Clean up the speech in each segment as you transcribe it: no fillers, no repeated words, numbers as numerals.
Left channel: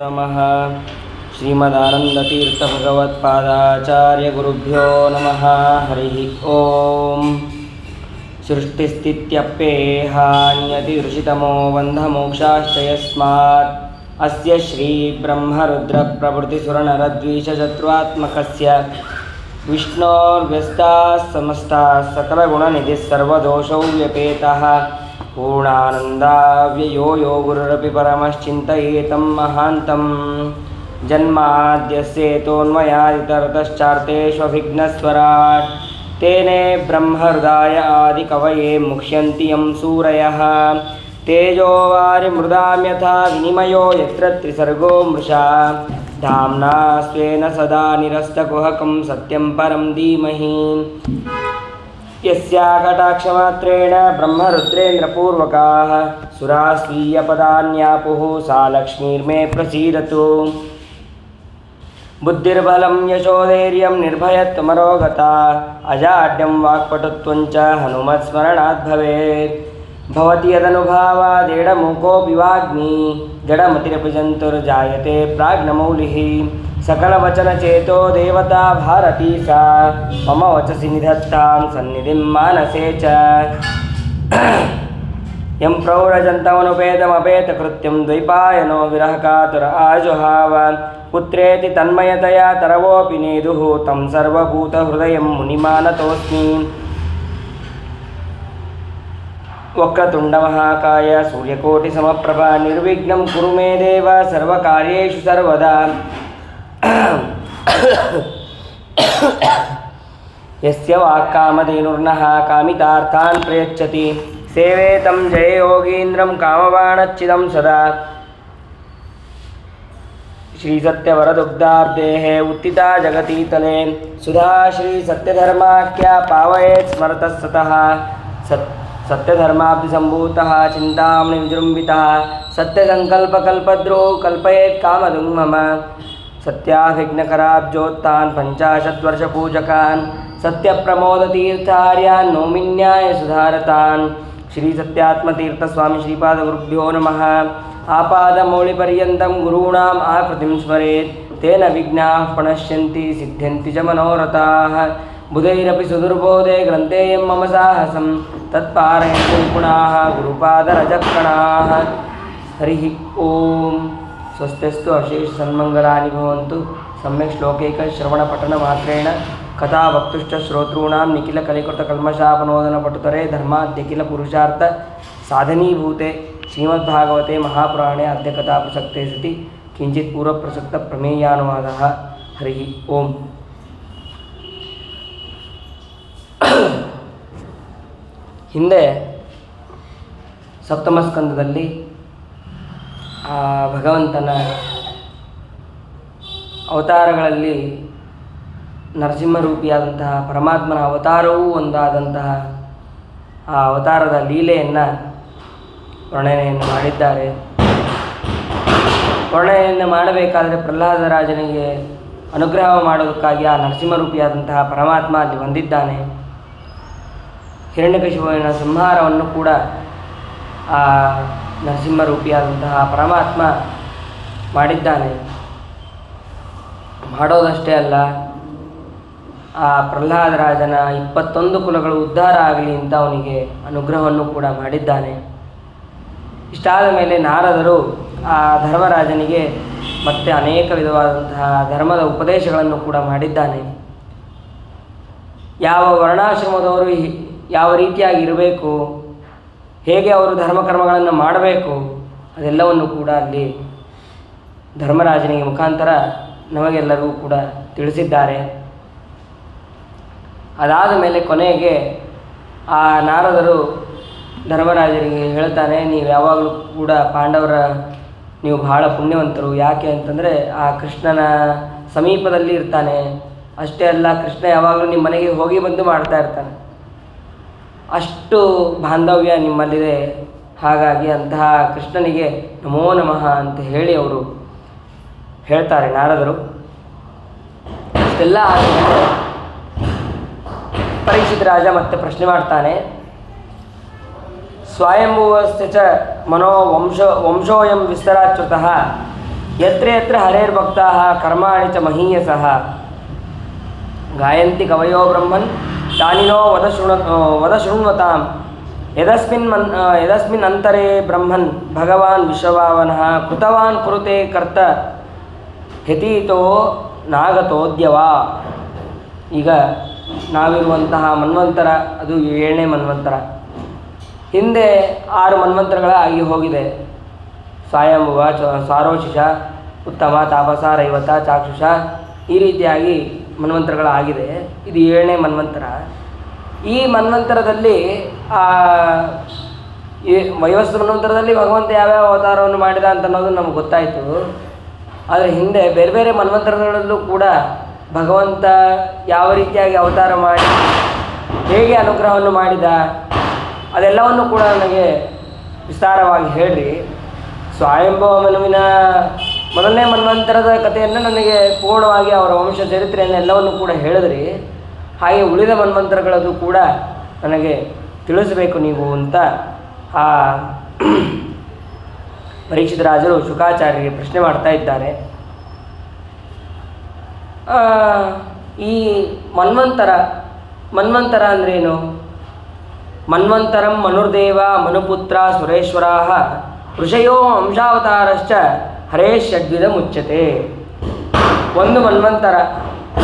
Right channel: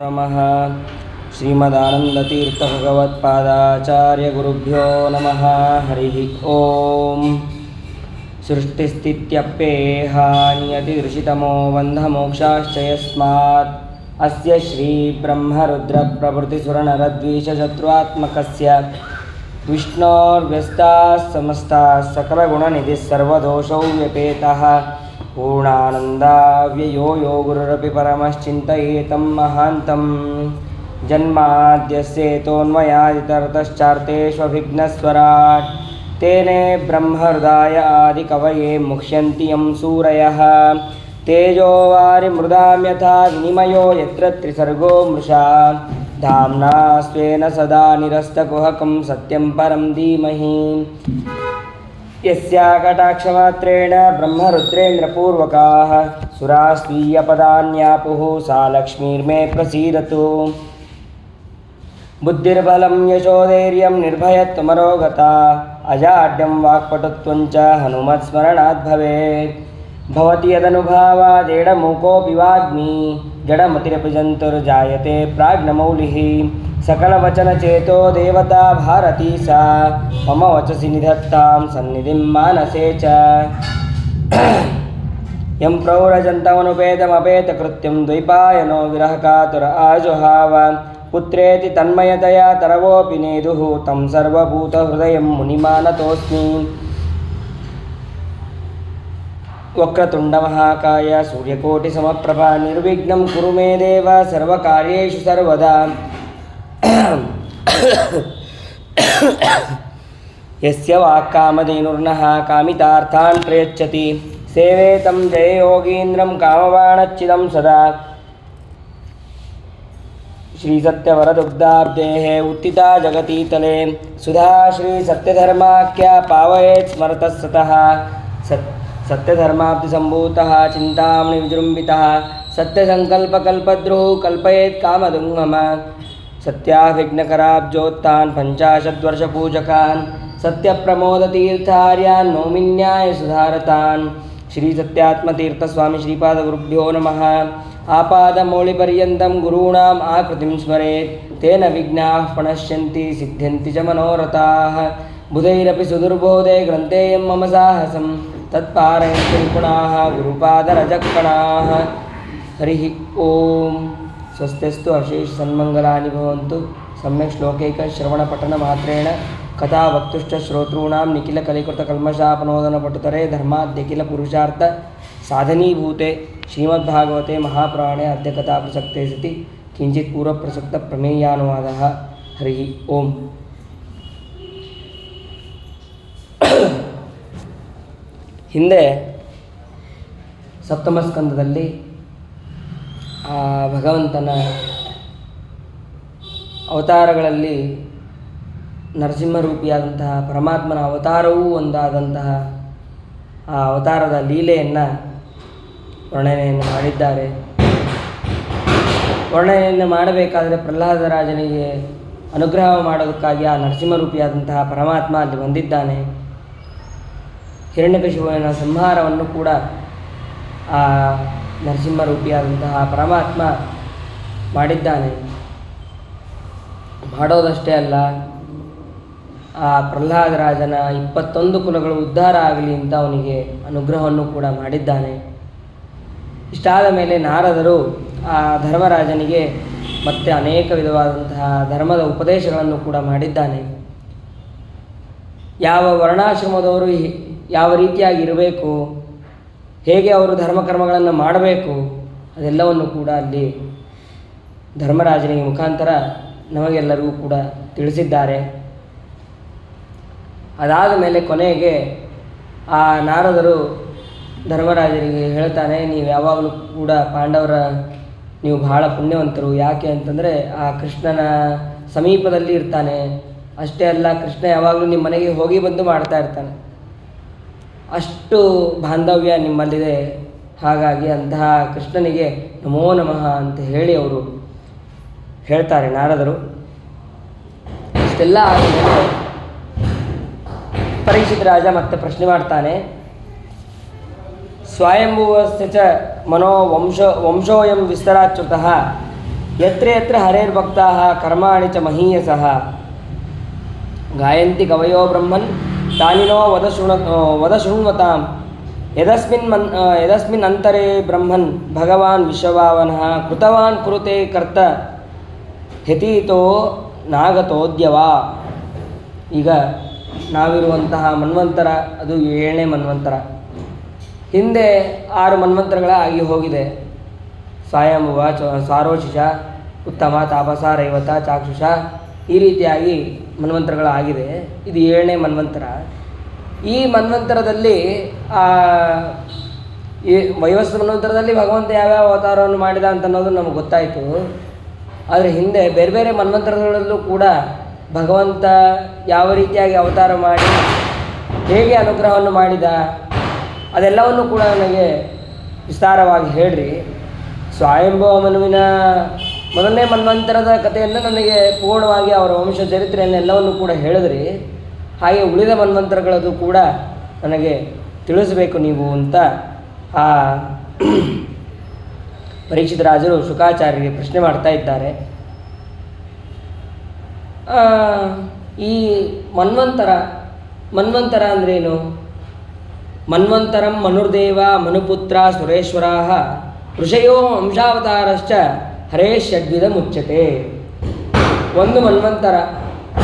नमः श्रीमदानन्दतीर्थभगवत्पादाचार्यगुरुभ्यो नमः। हरिः ओम्। सृष्टिस्थित्यप्येहानियतिदृशितमो बन्धमोक्षाश्च यस्मात् अस्य श्रीब्रह्मरुद्रप्रभृतिसुरनरद्वीषशत्रुआत्मकस्य विष्णोर्व्यस्ताः समस्ताः सकलगुणनिधिः सर्वदोषौ व्यपेतः पूर्णानन्दाव्ययो यो गुरुरपि परमश्चिन्तयेतं महान्तं। जन्माद्यस्येतोन्मयादितरतश्चार्तेष्वभिघ्नस्वराट् तेने ब्रह्महृदाय आदिकवये मुह्यन्ति यं सूरयः। तेजो वारिमृदां यथा विनिमयो यत्र त्रिसर्गो मृषा धाम्ना स्वेन सदा निरस्तकुहकं सत्यं परं धीमहि। यस्या कटाक्षमात्रेण ब्रह्मरुद्रेन्द्रपूर्वकाः सुरास्वीयपदान्यापुः सा लक्ष्मीर्मे प्रसीदतु। बुद्धिर्बलं यशोधैर्यं निर्भयत्वमरोगता अजाड्यं वाक्पटुत्वञ्च हनुमत्स्मरणात् भवेत्। भवति यदनुभावादेडमूकोऽपि वाग्मी जडमतिरपि जन्तुर्जायते प्राज्ञमौलिः। सकलवचनचेतो देवता भारती सा मम वचसि निधत्तां सन्निधिं मानसे च। यं प्रौरजन्तमनुपेतमपेतकृत्यं द्वैपायनो विरहकातुर आजुहाव पुत्रेति तन्मयतया तरवोऽपि नेदुः तं सर्वभूतहृदयं मुनिमानतोऽस्मि। वक्रतुण्डमहाकाय सूर्यकोटिसमप्रभा निर्विघ्नं कुरु मे देव सर्वकार्येषु सर्वदा। यस्य वाक्कामधेनुर्नः कामितार्थान् प्रयच्छति सेवेतं जययोगीन्द्रं कामवाणच्चिदं सदा। श्रीसत्यवरदुग्धाब्देः उत्थिता जगतीतले सुधा श्रीसत्यधर्माख्या पावयेत् स्मरतः सतः। सत्यधर्माब्धिसम्भूतः चिन्तामणि विजृम्भितः सत्यसङ्कल्पकल्पद्रुः कल्पयेत् कामधुङ् मम। सत्याभिघ्नकराब्जोत्थान् पञ्चाशद्वर्षपूजकान् सत्यप्रमोदतीर्थार्यान् नौमिन्यायसुधारतान्। श्रीसत्यात्मतीर्थस्वामी श्रीपादगुरुभ्यो नमः। आपादमौलिपर्यन्तं गुरूणाम् आकृतिं स्मरेत् तेन विघ्नाः प्रणश्यन्ति सिद्ध्यन्ति च मनोरथाः। बुधैरपि सुदुर्बोधे ग्रन्थेयं मम साहसं तत्पारयन्ति निपुणाः गुरुपादरजक्कणाः। हरिः ओम्। स्वस्तिस्तु अशेषसन्मङ्गलानि भवन्तु। सम्यक् श्लोकैकश्रवणपठनमात्रेण कथा वक्तुश्च श्रोतॄणां निखिलकलिकृतकल्मषापनोदनपटुतरे धर्माद्यखिलपुरुषार्थ साधनीभूते श्रीमद्भागवते महापुराणे अद्य कथाप्रसक्ते सति किञ्चित् पूर्वप्रसक्तप्रमेयानुवादः। हरिः ओम्। ಹಿಂದೆ ಸಪ್ತಮ ಸ್ಕಂದದಲ್ಲಿ ಭಗವಂತನ ಅವತಾರಗಳಲ್ಲಿ ನರಸಿಂಹರೂಪಿಯಾದಂತಹ ಪರಮಾತ್ಮನ ಅವತಾರವೂ ಒಂದಾದಂತಹ ಆ ಅವತಾರದ ಲೀಲೆಯನ್ನು ವರ್ಣನೆಯನ್ನು ಮಾಡಿದ್ದಾರೆ. ವರ್ಣನೆಯನ್ನು ಮಾಡಬೇಕಾದರೆ ಪ್ರಹ್ಲಾದರಾಜನಿಗೆ ಅನುಗ್ರಹ ಮಾಡೋದಕ್ಕಾಗಿ ಆ ನರಸಿಂಹರೂಪಿಯಾದಂತಹ ಪರಮಾತ್ಮ ಅಲ್ಲಿ ಬಂದಿದ್ದಾನೆ. ಹಿರಣ್ಯಕಶಿಪುವಿನ ಸಂಹಾರವನ್ನು ಕೂಡ ಆ ನರಸಿಂಹರೂಪಿಯಾದಂತಹ ಪರಮಾತ್ಮ ಮಾಡಿದ್ದಾನೆ. ಮಾಡೋದಷ್ಟೇ ಅಲ್ಲ, ಆ ಪ್ರಹ್ಲಾದರಾಜನ 21 ಕುಲಗಳು ಉದ್ಧಾರ ಆಗಲಿ ಅಂತ ಅವನಿಗೆ ಅನುಗ್ರಹವನ್ನು ಕೂಡ ಮಾಡಿದ್ದಾನೆ. ಇಷ್ಟಾದ ಮೇಲೆ ನಾರದರು ಆ ಧರ್ಮರಾಜನಿಗೆ ಮತ್ತೆ ಅನೇಕ ವಿಧವಾದಂತಹ ಧರ್ಮದ ಉಪದೇಶಗಳನ್ನು ಕೂಡ ಮಾಡಿದ್ದಾನೆ. ಯಾವ ವರ್ಣಾಶ್ರಮದವರು ಯಾವ ರೀತಿಯಾಗಿ ಇರಬೇಕು, ಹೇಗೆ ಅವರು ಧರ್ಮಕರ್ಮಗಳನ್ನು ಮಾಡಬೇಕು, ಅದೆಲ್ಲವನ್ನು ಕೂಡ ಅಲ್ಲಿ ಧರ್ಮರಾಜನಿಗೆ ಮುಖಾಂತರ ನಮಗೆಲ್ಲರಿಗೂ ಕೂಡ ತಿಳಿಸಿದ್ದಾರೆ. ಅದಾದ ಮೇಲೆ ಕೊನೆಗೆ ಆ ನಾರದರು ಧರ್ಮರಾಜನಿಗೆ ಹೇಳ್ತಾನೆ, ನೀವು ಯಾವಾಗಲೂ ಕೂಡ ಪಾಂಡವರ ನೀವು ಬಹಳ ಪುಣ್ಯವಂತರು. ಯಾಕೆ ಅಂತಂದರೆ ಆ ಕೃಷ್ಣನ ಸಮೀಪದಲ್ಲಿ ಇರ್ತಾನೆ. ಅಷ್ಟೇ ಅಲ್ಲ, ಕೃಷ್ಣ ಯಾವಾಗಲೂ ನಿಮ್ಮ ಮನೆಗೆ ಹೋಗಿ ಬಂದು ಮಾಡ್ತಾ ಇರ್ತಾನೆ. ಅಷ್ಟು ಬಾಂಧವ್ಯ ನಿಮ್ಮಲ್ಲಿದೆ. ಹಾಗಾಗಿ ಅಂತಹ ಕೃಷ್ಣನಿಗೆ ನಮೋ ನಮಃ ಅಂತ ಹೇಳಿ ಅವರು ಹೇಳ್ತಾರೆ ನಾರದರು. ಇಷ್ಟೆಲ್ಲ ಆದಮೇಲೆ ಪರೀಕ್ಷಿತ ರಾಜ ಮತ್ತೆ ಪ್ರಶ್ನೆ ಮಾಡ್ತಾನೆ, ಸ್ವಯಂಭುವಸ್ಯ ಚ ಮನೋ ವಂಶೋಯಂ ವಿಸ್ತರಾಚ್ಯುತಃ ಯತ್ರ ಯತ್ರ ಹರೇರ್ಭಕ್ತಾಃ ಕರ್ಮಾಣಿ ಚ ಮಹೀಯಸಃ ಗಾಯಂತಿ ಕವಯೋ ಬ್ರಹ್ಮನ್ ತಾನಿನೋ ವದ ಶೃಣ್ವತಾಂ ಯದಸ್ಮಿನ್ ಅಂತರೇ ಬ್ರಹ್ಮನ್ ಭಗವಾನ್ ವಿಶ್ವಭಾವನಃ ಕೃತವಾನ್ ಕುರುತೆ ಕರ್ತ ಹ್ಯತೀತೋ ನಾಗತೋದ್ಯವ. ಈಗ ನಾವಿರುವಂತಹ ಮನ್ವಂತರ ಅದು 7ನೇ ಮನ್ವಂತರ. ಹಿಂದೆ 6 ಮನ್ವಂತರಗಳ ಆಗಿ ಹೋಗಿದೆ. ಸ್ವಯಂಭುವ, ಸಾರೋಚಿಷ, ಉತ್ತಮ, ತಾಪಸ, ರೈವತ, ಚಾಕ್ಷುಷ, ಈ ರೀತಿಯಾಗಿ ಮನ್ವಂತರಗಳಾಗಿದೆ. ಇದು 7ನೇ ಮನ್ವಂತರ. ಈ ಮನ್ವಂತರದಲ್ಲಿ ಈ ವೈವಸ್ವತ ಮನ್ವಂತರದಲ್ಲಿ ಭಗವಂತ ಯಾವ್ಯಾವ ಅವತಾರವನ್ನು ಮಾಡಿದ ಅಂತ ಅನ್ನೋದು ನಮಗೆ ಗೊತ್ತಾಯಿತು. ಆದರೆ ಹಿಂದೆ ಬೇರೆ ಬೇರೆ ಮನ್ವಂತರಗಳಲ್ಲೂ ಕೂಡ ಭಗವಂತ ಯಾವ ರೀತಿಯಾಗಿ ಅವತಾರ ಮಾಡಿ ಹೇಗೆ ಅನುಗ್ರಹವನ್ನು ಮಾಡಿದ ಅದೆಲ್ಲವನ್ನು ಕೂಡ ನನಗೆ ವಿಸ್ತಾರವಾಗಿ ಹೇಳ್ರಿ. ಸ್ವಯಂಭವ ಮನುವಿನ ಮೊದಲನೇ ಮನ್ವಂತರದ ಕಥೆಯನ್ನು ನನಗೆ ಪೂರ್ಣವಾಗಿ ಅವರ ವಂಶ ಚರಿತ್ರೆಯನ್ನೆಲ್ಲವನ್ನು ಕೂಡ ಹೇಳಿದ್ರಿ. ಹಾಗೆ ಉಳಿದ ಮನ್ವಂತರಗಳದು ಕೂಡ ನನಗೆ ತಿಳಿಸಬೇಕು ನೀವು ಅಂತ ಆ ಪರೀಕ್ಷಿತ ರಾಜರು ಶುಕಾಚಾರ್ಯರಿಗೆ ಪ್ರಶ್ನೆ ಮಾಡ್ತಾ ಇದ್ದಾರೆ. ಈ ಮನ್ವಂತರ ಅಂದ್ರೇನು? ಮನ್ವಂತರಂ ಮನುರ್ದೇವ ಮನುಪುತ್ರ ಸುರೇಶ್ವರಾಃ ಋಷಯೋ ಅಂಶಾವತಾರಶ್ಚ ಹರೇ ಷಡ್ವಿಧ ಮುಚ್ಯತೆ. ಒಂದು ಮನ್ವಂತರ.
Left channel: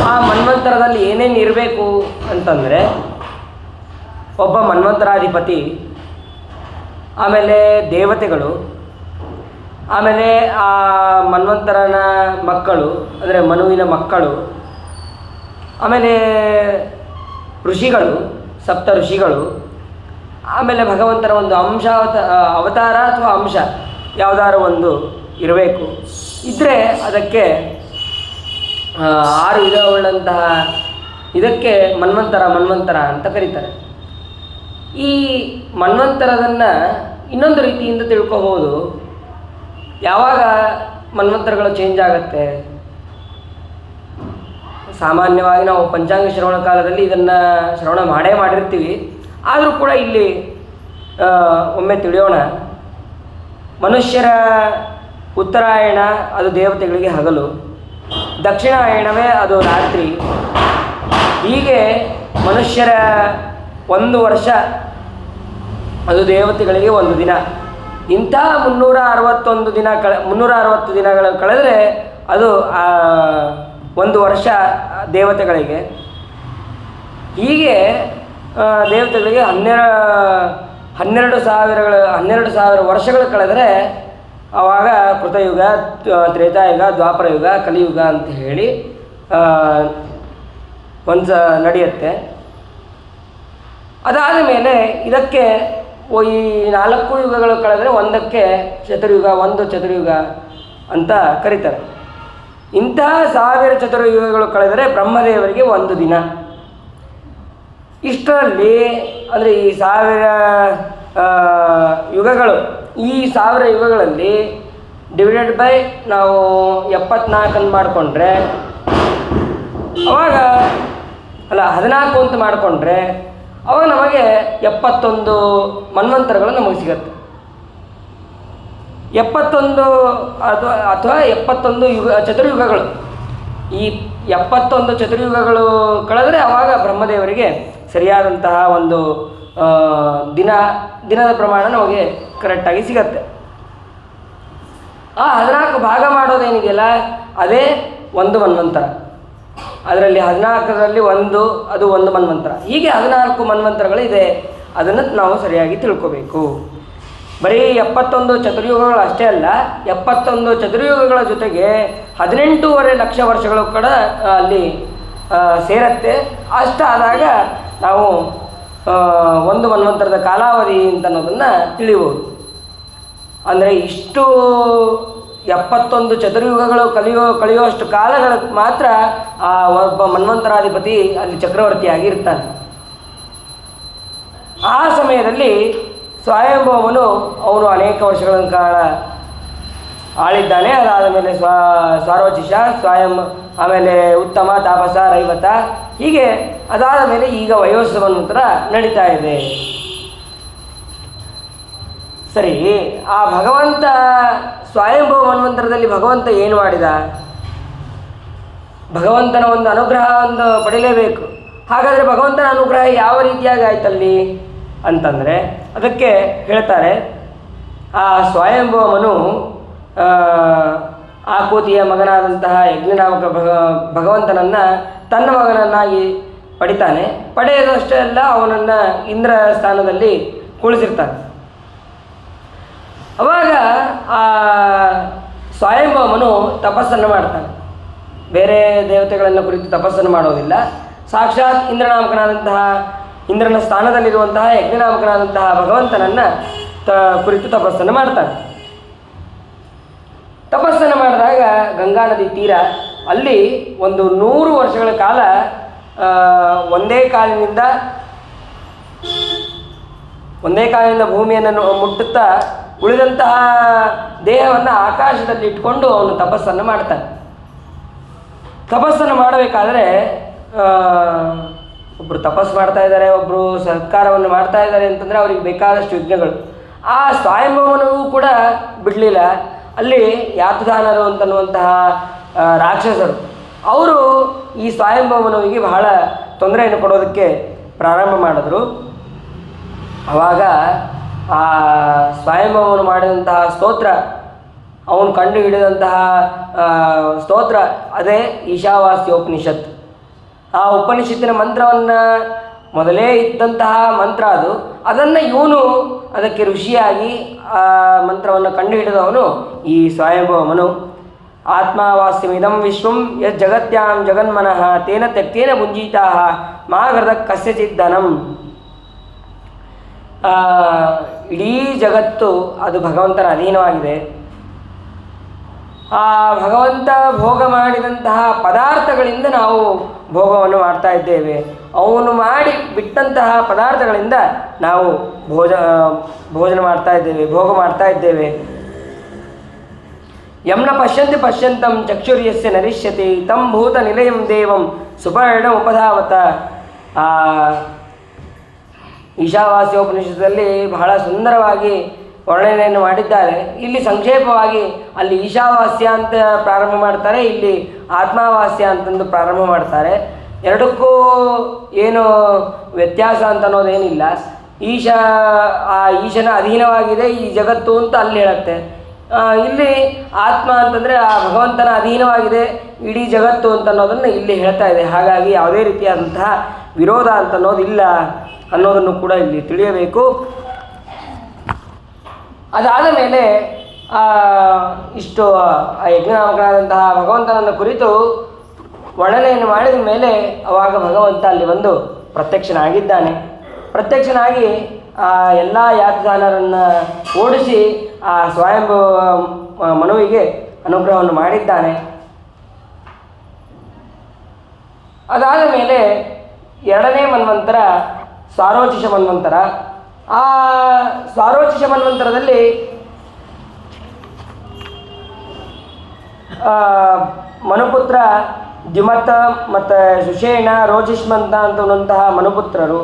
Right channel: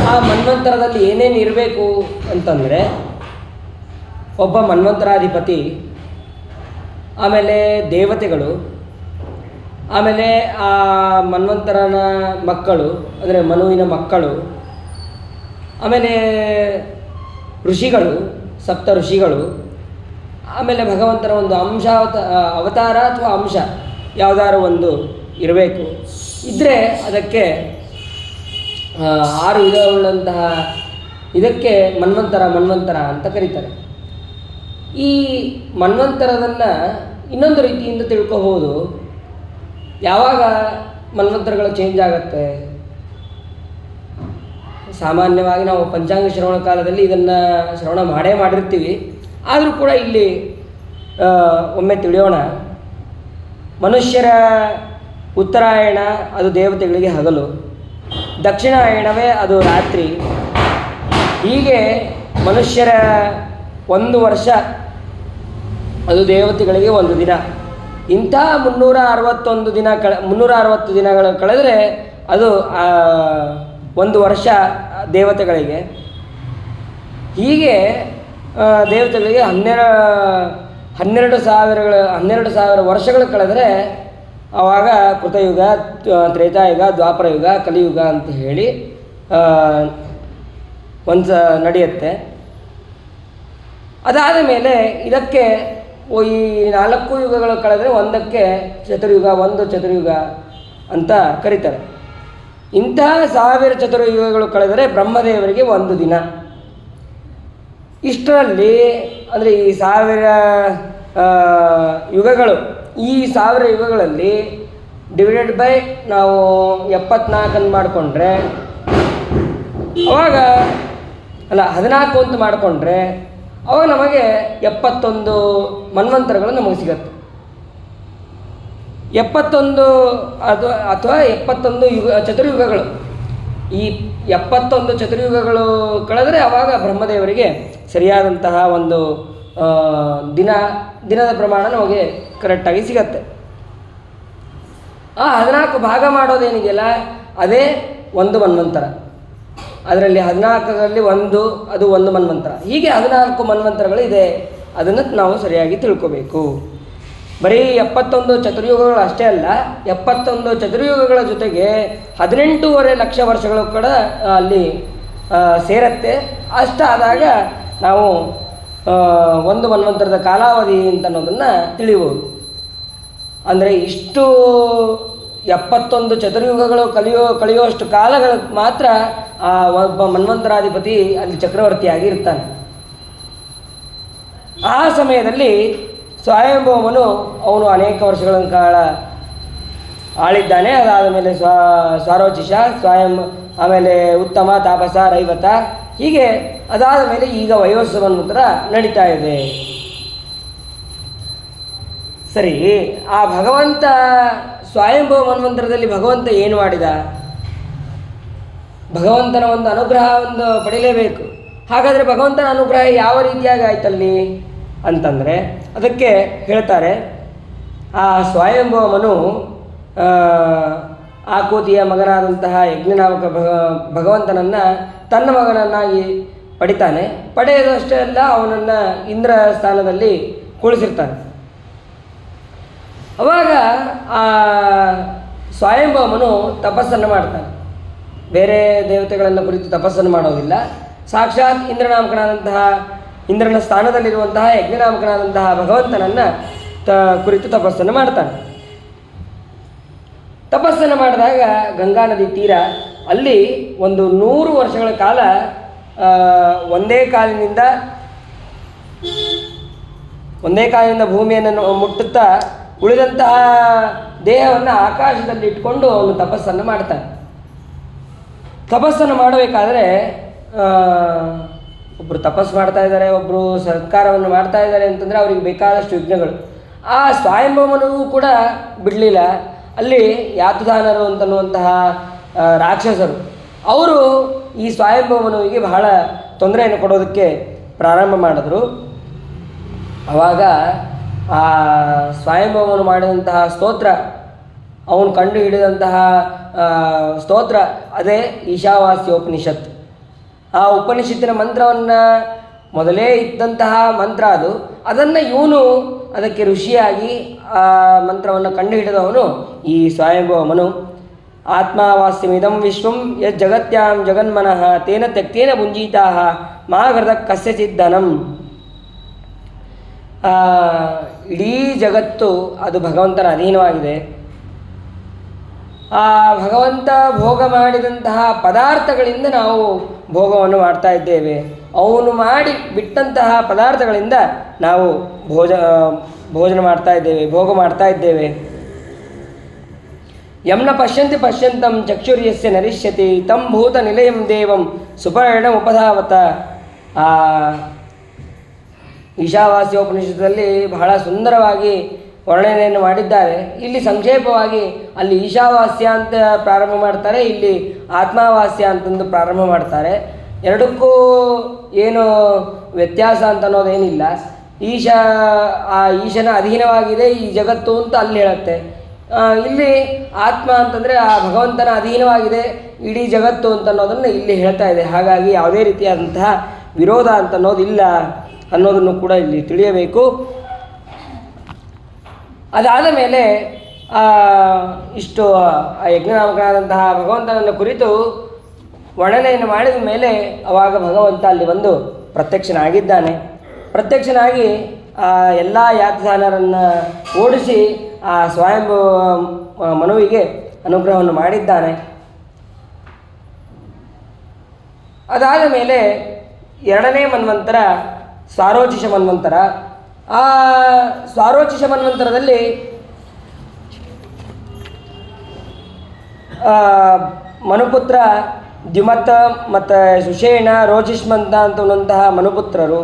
ಆ ಮನ್ವಂತರದಲ್ಲಿ ಏನೇನು ಇರಬೇಕು ಅಂತಂದರೆ ಒಬ್ಬ ಮನ್ವಂತರಾಧಿಪತಿ, ಆಮೇಲೆ ದೇವತೆಗಳು, ಆಮೇಲೆ ಆ ಮನ್ವಂತರನ ಮಕ್ಕಳು ಅಂದರೆ ಮನುವಿನ ಮಕ್ಕಳು, ಆಮೇಲೆ ಋಷಿಗಳು, 7 ಋಷಿಗಳು, ಆಮೇಲೆ ಭಗವಂತನ ಒಂದು ಅವತಾರ ಅಥವಾ ಅಂಶ ಯಾವುದಾದ್ರು ಒಂದು ಇರಬೇಕು. ಇದ್ದರೆ ಅದಕ್ಕೆ 6 ವಿಧವುಳ್ಳಂತಹ ಇದಕ್ಕೆ ಮನ್ವಂತರ ಅಂತ ಕರೀತಾರೆ. ಈ ಮನ್ವಂತರದನ್ನು ಇನ್ನೊಂದು ರೀತಿಯಿಂದ ತಿಳ್ಕೋಬೋದು. ಯಾವಾಗ ಮನ್ವಂತರಗಳು ಚೇಂಜ್ ಆಗುತ್ತೆ? ಸಾಮಾನ್ಯವಾಗಿ ನಾವು ಪಂಚಾಂಗ ಶ್ರವಣ ಕಾಲದಲ್ಲಿ ಇದನ್ನು ಶ್ರವಣ ಮಾಡಿರ್ತೀವಿ. ಆದರೂ ಕೂಡ ಇಲ್ಲಿ ಒಮ್ಮೆ ತಿಳಿಯೋಣ. ಮನುಷ್ಯರ ಉತ್ತರಾಯಣ ಅದು ದೇವತೆಗಳಿಗೆ ಹಗಲು, ದಕ್ಷಿಣಾಯಣವೇ ಅದು ರಾತ್ರಿ. ಹೀಗೆ ಮನುಷ್ಯರ 1 ವರ್ಷ ಅದು ದೇವತೆಗಳಿಗೆ 1 ದಿನ. ಇಂಥ 360 ದಿನಗಳು ಕಳೆದರೆ ಅದು 1 ವರ್ಷ ದೇವತೆಗಳಿಗೆ. ಹೀಗೆ ದೇವತೆಗಳಿಗೆ 12,000 ವರ್ಷಗಳು ಕಳೆದರೆ ಆವಾಗ ಕೃತಯುಗ, ತ್ರೇತಾಯುಗ, ದ್ವಾಪರಯುಗ, ಕಲಿಯುಗ ಅಂತ ಹೇಳಿ ಒಂದು ನಡೆಯುತ್ತೆ. ಅದಾದ ಮೇಲೆ ಇದಕ್ಕೆ ಈ 4 ಯುಗಗಳು ಕಳೆದರೆ ಒಂದಕ್ಕೆ ಚತುರ್ಯುಗ, 1 ಚತುರ್ಯುಗ ಅಂತ ಕರೀತಾರೆ. ಇಂತಹ 1000 ಚತುರ್ಯುಗಗಳು ಕಳೆದರೆ ಬ್ರಹ್ಮದೇವರಿಗೆ 1 ದಿನ. ಇಷ್ಟರಲ್ಲಿ ಅಂದರೆ ಈ 1000 ಯುಗಗಳು, ಈ 1000 ಯುಗಗಳಲ್ಲಿ ಡಿವೈಡೆಡ್ ಬೈ ನಾವು 74 ಮಾಡಿಕೊಂಡ್ರೆ ಅವಾಗ 14 ಅಂತ ಮಾಡಿಕೊಂಡ್ರೆ ಅವಾಗ ನಮಗೆ 71 ಮನ್ವಂತರಗಳು ನಮಗೆ ಸಿಗತ್ತೆ. 71 ಅಥವಾ 71 ಚತುರ್ಯುಗಗಳು. ಈ 71 ಚತುರ್ಯುಗಗಳು ಕಳೆದರೆ ಆವಾಗ ಬ್ರಹ್ಮದೇವರಿಗೆ ಸರಿಯಾದಂತಹ ಒಂದು ದಿನದ ಪ್ರಮಾಣ ನಮಗೆ ಕರೆಕ್ಟಾಗಿ ಸಿಗತ್ತೆ. ಆ 14 ಭಾಗ ಮಾಡೋದೇನಿದೆಯಲ್ಲ ಅದೇ 1 ಮನ್ವಂತರ. ಅದರಲ್ಲಿ 14ರಲ್ಲಿ 1 ಅದು 1 ಮನ್ವಂತರ. ಹೀಗೆ 14 ಮನ್ವಂತರಗಳು ಇದೆ. ಅದನ್ನು ನಾವು ಸರಿಯಾಗಿ ತಿಳ್ಕೋಬೇಕು. ಬರೀ 71 ಚತುರ್ಯುಗಗಳು ಅಷ್ಟೇ ಅಲ್ಲ, 71 ಚತುರ್ಯುಗಗಳ ಜೊತೆಗೆ 18.5 ಲಕ್ಷ ವರ್ಷಗಳು ಕೂಡ ಅಲ್ಲಿ ಸೇರತ್ತೆ. ಅಷ್ಟಾದಾಗ ನಾವು 1 ಮನ್ವಂತರದ ಕಾಲಾವಧಿ ಅಂತ ಅನ್ನೋದನ್ನು ತಿಳಿಬೋದು. ಅಂದರೆ ಇಷ್ಟು 71 ಚತುರ್ಯುಗಗಳು ಕಳೆಯುವಷ್ಟು ಕಾಲಗಳು ಮಾತ್ರ ಒಬ್ಬ ಮನ್ವಂತರಾಧಿಪತಿ ಅಲ್ಲಿ ಚಕ್ರವರ್ತಿಯಾಗಿ ಇರ್ತಾನೆ. ಆ ಸಮಯದಲ್ಲಿ ಸ್ವಯಂಭವನು ಅವನು ಅನೇಕ ವರ್ಷಗಳ ಕಾಲ ಆಳಿದ್ದಾನೆ. ಅದಾದ ಮೇಲೆ ಸಾರೋಚಿಷ, ಆಮೇಲೆ ಉತ್ತಮ, ತಾಪಸ, ರೈವತ, ಹೀಗೆ ಅದಾದ ಮೇಲೆ ಈಗ ವಯೋಸ್ವ ಮನ್ವಂತರ ನಡೀತಾ ಇದೆ. ಸರಿ, ಆ ಭಗವಂತ ಸ್ವಯಂಭವ ಮನ್ವಂತರದಲ್ಲಿ ಭಗವಂತ ಏನು ಮಾಡಿದ? ಭಗವಂತನ ಒಂದು ಅನುಗ್ರಹ ಒಂದು ಪಡೀಲೇಬೇಕು. ಹಾಗಾದರೆ ಭಗವಂತನ ಅನುಗ್ರಹ ಯಾವ ರೀತಿಯಾಗಿ ಆಯ್ತಲ್ಲಿ ಅಂತಂದರೆ ಅದಕ್ಕೆ ಹೇಳ್ತಾರೆ, ಆ ಸ್ವಯಂಭವಮನು ಆಕೂತಿಯ ಮಗನಾದಂತಹ ಯಜ್ಞನಾಮಕ ಭಗವಂತನನ್ನು ತನ್ನ ಮಗನನ್ನಾಗಿ ಪಡಿತಾನೆ. ಪಡೆಯೋದು ಅಷ್ಟೇ ಅಲ್ಲ, ಅವನನ್ನು ಇಂದ್ರ ಸ್ಥಾನದಲ್ಲಿ ಕುಳಿಸಿರ್ತಾನೆ. ಅವಾಗ ಆ ಸ್ವಯಂಭವಮನು ತಪಸ್ಸನ್ನು ಮಾಡ್ತಾನೆ. ಬೇರೆ ದೇವತೆಗಳನ್ನು ಕುರಿತು ತಪಸ್ಸನ್ನು ಮಾಡೋದಿಲ್ಲ. ಸಾಕ್ಷಾತ್ ಇಂದ್ರನಾಮಕನಾದಂತಹ, ಇಂದ್ರನ ಸ್ಥಾನದಲ್ಲಿರುವಂತಹ ಯಜ್ಞನಾಮಕನಾದಂತಹ ಭಗವಂತನನ್ನು ಕುರಿತು ತಪಸ್ಸನ್ನು ಮಾಡ್ತಾನೆ. ತಪಸ್ಸನ್ನು ಮಾಡಿದಾಗ ಗಂಗಾ ನದಿ ತೀರ ಅಲ್ಲಿ ಒಂದು 100 ವರ್ಷಗಳ ಕಾಲ ಒಂದೇ ಕಾಲಿನಿಂದ ಭೂಮಿಯನ್ನು ಮುಟ್ಟುತ್ತಾ ಉಳಿದಂತಹ ದೇಹವನ್ನು ಆಕಾಶದಲ್ಲಿ ಇಟ್ಕೊಂಡು ಅವನು ತಪಸ್ಸನ್ನು ಮಾಡ್ತಾನೆ. ತಪಸ್ಸನ್ನು ಮಾಡಬೇಕಾದ್ರೆ ಒಬ್ಬರು ತಪಸ್ಸು ಮಾಡ್ತಾ ಇದ್ದಾರೆ, ಒಬ್ಬರು ಸತ್ಕಾರವನ್ನು ಮಾಡ್ತಾ ಇದ್ದಾರೆ ಅಂತಂದರೆ ಅವರಿಗೆ ಬೇಕಾದಷ್ಟು ವಿಘ್ನಗಳು. ಆ ಸ್ವಯಂಭವನೂ ಕೂಡ ಬಿಡಲಿಲ್ಲ. ಅಲ್ಲಿ ಯಾತುದಾನರು ಅಂತನ್ನುವಂತಹ ರಾಕ್ಷಸರು ಅವರು ಈ ಸ್ವಯಂಭವನಿಗೆ ಬಹಳ ತೊಂದರೆಯನ್ನು ಕೊಡೋದಕ್ಕೆ ಪ್ರಾರಂಭ ಮಾಡಿದ್ರು. ಆವಾಗ ಆ ಸ್ವಯಂಭವನು ಮಾಡಿದಂತಹ ಸ್ತೋತ್ರ, ಅವನು ಕಂಡು ಹಿಡಿದಂತಹ ಸ್ತೋತ್ರ ಅದೇ ಈಶಾವಾಸ್ಯೋಪನಿಷತ್. ಆ ಉಪನಿಷತ್ತಿನ ಮಂತ್ರವನ್ನು ಮೊದಲೇ ಇದ್ದಂತಹ ಮಂತ್ರ ಅದನ್ನು ಇವನು ಅದಕ್ಕೆ ಋಷಿಯಾಗಿ ಆ ಮಂತ್ರವನ್ನು ಕಂಡು ಹಿಡಿದವನು ಈ ಸ್ವಯಂಭವಮನು. ಆತ್ಮಾವಾಸ್ಯಮಿದಂ ವಿಶ್ವಂ ಯಜ್ಜಗತ್ಯಾಂ ಜಗನ್ಮನಃ ತೇನ ತ್ಯಕ್ತೇನ ಭುಂಜೀತಾ ಮಾ ಹೃದ ಕಸ್ಯಚಿದ್ದನಂ. ಇಡೀ ಜಗತ್ತು ಅದು ಭಗವಂತನ ಅಧೀನವಾಗಿದೆ. ಆ ಭಗವಂತ ಭೋಗ ಮಾಡಿದಂತಹ ಪದಾರ್ಥಗಳಿಂದ ನಾವು ಭೋಗವನ್ನು ಮಾಡ್ತಾ ಇದ್ದೇವೆ. ಅವನು ಮಾಡಿ ಬಿಟ್ಟಂತಹ ಪದಾರ್ಥಗಳಿಂದ ನಾವು ಭೋಜನ ಮಾಡ್ತಾ ಇದ್ದೇವೆ, ಭೋಗ ಮಾಡ್ತಾ ಇದ್ದೇವೆ. ಯಮ್ನ ಪಶ್ಯಂತಿ ಪಶ್ಯಂತಂ ಚಕ್ಷುರ್ಯಸ್ಯ ನರಿಷ್ಯತಿ ತಂ ಭೂತ ನಿಲಯಂ ದೇವಂ ಸುಪರ್ಣ ಉಪಧಾವತ. ಈಶಾವಾಸ್ಯೋಪನಿಷತ್ತಲ್ಲಿ ಬಹಳ ಸುಂದರವಾಗಿ ವರ್ಣನೆಯನ್ನು ಮಾಡಿದ್ದಾರೆ. ಇಲ್ಲಿ ಸಂಕ್ಷೇಪವಾಗಿ ಅಲ್ಲಿ ಈಶಾವಾಸ್ಯ ಅಂತ ಪ್ರಾರಂಭ ಮಾಡ್ತಾರೆ, ಇಲ್ಲಿ ಆತ್ಮಾವಾಸ್ಯ ಅಂತಂದು ಪ್ರಾರಂಭ ಮಾಡ್ತಾರೆ. ಎರಡಕ್ಕೂ ಏನು ವ್ಯತ್ಯಾಸ ಅಂತ ಅನ್ನೋದೇನಿಲ್ಲ. ಈಶನ ಅಧೀನವಾಗಿದೆ ಈ ಜಗತ್ತು ಅಂತ ಅಲ್ಲಿ ಹೇಳುತ್ತೆ. ಇಲ್ಲಿ ಆತ್ಮ ಅಂತಂದರೆ ಆ ಭಗವಂತನ ಅಧೀನವಾಗಿದೆ ಇಡೀ ಜಗತ್ತು ಅಂತ ಅನ್ನೋದನ್ನು ಇಲ್ಲಿ ಹೇಳ್ತಾ ಇದೆ. ಹಾಗಾಗಿ ಯಾವುದೇ ರೀತಿಯಾದಂತಹ ವಿರೋಧ ಅಂತ ಅನ್ನೋದಿಲ್ಲ ಅನ್ನೋದನ್ನು ಕೂಡ ಇಲ್ಲಿ ತಿಳಿಯಬೇಕು. ಅದಾದ ಮೇಲೆ ಇಷ್ಟು ಆ ಯಜ್ಞನಾಮಕನಾದಂತಹ ಭಗವಂತನನ್ನು ಕುರಿತು ವರ್ಣನೆಯನ್ನು ಮಾಡಿದ ಮೇಲೆ ಅವಾಗ ಭಗವಂತ ಅಲ್ಲಿ ಬಂದು ಪ್ರತ್ಯಕ್ಷನಾಗಿದ್ದಾನೆ. ಪ್ರತ್ಯಕ್ಷನಾಗಿ ಎಲ್ಲ ಯಾತದಾನರನ್ನು ಓಡಿಸಿ ಆ ಸ್ವಯಂಭೂ ಮನುವಿಗೆ ಅನುಗ್ರಹವನ್ನು ಮಾಡಿದ್ದಾನೆ. ಅದಾದ ಮೇಲೆ 2ನೇ ಮನ್ವಂತರ ಸ್ವಾರೋಚಿಷ ಮನ್ವಂತರ. ಆ ಸ್ವಾರೋಚಿಷ ಮನ್ವಂತರದಲ್ಲಿ ಮನುಪುತ್ರ ದ್ಯುಮತ ಮತ್ತು ಸುಷೇಣ ರೋಚಿಷ್ಮಂತ ಅಂತಂತಹ ಮನುಪುತ್ರರು.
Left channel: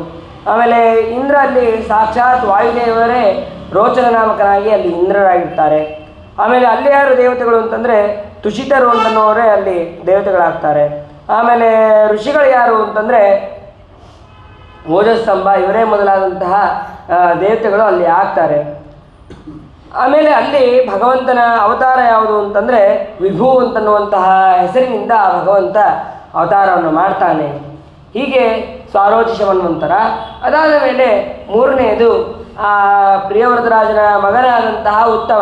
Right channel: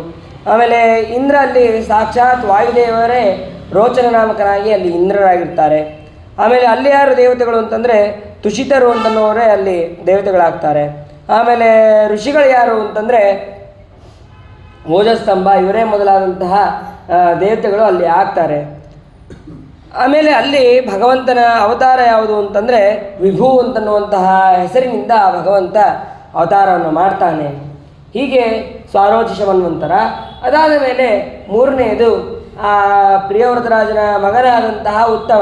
ಆಮೇಲೆ ಇಂದ್ರ ಅಲ್ಲಿ ಸಾಕ್ಷಾತ್ ವಾಯುದೇವರೇ ರೋಚನ ನಾಮಕನಾಗಿ ಅಲ್ಲಿ ಇಂದ್ರರಾಗಿರ್ತಾರೆ. ಆಮೇಲೆ ಅಲ್ಲಿ ಯಾರು ದೇವತೆಗಳು ಅಂತಂದರೆ ತುಷಿತರು ಅಂತನ್ನೋರೇ ಅಲ್ಲಿ ದೇವತೆಗಳಾಗ್ತಾರೆ. ಆಮೇಲೆ ಋಷಿಗಳು ಯಾರು ಅಂತಂದರೆ ಓಜಸ್ತಂಭ ಇವರೇ ಮೊದಲಾದಂತಹ ದೇವತೆಗಳು ಅಲ್ಲಿ ಆಗ್ತಾರೆ. ಆಮೇಲೆ ಅಲ್ಲಿ ಭಗವಂತನ ಅವತಾರ ಯಾವುದು ಅಂತಂದರೆ ವಿಭು ಅಂತನ್ನುವಂತಹ ಹೆಸರಿನಿಂದ ಭಗವಂತ ಅವತಾರವನ್ನು ಮಾಡ್ತಾನೆ. ಹೀಗೆ ಸ್ವಾರೋಚಿಷ ಮನ್ವಂತರ. ಅದಾದ ಮೇಲೆ 3ನೇದು ಪ್ರಿಯವೃತರಾಜನ ಮಗನಾದಂತಹ ಉತ್ತಮ,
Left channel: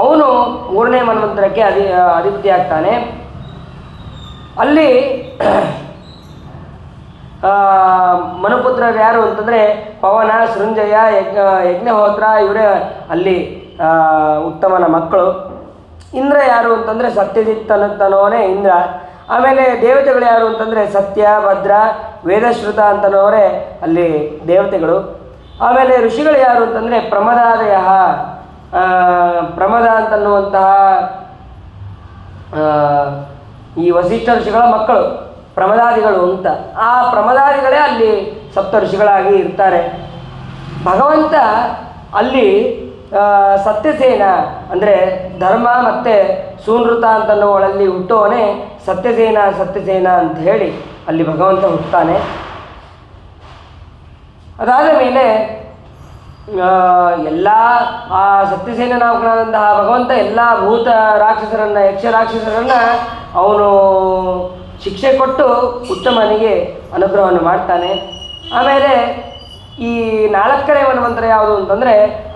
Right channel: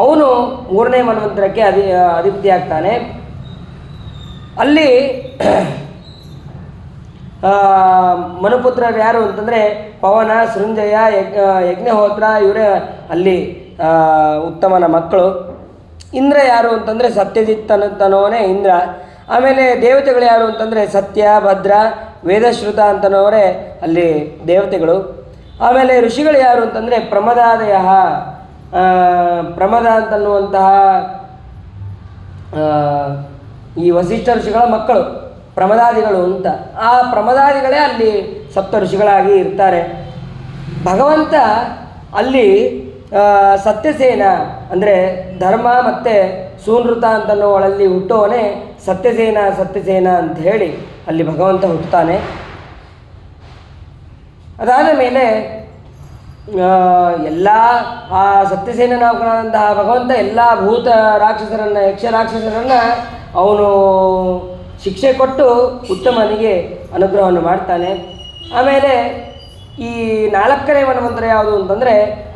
ಅವನು 3ನೇ ಮನ್ವಂತರಕ್ಕೆ ಅಧಿಪತಿಯಾಗ್ತಾನೆ. ಅಲ್ಲಿ ಮನುಪುತ್ರರು ಯಾರು ಅಂತಂದರೆ ಪವನ, ಸೃಂಜಯ, ಯಜ್ಞಹೋತ್ರ ಇವರೇ ಅಲ್ಲಿ ಉತ್ತಮನ ಮಕ್ಕಳು. ಇಂದ್ರ ಯಾರು ಅಂತಂದರೆ ಸತ್ಯಜಿತ್ ಅಂತನೋನೇ ಇಂದ್ರ. ಆಮೇಲೆ ದೇವತೆಗಳು ಯಾರು ಅಂತಂದರೆ ಸತ್ಯ, ಭದ್ರ, ವೇದಶ್ರುತ ಅಂತನೋರೇ ಅಲ್ಲಿ ದೇವತೆಗಳು. ಆಮೇಲೆ ಋಷಿಗಳು ಯಾರು ಅಂತಂದರೆ ಪ್ರಮದಾದಯ, ಪ್ರಮದ ಅಂತನ್ನುವಂತಹ ಈ ವಸಿಷ್ಠ ಋಷಿಗಳ ಮಕ್ಕಳು ಪ್ರಮದಾದಿಗಳು ಅಂತ. ಆ ಪ್ರಮದಾದಿಗಳೇ ಅಲ್ಲಿ ಸಪ್ತ ಋಷಿಗಳಾಗಿ ಇರ್ತಾರೆ. ಭಗವಂತ ಅಲ್ಲಿ ಸತ್ಯಸೇನ ಅಂದರೆ ಧರ್ಮ ಮತ್ತು ಸೂನೃತ ಅಂತನ್ನುವಳಲ್ಲಿ ಹುಟ್ಟುವವನೇ ಸತ್ಯಸೇನ ಅಂತ ಹೇಳಿ ಅಲ್ಲಿ ಭಗವಂತ ಹುಟ್ಟುತ್ತಾನೆ. ಅದಾದ ಮೇಲೆ ಎಲ್ಲ ಆ ಸತ್ಯಸೇನನಾಮಕನಾದಂತಹ ಭಗವಂತ ಎಲ್ಲ ಭೂತ ರಾಕ್ಷಸರನ್ನು, ಯಕ್ಷ ರಾಕ್ಷಸರನ್ನು ಅವನು ಶಿಕ್ಷೆ ಕೊಟ್ಟು ಉತ್ತಮನಿಗೆ ಅನುಗ್ರಹವನ್ನು ಮಾಡ್ತಾನೆ. ಆಮೇಲೆ ಈ 4ನೇ ಮನ್ವಂತರ ಯಾವುದು ಅಂತಂದರೆ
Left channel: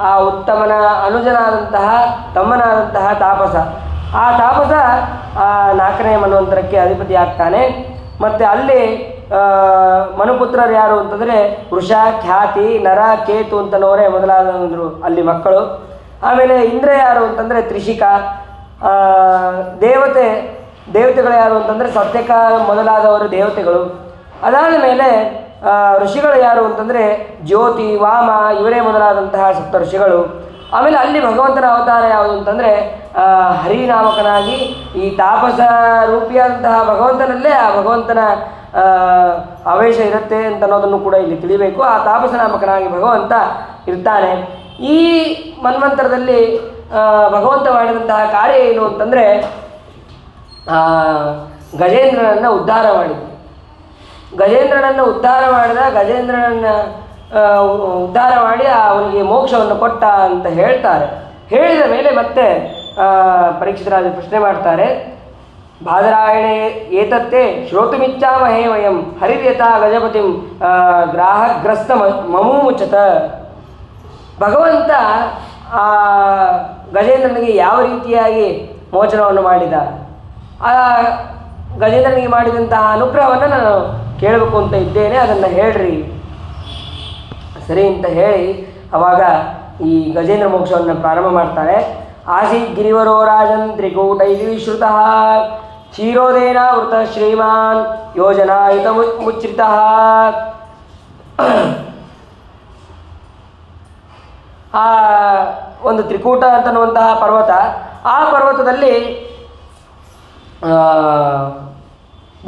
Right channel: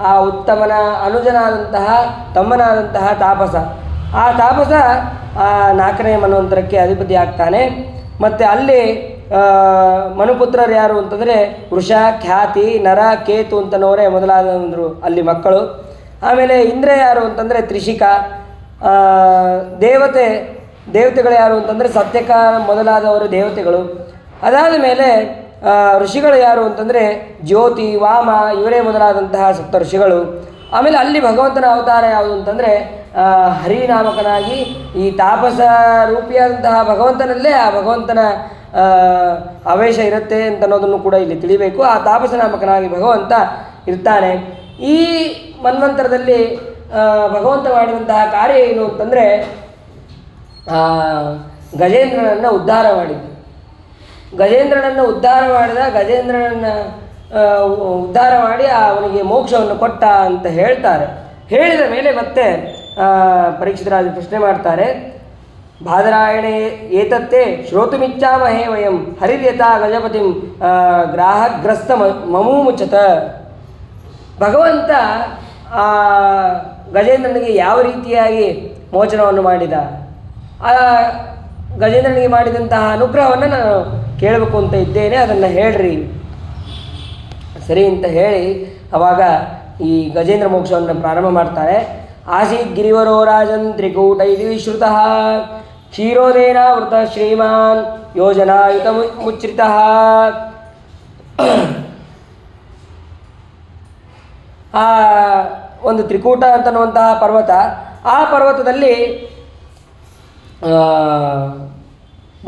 ಆ ಉತ್ತಮನ ಅನುಜನಾದಂತಹ ತಮ್ಮನಾದಂತಹ ತಾಪಸ. ಆ ತಾಪಸ 4ನೇ ಮನ್ವಂತರಕ್ಕೆ ಅಧಿಪತಿ ಆಗ್ತಾನೆ. ಮತ್ತು ಅಲ್ಲಿ ಮನುಪುತ್ರರು ಯಾರು ಅಂತಂದರೆ ವೃಷ, ಖ್ಯಾತಿ, ನರ, ಕೇತು ಅಂತನವರೇ ಮೊದಲಾದವರು ಅಲ್ಲಿ ಮಕ್ಕಳು. ಆಮೇಲೆ ಇಂದ್ರ ಯಾರು ಅಂತಂದರೆ ತ್ರಿಷಿಕ. ದೇವತೆಗಳು ಯಾರು ಅಂತಂದರೆ ಸತ್ಯಕ ಮೊದಲಾದವರು ದೇವತೆಗಳು. ಅದಾದ ಮೇಲೆ ಋಷಿಗಳು ಯಾರು ಅಂತಂದರೆ ಜ್ಯೋತಿ, ವಾಮ ಇವರೇ ಮೊದಲಾದಂತಹ ಸಪ್ತ ಋಷಿಗಳು. ಆಮೇಲೆ ಅಲ್ಲಿ ಭಗವಂತನ ಅವತಾರ ಯಾವುದು ಅಂತಂದರೆ ಹರಿನಾಮಕನಾಗಿ ಈ ತಾಪಸ ರೂಪಿಯಾದಂತಹ ಭಗವಂತನಲ್ಲೇ ಆ ಭಗವಂತನ ಆವೇಶ ಇರುತ್ತೆ ಅಂತ ಅನ್ನೋದನ್ನು ಕೂಡ ಇಲ್ಲಿ ತಿಳಿಬೇಕು. ಆ ತಾಪಸ ನಾಮಕನಾಗಿ ಭಗವಂತ ಇರ್ತಾನೆ. ಈ ಮನ್ವಂತರದಲ್ಲಿ ಭಗವಂತ ಮಾಡಿದಂತಹ ಕಾರ್ಯ ಏನು ಅಂತಂದರೆ ಗಜೇಂದ್ರನನ್ನು ಉದ್ಧಾರ ಮಾಡಿದ್ದು. ಗಜೇಂದ್ರನನ್ನು ಉದ್ಧಾರ ಮಾಡಿ ಅವನಿಗೆ ಮೋಕ್ಷವನ್ನು ಕೊಟ್ಟ ಅಂತ ಹೇಳ್ತಾರೆ. ಹೇಳಿದ ಮೇಲೆ ಮತ್ತೆ ಪರೀಕ್ಷಿತರಾಜ ಪ್ರಶ್ನೆ ಮಾಡ್ತಾರೆ, ಬಾದರಾಯಣೆ ಏತತ್ತೇ ಶ್ರೋತುಮಿಚ್ಛಾಮಹೇ ವಯಂ ಹರಿರ್ಯಥಾ ಗಜಪತಿಂ ಗ್ರಾಹಗ್ರಸ್ತ ಮಮೂಮುಚತ. ಭಗವಂತ ಗಜೇಂದ್ರನಿಗೆ ಯಾವ ರೀತಿಯಾಗಿ ಮೋಚನವನ್ನು ಮಾಡಿದ, ಆ ಗಜೇಂದ್ರನಿಗೆ ಮಾಡಿದಂತಹ ಅನುಗ್ರಹವನ್ನು ನಾನು ಕೇಳಬೇಕು ಅಂತ ಇದ್ದೇನೆ, ಅದನ್ನು ಹೇಳ್ರಿ ಸರಿ ಅಂತ ಹೇಳಿ ಅವಾಗ ಈ ಗಜೇಂದ್ರ ಮೋಕ್ಷವನ್ನು ಪ್ರಾರಂಭ ಮಾಡ್ತಾರೆ. ಆಸೀತ್ ಗಿರಿವರೋ ರಾಜನ್ ತ್ರಿಕೂಟೈಃ ಶ್ರುತಃ ಕ್ಷೀರೋದೇನ ವೃತ ಶ್ರೀಮಾನ್ ಯೋಜನಾಯುತ ಮುಚ್ರಿತಃ. ಆ ಒಂದು ತ್ರಿಕೂಟ ಅಂತನ್ನುವಂತಹ ಪರ್ವತ, ಆ ಪರ್ವತದಲ್ಲಿ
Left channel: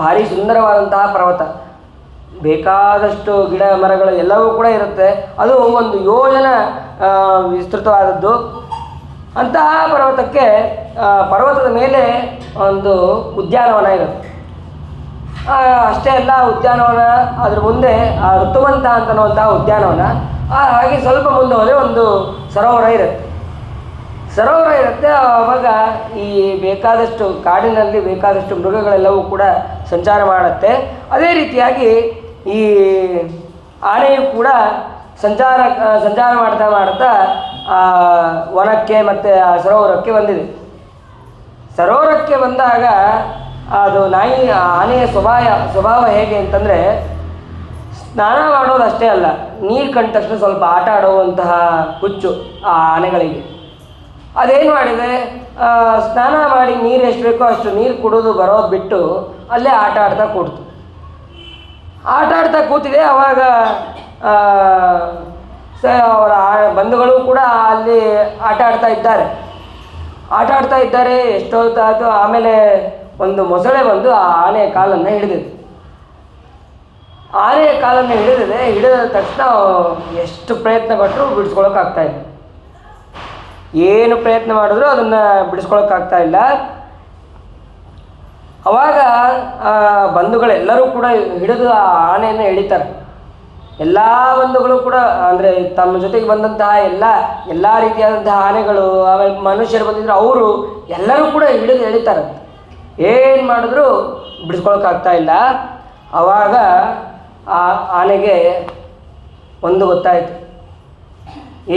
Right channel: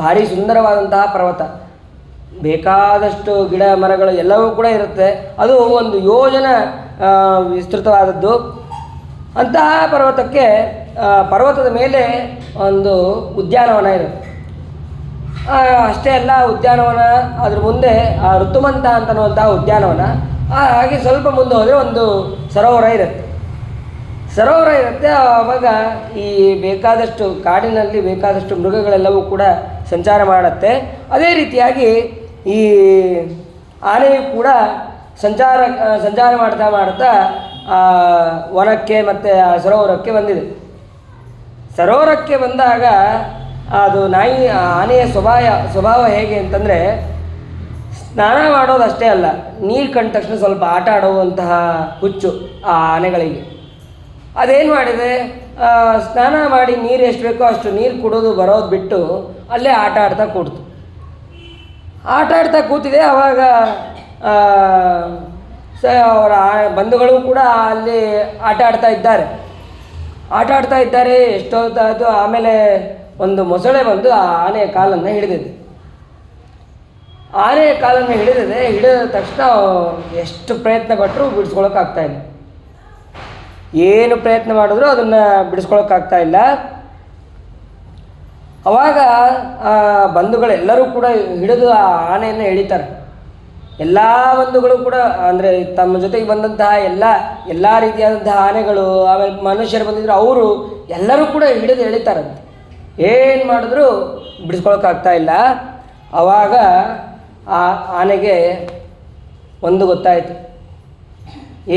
ಭಾರಿ ಸುಂದರವಾದಂತಹ ಪರ್ವತ, ಬೇಕಾದಷ್ಟು ಗಿಡ ಮರಗಳು ಎಲ್ಲವೂ ಕೂಡ ಇರುತ್ತೆ. ಅದು ಒಂದು ಯೋಜನ ವಿಸ್ತೃತವಾದದ್ದು. ಅಂತಹ ಪರ್ವತಕ್ಕೆ ಪರ್ವತದ ಮೇಲೆ ಒಂದು ಉದ್ಯಾನವನ ಇರುತ್ತೆ. ಅಷ್ಟೇ ಅಲ್ಲ, ಉದ್ಯಾನವನ ಅದ್ರ ಮುಂದೆ ಋತುವಂತ ಅಂತನ್ನುವಂತಹ ಉದ್ಯಾನವನ, ಹಾಗೆ ಸ್ವಲ್ಪ ಮುಂದೆ ಹೋದರೆ ಒಂದು ಸರೋವರ ಇರುತ್ತೆ. ಆವಾಗ ಈ ಬೇಕಾದಷ್ಟು ಕಾಡಿನಲ್ಲಿ ಬೇಕಾದಷ್ಟು ಮೃಗಗಳೆಲ್ಲವೂ ಕೂಡ ಸಂಚಾರ ಮಾಡುತ್ತೆ. ಅದೇ ರೀತಿಯಾಗಿ ಈ ಆನೆಯು ಕೂಡ ಸಂಚಾರ ಮಾಡ್ತಾ ವನಕ್ಕೆ ಮತ್ತು ಆ ಸರೋವರಕ್ಕೆ ಬಂದಿದೆ. ಸರೋವರಕ್ಕೆ ಬಂದಾಗ ಅದು ಆನೆಯ ಸ್ವಭಾವ ಹೇಗೆ ಅಂತಂದರೆ, ಸ್ನಾನ ಮಾಡೋದು ಅಷ್ಟೇ ಅಲ್ಲ, ನೀರು ಕಂಡ ತಕ್ಷಣ ಸ್ವಲ್ಪ ಆಟ ಆಡುವಂತಹ ಹುಚ್ಚು ಆ ಆನೆಗಳಿಗೆ. ಅದೇನು ಮಾಡಿದೆ, ಸ್ನಾನ ಮಾಡಿ ನೀರು ಎಷ್ಟು ಬೇಕೋ ಅಷ್ಟು ನೀರು ಕುಡಿದು ಬರೋದು ಬಿಟ್ಟು ಅಲ್ಲೇ ಆಟ ಆಡ್ತಾ ಕೂತಿದೆ. ಆವಾಗ ಅವರ ಬಂಧುಗಳು ಕೂಡ ಅಲ್ಲಿ ಆಟ ಆಡ್ತಾ ಇದ್ದಾರೆ. ಎಷ್ಟೊತ್ತಾಯಿತು. ಆಮೇಲೆ ಒಂದು ಮೊಸಳೆ ಬಂದು ಆ ಆನೆಯ ಕಾಲನ್ನು ಹಿಡಿದಿದೆ. ಹಿಡಿದ ತಕ್ಷಣ ಎಷ್ಟು ಪ್ರಯತ್ನ ಪಟ್ಟರು ಬಿಡಿಸ್ಕೊಳಕ್ಕಾಗ್ತಾಯಿಲ್ಲ. ಏನು ಪ್ರಯತ್ನ ಮಾಡಿದ್ರು ಅದನ್ನು ಬಿಡಿಸ್ಕೊಳಕ್ಕಾಗ್ತಾ ಇಲ್ಲ. ಅವಾಗ ಬಂಧುಗಳೆಲ್ಲರೂ ಕೂಡ ಹಿಡಿದು ಆ ಆನೆಯನ್ನು ಎಳಿತಾರೆ. ಎಲ್ಲ ಬಂಧುಗಳು ಕೂಡ, ಅಂದರೆ ತಮ್ಮ ಜೊತೆಗೆ ಬಂದಂತಹ ಎಲ್ಲ ರೀತಿಯಾದಂತಹ ಆನೆಗಳು, ಆಮೇಲೆ ಮನುಷ್ಯರು ಬಂದಿದ್ರು, ಅವರು ಎಲ್ಲರೂ ಕೂಡ ಹಿಡಿದು ಎಳಿತಾರಂತೆ. ಏನು ಮಾಡಿದ್ರು ಬಿಡಿಸ್ಕೊಳಕ್ಕಾಗ್ತಾ ಇಲ್ಲ. ಆವಾಗ ಆ ಆನೆಗೆ ಒಂದು ಗೊತ್ತಾಯಿತು,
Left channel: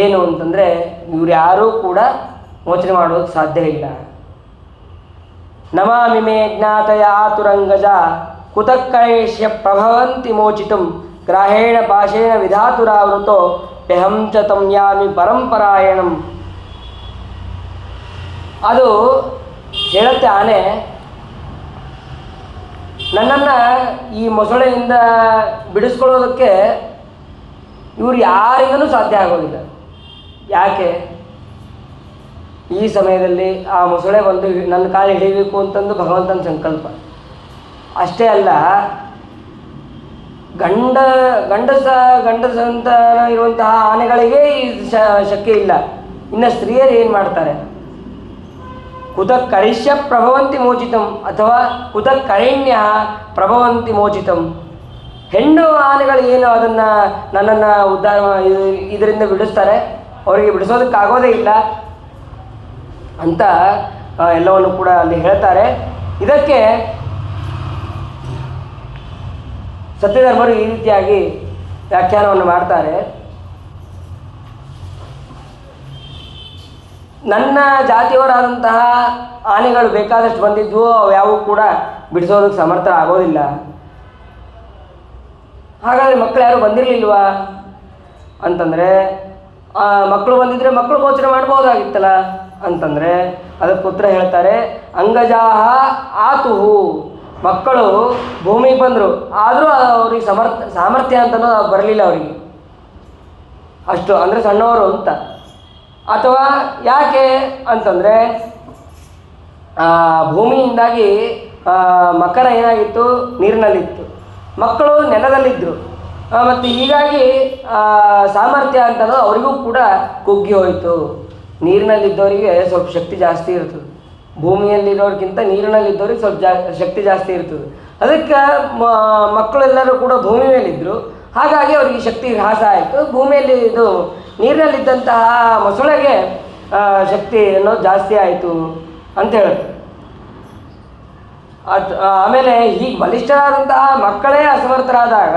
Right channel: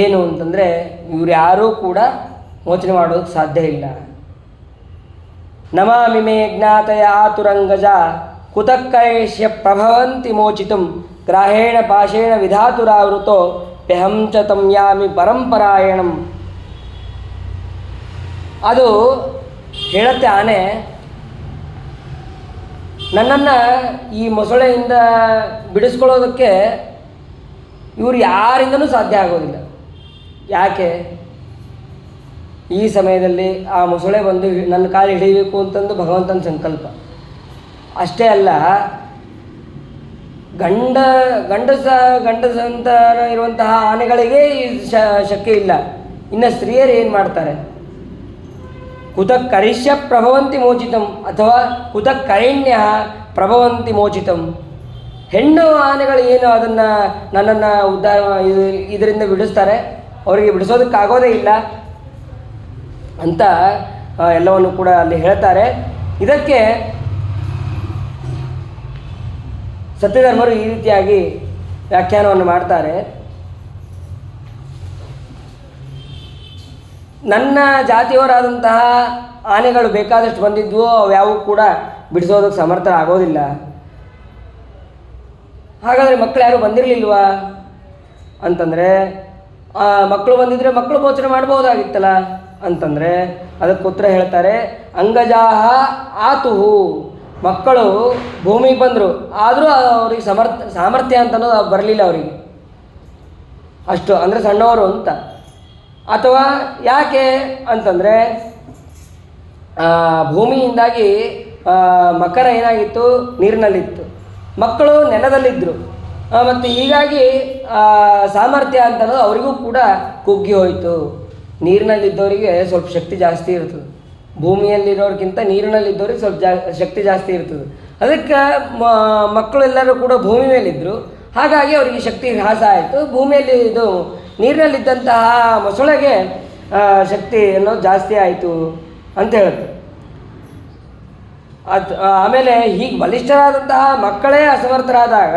ಏನು ಅಂತಂದರೆ ಇವ್ರು ಯಾರೂ ಕೂಡ ಮೋಚನೆ ಮಾಡೋದಕ್ಕೆ ಸಾಧ್ಯ ಇಲ್ಲ. ನಮಾಮಿ ಮೇ ಜ್ಞಾತಯ ಆತುರಂಗಜ ಕುತಕ್ಕೈಷ್ಯ ಪ್ರಭವಂತಿ ಮೋಚಿತುಂ ಗ್ರಾಹೇಣ ಪಾಶೇಣ ವಿಧಾತುರಾವೃತೋ ಪ್ಯಹಂ ಚ ತಂ ಯಾಮಿ ಪರಂಪರಾಯಣಂ. ಅದು ಹೇಳುತ್ತೆ ಆನೆ, ನನ್ನನ್ನು ಈ ಮೊಸಳೆಯಿಂದ ಬಿಡಿಸ್ಕೊಳ್ಳೋದಕ್ಕೆ ಇವರು ಯಾರಿಂದನೂ ಸಾಧ್ಯ ಆಗೋದಿಲ್ಲ. ಯಾಕೆ? ಈ ಸಮಯದಲ್ಲಿ ಆ ಮೊಸಳೆ ಬಂದು ನನ್ನ ಕಾಲು ಹಿಡಿಯಬೇಕು ಅಂತಂದು ಭಗವಂತನ ಸಂಕಲ್ಪ. ಅಷ್ಟೇ ಅಲ್ಲ, ಗಂಡಸಂತಾನ ಇರುವಂತಹ ಆನೆಗಳಿಗೆ ಈ ಶಕ್ತಿ ಇಲ್ಲ. ಇನ್ನು ಸ್ತ್ರೀಯರು ಏನು ಮಾಡ್ತಾರೆ? ಕುತಃ ಕರಿಷ್ಯ ಪ್ರಭವಂತಿ ಮೋಚಿತಂ ಅಥವಾ ಕುತಃ ಕರಿಣ್ಯ ಪ್ರಭವಂತಿ ಮೋಚಿತಂ. ಹೆಣ್ಣು ಆನೆಗಳು ಏನು ಅದನ್ನು ನನ್ನನ್ನು ಉದ್ಧಾರ ಇದರಿಂದ ಬಿಡಿಸ್ತಾರೆ, ಅವರಿಗೆ ಬಿಡಿಸೋದಕ್ಕಾಗೋದೇ ಇಲ್ಲ ಅಂತ ಎಲ್ಲವನ್ನು ಕೂಡ ಅಲ್ಲಿ ಹೇಳ್ತಾರೆ. ಇದಕ್ಕೆ ಸತ್ಯಧರ್ಮರು ಈ ರೀತಿಯಾಗಿ ವ್ಯಾಖ್ಯಾನವನ್ನು ಮಾಡ್ತಾರೆ. ನನ್ನ ಜಾತಿಯವರಾದಂತಹ ಆನೆಗಳು ಬೇಕಾದಷ್ಟು ಬಂದಿದ್ವು, ಅವು ಯಾವುವು ಕೂಡ ಬಿಡಿಸೋದಕ್ಕೆ ಸಮರ್ಥರಾಗೋದಿಲ್ಲ. ಹಾಗಾದರೆ ಮಕ್ಕಳು ಯಾರು ಬಂದಿರಲಿಲ್ವಾ ಅಂತಂದರೆ, ಮಕ್ಕಳು ಬಂದಿದ್ದರೆ ಮಕ್ಕಳು ಮೋಚನೆ ಮಾಡ್ಬೋದಾಗಿತ್ತಲ್ಲ ಅಂತಂದರೆ ಅದಕ್ಕೆ ಉತ್ತರ ಹೇಳ್ತಾರೆ, ಅಂಗಜಾಹ ಆತುಹು. ಮಕ್ಕಳು ಭೂಮಿಗೆ ಬಂದರು, ಆದರೂ ಅವ್ರಿಗೆ ಸಾಮರ್ಥ್ಯ ಅಂತನೋ ಬರಲಿಲ್ಲ ಅವರಿಗೆ, ಅಷ್ಟು ಅಂದರೆ ಸಣ್ಣವರು ಅಂತ. ಅಥವಾ ಯಾಕೆ ಅಂತಂದರೆ ಭೂಮಿಯಿಂದಾಗಿ ಮಕರ ಏನಾಗಿತ್ತು, ನೀರಿನಲ್ಲಿತ್ತು, ಮಕ್ಕಳು ನೆಲದಲ್ಲಿದ್ದರು, ಮತ್ತು ಹೀಗಾಗಿ ಸಾಮರ್ಥ್ಯ ಅಂತನೋ ಅವರಿಗೂ ಕೂಡ ಕುಗ್ಗಿ ಹೋಯಿತು. ನೀರಿನಲ್ಲಿದ್ದವರಿಗೆ ಸ್ವಲ್ಪ ಶಕ್ತಿ ಜಾಸ್ತಿ ಇರ್ತದೆ, ಭೂಮಿಯಲ್ಲಿರೋರಿಗಿಂತ ನೀರಿನಲ್ಲಿದ್ದವ್ರಿಗೆ ಸ್ವಲ್ಪ ಶಕ್ತಿ ಜಾಸ್ತಿ ಇರ್ತದೆ. ಅದಕ್ಕೆ ಮಕ್ಕಳೆಲ್ಲರೂ ಕೂಡ ಭೂಮಿ ಮೇಲಿದ್ದರು, ಹಾಗಾಗಿ ಅವರಿಗೆ ಶಕ್ತಿ ಹ್ರಾಸ ಆಯಿತು. ಭೂಮಿಯಲ್ಲಿ ಇದು ನೀರಿನಲ್ಲಿದ್ದಂತಹ ಮೊಸಳೆಗೆ ಶಕ್ತಿ ಅನ್ನೋದು ಜಾಸ್ತಿ ಆಯಿತು ಅಂತ ಹೇಳ್ತಾರೆ. ಆಮೇಲೆ ಹೀಗೆ ಬಲಿಷ್ಠರಾದಂತಹ ಮಕ್ಕಳೇ ಅಸಮರ್ಥರಾದಾಗ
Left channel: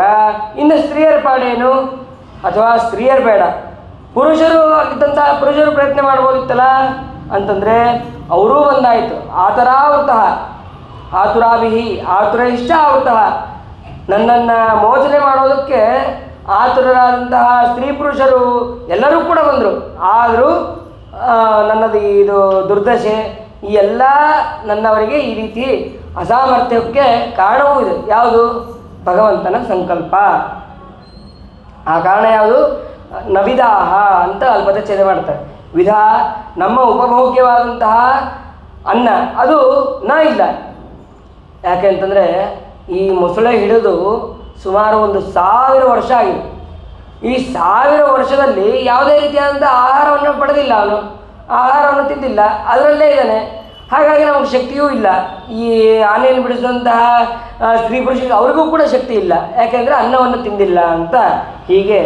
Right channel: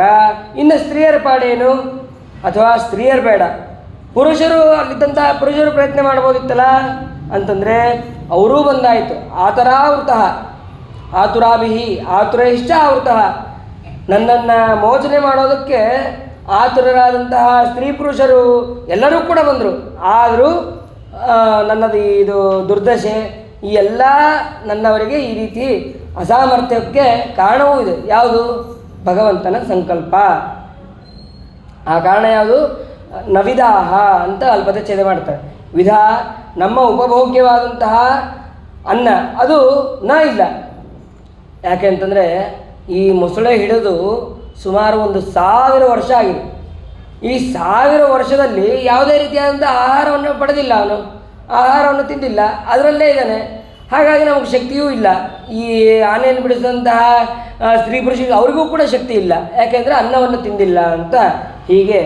ಇನ್ನು ಸ್ತ್ರೀಯರ ಪಾಡೇನು? ಅಥವಾ ಸ್ತ್ರೀಯರು ಬೇಡ, ಪುರುಷರು ಅಲ್ಲಿದ್ದಂತಹ ಪುರುಷರು ಪ್ರಯತ್ನ ಮಾಡ್ಬೋದಿತ್ತಲ್ಲ ಅಂತಂದರೆ ಅವರೂ ಬಂದಾಯಿತು. ಆತರಾವೃತಃ ಆತುರಾಭಿಹಿ ಆತುರೈಶ್ಚ ಆವೃತಃ. ನನ್ನನ್ನು ಮೋಚನೆ ಮಾಡೋದಕ್ಕೆ ಆತುರರಾದಂತಹ ಸ್ತ್ರೀ ಪುರುಷರು ಎಲ್ಲರೂ ಕೂಡ ಬಂದರು. ಆದರೂ ನನ್ನದು ಇದು ದುರ್ದಶೆ, ಈ ಎಲ್ಲ ನನ್ನವರಿಗೆ ಈ ರೀತಿ ಅಸಾಮರ್ಥ್ಯಕ್ಕೆ ಕಾರಣವೂ ಇದೆ. ಯಾವುದು? ಭಗವಂತನ ಸಂಕಲ್ಪ. ಆ ಕಾರಣ ಯಾವುದು? ನವಿದಾಹ ಅಂತ ಅಲ್ಲಿ ಪದಚ್ಛೇದ ಮಾಡ್ತಾರೆ. ವಿಧ ನಮ್ಮ ಉಪಭೋಗ್ಯವಾದಂತಹ ಅನ್ನ ಅದು ಇಲ್ಲ. ಯಾಕೆ ಅಂತಂದರೆ ಈ ಮೊಸಳೆ ಹಿಡಿದು ಸುಮಾರು 1000 ವರ್ಷ ಆಗಿದೆ. ಈ 1000 ವರ್ಷದಲ್ಲಿ ಯಾವುದೇ ರೀತಿಯಾದಂಥ ಆಹಾರವನ್ನು ಪಡೆದಿಲ್ಲ, ಅವನು ಆಹಾರವನ್ನು ತಿಂದಿಲ್ಲ, ಅದರಲ್ಲೇ ಇದ್ದಾನೆ. ಹಾಗಾಗಿ ನಮಗೆ ಶಕ್ತಿಯೂ ಇಲ್ಲ. ಈ ಆನೆಯನ್ನು ಬಿಡಿಸಿದಂತಹ ಸ್ತ್ರೀ ಪುರುಷರಿಗೆ ಅವರಿಗೂ ಕೂಡ ಶಕ್ತಿ ಇಲ್ಲ, ಯಾಕೆಂದರೆ ಅನ್ನವನ್ನು ತಿಂದಿಲ್ಲ ಅಂತ ಹೀಗೆ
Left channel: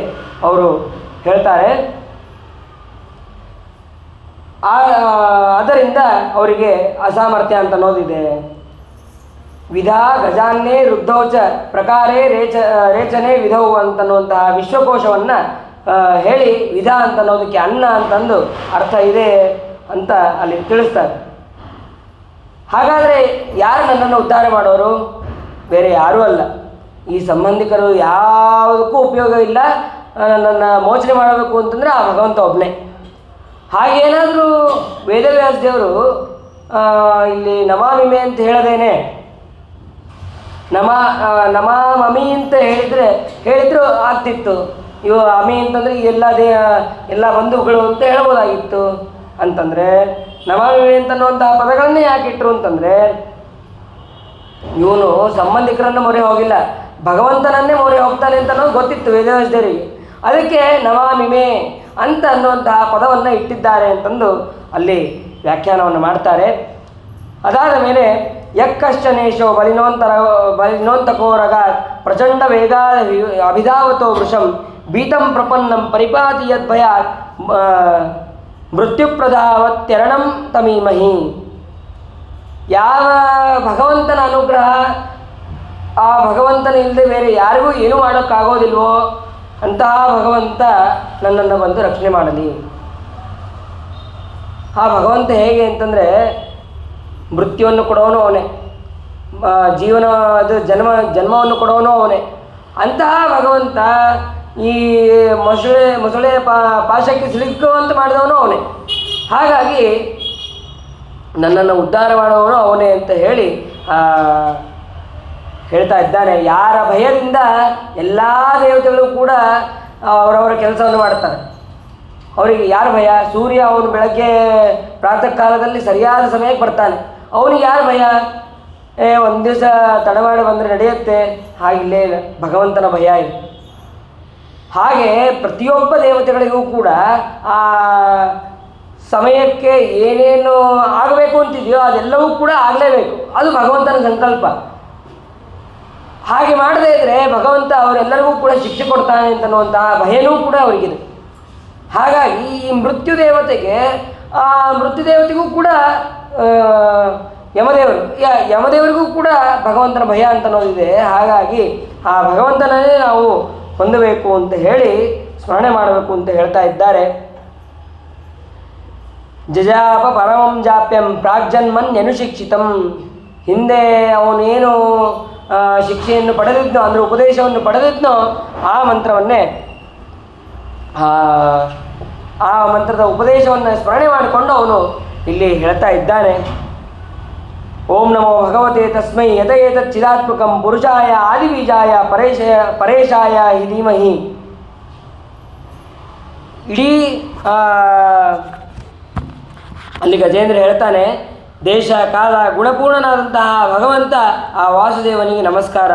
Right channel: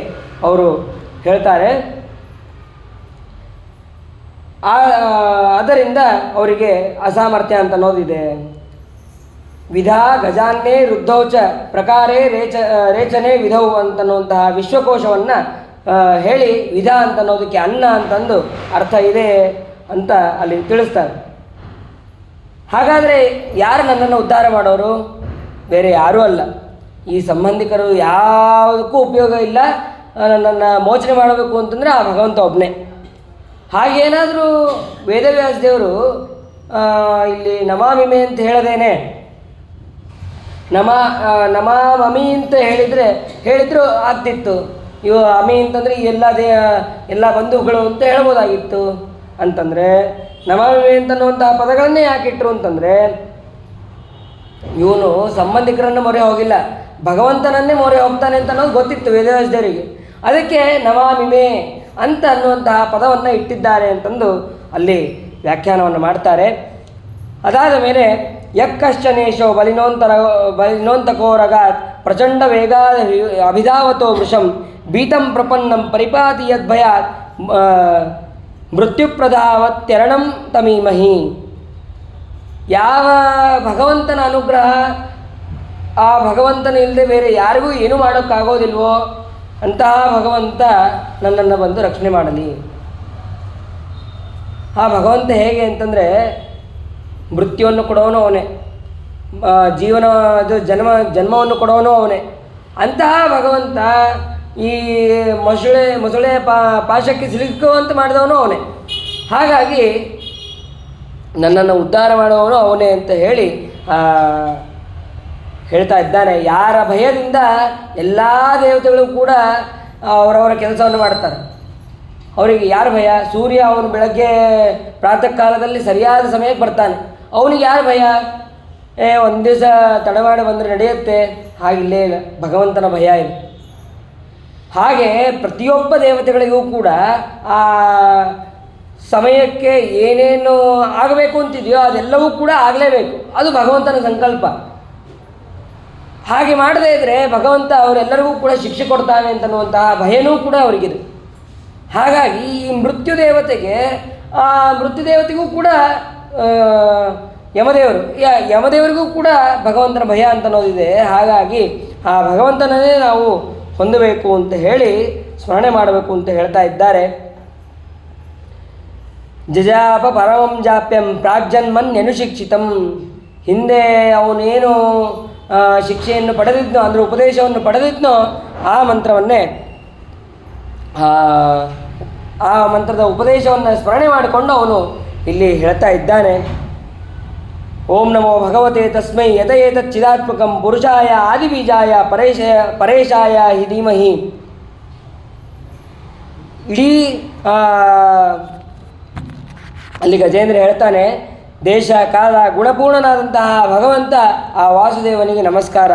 ಅವರು ಹೇಳ್ತಾರೆ. ಅದರಿಂದ ಅವರಿಗೆ ಅಸಾಮರ್ಥ್ಯ ಅಂತ ಅನ್ನೋದಿದೆ. ವಿಧಾ ಗಜಾನ್ನೇ ವೃದ್ಧೌಚ ಪ್ರಕಾರೇ ರೇಚನೆ ವಿಧವು ಅಂತನ್ನುವಂತಹ ವಿಶ್ವಕೋಶವನ್ನು ಹೇಳಿ ವಿಧ ಅಂತನ್ನೋದಕ್ಕೆ ಅನ್ನ ಅಂತಂದು ಅರ್ಥ ಇದೆ ಅಂತ ಅಲ್ಲಿ ತಿಳಿಸ್ತಾರೆ. ಹಾಗಾದರೆ ಯಾರು ನನ್ನನ್ನು ಉದ್ಧಾರ ಮಾಡೋರು? ಬೇರೆ ಯಾರೂ ಅಲ್ಲ, ಈ ಸಂಬಂಧಿಕರು ಯಾವುದಕ್ಕೂ ಉಪಯೋಗ ಇಲ್ಲ. ನನ್ನನ್ನು ಮೋಚನೆ ಮಾಡಬೇಕು ಅಂತಂದರೆ ಆ ಭಗವಂತ ಒಬ್ಬನೇ. ಹಾಗೇನಾದರೂ ವೇದವ್ಯಾಸ ದೇವರು ಇಲ್ಲಿ ನಮಾಮಿಮೆ ಅಂತ ಹೇಳದೇನೆ ನಮಾಮಿ ಅಂತ ಹೇಳಿದ್ರು ಆಗ್ತಿತ್ತು. ಇವು ಅಮಿ ಅಂತಂದರೆ ಎಲ್ಲ ಬಂಧುಗಳು ಅಂತ ಹೇಳ್ಬೋದಾಗಿತ್ತು. ಅಂತಂದರೆ ನಮಾಮಿ ಅಂತನ್ನುವಂತಹ ಪದಗಳನ್ನೇ ಯಾಕಿಟ್ರು ಅಂತಂದರೆ ಇವನು ಸಂಬಂಧಿಕರನ್ನು ಮೊರೆ ಹೋಗಿಲ್ಲ, ಭಗವಂತನನ್ನೇ ಮೊರೆ ಹೋಗ್ತಾನೆ ಅಂತ ಅನ್ನೋದು ಗೊತ್ತಿತ್ತು ವೇದವ್ಯಾಸ ದೇವರಿಗೆ. ಅದಕ್ಕೆ ನಮಾಮಿಮೆ ಅಂತ ಅನ್ನುವಂತಹ ಪದವನ್ನು ಇಟ್ಟಿದ್ದಾರೆ ಅಂತಂದು ಅಲ್ಲಿ ವ್ಯಾಖ್ಯಾನವನ್ನು ಮಾಡ್ತಾರೆ. ಅದಾದ ಮೇಲೆ ಯಕ್ಕಶ್ಚನೇಶೋ ಬಲಿನೋಂತಕೋರಗ ಪ್ರಚಂಡ ವೇಗ ಅಭಿಧಾವತೋ ವೃಷಂ ಭೀತಂ ಪ್ರಪನ್ನಂ ಪರಿಪಾತಿ ಯದ್ಭಯಾತ್ ಮೃತ್ಯುಪ್ರಧಾವತ್ಯರಣಂ ತಮೀಮಹಿ. ಯಾವ ಭಗವಂತನ ಅನುಗ್ರಹ, ಆ ಭಗವಂತನ ಇಲ್ಲದೆ ಬೇರೆ ಯಾರಿಗೂ ಏನೂ ಮಾಡೋಕ್ಕಾಗೋದಿಲ್ವೋ ಅಂತಹ ಭಗವಂತ ನನ್ನನ್ನು ಬಂದು ರಕ್ಷಣೆ ಮಾಡಲಿ. ಆ ಭಗವಂತ ಹೇಗೆ ಅಂತಂದರೆ ಮೃತ್ಯುವನ್ನು ಕೊಡೋನು ಅವನೇ, ಜನ್ಮವನ್ನು ಕೊಡೋನು ಅವನೇ. ಅಂತಹ ಭಗವಂತ ಈ ಮೊಸಳೆ ಪಾಶಕ್ಕೆ ಸಿಲುಕುವಂತ ಮಾಡಿದವನು ಅವನೇ. ಹಾಗಾಗಿ ನನ್ನನ್ನು ಉದ್ಧಾರ ಮಾಡುವವನು ಅವನೇ ಅಂತ ಹೇಳಿ ಹೇಳ್ತಾ ಇದ್ದಾನೆ. ಯಾರ ಭಯದಿಂದ ಎಲ್ಲ ದೇವತೆಗಳು ಕೂಡ ಅವರವರ ಕೆಲಸವನ್ನು ಮಾಡ್ತಾರೆ. ಅವರಿಗೆ ಯಾರ ಭಯ? ಸೂರ್ಯ ಅವನು ಬೆಳಗ್ಗೆ ಪ್ರಾತಃ ಕಾಲದಲ್ಲಿ ಸರಿಯಾದ ಸಮಯಕ್ಕೆ ಬರ್ತಾನೆ, ಅವನಿಗೆ ಯಾರು ಭಯ? ಒಂದು ದಿವಸ ತಡಮಾಡಿ ಬಂದರೆ ನಡೆಯುತ್ತೆ, ಹಾಗಿಲ್ಲೇ ಇಲ್ಲ, ಭಗವಂತನ ಭಯ ಇದೆ. ಹಾಗೆ ಪ್ರತಿಯೊಬ್ಬ ದೇವತೆಗಳಿಗೂ ಕೂಡ ಆ ಸಮಯಕ್ಕೆ ಏನೇನು ಆಗಬೇಕು ಅಂತಿದೆಯೋ ಅದೆಲ್ಲವೂ ಕೂಡ ಆಗಲೇಬೇಕು. ಅದು ಭಗವಂತನ ಸಂಕಲ್ಪ. ಹಾಗೆ ಮಾಡದೇ ಇದ್ದರೆ ಭಗವಂತ ಅವರೆಲ್ಲರಿಗೂ ಕೂಡ ಶಿಕ್ಷೆ ಕೊಡ್ತಾನೆ ಅಂತನ್ನುವಂತಹ ಭಯನೂ ಕೂಡ ಅವರಿಗಿದೆ. ಹಾಗಾಗಿ ಈ ಮೃತ್ಯುದೇವತೆಗೂ ಕೂಡ ಯಮದೇವರಿಗೂ ಕೂಡ ಭಗವಂತನ ಭಯ ಅಂತ ಅನ್ನೋದಿದೆ. ಹಾಗಾಗಿ ಆ ಭಗವಂತನನ್ನೇ ನಾವು ಹೊಂದಬೇಕು ಅಂತ ಹೇಳಿ ಸ್ಮರಣೆ ಮಾಡಬೇಕು ಅಂತ ಹೇಳ್ತಾ ಇದ್ದಾರೆ. ಜಜಾಪ ಪರಮಂ ಜಾಪ್ಯಂ ಪ್ರಾಗ್ಜನ್ಮನ್ಯನುಶಿಕ್ಷಿತಂ. ಹಿಂದೆ ಅವನೇನು ಶಿಕ್ಷೆಯನ್ನು ಪಡೆದಿದ್ನೋ ಅಂದರೆ ಉಪದೇಶವನ್ನು ಪಡೆದಿದ್ನೋ ಆ ಮಂತ್ರವನ್ನೇ ಆ ಮಂತ್ರದ ಉಪದೇಶವನ್ನು ಸ್ಮರಣೆ ಮಾಡಿಕೊಂಡು ಅವನು ಇಲ್ಲಿ ಹೇಳ್ತಾ ಇದ್ದಾನೆ. ಓಂ ನಮೋ ಭಗವತೆ ತಸ್ಮೈ ಯತಯೇತತ್ ಚಿದಾತ್ಮಕಂ ಪುರುಷಾಯ ಆದಿಬೀಜಾಯ ಪರೇಶಾಯ ಹಿ ಧೀಮಹಿ. ಇಡೀ ಅಲ್ಲಿ ಗಜೇಂದ್ರ ಹೇಳ್ತಾನೆ, ದೇಶ ಕಾಲ ಗುಣಪೂರ್ಣನಾದಂತಹ ಭಗವಂತ ಆ ವಾಸುದೇವನಿಗೆ ನಮಸ್ಕಾರ.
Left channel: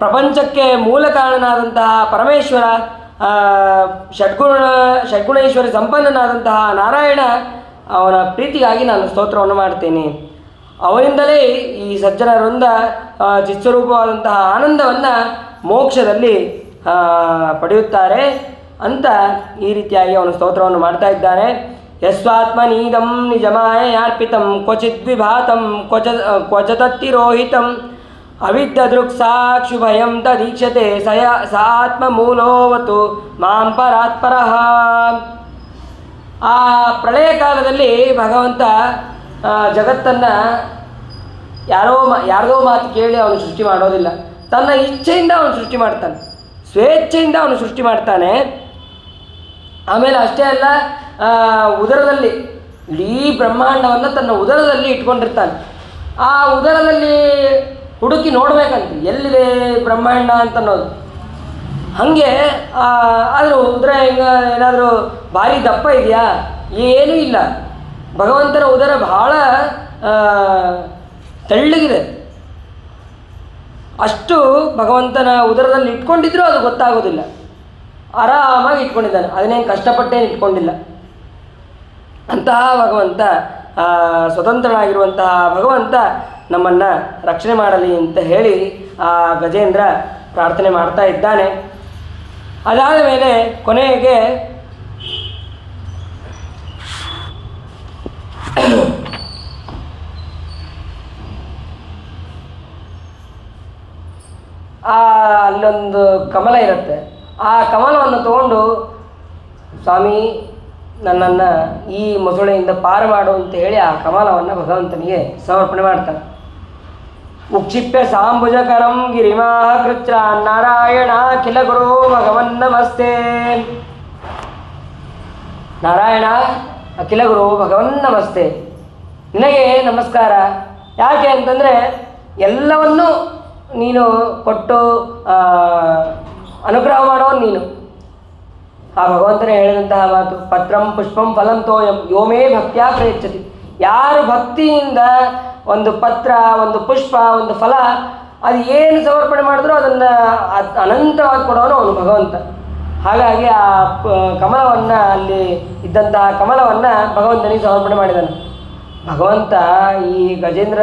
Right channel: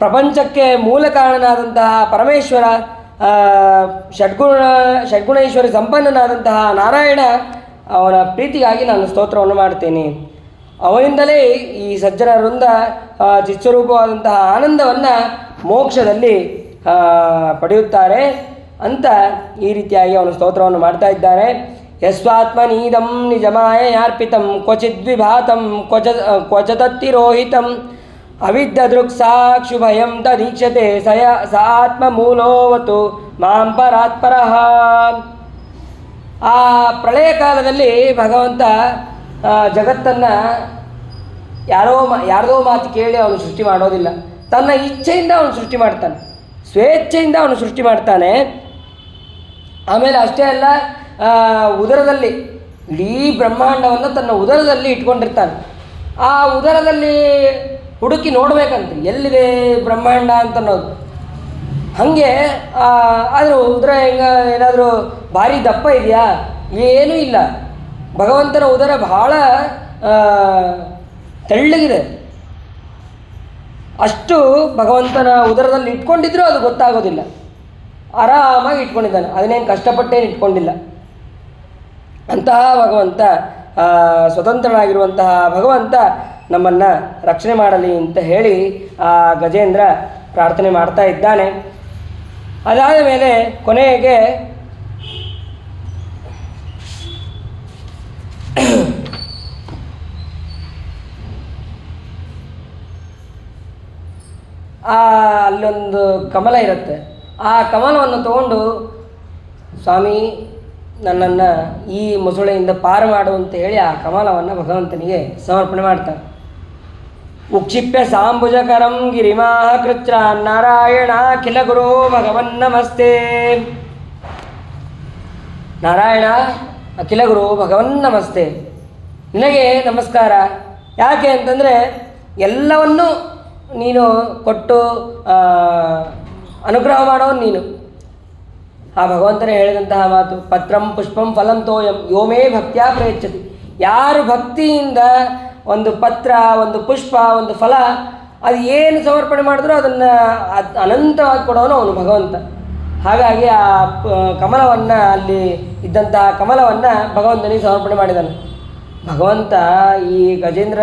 ಪ್ರಪಂಚಕ್ಕೆ ಮೂಲ ಕಾರಣನಾದಂತಹ ಪರಮೇಶ್ವರ, ಷಡ್ಗುಣೇಶ್ವರಿ ಸಂಪನ್ನನಾದಂತಹ ನಾರಾಯಣ, ಅವನ ಪ್ರೀತಿಗಾಗಿ ನಾನು ಸ್ತೋತ್ರವನ್ನು ಮಾಡ್ತೇನೆ. ಅವನಿಂದಲೇ ಈ ಸಜ್ಜನ ವೃಂದ ಚಿತ್ಸ್ವರೂಪವಾದಂತಹ ಆನಂದವನ್ನು ಮೋಕ್ಷದಲ್ಲಿ ಪಡೆಯುತ್ತಾರೆ ಅಂತ ಈ ರೀತಿಯಾಗಿ ಅವನು ಸ್ತೋತ್ರವನ್ನು ಮಾಡ್ತಾ ಇದ್ದಾನೆ. ಯಸ್ವಾತ್ಮನೀದಂ ನಿಜಮಾಯಯಾರ್ಪಿತಂ ಕ್ವಚಿದ್ವಿಭಾತಂ ಕ್ವಚತತ್ತಿರೋಹಿತಂ ಅವಿದ್ಯದೃಕ್ಸಾಕ್ಷುಭಯಂ ತದೀಕ್ಷತೆ ಸ ಆತ್ಮಮೂಲೋವತು ಮಾಂ ಪರಾತ್ಪರಃ. ಆ ಪ್ರಳಯ ಕಾಲದಲ್ಲಿ ಭಗವಂತ ಜಗತ್ತನ್ನು ಯಾರದೋ ಮಾತು ಕೇಳಿ ಅವನು ಸೃಷ್ಟಿ ಮಾಡೋದಿಲ್ಲ. ತನ್ನ ಇಚ್ಛೆಯಿಂದ ಅವನು ಸೃಷ್ಟಿ ಮಾಡ್ತಾನೆ, ಸ್ವೇಚ್ಛೆಯಿಂದ ಅವನು ಸೃಷ್ಟಿ ಮಾಡ್ತಾನೆ. ಆಮೇಲೆ ಅಷ್ಟೇ ಅಲ್ಲ, ಉದರದಲ್ಲಿ ಇಡೀ ಬ್ರಹ್ಮಾಂಡವನ್ನು ತನ್ನ ಉದರದಲ್ಲಿ ಇಟ್ಕೊಂಡಿರ್ತಾನೆ. ಆ ಉದರದಲ್ಲಿ ಹುಡುಕಿ ನೋಡಬೇಕಂತ ಎಲ್ಲಿದೆ ಬ್ರಹ್ಮಾಂಡ ಅಂತನ್ನೋದು. ಹಾಗೆ ಆದರೂ ಉದರ ಏನಾದರೂ ಭಾರಿ ದಪ್ಪ ಇದೆಯಾ? ಏನೂ ಇಲ್ಲ. ಭಗವಂತನ ಉದರ ಬಹಳ ತೆಳ್ಳಗಿದೆ. ಅಷ್ಟು ಭಗವಂತನ ಉದರದಲ್ಲಿ ಇಟ್ಕೊಂಡಿದ್ರೂ ಅದು ಗೊತ್ತಾಗೋದಿಲ್ಲ. ಆರಾಮಾಗಿ ಇಟ್ಕೊಂಡಿದ್ದಾನೆ, ಅದನ್ನೇನು ಕಷ್ಟಪಟ್ಟೇನು ಇಟ್ಕೊಂಡಿಲ್ಲ. ಅಂತಹ ಭಗವಂತ, ಸ್ವತಂತ್ರನಾಗಿರುವಂತಹ ಭಗವಂತ ನಮ್ಮನ್ನು ರಕ್ಷಣೆ ಮಾಡಲಿ ಅಂತ ಹೇಳಿ ಆ ಗಜೇಂದ್ರ ಪ್ರಾರ್ಥನೆ ಮಾಡ್ತಾ ಇದ್ದಾನೆ. ಅದಾದ ಮೇಲೆ ಕೊನೆಗೆ ಅಲ್ಲೊಂದು ಕಮಲ ಇರುತ್ತೆ. ಆ ಕಮಲವನ್ನು ತಗೊಂಡು, ಸ್ವಾಮಿ ನನ್ನನ್ನು ಈ ಮೊಸಳೆಯಿಂದ ಪಾರು ಮಾಡು ಅಂತ ಹೇಳಿ ಆ ಕಮಲವನ್ನು ಭಗವಂತನಿಗೆ ಸಮರ್ಪಣೆ ಮಾಡ್ತಾನೆ. ಉಕ್ಷಿಪ್ಯ ಸಾಂಬುಜಕರಂ ಗಿರಿಮಾಹ ಕೃಚ್ರ ನಾರಾಯಣ ಕಿಲ ಗುರೋ ಭಗವನ್ನಮಸ್ತೆ. ನಾರಾಯಣ ಅಖಿಲ ಗುರು ಭಗವನ್ನಮಸ್ತೆ, ನಿನಗೆ ನಮಸ್ಕಾರ. ಯಾಕೆ ಅಂತಂದರೆ ಎಲ್ಲವನ್ನೂ ನೀನು ಕೊಟ್ಟು ಅನುಗ್ರಹ ಮಾಡೋನು ನೀನು. ಆ ಭಗವಂತನೇ ಹೇಳಿದಂತಹ ಮಾತು, ಪತ್ರಂ ಪುಷ್ಪಂ ಫಲಂ ತೋಯಂ ಯೋಮೇ ಭಕ್ತ್ಯಾ ಪ್ರಯಚ್ಛತಿ. ಯಾರು ಭಕ್ತಿಯಿಂದ ಒಂದು ಪತ್ರ, ಒಂದು ಪುಷ್ಪ, ಒಂದು ಫಲ, ಅದು ಏನು ಸಮರ್ಪಣೆ ಮಾಡಿದ್ರೂ ಅದನ್ನು ಅನಂತವಾಗಿ ಕೊಡೋನು ಅವನು ಭಗವಂತ. ಹಾಗಾಗಿ ಆ ಕಮಲವನ್ನು, ಅಲ್ಲಿ ಇದ್ದಂತಹ ಕಮಲವನ್ನು ಭಗವಂತನಿಗೆ ಸಮರ್ಪಣೆ ಮಾಡಿದ್ದಾನೆ. ಭಗವಂತ ಈ ಗಜೇಂದ್ರ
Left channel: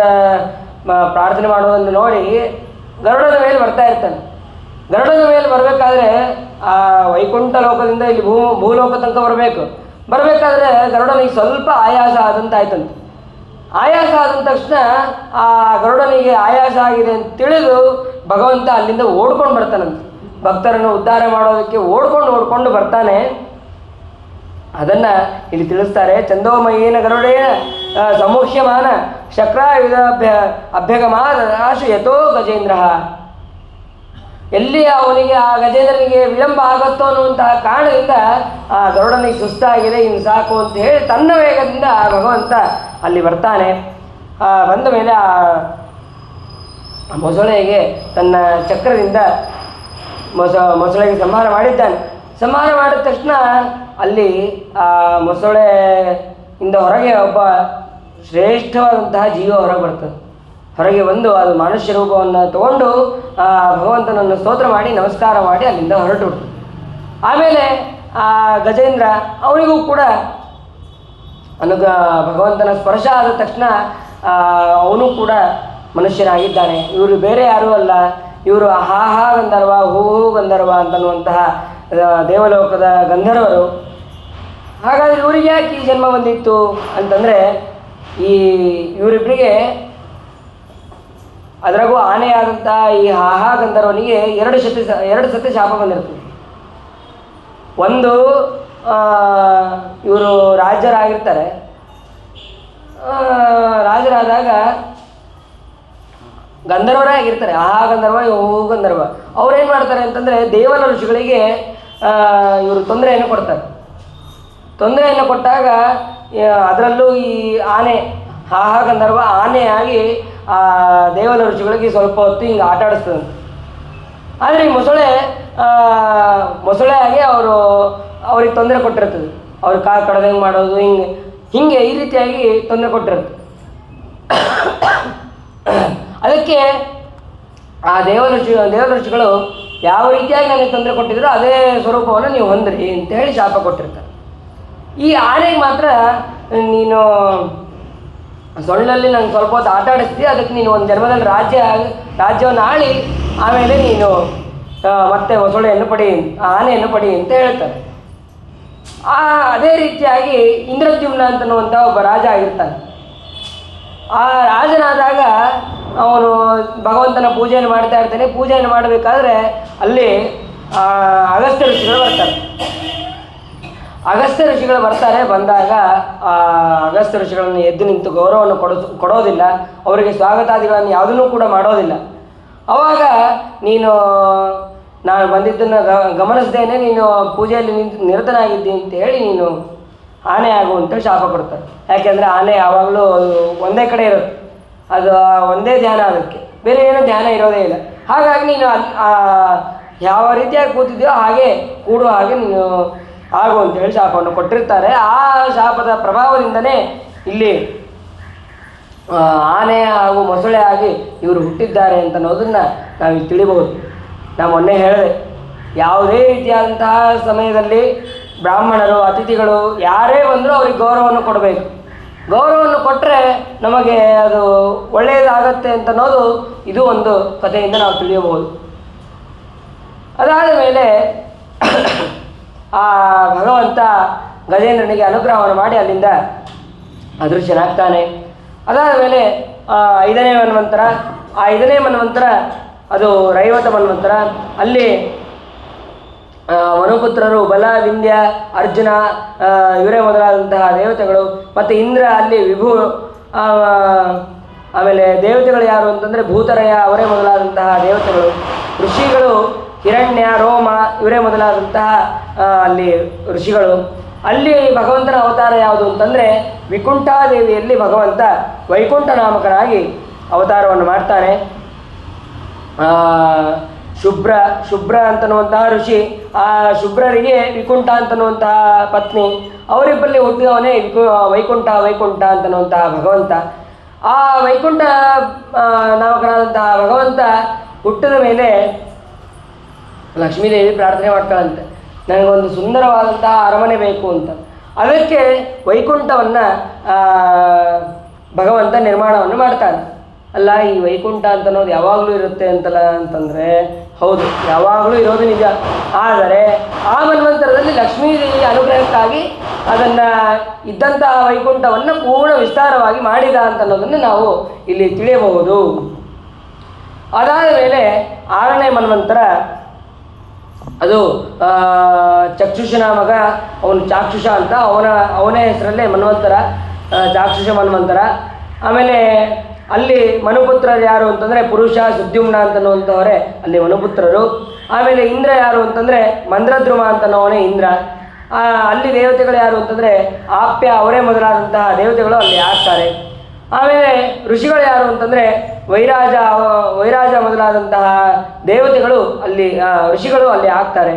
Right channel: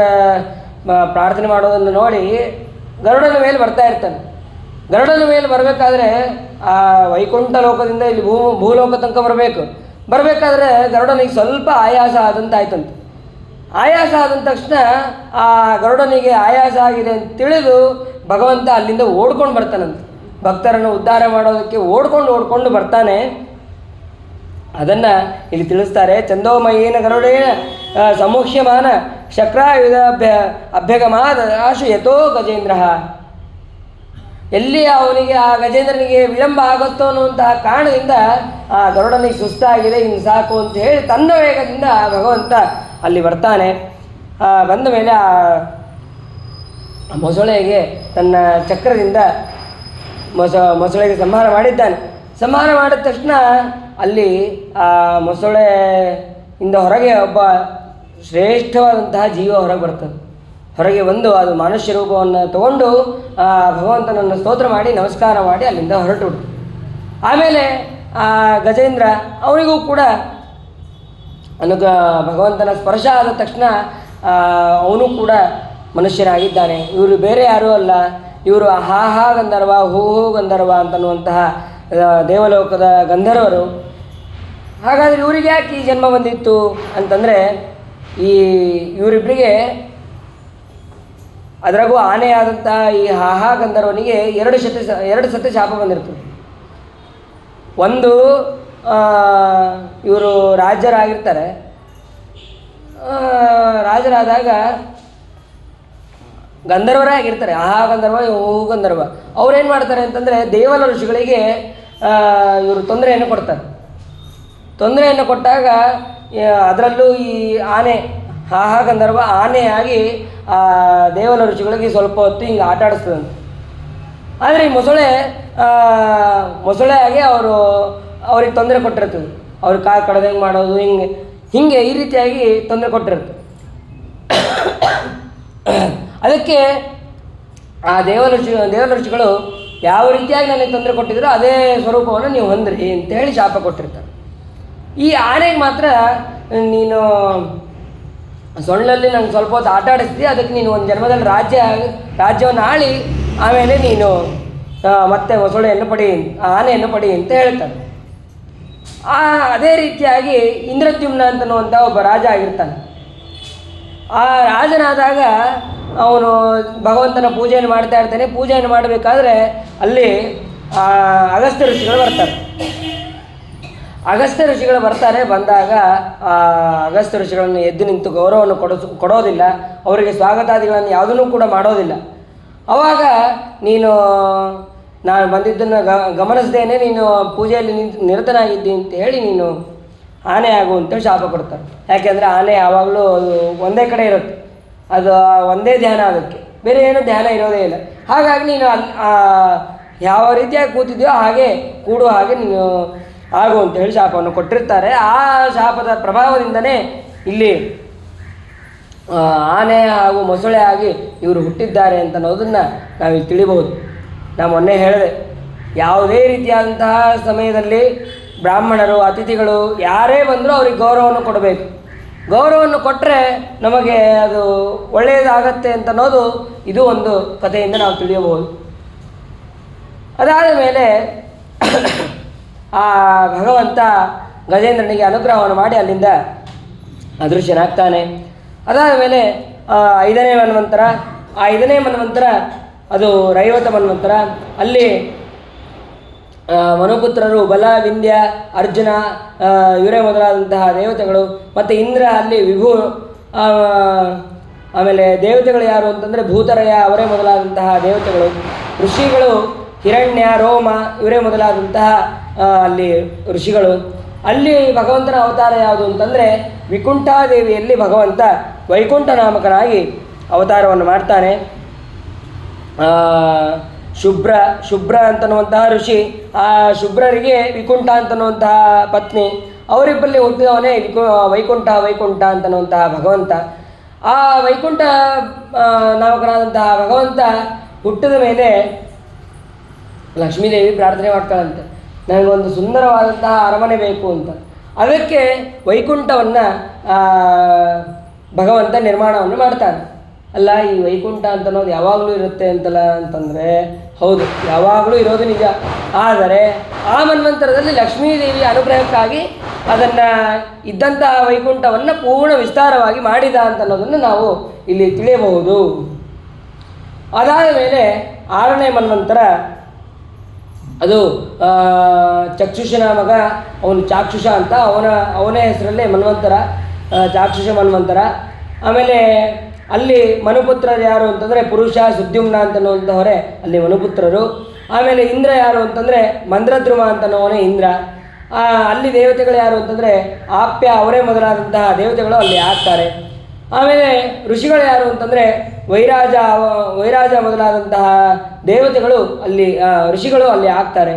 ಪ್ರಾರ್ಥನೆ ಮಾಡೋದನ್ನು ನೋಡಿ ಗರುಡನ ಮೇಲೆ ಬರ್ತಾ ಇರ್ತಾನೆ. ಗರುಡನ ಮೇಲೆ ಬರಬೇಕಾದ್ರೆ ಆ ವೈಕುಂಠ ಲೋಕದಿಂದ ಇಲ್ಲಿ ಭೂಲೋಕ ತನಕ ಬರಬೇಕಾದ್ರೆ ಗರುಡನಿಗೆ ಸ್ವಲ್ಪ ಆಯಾಸ ಆದಂತ ಆಯ್ತಂತೆ. ಆಯಾಸ ಆದ ತಕ್ಷಣ ಆ ಗರುಡನಿಗೆ ಆಯಾಸ ಆಗಿದೆ ಅಂತ ತಿಳಿದು ಭಗವಂತ ಅಲ್ಲಿಂದ ಓಡ್ಕೊಂಡು ಬರ್ತಾನಂತೆ. ಭಕ್ತರನ್ನು ಉದ್ಧಾರ ಮಾಡೋದಕ್ಕೆ ಓಡ್ಕೊಂಡು ಬರ್ತಾನೆ. ಅದನ್ನು ಇಲ್ಲಿ ತಿಳಿಸ್ತಾರೆ. ಚಂದೋಮಯೇನ ಗರುಡೇನ ಸಮುಖ್ಯಮಾನ ಶಕ್ರಾಯುಧ ಅಭ್ಯಗಮಾದ ಆಶು ಯಥೋ ಗಜೇಂದ್ರ. ಎಲ್ಲಿ ಅವನಿಗೆ, ಆ ಗಜೇಂದ್ರನಿಗೆ ವಿಳಂಬ ಆಗುತ್ತೋ ಅನ್ನುವಂತಹ ಕಾರಣದಿಂದ ಆ ಗರುಡನಿಗೆ ಸುಸ್ತಾಗಿದೆ, ಇನ್ನು ಸಾಕು ಅಂತ ಹೇಳಿ ತನ್ನ ವೇಗದಿಂದ ಭಗವಂತ ಅಲ್ಲಿ ಬರ್ತಾನೆ. ಬಂದ ಮೇಲೆ ಆ ಮೊಸಳೆಗೆ ತನ್ನ ಚಕ್ರದಿಂದ ಮೊಸಳೆಗೆ ಸಂಹಾರ ಮಾಡಿದ್ದಾನೆ. ಸಂಹಾರ ಮಾಡಿದ ತಕ್ಷಣ ಅಲ್ಲಿ ಆ ಮೊಸಳೆಯಿಂದ ಹೊರಗೆ ಒಬ್ಬ ಶ್ರೇಷ್ಠವಾದಂತಹ ಜೀವ ಹೊರಗೆ ಬಂದು ಅದು ಮನುಷ್ಯ ರೂಪವನ್ನು ತಗೊಂಡು ಆ ಭಗವಂತನನ್ನು ಸ್ತೋತ್ರ ಮಾಡಿ ನಮಸ್ಕಾರ ಮಾಡಿ ಅಲ್ಲಿಂದ ಹೊರಟು. ಆಮೇಲೆ ಆ ಗಜೇಂದ್ರ ಅವನಿಗೂ ಕೂಡ ಭಗವಂತನ ಸ್ಪರ್ಶ ಆದ ತಕ್ಷಣ ಅವನು ಕೂಡ ಮನುಷ್ಯನಾಗಿದ್ದಾನೆ. ಇವರು ಬೇರೆ ಯಾರೂ ಅಲ್ಲ, ಇವರು ಹಾ ಹಾ ಗಂಧರ್ವ, ಹೂ ಹೂ ಗಂಧರ್ವ ಅಂತನ್ನುವಂತಹ ದೇವಲೋಕದ ಗಂಧರ್ವರು. ಹಾಗಾದರೆ ಇವರಿಗೆ ಯಾಕೆ ಈ ಜನ್ಮ ಬಂದಿತ್ತು ಅಂತಂದರೆ, ಇವರಿಬ್ಬರಿಗೆ ಅದರಾಗೂ ಆನೆಯಾದಂಥ ಈ ಹಾಹಾ ಗಂಧರ್ವನಿಗೆ ಎರಡು ಸತಿ ಶಾಪ ಬಂದಿರ್ತದೆ. ಒಂದು, ಇವರು ರಾಜರಾಗಿರ್ತಾರೆ. ರಾಜರಾದಾಗ ಗಂಧರ್ವರೇ ಆಗಿರ್ತಾರೆ, ಆಹಾ ಗಂಧರ್ವ, ಹೂ ಗಂಧರ್ವ. ಅವ್ರೇನು ಮಾಡ್ತಾರೆ ಅಂತಂದರೆ, ದೇವಲ ಋಷಿಗಳಿಗೆ ಇವರು ತೊಂದರೆಯನ್ನು ಕೊಡ್ತಾರೆ. ತೊಂದರೆಯನ್ನು ಕೊಟ್ಟಾಗ ಅದರಲ್ಲೂ ಈ ಆನೆ, ಹಾಹಾ ಗಂಧರ್ವ ಆನೆಯಾಗಿ ದೇವಲ ಋಷಿಗಳಿಗೆ ಸ್ವಲ್ಪ ಹೊತ್ತು ಹಿಂಗೆ ಆಟ ಆಡಿಸ್ತದಂತೆ. ಆದರೆ ಈ ಮೊಸಳೆ ಆಗಿ ಅವ್ರಿಗೆ ತೊಂದರೆ ಕೊಟ್ಟಿರ್ತದೆ. ಅವ್ರ ಕಾಲು ಕಡ್ದಂಗೆ ಮಾಡೋದು, ಹಿಂಗೆ ಈ ರೀತಿಯಾಗಿ ತೊಂದರೆ ಕೊಟ್ಟಿರುತ್ತೆ. ಅದಕ್ಕೆ ಆ ದೇವ ಋಷಿಗಳು ಯಾವ ರೀತಿಯಾಗಿ ನನಗೆ ತೊಂದರೆ ಕೊಟ್ಟಿದ್ರು ಅದೇ ಸ್ವರೂಪವನ್ನು ನೀವು ಹೊಂದ್ರಿ ಅಂತ ಹೇಳಿ ಶಾಪ ಕೊಟ್ಟಿರ್ತಾರೆ. ಈ ಆನೆಗೆ ಮಾತ್ರ, ನೀನು ಸೊಳ್ಳೆಯಲ್ಲಿ ನಂಗೆ ಸ್ವಲ್ಪ ಹೊತ್ತು ಆಟ ಆಡಿಸ್ತೀವಿ, ಅದಕ್ಕೆ ನೀನು ಒಂದು ಜನ್ಮದಲ್ಲಿ ರಾಜ್ಯವನ್ನು ಆಳಿ ಆಮೇಲೆ ನೀನು ಮತ್ತೆ ಮೊಸಳೆಯನ್ನು ಪಡಿ, ಆನೆಯನ್ನು ಪಡಿ ಅಂತ ಹೇಳ್ತಾರೆ. ಅದೇ ರೀತಿಯಾಗಿ ಇಂದ್ರದ್ಯುಮ್ನ ಅಂತನ್ನುವಂಥ ಒಬ್ಬ ರಾಜ ಆಗಿರ್ತಾನೆ. ಆ ರಾಜನಾದಾಗ ಅವನು ಭಗವಂತನ ಪೂಜೆಯನ್ನು ಮಾಡ್ತಾ ಇರ್ತಾನೆ. ಪೂಜೆಯನ್ನು ಮಾಡಬೇಕಾದ್ರೆ ಅಲ್ಲಿ ಅಗಸ್ತ್ಯ ಋಷಿಗಳು ಬರ್ತಾರೆ. ಅಗಸ್ತ್ಯ ಋಷಿಗಳು ಬಂದಾಗ ಅಗಸ್ತ್ಯ ಋಷಿಗಳನ್ನು ಎದ್ದು ನಿಂತು ಗೌರವವನ್ನು ಕೊಡೋದಿಲ್ಲ, ಅವರಿಗೆ ಸ್ವಾಗತಾದಿಗಳನ್ನು ಯಾವುದನ್ನೂ ಕೂಡ ಮಾಡೋದಿಲ್ಲ. ಆವಾಗ ನಾನು ಬಂದಿದ್ದನ್ನು ಗಮನಿಸದೇನೆ ನೀನು ಪೂಜೆಯಲ್ಲಿ ನಿರತನಾಗಿದ್ದಿ ಅಂತ ಹೇಳಿ ನೀನು ಆನೆ ಆಗುವಂಥೇಳಿ ಶಾಪ ಕೊಡ್ತಾರೆ. ಯಾಕೆಂದರೆ ಆನೆ ಯಾವಾಗಲೂ ಒಂದೇ ಕಡೆ ಇರುತ್ತೆ, ಅದು ಒಂದೇ ಧ್ಯಾನ, ಅದಕ್ಕೆ ಬೇರೆ ಏನೋ ಧ್ಯಾನ ಇರೋದೇ ಇಲ್ಲ. ಹಾಗಾಗಿ ನೀನು ಯಾವ ರೀತಿಯಾಗಿ ಕೂತಿದೆಯೋ ಹಾಗೆ ಕೂಡುವ ಹಾಗೆ ನೀನು ಆಗು ಅಂತೇಳಿ ಶಾಪವನ್ನು ಕೊಟ್ಟಿರ್ತಾರೆ. ಆ ಶಾಪದ ಪ್ರಭಾವದಿಂದನೇ ಇಲ್ಲಿ ಆನೆ ಹಾಗೂ ಮೊಸಳೆ ಆಗಿ ಇವರು ಹುಟ್ಟಿದ್ದಾರೆ ಅಂತ ಅನ್ನೋದನ್ನು ನಾವಿಲ್ಲಿ ತಿಳಿಬಹುದು. ನಾನು ಮೊನ್ನೆ ಹೇಳಿದೆ, ಯಾವುದೇ ರೀತಿಯಾದಂತಹ ಸಮಯದಲ್ಲಿ ಬ್ರಾಹ್ಮಣರು, ಅತಿಥಿಗಳು ಯಾರೇ ಬಂದರೂ ಅವ್ರಿಗೆ ಗೌರವವನ್ನು ಕೊಡಬೇಕು. ಗೌರವವನ್ನು ಕೊಟ್ಟರೆ ನಮಗೆ ಅದು ಒಳ್ಳೆಯದಾಗತ್ತೆ ಅಂತ ಅನ್ನೋದು ಇದು ಒಂದು ಕಥೆಯಿಂದ ನಾವು ತಿಳಿಯಬಹುದು. ಅದಾದ ಮೇಲೆ ಆ ಭಗವಂತ ಗಜೇಂದ್ರನಿಗೆ ಅನುಗ್ರಹವನ್ನು ಮಾಡಿ ಅಲ್ಲಿಂದ ಅದೃಶ್ಯನಾಗ್ತಾನೆ. ಅದಾದ ಮೇಲೆ 5ನೇ ಮನ್ವಂತರ, ಆ 5ನೇ ಮನ್ವಂತರ ಅದು ರೈವತ ಮನ್ವಂತರ. ಅಲ್ಲಿ ಮನುಪುತ್ರರು ಬಲ, ವಿಂಧ್ಯ, ಅರ್ಜುನ ಇವರೇ ಮೊದಲಾದಂತಹ ದೇವತೆಗಳು, ಮತ್ತು ಇಂದ್ರ ಅಲ್ಲಿ ವಿಭು, ಆಮೇಲೆ ದೇವತೆಗಳು ಯಾರು ಅಂತಂದರೆ ಭೂತರಯ ಅವರೇ ಮೊದಲಾದಂತಹ ದೇವತೆಗಳು, ಋಷಿಗಳು ಹಿರಣ್ಯ, ರೋಮ ಇವರೇ ಮೊದಲಾದಂತಹ ಅಲ್ಲಿ ಋಷಿಗಳು. ಅಲ್ಲಿ ಭಗವಂತನ ಅವತಾರ ಯಾವುದು ಅಂತಂದರೆ ವಿಕುಂಠಾದೇವಿಯಲ್ಲಿ ಭಗವಂತ ವೈಕುಂಠನಾಮಕನಾಗಿ ಅವತಾರವನ್ನು ಮಾಡ್ತಾನೆ. ಶುಭ್ರ ಅಂತನ್ನುವಂತಹ ಋಷಿ, ಆ ಶುಭ್ರರಿಗೆ ವಿಕುಂಠ ಅಂತನ್ನುವಂತಹ ಪತ್ನಿ, ಅವರಿಬ್ಬರಲ್ಲಿ ಹುಟ್ಟಿದವನೇ ವೈಕುಂಠ ಅಂತನ್ನುವಂತಹ ಭಗವಂತ. ಆ ವೈಕುಂಠ ನಾಮಕನಾದಂತಹ ಭಗವಂತ ಹುಟ್ಟಿದ ಮೇಲೆ ಲಕ್ಷ್ಮೀದೇವಿ ಪ್ರಾರ್ಥನೆ ಮಾಡ್ತಾಳಂತೆ, ನನಗೊಂದು ಸುಂದರವಾದಂತಹ ಅರಮನೆ ಬೇಕು ಅಂತ. ಅದಕ್ಕೆ ವೈಕುಂಠವನ್ನು ಭಗವಂತ ನಿರ್ಮಾಣವನ್ನು ಮಾಡ್ತಾನೆ. ಅಲ್ಲ, ಈ ವೈಕುಂಠ ಅಂತ ಅನ್ನೋದು ಯಾವಾಗಲೂ ಇರುತ್ತೆ ಅಂತಂದರೆ ಹೌದು, ಯಾವಾಗಲೂ ಇರೋದು ನಿಜ. ಆದರೆ ಆ ಮನ್ವಂತರದಲ್ಲಿ ಲಕ್ಷ್ಮೀದೇವಿಯ ಅನುಗ್ರಹಕ್ಕಾಗಿ ಅದನ್ನು ಇದ್ದಂತಹ ವೈಕುಂಠವನ್ನು ಪೂರ್ಣ ವಿಸ್ತಾರವಾಗಿ ಮಾಡಿದ ಅಂತ ಅನ್ನೋದನ್ನು ನಾವು ಇಲ್ಲಿ ತಿಳಿಯಬಹುದು. ಅದಾದ ಮೇಲೆ 6ನೇ ಮನ್ವಂತರ, ಅದು ಚಕ್ಷುಷನ ಮಗ, ಅವನು ಚಾಕ್ಷುಷ ಅಂತ, ಅವನೇ ಹೆಸರಲ್ಲೇ ಮನ್ವಂತರ, ಚಾಕ್ಷುಷ ಮನ್ವಂತರ. ಆಮೇಲೆ ಅಲ್ಲಿ ಮನುಪುತ್ರರು ಯಾರು ಅಂತಂದರೆ ಪುರುಷ, ಸುದ್ಯುಮ್ನ ಅಂತನ್ನುವಂಥವರೇ ಅಲ್ಲಿ ಮನುಪುತ್ರರು. ಆಮೇಲೆ ಇಂದ್ರ ಯಾರು ಅಂತಂದರೆ ಮಂದ್ರದ್ರುಮ ಅಂತನವನೇ ಇಂದ್ರ. ಅಲ್ಲಿ ದೇವತೆಗಳು ಯಾರು ಅಂತಂದರೆ ಆಪ್ಯ, ಅವರೇ ಮೊದಲಾದಂತಹ ದೇವತೆಗಳು ಅಲ್ಲಿ ಆಗ್ತಾರೆ. ಆಮೇಲೆ ಋಷಿಗಳು ಯಾರು ಅಂತಂದರೆ ವೈರಾಜ ಮೊದಲಾದಂತಹ ದೇವತೆಗಳು ಅಲ್ಲಿ ಋಷಿಗಳು ಅಲ್ಲಿ ಆಗ್ತಾರೆ.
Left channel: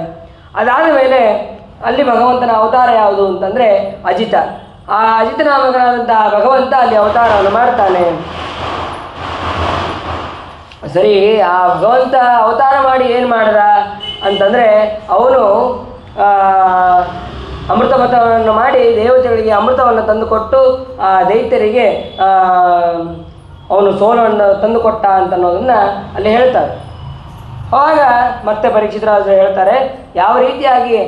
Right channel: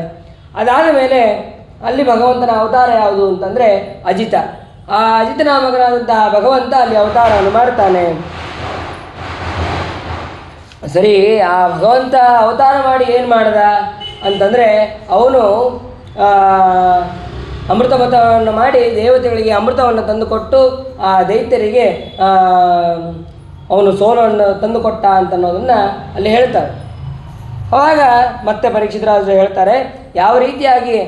ಅದಾದ ಮೇಲೆ ಅಲ್ಲಿ ಭಗವಂತನ ಅವತಾರ ಯಾವುದು ಅಂತಂದರೆ ಅಜಿತ. ಆ ಅಜಿತ ನಾಮಕನಾದಂತಹ ಭಗವಂತ ಅಲ್ಲಿ ಅವತಾರವನ್ನು ಮಾಡ್ತಾನೆ. ಸರಿ, ಆ ಭಗವಂತ ಅವತಾರ ಮಾಡಿ ಏನು ಮಾಡ್ದ ಅಂತಂದರೆ, ಅವನು ಅಮೃತಮತವನ್ನು ಮಾಡಿ ದೇವತೆಗಳಿಗೆ ಅಮೃತವನ್ನು ತಂದುಕೊಟ್ಟು ಆ ದೈತ್ಯರಿಗೆ ಅವನು ಸೋಲನ್ನು ತಂದುಕೊಟ್ಟ ಅಂತ ಅನ್ನೋದನ್ನು ಅಲ್ಲಿ ಹೇಳ್ತಾರೆ. ಆವಾಗ ಮತ್ತೆ ಪರೀಕ್ಷಿತರಾಜರು ಹೇಳ್ತಾರೆ ಯಾವ ರೀತಿಯಾಗಿ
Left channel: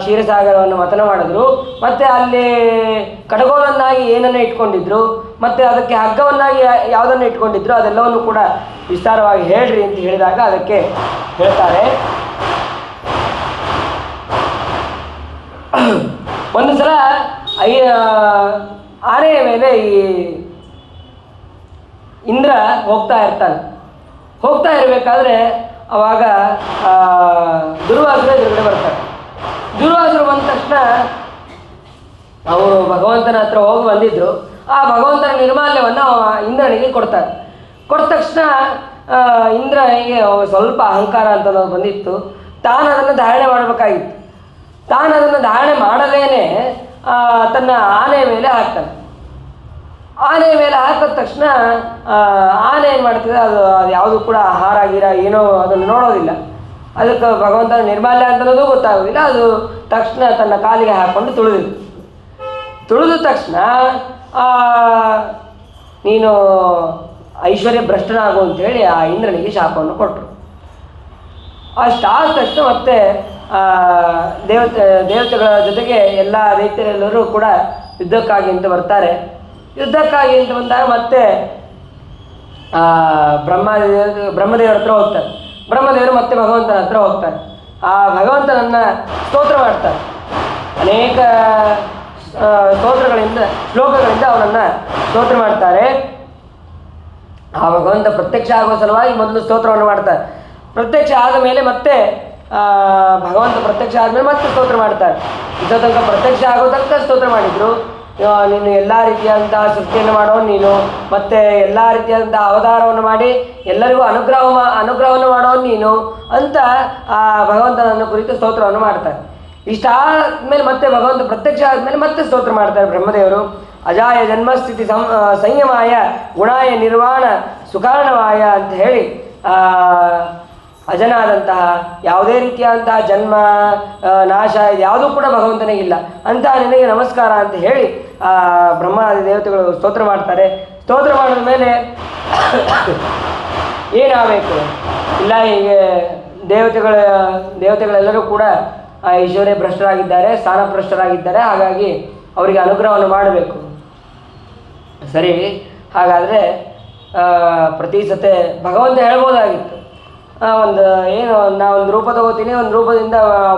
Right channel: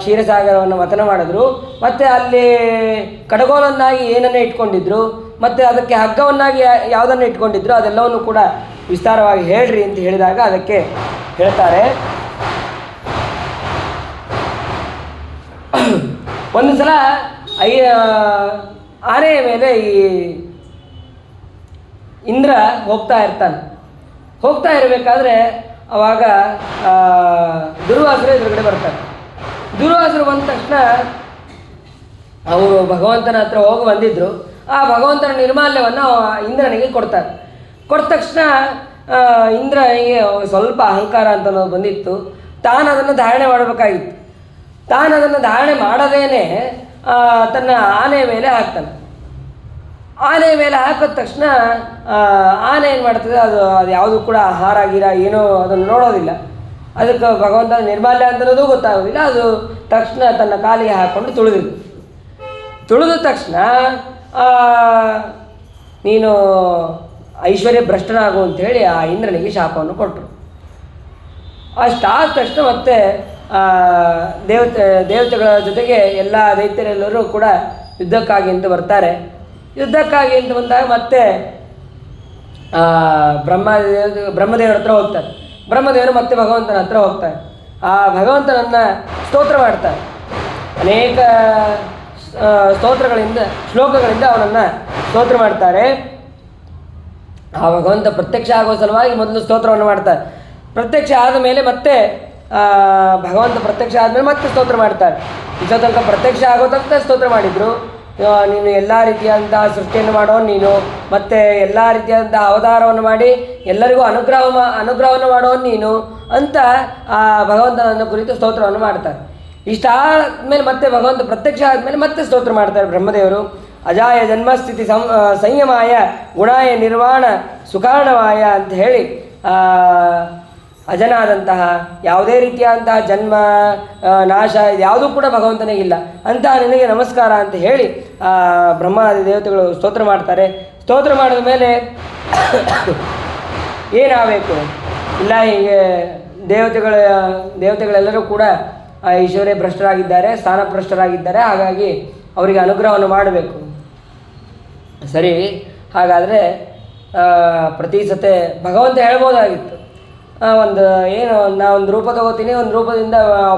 ಕ್ಷೀರಸಾಗರವನ್ನು ಮಥನ ಮಾಡಿದ್ರು, ಮತ್ತು ಅಲ್ಲಿ ಕಡಗೋಲನ್ನಾಗಿ ಏನನ್ನು ಇಟ್ಕೊಂಡಿದ್ರು, ಮತ್ತು ಅದಕ್ಕೆ ಹಗ್ಗವನ್ನಾಗಿ ಯಾವುದನ್ನು ಇಟ್ಕೊಂಡಿದ್ರು, ಅದೆಲ್ಲವನ್ನು ಕೂಡ ವಿಸ್ತಾರವಾಗಿ ಹೇಳ್ರಿ ಅಂತ ಹೇಳಿದಾಗ ಅದಕ್ಕೆ ಹೇಳ್ತಾರೆ, ಒಂದು ಸಲ ಆನೆಯ ಮೇಲೆ ಈ ಇಂದ್ರ ಹೋಗ್ತಾ ಇರ್ತಾನೆ. ಹೋಗ್ತಾ ಇರಬೇಕಾದ್ರೆ ಅವಾಗ ದುರ್ವಾಸರು ಎದುರುಗಡೆ ಬರ್ತಾರೆ. ದುರ್ವಾಸರು ಬಂದ ತಕ್ಷಣ ಅವರು ಭಗವಂತನ ಹತ್ರ ಹೋಗಿ ಬಂದಿದ್ದರು. ಆ ಭಗವಂತನ ನಿರ್ಮಾಲ್ಯವನ್ನು ಇಂದ್ರನಿಗೆ ಕೊಡ್ತಾರೆ. ಕೊಟ್ಟ ತಕ್ಷಣ ಇಂದ್ರನಿಗೆ ಸ್ವಲ್ಪ ಅಹಂಕಾರ ಅಂತನ್ನೋದು ಬಂದಿತ್ತು. ತಾನು ಅದನ್ನು ಧಾರಣೆ ಮಾಡಬೇಕಾಗಿತ್ತು. ತಾನು ಅದನ್ನು ಧಾರಣೆ ಮಾಡದೇನೆ ತನ್ನ ಆನೆಯ ಮೇಲೆ ಹಾಕ್ತಾನೆ. ಆನೆಯ ಮೇಲೆ ಹಾಕಿದ ತಕ್ಷಣ ಆನೆ ಏನು ಮಾಡ್ತದೆ, ಅದು ಯಾವುದು ಕೂಡ ಆಹಾರ ಗಿರ ಏನೋ ಅದನ್ನು ನೋಡೋದಿಲ್ಲ. ಅದಕ್ಕೆ ಭಗವಂತನ ನಿರ್ಮಾಲ್ಯ ಅಂತನ್ನೋದು ಗೊತ್ತಾಗೋದಿಲ್ಲ. ಅದು ತಕ್ಷಣ ತನ್ನ ಕಾಲಿಗೆ ಹಾಕ್ಕೊಂಡು ತುಳಿದ ತಕ್ಷಣ ನೀನು ಐಶ್ವರ್ಯ ಭ್ರಷ್ಟನಾಗು ಅಂಥೇಳಿ ಆ ಇಂದ್ರನಿಗೆ ಶಾಪವನ್ನು ಕೊಟ್ಟರು. ಅಷ್ಟಾದ ತಕ್ಷಣ ಮತ್ತೆ ದೇವತೆಗಳ ಜೊತೆಗೆ ಎಲ್ಲ ದೈತ್ಯರೆಲ್ಲರೂ ಕೂಡ ಯುದ್ಧಕ್ಕಾಗಿ ಅಂತ ಬರ್ತಾರೆ. ಯುದ್ಧಕ್ಕಾಗಿ ಅಂತ ಬಂದಾಗ ಮತ್ತೆ ಬ್ರಹ್ಮದೇವರ ಹತ್ರ ಹೋಗ್ತಾರೆ. ಬ್ರಹ್ಮದೇವರು ಮತ್ತೆ ಭಗವಂತನ ಹತ್ರ ಹೋಗ್ತಾರೆ. ಆ ಭಗವಂತನನ್ನು ಸ್ತೋತ್ರ ಮಾಡ್ತಾರೆ. ಅನೇಕ ಶ್ಲೋಕಗಳಿಂದ ಅವನನ್ನು ಸ್ತೋತ್ರ ಮಾಡ್ತಾರೆ. ಆ ಭಗವಂತ ಪ್ರತ್ಯಕ್ಷ ಆಗುವ ಸಲುವಾಗಿ ಮೊದಲು ಸ್ತೋತ್ರವನ್ನು ಮಾಡ್ತಾರೆ. ಪ್ರತ್ಯಕ್ಷ ಆದ ಮೇಲೆ ಮತ್ತೆ ಭಗವಂತ ಪ್ರತ್ಯಕ್ಷ ಆದಮೇಲೆ ಮತ್ತೆ ಸ್ತೋತ್ರ ಮಾಡ್ತಾರೆ. ಇಷ್ಟೋ ತನಕ ಪ್ರತ್ಯಕ್ಷ ಆಗೋ ತನಕ ಸ್ತೋತ್ರ ಮಾಡಿದರು. ನೀನು ಎಲ್ಲ ರೀತಿಯಾದಂತಹ ಸೃಷ್ಟಿಯನ್ನು ಮಾಡೋ ನೀನು, ಮತ್ತು ಎಲ್ಲ ರೀತಿಯಾದಂತಹ ಅವತಾರವನ್ನು ಮಾಡಿ ಎಲ್ಲರಿಗೂ ಅನುಗ್ರಹವನ್ನು ಮಾಡೋನು ನೀನು ಅಂತ ಆ ಭಗವಂತನನ್ನು ಕುರಿತು ಸ್ತೋತ್ರವನ್ನು ಮಾಡ್ತಾರೆ. ಇಷ್ಟಾದಮೇಲೆ ಮತ್ತೆ ಭಗವಂತ ಪ್ರತ್ಯಕ್ಷ ಆದಮೇಲೆ ಮತ್ತೆ ಸ್ತೋತ್ರ ಮಾಡ್ತಾರೆ ಬ್ರಹ್ಮದೇವರು. ಅಜಾಯ ಜನ್ಮಸ್ಥಿತಿ ಸಂಯಮಾಯ ಗುಣಾಯ ನಿರ್ವಾಣ ಸುಕಾರಣವಾಯ ಅಂತ ಹೇಳಿ ಅಜನಾದಂತಹ ಯಾವುದೇ ರೀತಿಯಾದಂತಹ ಜನ್ಮ ನಾಶ ಯಾವುದೂ ಕೂಡ ಭಗವಂತನಿಗಿಲ್ಲ ಅಂತಹ ನಿನಗೆ ನಮಸ್ಕಾರ ಅಂತ ಹೇಳಿ ಬ್ರಹ್ಮಾದಿ ದೇವತೆಗಳು ಸ್ತೋತ್ರ ಮಾಡ್ತಾರೆ. ಸ್ತೋತ್ರ ಮಾಡಿದ ಮೇಲೆ ಏನಾಗಬೇಕು ಇಲ್ಲ, ಹೀಗೆ ದೇವತೆಗಳೆಲ್ಲರೂ ಕೂಡ ಐಶ್ವರ್ಯ ಭ್ರಷ್ಟರಾಗಿದ್ದಾರೆ, ಸ್ಥಾನಭ್ರಷ್ಟರಾಗಿದ್ದಾರೆ. ಹಾಗಾಗಿ ಅವರಿಗೆ ಅನುಗ್ರಹವನ್ನು ಮಾಡಬೇಕು. ಸರಿ, ಹಾಗಾದರೆ ಪ್ರತಿ ಸತೆ ಭಗವಂತ ಹೇಳ್ಬೋದಾಗಿತ್ತು, ಒಂದು ರೂಪ ತಗೋತೀನಿ, ಒಂದು ರೂಪದಿಂದ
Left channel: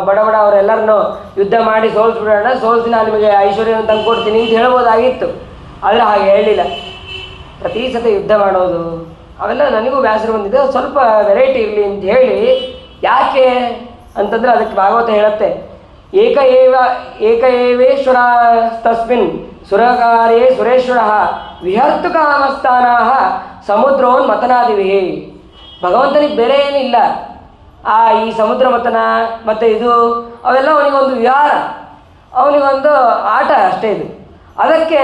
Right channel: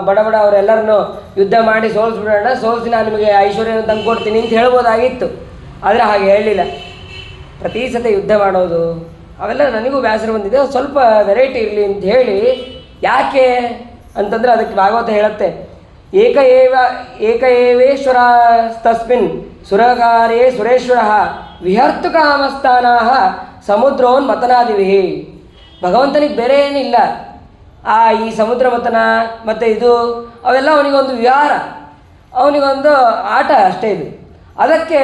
ಬಡ ಅವರೆಲ್ಲರನ್ನು ಯುದ್ಧ ಮಾಡಿ ಸೋಲಿಸ್ಬಿಡೋಣ, ಸೋಲಿಸಿ ನಾನು ನಿಮಗೆ ಐಶ್ವರ್ಯವನ್ನು ತಂದು ಕೊಡ್ತೀನಿ ಅಂತ ಹೇಳ್ಬೋದಾಗಿತ್ತು. ಆದರೆ ಹಾಗೆ ಹೇಳಲಿಲ್ಲ. ಪ್ರತಿ ಸತಿ ಯುದ್ಧ ಮಾಡೋದು ಅವೆಲ್ಲ ನನಗೂ ಬೇಸರ ಬಂದಿದೆ, ಸ್ವಲ್ಪ ವೆರೈಟಿ ಇರಲಿ ಅಂತ ಹೇಳಿ. ಯಾಕೆ ಅಂತಂದರೆ ಅದಕ್ಕೆ ಭಾಗವತ ಹೇಳುತ್ತೆ, ಏಕ ಏವೇಶ್ವರ ತಸ್ಮಿನ್ ಸುರಕಾರೇ ಸುರೇಶ್ವರ ವಿಹರ್ತು ಕಾಮಸ್ಥಾನಾಹ ಸಮುದ್ರೋನ್ಮತನಾದಿವಿ. ಭಗವಂತನಿಗೆ ಬೇರೆ ಏನಿಲ್ಲ. ಈ ಸಮುದ್ರ ಮಥನ ಮತ್ತು ಇದು ಅವೆಲ್ಲ ಅವನಿಗೊಂದು ವಿಹಾರ, ಅವನಿಗೊಂದು ಆಟ ಅಷ್ಟೇ. ಇದು ಅದಕ್ಕೆ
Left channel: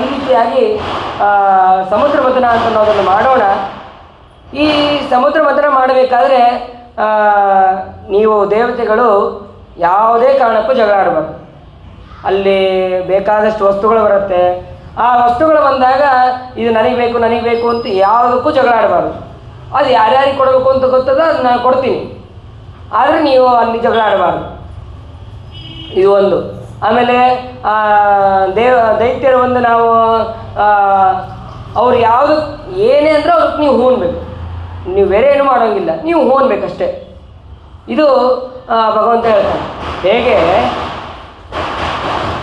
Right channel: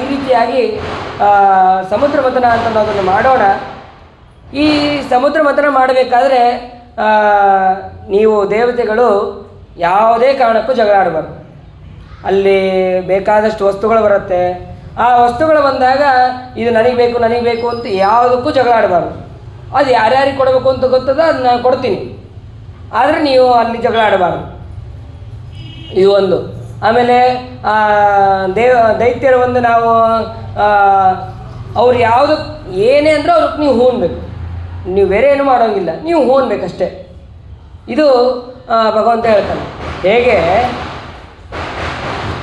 ಈ ರೀತಿಯಾಗಿ ಸಮುದ್ರ ಮಥನ ಅಂತ ನಾವು ಅದನ್ನು ಮಾಡೋಣ. ಈ ಸಮುದ್ರ ಮಥನ ಮಾಡಬೇಕಾದ್ರೆ ನೀವು ದೇವತೆಗಳು ಯಾವುದೇ ಕಾರಣಕ್ಕೂ ಜಗಳ ಆಡಬಾರ್ದು. ಅಲ್ಲಿ ಬೇಕಾದಷ್ಟು ವಸ್ತುಗಳು ಬರುತ್ತೆ. ಆ ವಸ್ತುಗಳು ಬಂದಾಗ ಇದು ನನಗೆ ಬೇಕು ಅಂತ ಯಾವುದಕ್ಕೂ ಜಗಳ ಆಡಬಾರ್ದು. ಅದು ಯಾರ್ಯಾರಿಗೆ ಕೊಡಬೇಕು ಅಂತ ಗೊತ್ತದ ಅದು ನಾನು ಕೊಡ್ತೀನಿ, ಆದರೆ ನೀವು ಅಲ್ಲಿ ಜಗಳ ಆಡಬಾರ್ದು. ಇದು ಒಂದು. ಆಮೇಲೆ ದೈತ್ಯರು ಒಂದು ನಾವು ಅವ್ರು ಯಾವುದು ಏನೇ ಅಂದರೆ ಅವ್ರಿಗೆ ನೀವು ಹೂನ್ಬೇಕು. ನೀವು ಬೇರೆ ಏನು ಮಾಡೋಂಗಿಲ್ಲ, ನೀವು ಹೂನ್ಬೇಕಷ್ಟೇ. ಇದು ಭಗವಂತ ಹೇಳ್ತಾನೆ. ಹೇಗೆ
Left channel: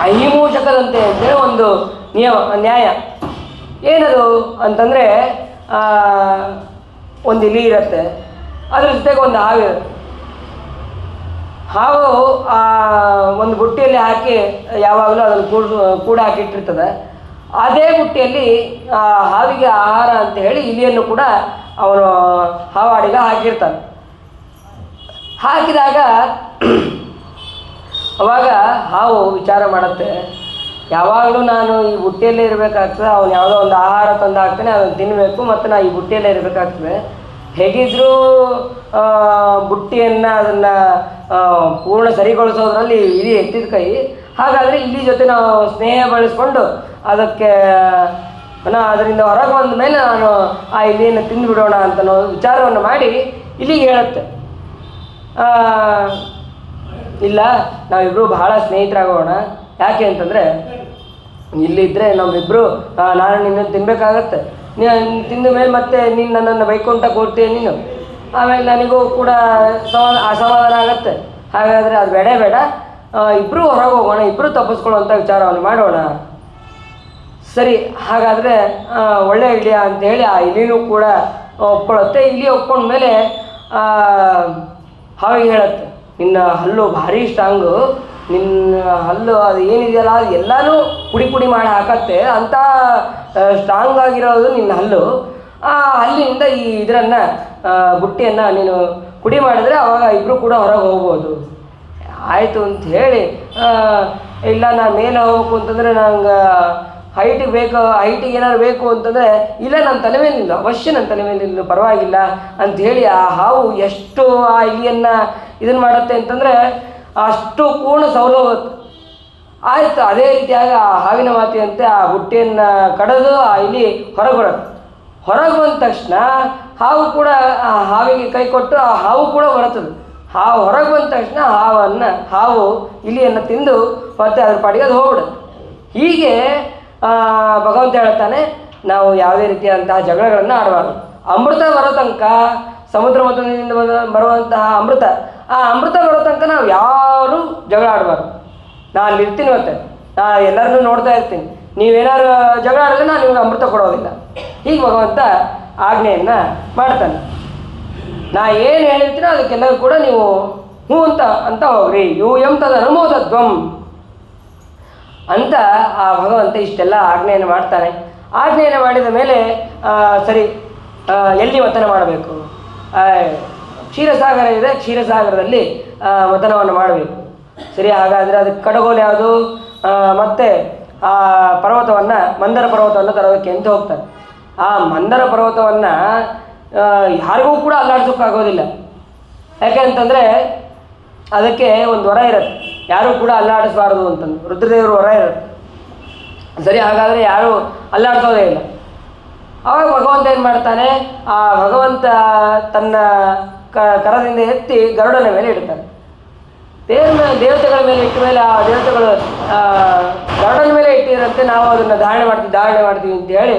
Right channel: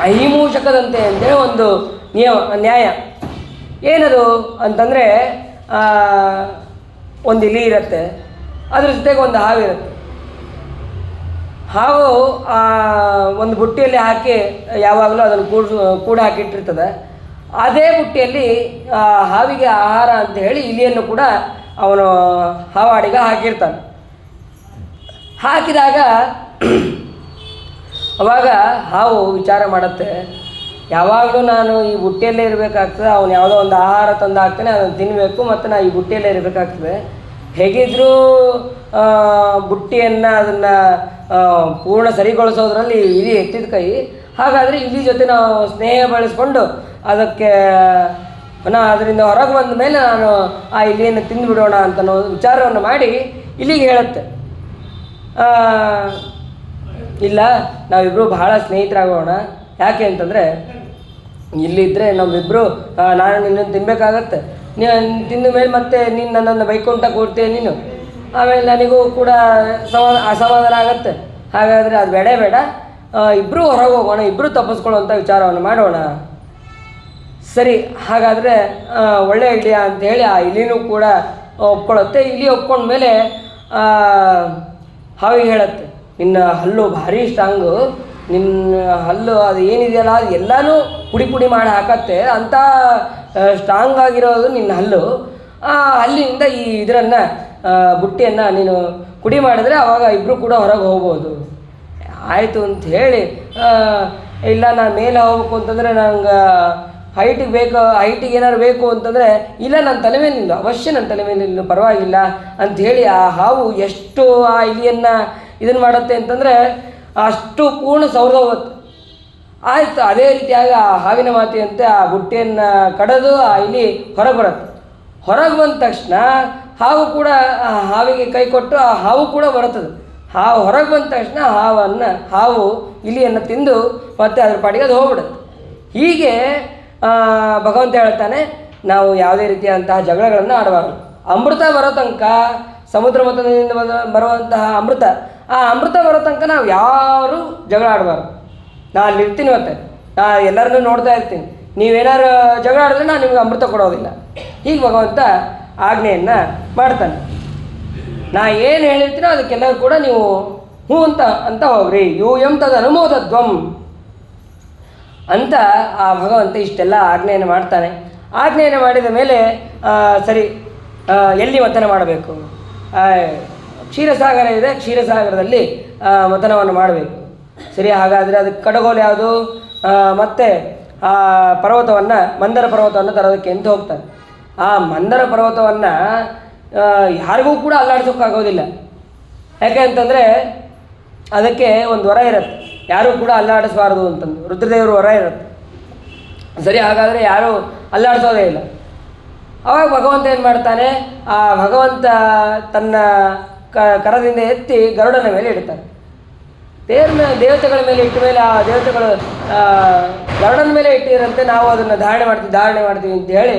ಅಹಿಮೂಷಕದಂತೆ ಅಂತೇಳಿ ಒಂದು ನ್ಯಾಯ. ಏನದು ಅಂತಂದರೆ, ಒಂದು ಇಲಿ ಇರುತ್ತೆ, ಅದ್ರ ಜೊತೆಗೆ ಒಂದು ಹಾವು ಇರುತ್ತೆ. ಹಾವು ಒಂದು ಬುಟ್ಟಿಯಲ್ಲಿ ಹಾಕಿ ಯಾವಾಗಲೂ ಅದನ್ನು ಕೂಡ ಹಾಕಿಟ್ಟಿರ್ತದೆ. ಅದೇ ಬುಟ್ಟಿಯಲ್ಲಿ ಹಾವಿಗೆ ಆಹಾರ ಅಂತ ಹೇಳಿ ಇಲಿಯನ್ನು ಕೂಡ ಅವನು ಹಾವಾಡಿಗ ಹಾಕಿರ್ತಾನೆ. ಹಾಕಿದಾಗ ಅವಾಗ ಹಾವು ವಿಚಾರ ಮಾಡುತ್ತೆ, ಯಾವಾಗಲೂ ನಾನು ಈ ಬುಟ್ಟಿಯಲ್ಲೇ ಇರಬೇಕಾಗ್ತದೆ, ಅವನು ಯಾವುದೋ ಒಂದು ಆಹಾರ ತಂದು ಹಾಕ್ತಾನೆ, ಅದನ್ನು ತಿನ್ನಬೇಕು, ಮತ್ತು ನಾನು ಈ ಬುಟ್ಟಿಯಲ್ಲೇ ಇರಬೇಕಾಗ್ತದೆ. ಹೇಗಿದ್ದರೂ ಬುಟ್ಟಿಯನ್ನು ಅದನ್ನು ಪೂರ್ಣ ಸರಿಗೊಳಿಸೋದ್ರಲ್ಲಿ ಇಲಿ ಎತ್ತಿದ ಕೈ. ಹಾಗಾದರೆ ಇಲಿ ಜೊತೆ ನಾವು ಸ್ನೇಹ ಬೆಳೆಸ್ಕೊಂಡು ಅದಕ್ಕೆ ಅದರಿಂದ ಹೊರಗೆ ಬಂದ ಮೇಲೆ ನಾನು ಆ ಇಲಿಯನ್ನು ತಿಂದುಬಿಡೋಣ ಅಂತ ವಿಚಾರವನ್ನು ಮಾಡಿ ಇಲ್ಲಿಗೆ ಹೇಳುತ್ತೆ, ಇಲ್ಲ ನಾವಿಬ್ಬರು ಬಹಳ ಸ್ನೇಹಿತರಾಗೋಣ. ಯಾಕೆ ಅಂತಂದರೆ ಇಲ್ಲಿದ್ದರೆ ನಮ್ಮಿಬ್ಬರು ನಾನು ನಿನ್ನನ್ನು ತಿನ್ನಬೇಕಾಗತ್ತೆ, ತಿಂದ ಮೇಲೆ ಮತ್ತೆ ನೀನು ನನ್ನನ್ನು ಬೈಕೊಂತ ಕೊಡ್ತೀಯ ನೀನು, ಆಮೇಲೆ ನನಗೂ ಕೂಡ ಅಸಮಾಧಾನ ಆಗುತ್ತೆ. ಹಾಗಾದರೆ ಅದು ಬೇಡ, ಇಬ್ಬರು ಹೊರಗೆ ಹೋಗೋಣ, ಇಬ್ಬರು ತಪ್ಪಿಸ್ಕೊಳ್ಳುವಂಥ ವಿಚಾರವನ್ನು ಮಾಡೋಣ. ಸರಿ, ಹಾಗಾದರೆ ಒಳ್ಳೆಯ ಐಡಿಯಾ ಅಂಥೇಳಿ ಆ ಇಲಿನೂ ಕೂಡ ಒಪ್ಕೊಳ್ಳುತ್ತೆ. ಇಲಿ ಒಪ್ಕೊಂಡ್ಮೇಲೆ ಹಾವಿಗೆ ಹೇಳುತ್ತೆ, ನಿನ್ನ ಹಲ್ಲು ಭಾರಿ ಸ್ಟ್ರಾಂಗು, ನಿನ್ನ ಹಲ್ಲು ಅದು ಏನಿದೆಯಲ್ಲ ಅದು ಎಲ್ಲನೂ ಪುಡಿ ಮಾಡಿ ಹಾಕತ್ತೆ, ಅಂಥ ಸ್ಟ್ರಾಂಗ್ ಆಗಿರೋದು ನಿನ್ನ ಹಲ್ಲು. ಆ ಹಲ್ಲಿನಿಂದ ಇದನ್ನು ಬುಟ್ಟಿಯನ್ನು ನೀನು ಪುಡಿ ಮಾಡಿದರೆ ಆವಾಗ ಇಬ್ಬರು ಕೂಡ ಹೊರಗೆ ಹೋಗ್ಬೋದು. ಆಯಿತು ಅಂತ ಹೇಳಿ, ಇಲ್ಲ ನಾನು ಮೇಲೆ ಹೋಗ್ಬೇಕು ಅಂತಂದರೆ ನಂಗೆ ಹೈಟಿಗೆ ಏನಾದ್ರು ಬೇಕು ಅಂತಂದರೆ, ಇಲ್ಲ ನನ್ನ ತಲೆ ಮೇಲೆ ನಿಲ್ಲು, ಅವಶ್ಯ ನನ್ನ ತಲೆ ಮೇಲೆ ನಿಲ್ಲು, ಪರವಾಗಿಲ್ಲ ಅಂಥೇಳಿ ಆ ಹಾವು ಎಷ್ಟು ಆ ಇಲಿಯನ್ನು ಇದನ್ನು ಮಾಡುತ್ತೆ ಅಂತಂದರೆ ಅಷ್ಟು ಪೂರ್ಣ ಸೌರಭತ್ತು. ಆಯಿತು, ಅದೇ ರೀತಿಯಾಗಿ ಆ ಹಾವಿನ ಮಾತಿನಂತೆ ಆ ಬುಟ್ಟಿಯನ್ನು ಕಡಿದು ಆ ಇಲಿ ಹೊರಗೆ ಬರುತ್ತೆ. ಹೊರಗೆ ಬಂದ ತಕ್ಷಣ ಹಾವು ಕೂಡ ಆ ಹಾವಿಗೆ ಕೈ ಕೊಟ್ಟು ಆ ಹಾವು ಕೂಡ ಬರುತ್ತದೆ. ಹಾವು ಹೊರಗೆ ಬಂದ ತಕ್ಷಣ ಹಾವು ಇಲಿಯನ್ನು ತಿಂದು ಮತ್ತೆ ಅದ್ರ ಪಾಡಿಗೆ ಅದು ಹೋಗ್ಬಿಡುತ್ತೆ. ಹೀಗೆ ಭಗವಂತ ಹೇಳ್ತಾನೆ, ನಾವು ಯಾವುದೇ ರೀತಿಯಾದಂತಹ ಜಗಳಗಳನ್ನು ಆಡಬಾರ್ದು. ಅಮೃತ ಬರೋ ತನಕ, ಸಮುದ್ರ ಮತದಿಂದ ಬರುವಂತಹ ಆ ಅಮೃತ ಬರೋ ತನಕ ನಾವು ಯಾರೂ ಜಗಳ ಆಡಬಾರ್ದು. ನಾನು ಅಲ್ಲಿ ಇರ್ತೀನಿ, ಮತ್ತೆ ನಾನು ಎಲ್ಲರನ್ನೂ ನೋಡ್ತಾ ಇರ್ತೀನಿ, ನೀವೇನಾರು ಜಗಳ ಆಡಿದ್ರೆ ನಾನು ನಿಮ್ಗೆ ಅಮೃತ ಕೊಡೋದಿಲ್ಲ. ಹೀಗೆ ಭಗವಂತ ಆಜ್ಞೆಯನ್ನು ಮಾಡ್ತಾನೆ. ನಾ ಏನು ಹೇಳಿರ್ತೀನೋ ಅದಕ್ಕೆಲ್ಲರೂ ಕೂಡ ನೀವು ಹ್ಞೂ ಅಂತ ಹೋಗ್ರಿ, ಯೂಯಂ ತದ ಅನುಮೋದಧ್ವಂ ಅಂತ ಆ ಭಗವಂತ ಇಷ್ಟೆಲ್ಲ ಆಜ್ಞೆಯನ್ನು ಮಾಡ್ತಾನೆ. ಆಜ್ಞೆಯನ್ನು ಮಾಡಿದ ಮೇಲೆ ಸರಿ, ಎಲ್ಲಿ ಮಥನ ಮಾಡಬೇಕು? ಕ್ಷೀರಸಾಗರ ಇದೆ, ಕ್ಷೀರಸಾಗರದಲ್ಲಿ ಮಥನವನ್ನು ಮಾಡಬೇಕು. ಸರಿ, ಹಾಗಾದರೆ ಅದಕ್ಕೆ ಕಡಗೋಲು ಯಾವುದು? ಮತ್ತು ಆ ಪರ್ವತವನ್ನು, ಮಂದರ ಪರ್ವತವನ್ನು ತರೋದಕ್ಕೆ ಅಂತ ಹೋಗ್ತಾರೆ. ಆ ಮಂದರ ಪರ್ವತವನ್ನು ಯಾರಿಗೂ ಕೂಡ ಅಲ್ಲಾಡ್ಸೋಕ್ಕಾಗೋದಿಲ್ಲ. ಯಾಕೆ ಅಂತಂದರೆ ಅದಕ್ಕೆ ಒಂದು ವರ ಇರುತ್ತೆ, ಯಾರೂ ಕೂಡ ಅಲ್ಲಾಡಿಸಬಾರ್ದು ಅಂತಂದು ರುದ್ರದೇವರು ವರ ಇರುತ್ತೆ. ಸರಿ, ಹಾಗಾದರೆ ಯಾರೂ ಅಲ್ಲಾಡಿಸೋದೇ ಇಲ್ಲ. ಆವಾಗ ಭಗವಂತ ಏನು ಮಾಡ್ತಾನೆ, ಆ ಭಗವಂತ ತನ್ನ ಕರದಿಂದ ಎತ್ತಿ ಗರುಡನ ಮೇಲೆ ಇಡ್ತಾನೆ. ದೇವತೆಗಳ ಮೇಲೆ ಇಟ್ಟ ಮೇಲೆ ಆ ದೇವತೆಗಳು ಗರುಡನ ಮೇಲೆ ಇಟ್ಟಿರಂತೆ ನಾವು ಅದನ್ನು ಧಾರಣೆ ಮಾಡ್ತೀವಿ ಅಂತ ಹೇಳಿ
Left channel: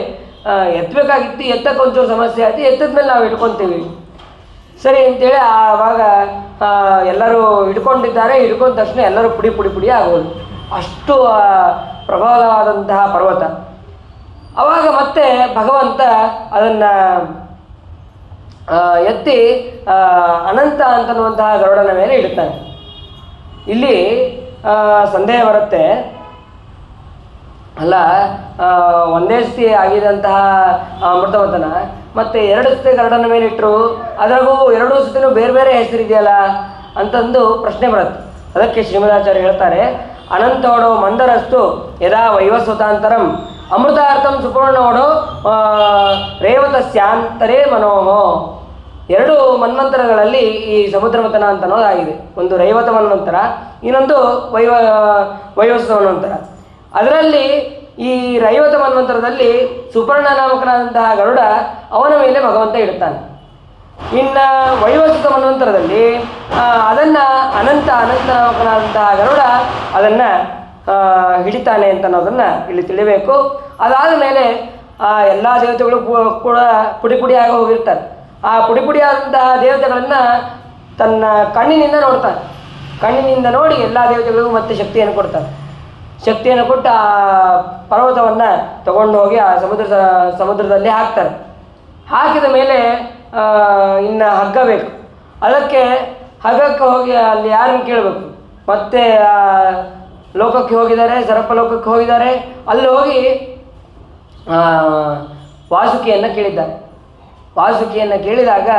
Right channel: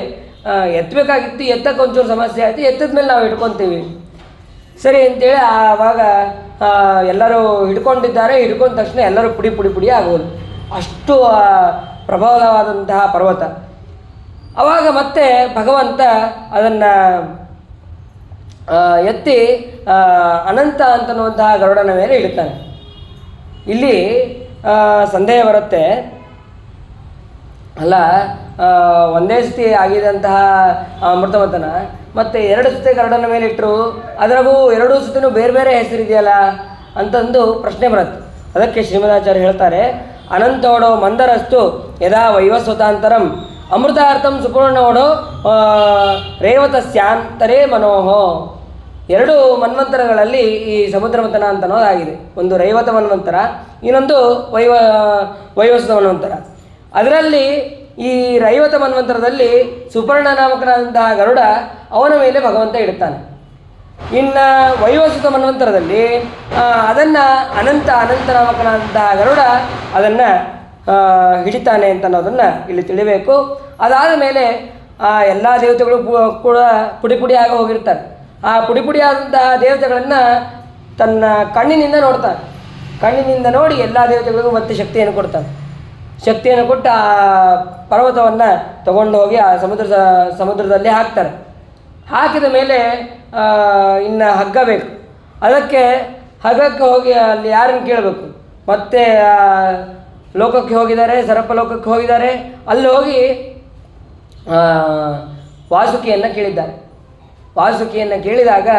ಎತ್ತಬೇಕಾಗಿತ್ತು. ಎತ್ತಕ್ಕೆ ಒಂಚೂರು ಸಮಸ್ಯೆ ಆಯ್ತು, ಎತ್ತದ ಮೇಲೆ ನಾವು ಇಟ್ಕೊತೀವಿ. ಸರಿ ಅಂತೇಳಿ ಆವಾಗ ಎಲ್ಲರೂ ಹಿಡ್ಕೊಂಡಿದ್ದಾರೆ. ಹಿಡ್ಕೊಂಡ ತಕ್ಷಣ ಎಲ್ಲರೂ ಪುಡಿ ಆಗೋದು, ಅಷ್ಟು ಪ್ರಬಲವಾದಂತಹ ಪರ್ವತ. ಆವಾಗ ಮತ್ತೆ ಭಗವಂತ ಅದನ್ನು ಎತ್ತಿ ಅನಂತ ಅಂತನ್ನುವಂತಹ ಗರುಡನ ಮೇಲೆ ಇಡ್ತಾನೆ. ಇಲ್ಲಿ ಸಂದೇಹ ಬರುತ್ತೆ, ಅಲ್ಲ ಒಂದೇ ಸತಿ ಆಗಿದಂತಹ ಅಮೃತವತನ ಮತ್ತು 2 ಸತಿ ಗರುಡನ ಮೇಲೆ ಇಟ್ಟರು, ಅದರಾಗೂ 2 ಸತಿನೂ ಬೇರೆ ಬೇರೆ ಹೆಸರಿದೆಯಲ್ಲ ಅಂತಂದು ಪ್ರಶ್ನೆ ಬರುತ್ತೆ. ಅದಕ್ಕೆ ಶ್ರೀಮದಾಚಾರ್ಯ ಹೇಳ್ತಾರೆ, ಅನಂತೋಡೋ ಮಂದರಸ್ತು ಯದಾ ವೈವಸ್ವತಾಂತರಂ ಅಮೃತಾರ್ಥಂ ಸುಪರ್ಣೋಡೋ ರೇವತಸ್ಯಾಂತರೇ ಮನೋಹೋ. 2 ಮನ್ವಂತರಗಳಲ್ಲಿ ಈ ಸಮುದ್ರ ಮಥನ ಅಂತ ಅನ್ನೋದಾಗಿದೆ. ಒಂದು ರೈವತ ಮನ್ವಂತರ, ಇನ್ನೊಂದು ವೈವಸ್ವತ ಮನ್ವಂತರ. ಅದರಲ್ಲಿ ಈ ರೈವತ ಮನ್ವಂತರದಲ್ಲಿ ಸುಪರ್ಣ ನಾಮಕನಾದಂತಹ ಗರುಡ ಅವನ ಮೇಲೆ ಭಗವಂತ ಇಡ್ತಾನೆ. ಇನ್ನು ವೈವಸ್ವತ ಮನ್ವಂತರದಲ್ಲಿ ಅದನ್ನು ಅನಂತ ನಾಮಕನಾದಂತಹ ಗರುಡ ಅದನ್ನು ಹಿಡಿತಾನೆ ಅಂತ ಅನ್ನೋದನ್ನು ಇಲ್ಲಿ ತಿಳಿಬೇಕು. ಅದಾದ ಮೇಲೆ ಎಲ್ಲ ದೇವತೆಗಳು ಕೂಡ ಪುಡಿ ಹೋಗಿರ್ತಾರೆ. ಆ ಪುಡಿಯಾದಂತಹ ದೇವತೆಗಳನ್ನು ತನ್ನ ಕಣ್ಣಿನಿಂದ ನೋಡ್ತಾನೆ. ಕಣ್ಣಿನಿಂದ ನೋಡಿ ಎಲ್ಲ ದೇವತೆಗಳಿಗೂ ಮತ್ತೆ ಶಕ್ತಿಯನ್ನು ಕೊಡ್ತಾನೆ. ಶಕ್ತಿಯನ್ನು ಕೊಟ್ಟು ಆ ಪರ್ವತವನ್ನು ತಗೊಂಡು ಹೋಗಿ ಆ ಸಮುದ್ರದಲ್ಲಿ ಹಾಕ್ತಾರೆ. ಹಾಕಿದ ಮೇಲೆ ಇನ್ನು ಹಗ್ಗ ಬೇಕು. ಹಗ್ಗಕ್ಕೆ ಹೋಗಿ ಅಲ್ಲಿ ಯಾರನ್ನು ಕೇಳಬೇಕು? ಮತ್ತೆ ಲೋಕಕ್ಕೆ ಹೋಗಿದ್ದಾರೆ, ಸರಪ ಲೋಕಕ್ಕೆ ಹೋಗಿದ್ದಾರೆ. ಅಲ್ಲಿ ಹೋಗಿ ವಾಸುಕಿಯನ್ನು ಕೇಳಿದ್ದಾರೆ. ವಾಸುಕಿಯನ್ನು ಕೇಳಿದಾಗ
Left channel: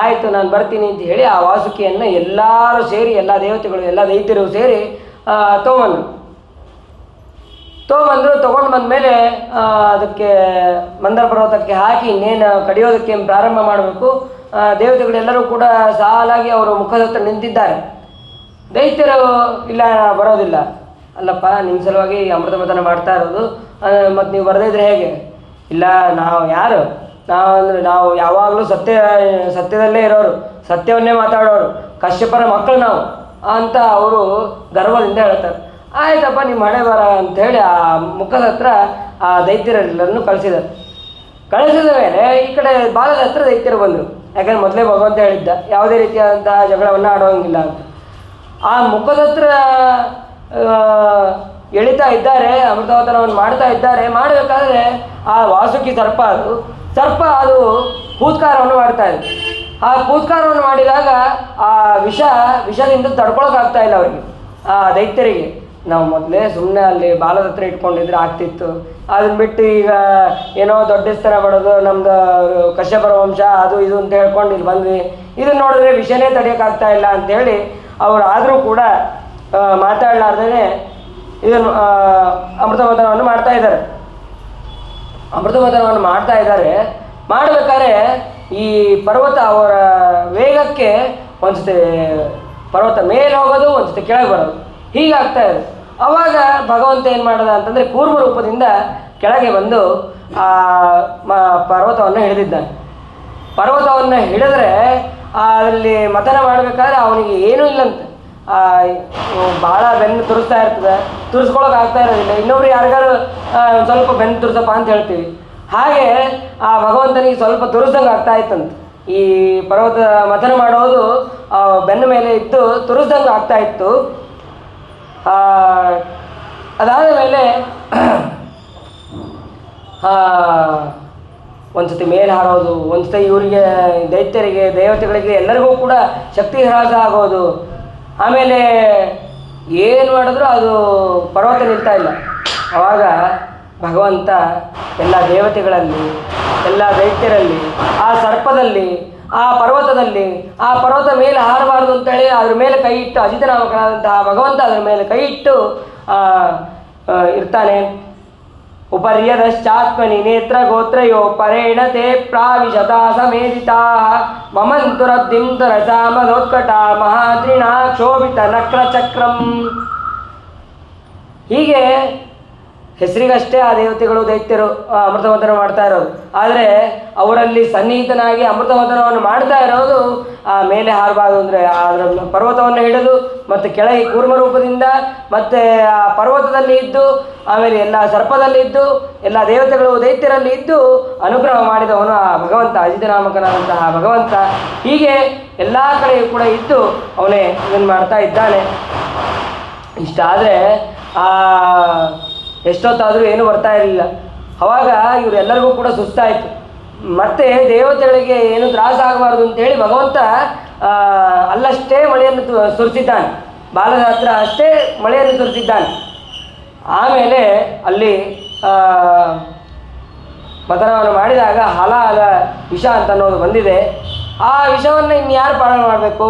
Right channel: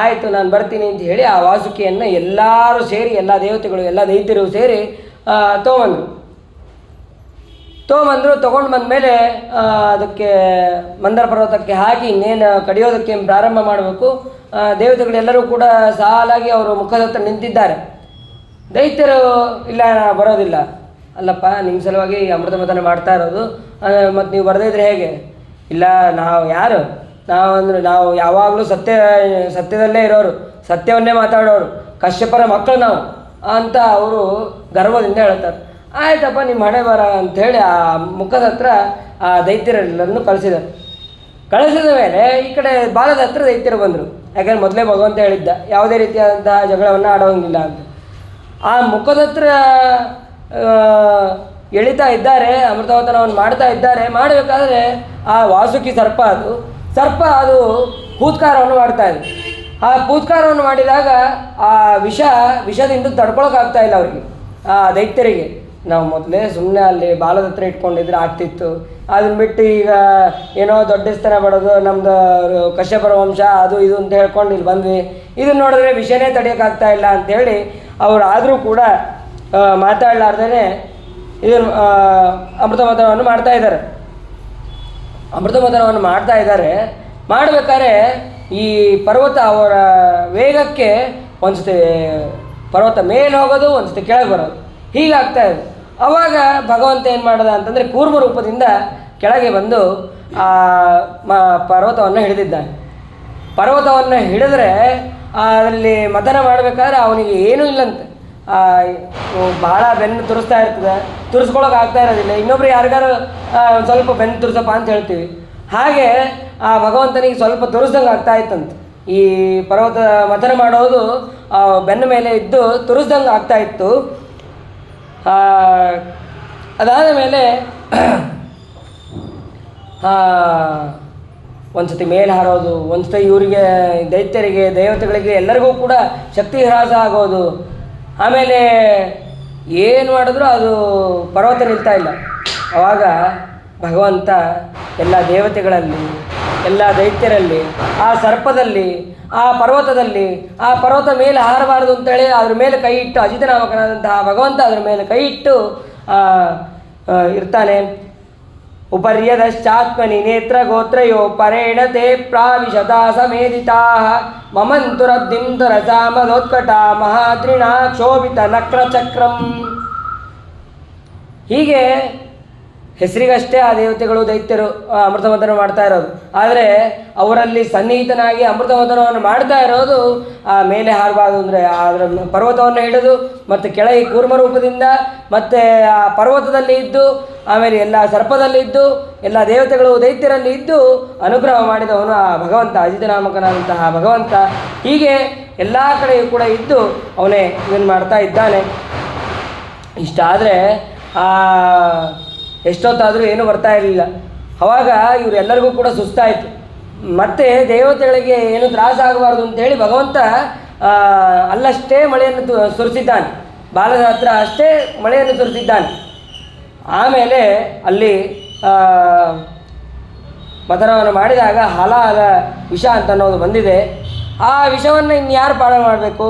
ಆಯಿತು ನಾನು ಬರ್ತೀನಿ ಅಂತ ಹೇಳಿ ಆ ವಾಸುಕಿಯನ್ನು ಎಲ್ಲರೂ ಸೇರಿ, ಎಲ್ಲ ದೇವತೆಗಳು ಎಲ್ಲ ದೈತ್ಯರು ಸೇರಿ ತೊಗೊಂಬಂದರು. ತೊಗೊಂಬಂದರು. ತೊಗೊಂಡು ಬಂದಮೇಲೆ ಅದಕ್ಕೆ ಮಂದರ ಪರ್ವತಕ್ಕೆ ಹಾಕಿ ಇನ್ನೇನು ಕಡಿಯೋದಕ್ಕೆ ಪ್ರಾರಂಭ ಮಾಡಬೇಕು. ದೇವತೆಗಳೆಲ್ಲರೂ ಕೂಡ ಸಾಲಾಗಿ ಅವರು ಮುಖದ ಹತ್ರ ನಿಂತಿದ್ದಾರೆ. ದೈತ್ಯರು ಇಲ್ಲ ಬರೋದಿಲ್ಲ, ಅಲ್ಲಪ್ಪ ನಿಮ್ಮ ಸಲುವಾಗಿ ಅಮೃತ ಮಥನ ಮಾಡ್ತಾ ಇರೋದು, ಮತ್ತು ನೀವು ಬರದಿದ್ರೆ ಹೇಗೆ? ಇಲ್ಲ, ನಾವು ಯಾರು? ನಾವು ಯಾವಾಗಲೂ ಸತ್ಯದಲ್ಲೇ ಇರೋರು, ಸತ್ಯವನ್ನೇ ಮಾತಾಡೋರು, ಕಶ್ಯಪರ ಮಕ್ಕಳು ನಾವು ಅಂತ ಅವರು ಗರ್ವದಿಂದ ಹೇಳ್ತಾರೆ. ಆಯ್ತಪ್ಪ ನಿಮ್ಮ ಹಣೆ ಬರ ಅಂಥೇಳಿ ಆ ಮುಖದ ಹತ್ರ ಆ ದೈತ್ಯರೆಲ್ಲರನ್ನು ಕಳಿಸಿದ ಮೇಲೆ ಈ ಕಡೆ ಬಾಲದ ಹತ್ರ ದೈತ್ಯರು ಬಂದರು. ಯಾಕಂದರೆ ಮೊದಲೇ ಭಗವಂತ ಹೇಳಿದ್ದ ಯಾವುದೇ ರೀತಿಯಾದಂತಹ ಜಗಳವನ್ನು ಆಡೋಂಗಿಲ್ಲ ಅಂತ. ಆ ಮುಖದ ಹತ್ರ ಎಳಿತಾ ಇದ್ದಾರೆ, ಅಮೃತವತನವನ್ನು ಮಾಡ್ತಾ ಇದ್ದಾರೆ. ಮಾಡಬೇಕಾದ್ರೆ ಆ ವಾಸುಕಿ ಸರ್ಪ ಅದು ಹೂತ್ಕಾರವನ್ನು ಮಾಡ್ತಾ ಇದೆ. ಆ ಹೂತ್ಕಾರವನ್ನು ಮಾಡಿದಾಗ ಆ ವಿಷದಿಂದ ತಡ್ಕೊಳಕ್ಕಾಗ್ತಾ ಇಲ್ಲ ಅವರಿಗೆ, ಆ ದೈತ್ಯರಿಗೆ. ನಾವು ಮೊದಲೇ ಸುಮ್ಮನೆ ಅಲ್ಲಿ ಬಾಲದ ಹತ್ರ ಇಟ್ಕೊಂಡಿದ್ರೆ ಆಗ್ತಿತ್ತು, ಅದನ್ನ ಬಿಟ್ಟು ಈಗ ಏನೋ ದೊಡ್ಡ ಸ್ಥಾನ ಮಾಡೋದು, ನಮ್ಮದು ಕಶ್ಯಪರ ವಂಶ ಅದು ಇದು ಅಂತ ಹೇಳ್ಕೊಂಡು ಇಲ್ಲಿ ಬಂದ್ವಿ, ಇದನ್ನು ನೋಡಿದ್ರೆ ವಿಷಯನೇ ತಡೆಯೋಕ್ಕಾಗ್ತಾ ಇಲ್ಲ ಅಂಥೇಳಿ ಅವರು ಆದರೂ ಕೂಡ ಮಾತಾಡಲಾರ್ದೇ ಇದನ್ನು ಅಮೃತಮಥನವನ್ನು ಮಾಡ್ತಾ ಇದ್ದಾರೆ. ಮಾಡಬೇಕಾದ್ರೆ ಈ ಪರ್ವತ ಅವರ ವೇಗಕ್ಕೆ ಒಂದ್ಸತಿ ಪರ್ವತ ಮೇಲೆ ಹೋಗೋದು, ಒಂದ್ಸತಿ ಕೆಳಗೆ ಬರೋದು, ಹೀಗಾಗ್ತಾ ಇದೆ. ಆವಾಗ ಭಗವಂತ ಏನು ಮಾಡಿದ ಅಂತಂದರೆ ಕೂರ್ಮ ರೂಪದಿಂದ ಕೆಳಗೆ ಬಂದು ಪರ್ವತವನ್ನು ಹಿಡಿದಿದ್ದಾನೆ. ಪರ್ವತವನ್ನು ಹಿಡಿದ್ರೆ ಅಲ್ಲಿ ಮಥನ ಮಾಡಬೇಕಾದ್ರೆ ಅವನಿಗೆ ಏನೂ ಇಲ್ಲಂತೆ, ಭಾಳ ಬೆನ್ನು ತುರಿಸ್ತಾ ಇರ್ತದೆ, ತುರಿಸ್ಕೊಳಕ್ಕೆ ಆಗ್ತಾ ಇರೋದಿಲ್ಲ. ಇನ್ನೊಬ್ರು ಯಾರಿಗಾರು ಸ್ವಲ್ಪ ಬೆನ್ನು ತುರಿಸಪ್ಪ ಅಂತ ಹೇಳ್ತೀವಿ, ಹಾಗೆ ಆ ಭಗವಂತನಿಗೆ ಸ್ವಲ್ಪ ತುರಿಸ್ದಂಗೆ ಆಗ್ತಾ ಇತ್ತಂತೆ. ಈ ಪರ್ವತ ಮಥನ ಮಾಡೋದು ಬೆನ್ನ ಮೇಲೆ ಇದ್ದು ತುರಿಸ್ದಂಗೆ ಆಗ್ತಾ ಇತ್ತು. ಅದಾದ ಮೇಲೆ ಒಂದು ಸತಿ ಮೇಲೆ ಹಾರೋದು, ಒಂದು ಸತಿ ಇವರಿಗೆ ದೈತ್ಯರಿಗೆ ದೇವತೆಗಳಿಗೆ ಎಲ್ಲರಿಗೂ ಕೂಡ ಶಕ್ತಿ ಹ್ರಾಸ ಆಗೋದು. ಆಮೇಲೆ ಏನು ಮಾಡಿದ್ರು ಅದು ಪರ್ವತ ನಿಲ್ತಾ ಇಲ್ಲ. ಆವಾಗ ಭಗವಂತ ಎಲ್ಲ ದೇವತೆಗಳಲ್ಲಿ, ಎಲ್ಲ ದೈತ್ಯರಲ್ಲಿ, ಆ ಸರ್ಪದಲ್ಲಿ, ಆ ಪರ್ವತದಲ್ಲಿ, ಆ ಪರ್ವತ ಮೇಲೆ ಹಾರಬಾರದು ಅಂತೇಳಿ ಅದ್ರ ಮೇಲೆ ಕೈ ಇಟ್ಟು, ಅಜಿತನಾಮಕನಾದಂತಹ ಭಗವಂತ ಅದ್ರ ಮೇಲೆ ಕೈ ಇಟ್ಟು ಇರ್ತಾನೆ. ಉಪರ್ಯದಶ್ಚಾತ್ಮನಿ ನೇತ್ರ ಗೋತ್ರಯೋ ಪರೇಣತೆ ಪ್ರಾವಿಶತಾ ಸಮೇಧಿತಾ ಮಮಂತುರಬ್ಧಿಂ ತರಸಾ ಮದೋತ್ಕಟ ಮಹಾತ್ರಿಣಾ ಕ್ಷೋಭಿತ ನಕ್ರಚಕ್ರಂ. ಹೀಗೆ ಹೆಸರಿಗಷ್ಟೇ ಆ ದೇವತೆಗಳು ದೈತ್ಯರು ಅಮೃತಮಥನ ಮಾಡ್ತಾ ಇರೋದು, ಆದರೆ ಅವರಲ್ಲಿ ಸನ್ನಿಹಿತನಾಗಿ ಅಮೃತಮಥನವನ್ನು ಮಾಡ್ತಾ ಇರೋದು ಆ ಮೇಲೆ ಹಾರಬಾರ್ದು ಅಂದರೆ ಅದರ ಪರ್ವತವನ್ನು ಹಿಡಿದು ಮತ್ತು ಕೆಳಗೆ ಕೂರ್ಮ ರೂಪದಿಂದ ಮತ್ತು ಆ ಪರ್ವತದಲ್ಲಿ ಇದ್ದು, ಆಮೇಲೆ ಎಲ್ಲ ಸರ್ಪದಲ್ಲಿ ಇದ್ದು, ಎಲ್ಲ ದೇವತೆಗಳು ದೈತ್ಯರಲ್ಲಿ ಇದ್ದು ಅನುಗ್ರಹ ಮಾಡಿದವನು ಆ ಭಗವಂತ, ಅಜಿತನಾಮಕನಾದಂತಹ ಭಗವಂತ. ಹೀಗೆ ಎಲ್ಲ ಕಡೆಯೂ ಕೂಡ ಇದ್ದು ಅವನೇ ಇದನ್ನು ಮಾಡ್ತಾ ಇದ್ದಾನೆ. ಇಷ್ಟಾದರೆ ಎಷ್ಟೊತ್ತಾದರೂ ಏನೂ ಬರ್ತಾ ಇರಲಿಲ್ಲ. ಆವಾಗ ಇವರೆಲ್ಲರಿಗೂ ಕೂಡ ಸುಸ್ತಾಯಿತು. ಮತ್ತು ದೇವತೆಗಳಿಗೆ ಏನು ತ್ರಾಸ ಆಗಬಾರ್ದು ಅಂತೇಳಿ ಭಗವಂತ ಅಲ್ಲಷ್ಟೇ ಮಳೆಯನ್ನು ಸುರಿಸಿದ್ದಾನೆ, ಬಾಲದ ಹತ್ರ ಅಷ್ಟೇ ಮಳೆಯನ್ನು ಸುರಿಸಿದ್ದಾನೆ. ಆಮೇಲೆ ಅಲ್ಲಿ ಮಥನವನ್ನು ಮಾಡಿದಾಗ ಹಲಾಲ ವಿಷ ಅಂತ ಅನ್ನೋದು ಬಂದಿದೆ. ಆ ವಿಷವನ್ನು ಇನ್ಯಾರು ಪಾಲನೆ ಮಾಡಬೇಕು?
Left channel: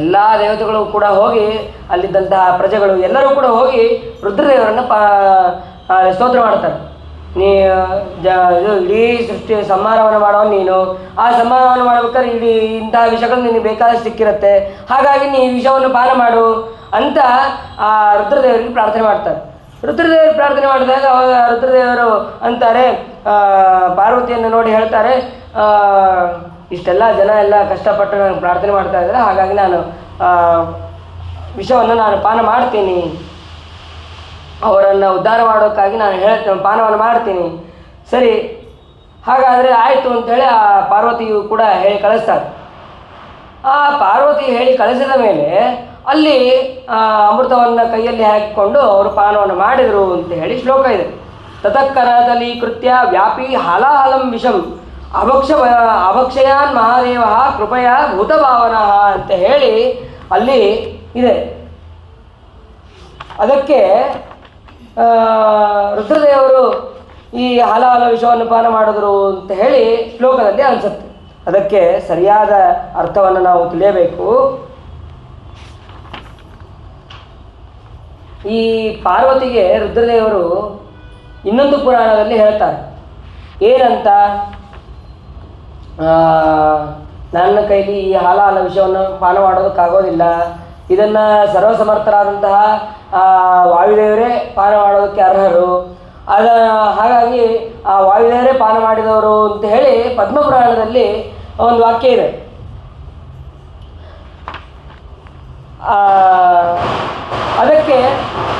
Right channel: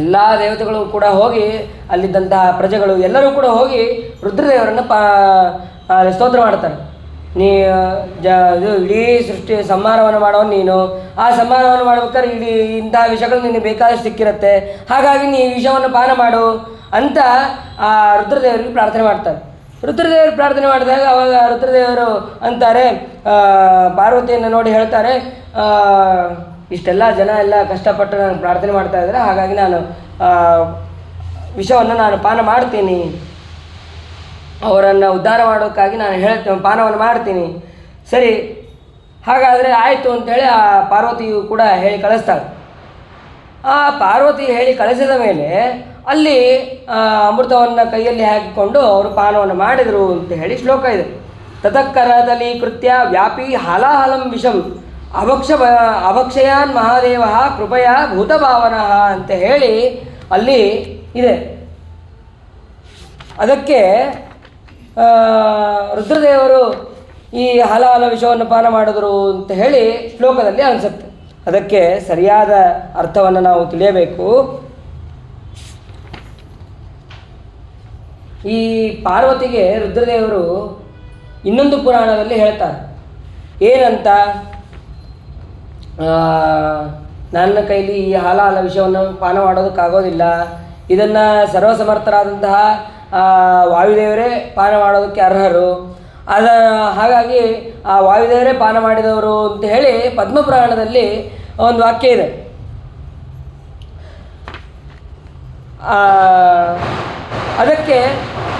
ಎಲ್ಲ ದೇವತೆಗಳು ಕೂಡ ಹೋಗಿ, ಅಲ್ಲಿದ್ದಂತಹ ಪ್ರಜೆಗಳು ಎಲ್ಲರೂ ಕೂಡ ಹೋಗಿ ರುದ್ರದೇವರನ್ನು ಸ್ತೋತ್ರ ಮಾಡ್ತಾರೆ. ಇದು ಇಡೀ ಸೃಷ್ಟಿ ಸಂಹಾರವನ್ನು ಮಾಡೋನು ನೀನು, ಆ ಸಂಹಾರವನ್ನು ಮಾಡ್ಬೇಕಾದ್ರೆ ಇಂತಹ ವಿಷಗಳು ನಿನಗೆ ಬೇಕಾದಷ್ಟು ಸಿಕ್ಕಿರುತ್ತೆ, ಹಾಗಾಗಿ ನೀ ಈ ವಿಷವನ್ನು ಪಾನ ಮಾಡು ಅಂತ ಆ ರುದ್ರದೇವರಿಗೆ ಪ್ರಾರ್ಥನೆ ಮಾಡ್ತಾರೆ. ರುದ್ರದೇವರು ಪ್ರಾರ್ಥನೆ ಮಾಡಿದಾಗ ಅವಾಗ ರುದ್ರದೇವರು ಅಂತಾರೆ, ಪಾರ್ವತಿಯನ್ನು ನೋಡಿ ಹೇಳ್ತಾರೆ, ಇಷ್ಟೆಲ್ಲ ಜನ ಎಲ್ಲ ಕಷ್ಟಪಟ್ಟು ನಾನು ಪ್ರಾರ್ಥನೆ ಮಾಡ್ತಾ ಇದ್ದಾರೆ, ಹಾಗಾಗಿ ನಾನು ವಿಷವನ್ನು ನಾನು ಪಾನ ಮಾಡ್ತೀನಿ, ಅವರನ್ನು ಉದ್ಧಾರ ಮಾಡೋಕ್ಕಾಗಿ ನಾನು ಪಾನವನ್ನು ಮಾಡ್ತೀನಿ. ಸರಿ, ಹಾಗಾದರೆ ಆಯಿತು ಅಂಥೇಳಿ ಆ ಪಾರ್ವತಿಯು ಕೂಡ ಹೇಳಿ ಕಳಿಸ್ತಾರೆ. ಆ ಪಾರ್ವತಿ ಹೇಳಿ ಕಳಿಸಿದ ಮೇಲೆ ಅಲ್ಲಿ ಅಮೃತವನ್ನು ಕೈಯಲ್ಲಿ ಹಾಕಿಕೊಂಡು ಅವರು ಪಾನವನ್ನು ಮಾಡಿದರು ಅಂತ ಹೇಳಿ ಶ್ಲೋಕ ಇದೆ. ತತಃಕರದಲ್ಲಿ ಕೃತ್ಯ ವ್ಯಾಪಿ ಹಲಾಹಲಂ ವಿಷಂ ಅಭಕ್ಷಯಾನ್ ಮಹಾದೇವ ಕೃಪಯ ಭೂತಭಾವನ ಅಂತ ಹೇಳಿ ಅಲ್ಲಿ ಇದೆ. ಅದಕ್ಕೆ ರುದ್ರದೇವರು ಈ ಹಲಾಹಲ ವಿಷವನ್ನು ಪಾನ ಮಾಡಿದ್ರು ಅಂತ ಹೇಳಿ ಶ್ಲೋಕದಲ್ಲಿ ಅನಿಸುತ್ತೆ. ಅದಕ್ಕೆ ಸರಿಯಾದ ಅರ್ಥವನ್ನು ನಾವು ತಿಳಿಯಬೇಕು. ಈ ಪಾರ್ವತಿಗೆ ರುದ್ರದೇವರು ಇನ್ನೊಂದು ಪುರಾಣದಲ್ಲಿ ಹೇಳ್ತಾರೆ. ಏನಂತ, ನನ್ನ ಕೈಲಿ ಈ ಹಾಲ ವಿಷವನ್ನು ಪಾನ ಮಾಡೋದಕ್ಕಾಗೋದಿಲ್ಲ, ಇದನ್ನು ಸರ್ವಸಮರ್ಥರಾದಂತಹ ವಾಯುದೇವರೇ ಪಾನ ಮಾಡೋದಕ್ಕೆ ಅರ್ಹರು, ಹಾಗಾಗಿ ಆ ವಾಯುದೇವರೇ ಪಾನ ಮಾಡಿದವರು ಅಂತ ಹೇಳಿ ಪದ್ಮಪುರಾಣದಲ್ಲಿ ಒಂದು ವಾಕ್ಯ ಇದೆ. ಅದಕ್ಕೆ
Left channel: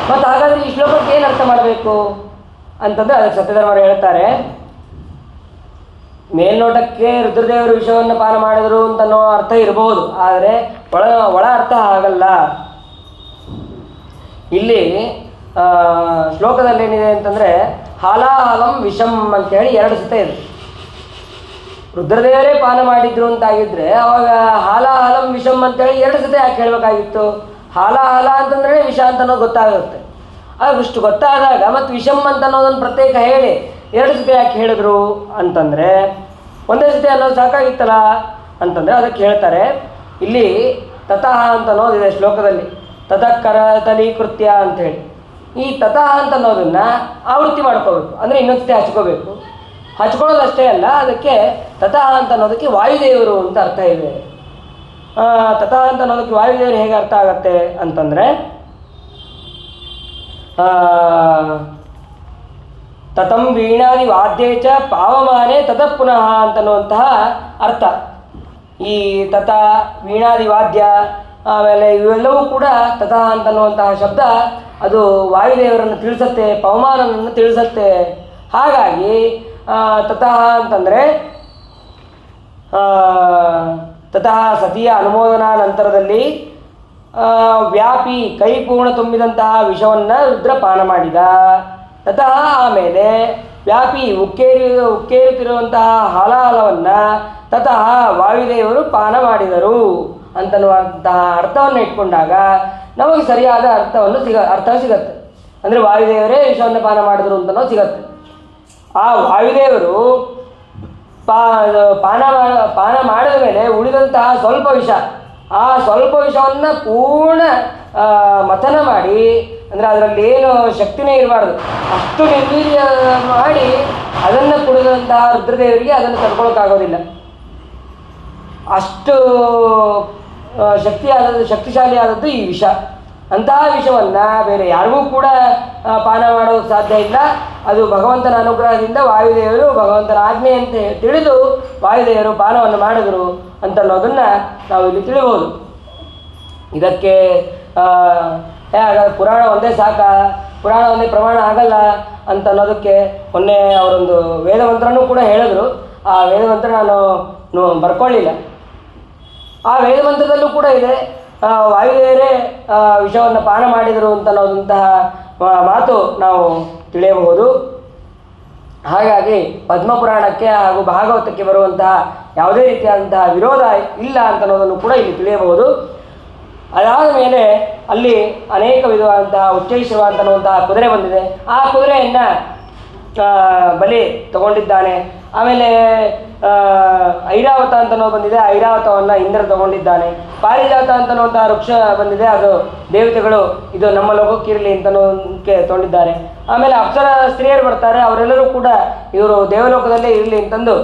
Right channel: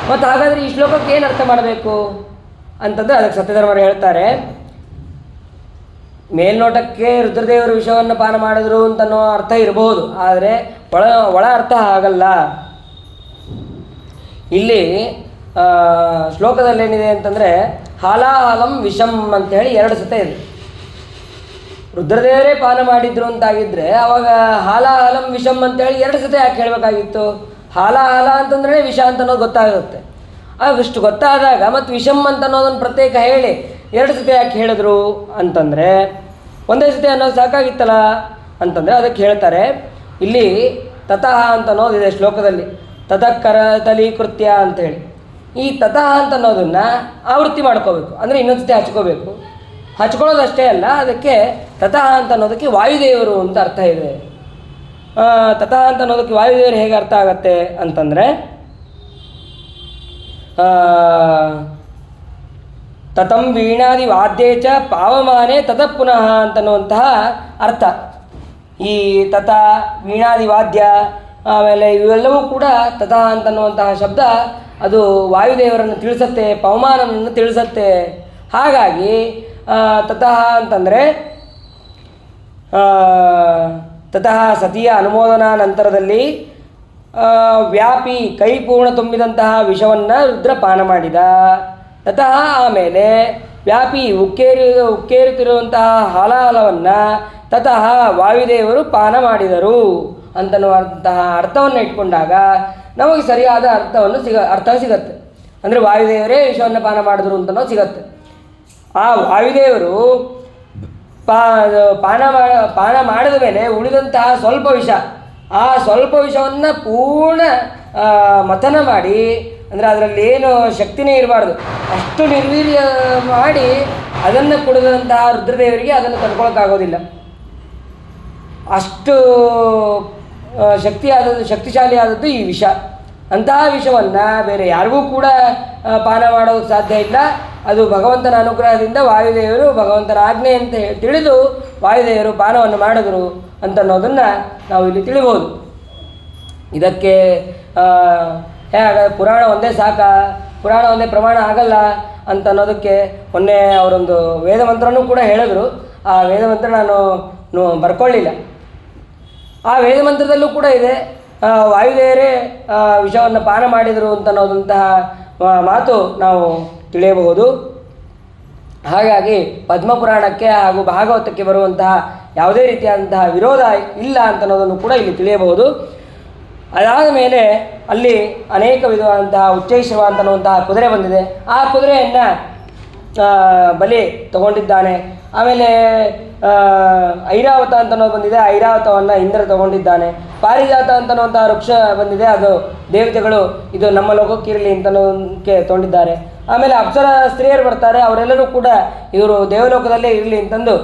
ಮತ್ತು ಹಾಗಾದರೆ ಈ ಶ್ಲೋಕಕ್ಕೆ ಏನು ಅರ್ಥ ಮಾಡಬೇಕು ಅಂತಂದರೆ ಅದಕ್ಕೆ ಸತ್ಯಧರ್ಮರು ಹೇಳ್ತಾರೆ, ಮೇಲ್ನೋಟಕ್ಕೆ ರುದ್ರದೇವರು ವಿಷವನ್ನು ಪಾನ ಮಾಡಿದರು ಅಂತನೋ ಅರ್ಥ ಇರಬಹುದು, ಆದರೆ ಒಳ ಅರ್ಥ ಆಗಲ್ಲ. ಇಲ್ಲಿ ಶ್ಲೋಕದಲ್ಲಿ ಏನಿದೆ ಅಂತಂದರೆ ಹಾಲಾಹಲಂ ವಿಷಂ ಅಂತೇಳಿ 2 ಸತೆ ಇದೆ. ರುದ್ರದೇವರೇ ಪಾನ ಮಾಡಿದ್ರು ಅಂತಾಗಿದ್ದರೆ ಅವಾಗ ಹಾಲಾಹಲಂ ವಿಷಂ ಅಂತೇಳಿ 2 ಸತೆ ಯಾಕೆ ಹೇಳಬೇಕಾಗಿತ್ತು? ಹಾಲಾಹಲ ಅಂತಂದ್ರೆ ವಿಷ ಅಂತ ಅನ್ನೋದು ಗೊತ್ತಾಗುತ್ತೆ. ಅಷ್ಟು ಗೊತ್ತಾದಾಗ ಮತ್ತು ವಿಷಂ ಅಂತ ಅನ್ನೋದನ್ನು ಪ್ರತ್ಯೇಕ ಹೇಳಿ 2 ಸತೆ ಯಾಕೆ ಹೇಳಿದ್ರು ಅಂತಂದರೆ ಒಂದೇ ಸತೆ ಅನ್ನೋದು ಸಾಕಾಗಿತ್ತಲ್ಲ ಅಂತಂದರೆ ಅದಕ್ಕೆ ಹೇಳ್ತಾರೆ. ಇಲ್ಲಿ ತತಃ ಅಂತ ಅನ್ನೋದಿದೆ ಶ್ಲೋಕದಲ್ಲಿ, ತತಃಕರ ತಲೀಕೃತ್ಯ ಅಂಥೇಳಿ. ಈ ತತಃ ಅಂತ ಅನ್ನೋದನ್ನು ಆವೃತ್ತಿ ಮಾಡ್ಕೋಬೇಕು, ಅಂದರೆ ಇನ್ನೊಂದು ಸತಿ ಹಚ್ಕೋಬೇಕು. ಹಚ್ಕೊಳ್ಳೋದಷ್ಟೇ ಅಲ್ಲ, ಅದಕ್ಕೆ ತತಃ ಅಂತ ಅನ್ನೋದಕ್ಕೆ ವಾಯುದೇವರು ಅಂತ ಅರ್ಥ ಇದೆ. ತತಃ ಅಂತ ಅನ್ನೋದಕ್ಕೆ ವಾಯುದೇವರು ಹೇಗೆ ಅರ್ಥ ಆಗತ್ತೆ ಅಂತಂದರೆ ತತಂ ವೀಣಾದಿ ವಾದ್ಯೇ ಚ ಪಾವಮಾನೆ ತತಃ ಪುನಃ ಅಂತನ್ನುವಂತಹ ಅರ್ಥ. ಈ ತತ ವೀಣಾದಿ ವಾದ್ಯ ಆಮೇಲೆ ಇವೆಲ್ಲವೂ ಕೂಡ ತತಃ ಅಂತನ್ನುವಂತಹ ಶಬ್ದ ಅದು ವಾಯುದೇವರನ್ನು ತಿಳಿಸತ್ತೆ, ಪವಮಾನನನ್ನು ತಿಳಿಸತ್ತೆ. ಹಾಗಾಗಿ ತತಃ ಅಂತಂದರೆ ತತಃ ಸತಿಯ ಅನುಮೋದನಾ ನಂತರದಲ್ಲಿ ವ್ಯಾಪಿ ಕೈ ಪೂರ್ಣ ತುಂಬಿದಂತಹ ವಿಷವನ್ನು ರುದ್ರ ಪಾನ ಮಾಡಿದ. ತತಃ ಆಮೇಲೆ ವ್ಯಾಪಿ ಉಕ್ಕೇರುತ್ತಿರುವಂತಹ ಹಾಲಾಹಲವನ್ನು ತತಃ ವಾಯುದೇವರು ಪಾನ ಮಾಡಿದರು ಅಂತನ್ನುವಂತಹ ಅರ್ಥವನ್ನು ಇಟ್ಕೊಂಡಾಗ ನಮಗೆ ಸರಿಯಾದ ಅರ್ಥ ಸಿಗತ್ತೆ. ಅಂದರೆ ವಾಯುದೇವರೇ ವಿಷವನ್ನು ಪಾನ ಮಾಡಿದ್ರು ಅಂತನೋ ಸಿಗತ್ತೆ. ಆ ವಾಯುದೇವರು ಪಾನ ಮಾಡಿದ ಮೇಲೆ ಉಳಿದಂತಹ ಸ್ವಲ್ಪ ವಿಷ, ಆ ಸ್ವಲ್ಪ ವಿಷವನ್ನು ಪೂರ್ಣ ಮಥನ ಮಾಡಿ, ಅಂದರೆ ಅದರಲ್ಲಿ ಏನು ಶಕ್ತಿನೇ ಇರಬಾರ್ದು ಅಷ್ಟು ನಿರ್ವೀರ್ಯ ಮಾಡಿ ಅದನ್ನು ಕುಡಿದಂತಹ ರುದ್ರದೇವರಿಗೆ ಅದನ್ನು ತಡ್ಕೊಳಕ್ಕಾಗೋದಿಲ್ಲ. ಅಷ್ಟು ಶಕ್ತಿಶಾಲಿಯಾದದ್ದು ಈ ವಿಷ. ಅಂತಹ ವಿಷವನ್ನು ಬೇರೆ ಯಾರಿಗೂ ಕೂಡ ಪಾನ ಮಾಡೋದಕ್ಕೆ ಸಾಧ್ಯ ಇಲ್ಲ. ಅದು ಭಗವಂತನ ಅನುಗ್ರಹದಿಂದ ವಾಯುದೇವರು ಭಗವಂತನ ಆಜ್ಞೆ ಅಂತ ತಿಳಿದು ವಾಯುದೇವರು ಪಾನವನ್ನು ಮಾಡಿದರು ಅಂತನ್ನೋದನ್ನು ನಾವು ಇಲ್ಲಿ ತಿಳಿಬೋದು. ಇದಕ್ಕೆ ಪುರಾಣ ಒಂದೇ ಸಾಕ, ಪುರಾಣ ಒಂದೇ ಪ್ರಮಾಣ ಆಗಲ್ಲ ಅಂತ ಅನ್ನೋದಕ್ಕೆ ಮೊನ್ನೆ ಅವರೊಂದು ವೇದಮಂತ್ರನೂ ಕೂಡ ಹೇಳಿದ್ರು. ಆ ವೇದಮಂತ್ರ ನಾನು ಬರ್ಕೊಳ್ಳಿಲ್ಲ. ಆ ವೇದಮಂತ್ರದಲ್ಲೂ ಕೂಡ ಇದೆ, ವಾಯುದೇವರೇ ವಿಷವನ್ನು ಪಾನ ಮಾಡಿದರು ಅಂತನ್ನೋದಂತಹ ಮಾತು ನಾವು ತಿಳಿಯಬಹುದು. ಹಾಗಾಗಿ ಪದ್ಮಪುರಾಣಕ್ಕೆ ಹಾಗೂ ಭಾಗವತಕ್ಕೆ ಬರುವಂತಹ ಯಾವುದೇ ರೀತಿಯಾದಂತಹ ವಿರೋಧ ಇಲ್ಲ ಅಂತನ್ನೋದನ್ನು ಕೂಡ ಇಲ್ಲಿ ತಿಳಿಯಬಹುದು. ಅದಾದ ಮೇಲೆ ಅಲ್ಲಿ ಅನೇಕ ವಿಧವಾದಂತಹ ಉಚ್ಚೈಶ್ರವ ಅಂತನ್ನುವಂತಹ ಕುದುರೆ ಬಂದಿದೆ. ಆ ಕುದುರೆಯನ್ನು ಬಲಿ ತಗೊಂಡಿದ್ದಾನೆ. ಆಮೇಲೆ ಐರಾವತ ಅಂತನೋ ಬಂದಿದೆ, ಐರಾವತವನ್ನು ಇಂದ್ರ ತಗೊಂಡಿದ್ದಾನೆ. ಪಾರಿಜಾತ ಅಂತನ್ನುವಂಥ ವೃಕ್ಷ ಬಂದಿದೆ, ಅದು ದೇವತೆಗಳು ಇದು ನಮ್ಮ ಲೋಕಕ್ಕಿರಲಿ ಅಂತನೋಕ್ಕೆ ತಗೊಂಡಿದ್ದಾರೆ. ಆಮೇಲೆ ಅಪ್ಸರ ಸ್ತ್ರೀಯರು ಬರ್ತಾರೆ, ಅವರೆಲ್ಲರೂ ಕೂಡ ಇವರು ದೇವಲೋಕದಲ್ಲೇ ಇರಲಿ ಅಂತಂದು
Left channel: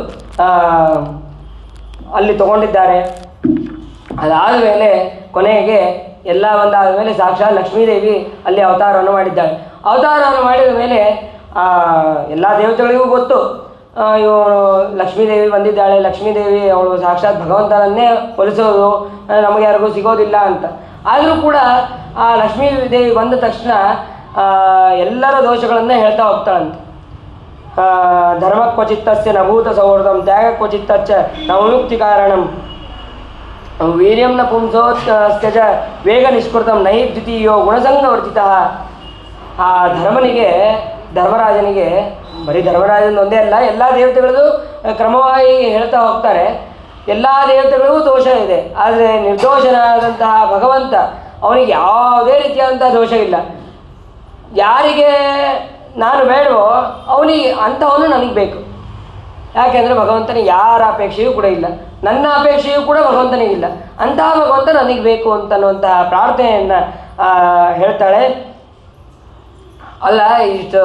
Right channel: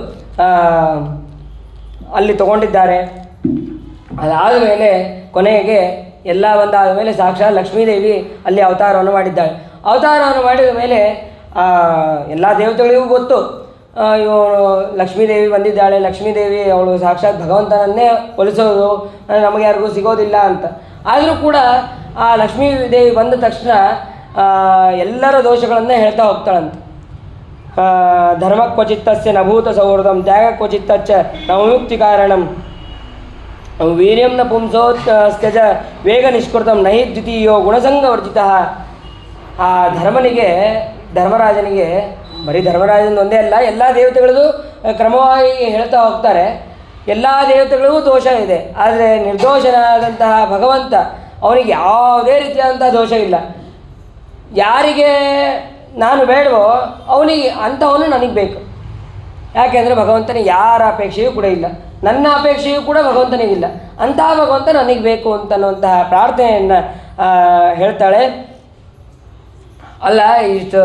ಅಲ್ಲಿ ತಗೊಂಡಿದ್ದಾರೆ. ಅದಾದ ಮೇಲೆ ಕೊನೆಗೆ ಎಲ್ಲ ಒಂದಾದ ಮೇಲೆ ಸಾಕ್ಷಾತ್ ಲಕ್ಷ್ಮೀದೇವಿ ಅಲ್ಲಿ ಅವತಾರವನ್ನು ಮಾಡಿದ್ದಾಳೆ. ಅವತಾರವನ್ನು ಮಾಡಿದ ಮೇಲೆ ಎಲ್ಲ ದೇವತೆಗಳಿಗೂ ಗೊತ್ತು ಇವಳು ಲಕ್ಷ್ಮೀದೇವಿ ಬಂದಿದ್ದಾಳೆ, ಲಕ್ಷ್ಮೀದೇವಿ ಅವಳು ಸಾಕ್ಷಾತ್ ಭಗವಂತನನ್ನೇ ಹೋಲಿಸೋದು, ನಮಗೆ ಯಾರಿಗೂ ಸಿಗೋದಿಲ್ಲ ಅಂತ. ಆದರೂ ಕೂಡ ಆ ಲಕ್ಷ್ಮೀದೇವಿ ಬಂದ ತಕ್ಷಣ ಎಲ್ಲರ ದೋಷಗಳನ್ನು ಹೇಳ್ತಾ ಹೋಗ್ತಾಳಂತೆ. ಧರ್ಮ ಕ್ವಚಿತ್ತಸ್ಯ ನಭೂತ ಸೌಹೃದಂ ತ್ಯಾಗ ಕ್ವಚಿತ್ತಚ್ಚ ನವಯುಕ್ತಿ ಕಾರಣಂ ವೀರ್ಯಂ ನ ಪುಂಸೋ ಸ್ತ್ಯಜ ವೇಗ ನಿಷ್ಕೃತಂ ನಹಿ ದ್ವಿತೀಯೋ ಗುಣಸಂಗವರ್ಜಿತ. ಆ ಧರ್ಮರಾಜನಿಗೆ ಬರೀ ಧರ್ಮರಾಜನ ಒಂದೇ ಅಲ್ಲ, ಎಲ್ಲ ದೇವತೆಗಳದು ಕ್ರಮವಾಗಿ ಹೇಳ್ತಾ ಹೋಗ್ತಾರೆ. ಎಲ್ಲ ದೇವತೆಗಳಿಗೂ ದೋಷ ಇದೆ, ಆದರೆ ನಿರ್ದೋಷನಾದಂತಹ ಭಗವಂತ ಅವನಿಗೆ ಯಾವುದೇ ರೀತಿಯಾದಂತಹ ದೋಷ ಇಲ್ಲ. ಯಾರಿಗೆ ನಾನು ಬೇಡವೋ ಅವನಿಗೆ ಅಂಥವನು ನನಗೆ ಬೇಕು. ಯಾಕೆಂದರೆ ಭಗವಂತನಿಗೆ ಯಾರ ಅಪೇಕ್ಷೆಯೂ ಕೂಡ ಇಲ್ಲ, ನನ್ನ ಅಪೇಕ್ಷೆಯೂ ಕೂಡ ಭಗವಂತನಿಗಿಲ್ಲ. ಅಂತಹ ಭಗವಂತ ನನಗೆ ಬೇಕು ಅಂತನ್ನುವಂತಹ ಪ್ರಾರ್ಥನೆಯನ್ನು ಹೇಳ್ತಾಳೆ. ಅಲ್ಲ ಇಷ್ಟು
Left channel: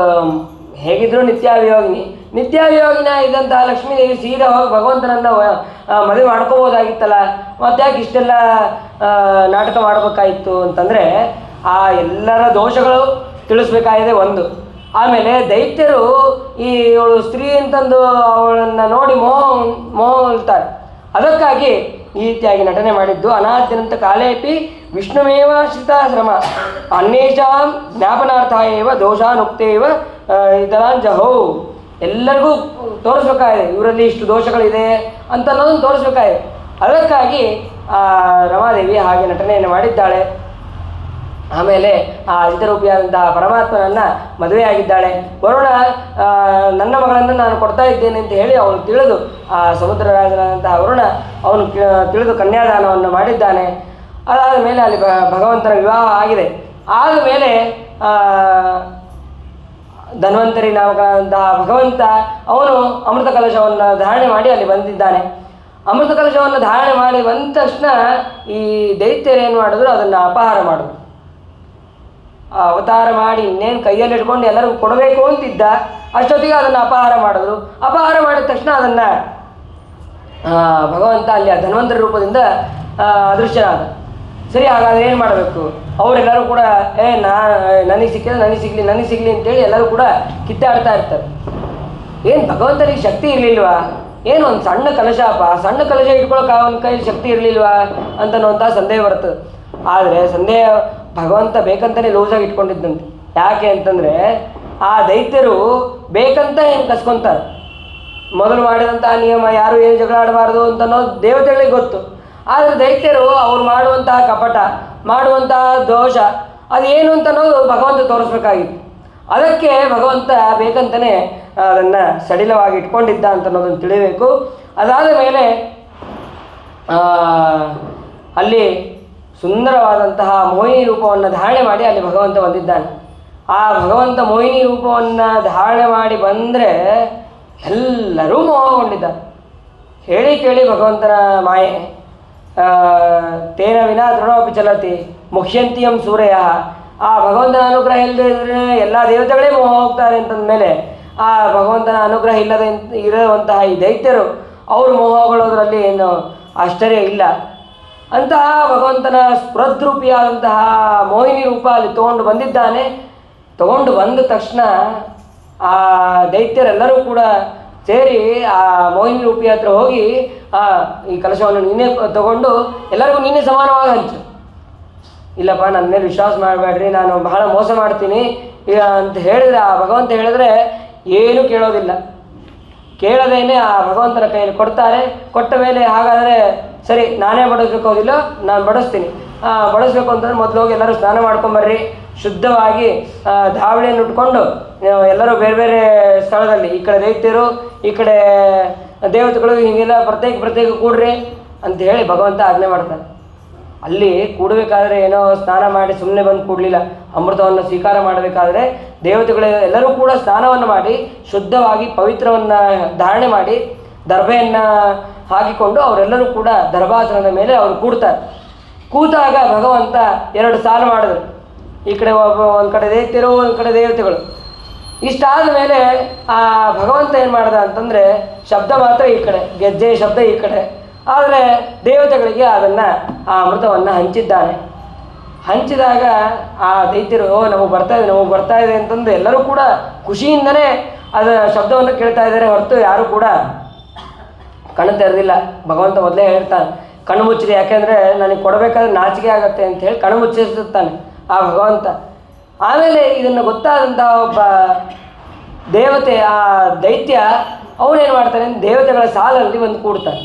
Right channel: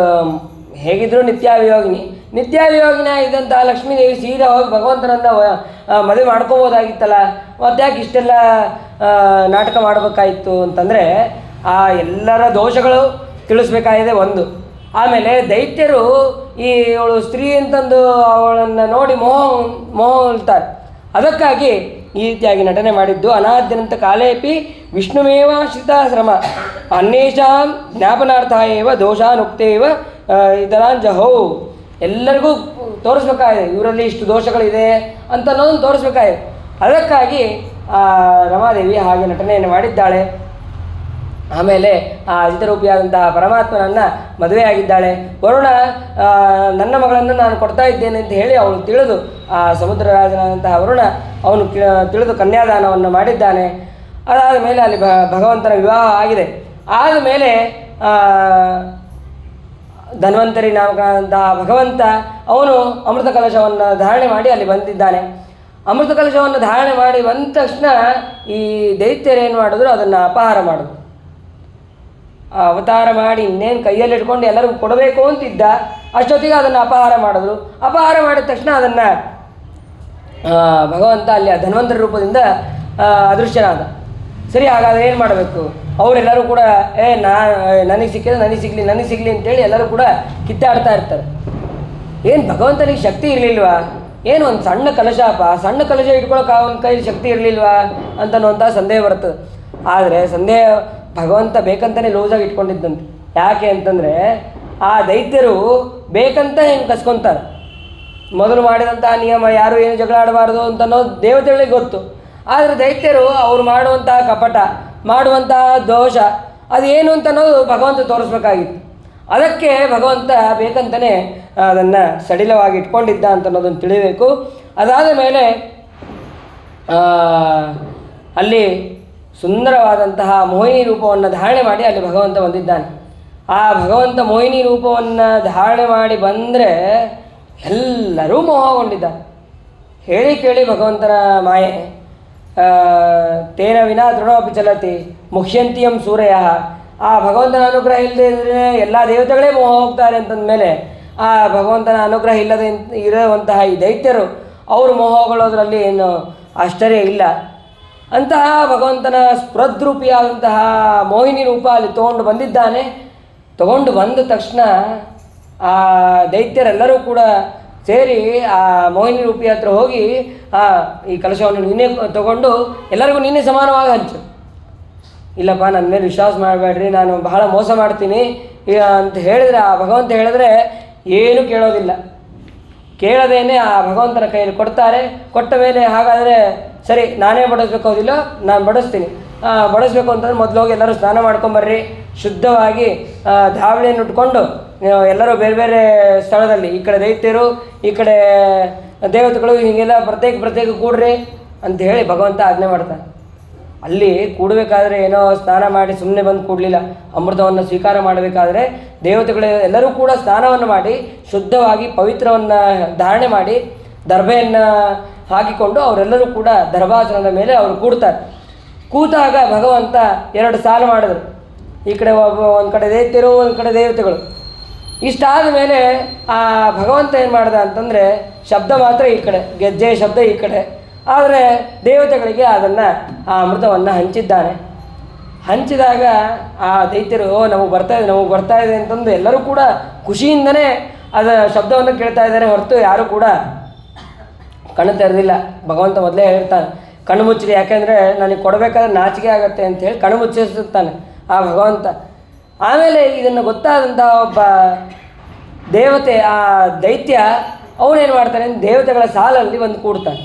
ಹೇಗಿದ್ರು ನಿತ್ಯಾವಿಯೋಗಿನ ಇದ್ದಂತಹ ಲಕ್ಷ್ಮೀದೇವಿ ಸೀದಾ ಹೋಗಿ ಭಗವಂತನನ್ನು ಮದುವೆ ಮಾಡ್ಕೋಬೋದಾಗಿತ್ತಲ್ಲ, ಮತ್ತೆ ಯಾಕೆ ಇಷ್ಟೆಲ್ಲ ನಾಟಕ ಮಾಡಬೇಕಾಯಿತು ಅಂತಂದರೆ ಆ ಎಲ್ಲರ ದೋಷಗಳು ತಿಳಿಸ್ಬೇಕಾಗಿದೆ ಒಂದು. ಆಮೇಲೆ ದೈತ್ಯರು ಇವಳು ಸ್ತ್ರೀ ಅಂತಂದು ಅವಳನ್ನು ನೋಡಿ ಮೋಹಿಸ್ತಾರೆ. ಅದಕ್ಕಾಗಿ ಈ ರೀತಿಯಾಗಿ ನಟನೆ ಮಾಡಿದ್ದು. ಅನಾದ್ಯನಂತ ಕಾಲೇಪಿ ವಿಷ್ಣುಮೇವ ಶ್ರಿತಾಶ್ರಮ ಅನ್ಯೇಷಾಂ ಜ್ಞಾಪನಾರ್ಥ ಏವ ದೋಷಾನುಕ್ತೇವ ಇದರಾಂಜಹೋ. ಎಲ್ಲರಿಗೂ ತೋರಿಸ್ಬೇಕಾಗಿದೆ ಇವರಲ್ಲಿ ಇಷ್ಟು ದೋಷಗಳಿದೆ ಅಂತ ಅನ್ನೋದನ್ನು ತೋರಿಸ್ಬೇಕಾಗಿದೆ. ಅದಕ್ಕಾಗಿ ರಮಾದೇವಿ ಹಾಗೆ ನಟನೆಯನ್ನು ಮಾಡಿದ್ದಾಳೆ. ಆಮೇಲೆ ಆ ಅಜಿತರೂಪಿಯಾದಂತಹ ಪರಮಾತ್ಮನನ್ನು ಮದುವೆಯಾಗಿದ್ದಾಳೆ. ವರುಣ ನನ್ನ ಮಗಳನ್ನು ನಾನು ಕೊಡ್ತಾ ಇದ್ದೇನೆ ಅಂತ ಹೇಳಿ ಅವನು ತಿಳಿದು ಆ ಸಮುದ್ರ ರಾಜನಾದಂತಹ ವರುಣ ಅವನು ತಿಳಿದು ಕನ್ಯಾದಾನವನ್ನು ಮಾಡಿದ್ದಾನೆ. ಅದಾದ ಮೇಲೆ ಅಲ್ಲಿ ಭಗವಂತನ ವಿವಾಹ ಆಗಿದೆ. ಆದಮೇಲೆ ಧನ್ವಂತರಿ ನಾಮಕನಾದಂತಹ ಭಗವಂತ ಅವನು ಅಮೃತ ಕಲಶವನ್ನು ಧಾರಣೆ ಮಾಡಿ ಅಲ್ಲಿ ಬಂದಿದ್ದಾನೆ. ಅಮೃತ ಕಲಶವನ್ನು ಧಾರಣೆ ಮಾಡಿ ಬಂದ ತಕ್ಷಣ ಈ ದೈತ್ಯರೇನು ಮಾಡಿದ್ರು, ಅದನ್ನು ಅಪಹಾರ ಮಾಡಿದ್ರು. ಅವತಾರ ಮಾಡಿ ಇನ್ನೇನು ಕೈಯಲ್ಲಿ ಇಟ್ಕೊಂಡು ಎಲ್ಲರಿಗೂ ಕೊಡಬೇಕು ಅಂತಿದ್ದ, ಅಷ್ಟೊತ್ತಿಗೆ ಅದನ್ನು ಅಪಹಾರ ಮಾಡಿದ್ರು. ಅಪಹಾರ ಮಾಡಿದ ತಕ್ಷಣ ಅದನ್ನು ಭಗವಂತ ಅಲ್ಲಿ ಆ ಧನ್ವಂತರಿ ರೂಪದಿಂದ ಅದೃಶ್ಯನಾದ. ಸರಿ, ಹಾಗಾದರೆ ಏನು ಮಾಡಬೇಕು? ಅವರೆಲ್ಲರೂ ಕೂಡ ನನಗೆ ಸಿಗಲಿ ಅಂತೇಳಿ ಎಲ್ಲರೂ ಕೂಡ ಕಿತ್ತಾಡ್ತಾ ಇರ್ತಾರೆ. ಏನು ಭಗವಂತನಿಗೆ ಶಕ್ತಿ ಇರಲಿಲ್ವಾ? ಏನು ಒಂದು ಸಣ್ಣ ಕಲಶ ಇಟ್ಕೊಳ್ಳೋಕೆ ಅವನ ಕೈ ಶಕ್ತಿ ಇರಲಿಲ್ವಾ ಅಂತನ್ನುವಂಥ ಸಂದೇಹ ಬರ್ತದೆ. ಆದರೆ ಸಂದೇಹ ಭಗವಂತ ಬೇಕಂತಲೇ ಲೂಸಾಗಿ ಇಟ್ಕೊಂಡಿದ್ದಂತೆ. ಯಾಕೆ ಅಂತಂದರೆ ಆ ದೈತ್ಯರು ಬೇಕಂತ ಹೆಂಗೆ ಕಸ್ಕೊತಾರೆ. ಮೊದಲು ಮಾಡಿದಂಥ ನಿಯಮ ಯಾರು ಏನು ಜಗಳ ಆಡಬಾರ್ದು ಅಂತ ಅನ್ನೋದು ದೇವತೆಗಳಿಗೆ ಗೊತ್ತು. ಆದರೆ ದೈತ್ಯರು ಅವ್ರು ಮಾಡುವಂತಹ ಕಪಟ, ಮಾಡುವಂತಹ ದೋಷ ಅದೇನು ಅಂತ ಅನ್ನೋದು ಭಗವಂತ ತೋರಿಸ್ಬೇಕಾಗಿತ್ತು. ಅದಕ್ಕೆ ಭಗವಂತ ಬೇಕಂತಲೇ ಅದನ್ನು ಸಡಿಲವಾಗಿ ಇಟ್ಕೊಂಡಿದ್ದ ಅಂತ ಅನ್ನೋದನ್ನು ತಿಳಿಬೇಕು. ಅದಾದ ಮೇಲೆ ಅಲ್ಲಿ ಸುಂದರವಾದಂತಹ ಮೋಹಿನಿ ರೂಪವನ್ನು ಧಾರಣೆ ಮಾಡಿ ಅಲ್ಲಿ ಭಗವಂತ ಬಂದಿದ್ದಾನೆ. ಆ ಭಗವಂತ ಮೋಹಿನಿ ರೂಪವನ್ನು ಧಾರಣೆ ಮಾಡಿ ಬಂದರೆ ಎಲ್ಲರೂ ಮೋಹಗೊಂಡಿದ್ದಾರೆ. ಹೇಳಿ ಕೇಳಿ ಭಗವಂತನ ಮಾಯೆ. ತೇನ ವಿನಾ ತೃಣೋಪಿ ಚಲತಿ ಮುಖ್ಯಂತಿಯಂ ಸೂರ್ಯ. ಆ ಭಗವಂತನ ಅನುಗ್ರಹ ಇಲ್ಲದೆ ಎಲ್ಲ ದೇವತೆಗಳೇ ಮೋಹ ಹೋಗ್ತಾರೆ ಅಂತಂದಮೇಲೆ ಆ ಭಗವಂತನ ಅನುಗ್ರಹ ಇರುವಂತಹ ಈ ದೈತ್ಯರು ಅವರು ಮೋಹಗೊಳ್ಳೋದ್ರಲ್ಲಿ ಏನು ಆಶ್ಚರ್ಯ ಇಲ್ಲ. ಅಂತಹ ಭಗವಂತನ ಸ್ಫುರದ್ರೂಪಿಯಾದಂತಹ ಮೋಹಿನಿ ರೂಪ ಅಲ್ಲಿ ತೊಗೊಂಡು ಬಂದಿದ್ದಾನೆ. ತಗೊಂಡು ಬಂದ ತಕ್ಷಣ ಆ ದೈತ್ಯರೆಲ್ಲರೂ ಕೂಡ ಸೇರಿ ಆ ಮೋಹಿನಿ ರೂಪಿ ಹತ್ರ ಹೋಗಿ ಈ ಕಲಶವನ್ನು ನೀನೇ ತಗೊಂಡು ಎಲ್ಲರಿಗೂ ನೀನೇ ಸಮಾನವಾಗಿ ಹಂಚು. ಇಲ್ಲಪ್ಪ, ನನ್ನ ಮೇಲೆ ವಿಶ್ವಾಸ ಮಾಡಬೇಡ್ರಿ, ನಾನು ಬಹಳ ಮೋಸ ಮಾಡ್ತೀನಿ ಅಂತ ಹೇಳಿದರೆ ಆ ಭಗವಂತ ಹೇಳಿದ್ರೆ ಏನೂ ಕೇಳೋದಿಲ್ಲ. ಕೇಳದೇನೆ ಆ ಭಗವಂತನ ಕೈಯಲ್ಲಿ ಕೊಡ್ತಾರೆ. ಕೊಟ್ಟ ಮೇಲೆ ಹಾಗಾದರೆ ಸರಿ, ನಾನೇ ಬಡಿಸ್ಬೇಕೋದಿಲ್ಲ, ನಾನು ಬಡಿಸ್ತೀನಿ. ಬಡಿಸ್ಬೇಕು ಅಂತಂದರೆ ಮೊದಲು ಹೋಗಿ ಎಲ್ಲರೂ ಸ್ನಾನ ಮಾಡ್ಕೊಂಬರ್ರಿ, ಶುದ್ಧವಾಗಿ ಧಾವಳಿಯನ್ನು ಉಟ್ಕೊಂಡು ಎಲ್ಲರೂ ಬೇರೆ ಬೇರೆ ಸ್ಥಳದಲ್ಲಿ, ಈ ಕಡೆ ದೈತ್ಯರು ಈ ಕಡೆ ದೇವತೆಗಳು ಹೀಗೆಲ್ಲ ಪ್ರತ್ಯೇಕ ಕೂಡ್ರಿ ಅಂತ ಹೇಳಿ ಭಗವಂತ ಆಜ್ಞೆ ಮಾಡ್ತಾರೆ. ಅಲ್ಲಿ ಕೂಡಬೇಕಾದ್ರೆ ಏನೋ ಸ್ನಾನ ಮಾಡಿ ಸುಮ್ಮನೆ ಬಂದು ಕೂಡಲಿಲ್ಲ. ಅಮೃತವನ್ನು ಸ್ವೀಕಾರ ಮಾಡಬೇಕಾದ್ರೆ ದೇವತೆಗಳು ಎಲ್ಲರೂ ಕೂಡ ಸ್ನಾನವನ್ನು ಮಾಡಿ ಶುದ್ಧವಾಗಿ ಪವಿತ್ರವನ್ನು ಧಾರಣೆ ಮಾಡಿ ದರ್ಭೆಯನ್ನು ಹಾಕಿಕೊಂಡು ಅವರೆಲ್ಲರೂ ಕೂಡ ದರ್ಭಾಸನದ ಮೇಲೆ ಅವರು ಕೂಡ್ತಾರೆ. ಕೂತಾಗ ಭಗವಂತ ಎರಡು ಸಾಲು ಮಾಡಿದ್ರು. ಈ ಕಡೆ ಒಂದು ಕಡೆ ದೈತ್ಯರು, ಒಂದು ಕಡೆ ದೇವತೆಗಳು. ಇಷ್ಟಾದ ಮೇಲೆ ಆ ಭಗವಂತ ಏನು ಮಾಡ್ದ ಅಂತಂದರೆ ಶಬ್ದ ಮಾತ್ರ ಈ ಕಡೆ, ಗೆಜ್ಜೆ ಶಬ್ದ ಈ ಕಡೆ. ಆದರೆ ದೇವತೆಗಳಿಗೆ ಅದನ್ನು ಆ ಅಮೃತವನ್ನು ಹಂಚಿದ್ದಾನೆ. ಹಂಚಿದಾಗ ಆ ದೈತ್ಯರು ನಮಗೆ ಬರ್ತಾ ಇದೆ ಅಂತಂದು ಎಲ್ಲರೂ ಕೂಡ ಖುಷಿಯಿಂದನೇ ಅದರ ಶಬ್ದವನ್ನು ಕೇಳ್ತಾ ಇದ್ದಾರೆ ಹೊರತು ಯಾರೂ ಕೂಡ ಕಣ್ಣು ತೆರೆದಿಲ್ಲ. ಭಗವಂತ ಮೊದಲೇ ಹೇಳ್ತಾನೆ, ಕಣ್ಣು ಮುಚ್ಚಿರಿ, ಯಾಕೆಂದರೆ ನನಗೆ ಕೊಡಬೇಕಾದ್ರೆ ನಾಚಿಕೆ ಆಗುತ್ತೆ ಅಂಥೇಳಿ ಕಣ್ಣು ಮುಚ್ಚಿಸುತ್ತಾನೆ ಆ ಭಗವಂತ. ಆಮೇಲೆ ಇದನ್ನು ಗೊತ್ತಾದಂಥ ಒಬ್ಬ ದೇವತೆ, ಆ ದೈತ್ಯ ಅವನೇನು ಮಾಡ್ತಾನೆ, ದೇವತೆಗಳ ಸಾಲಲ್ಲಿ ಬಂದು ಕೂಡ್ತಾನೆ.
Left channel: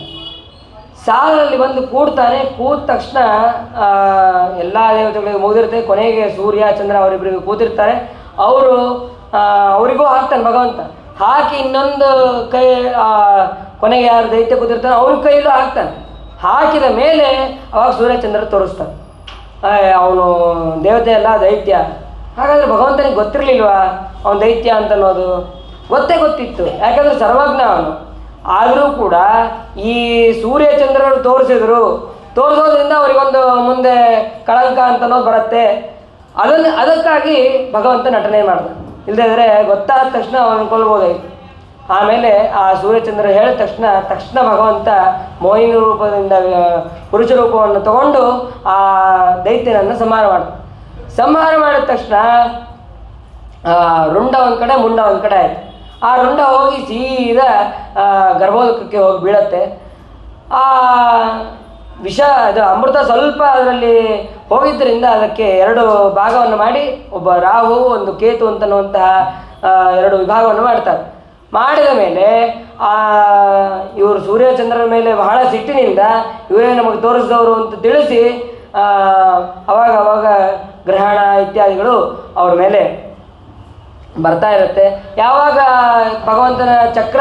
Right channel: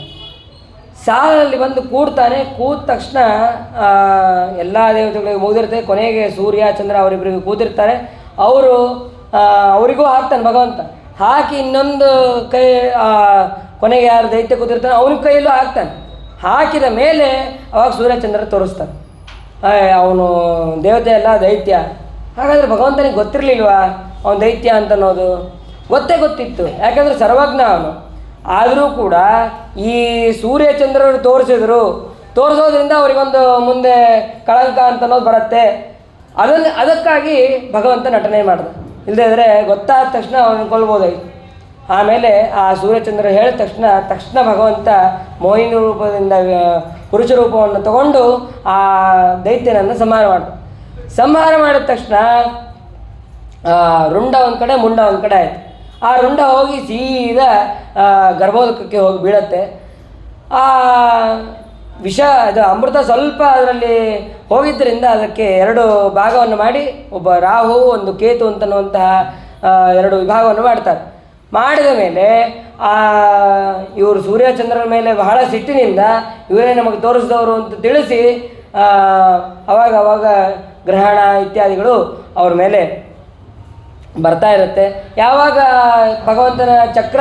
ಸಾಲಲ್ಲಿ ಬಂದು ಕೂಡ್ತಾನೆ. ಕೂತ ತಕ್ಷಣ ಎಲ್ಲ ದೇವತೆಗಳಿಗೆ ಮುಗಿದಿರ್ತದೆ. ಕೊನೆಗೆ ಸೂರ್ಯ ಚಂದ್ರ ಅವರಿಬ್ಬರಿಗೂ ಕೂತಿರ್ತಾರೆ. ಅವರಿಗೂ ಹಾಕ್ತಾನೆ ಭಗವಂತ. ಹಾಕಿ ಇನ್ನೊಂದು ಕೈ ಕೊನೆಗೆ ಯಾರು ದೈತ್ಯ ಕೂತಿರ್ತಾನೆ ಅವ್ರ ಕೈಯಲ್ಲೂ ಹಾಕ್ತಾನೆ. ಹಾಕಿದ ಮೇಲೆ ಅವಾಗ ಸೂರ್ಯಚಂದ್ರ ತೋರಿಸ್ತಾನೆ, ಅವನು ದೇವತೆ ಅಲ್ಲ ದೈತ್ಯ. ಹಾಗಾದರೆ ಭಗವಂತನಿಗೆ ಗೊತ್ತಿರಲಿಲ್ವಾ ಅವನು ದೈತ್ಯ ಅಂತ ಅನ್ನೋದು? ಗೊತ್ತಿತ್ತು, ಯಾಕಂದರೆ ಸರ್ವಜ್ಞ ಅವನು. ಆದರೂ ಕೂಡ ಈ ಸೂರ್ಯಚಂದ್ರರು ತೋರಿಸೋದ್ರಿಂದ ಅವರಿಗೊಂದು ಮುಂದೆ ಕಳಂಕ ಅಂತ ಅನ್ನೋದು ಬರುತ್ತೆ. ಅದಕ್ಕಾಗಿ ಭಗವಂತ ನಟನೆ ಮಾಡ್ದ. ಇಲ್ಲದೇ ಇದ್ದರೆ ಗೊತ್ತಾದ ತಕ್ಷಣ ಅವನು ಕೊಲ್ಬೋದಾಯಿತು. ಆಮೇಲೆ ಆ ಸೂರ್ಯಚಂದ್ರ ಹೇಳಿದ ತಕ್ಷಣ ಭಗವಂತ ಮೋಹಿನಿ ರೂಪದಿಂದ ಪುರುಷ ರೂಪವನ್ನು ತಗೊಂಡು ಆ ದೈತ್ಯನನ್ನು ಸಂಹಾರ ಮಾಡಿದ ತಕ್ಷಣ ರುಂಡ ಒಂದು ಕಡೆ ಮುಂಡ ಒಂದು ಕಡೆ ಆಯಿತು. ಆ ರುಂಡ ಹೋಗಿ ಸೀದಾ ಗರ್ಭೋದಕಕ್ಕೆ ಹೋಗಿ ಬೀಳತ್ತೆ. ಆ ವಿಷ ಅದು ಅಮೃತ ಸ್ವಲ್ಪ ಅದರಲ್ಲಿ ಹೋಗಿದ್ದರಿಂದ ಅದಕ್ಕೆ 2 ಭಾಗವನ್ನು ಮಾಡಿ, ಒಬ್ಬ ರಾಹು ಒಂದು ಕೇತು ಅಂತನ್ನುವಂತಹ 2 ವಿಭಾಗವನ್ನು ಮಾಡ್ತಾರೆ. ಮಾಡಿದ ಮೇಲೆ ಇವರು ಸೂರ್ಯಚಂದ್ರನ ಮೇಲೆ ಬಹಳ ಸಿಟ್ಟಿನಿಂದ ಇವರೇ ನಮಗೆ ತೋರಿಸಿದವರು ಅಂತ ತಿಳಿಸಿ ಅವಾಗ ಗ್ರಹಣ ಇತ್ಯಾದಿಗಳು ಅವ್ರ ಮೇಲೆ ಬರ್ತಾ ಇರುತ್ತೆ. ಯಾವಾಗ ಭಗವಂತನ ಚಕ್ರ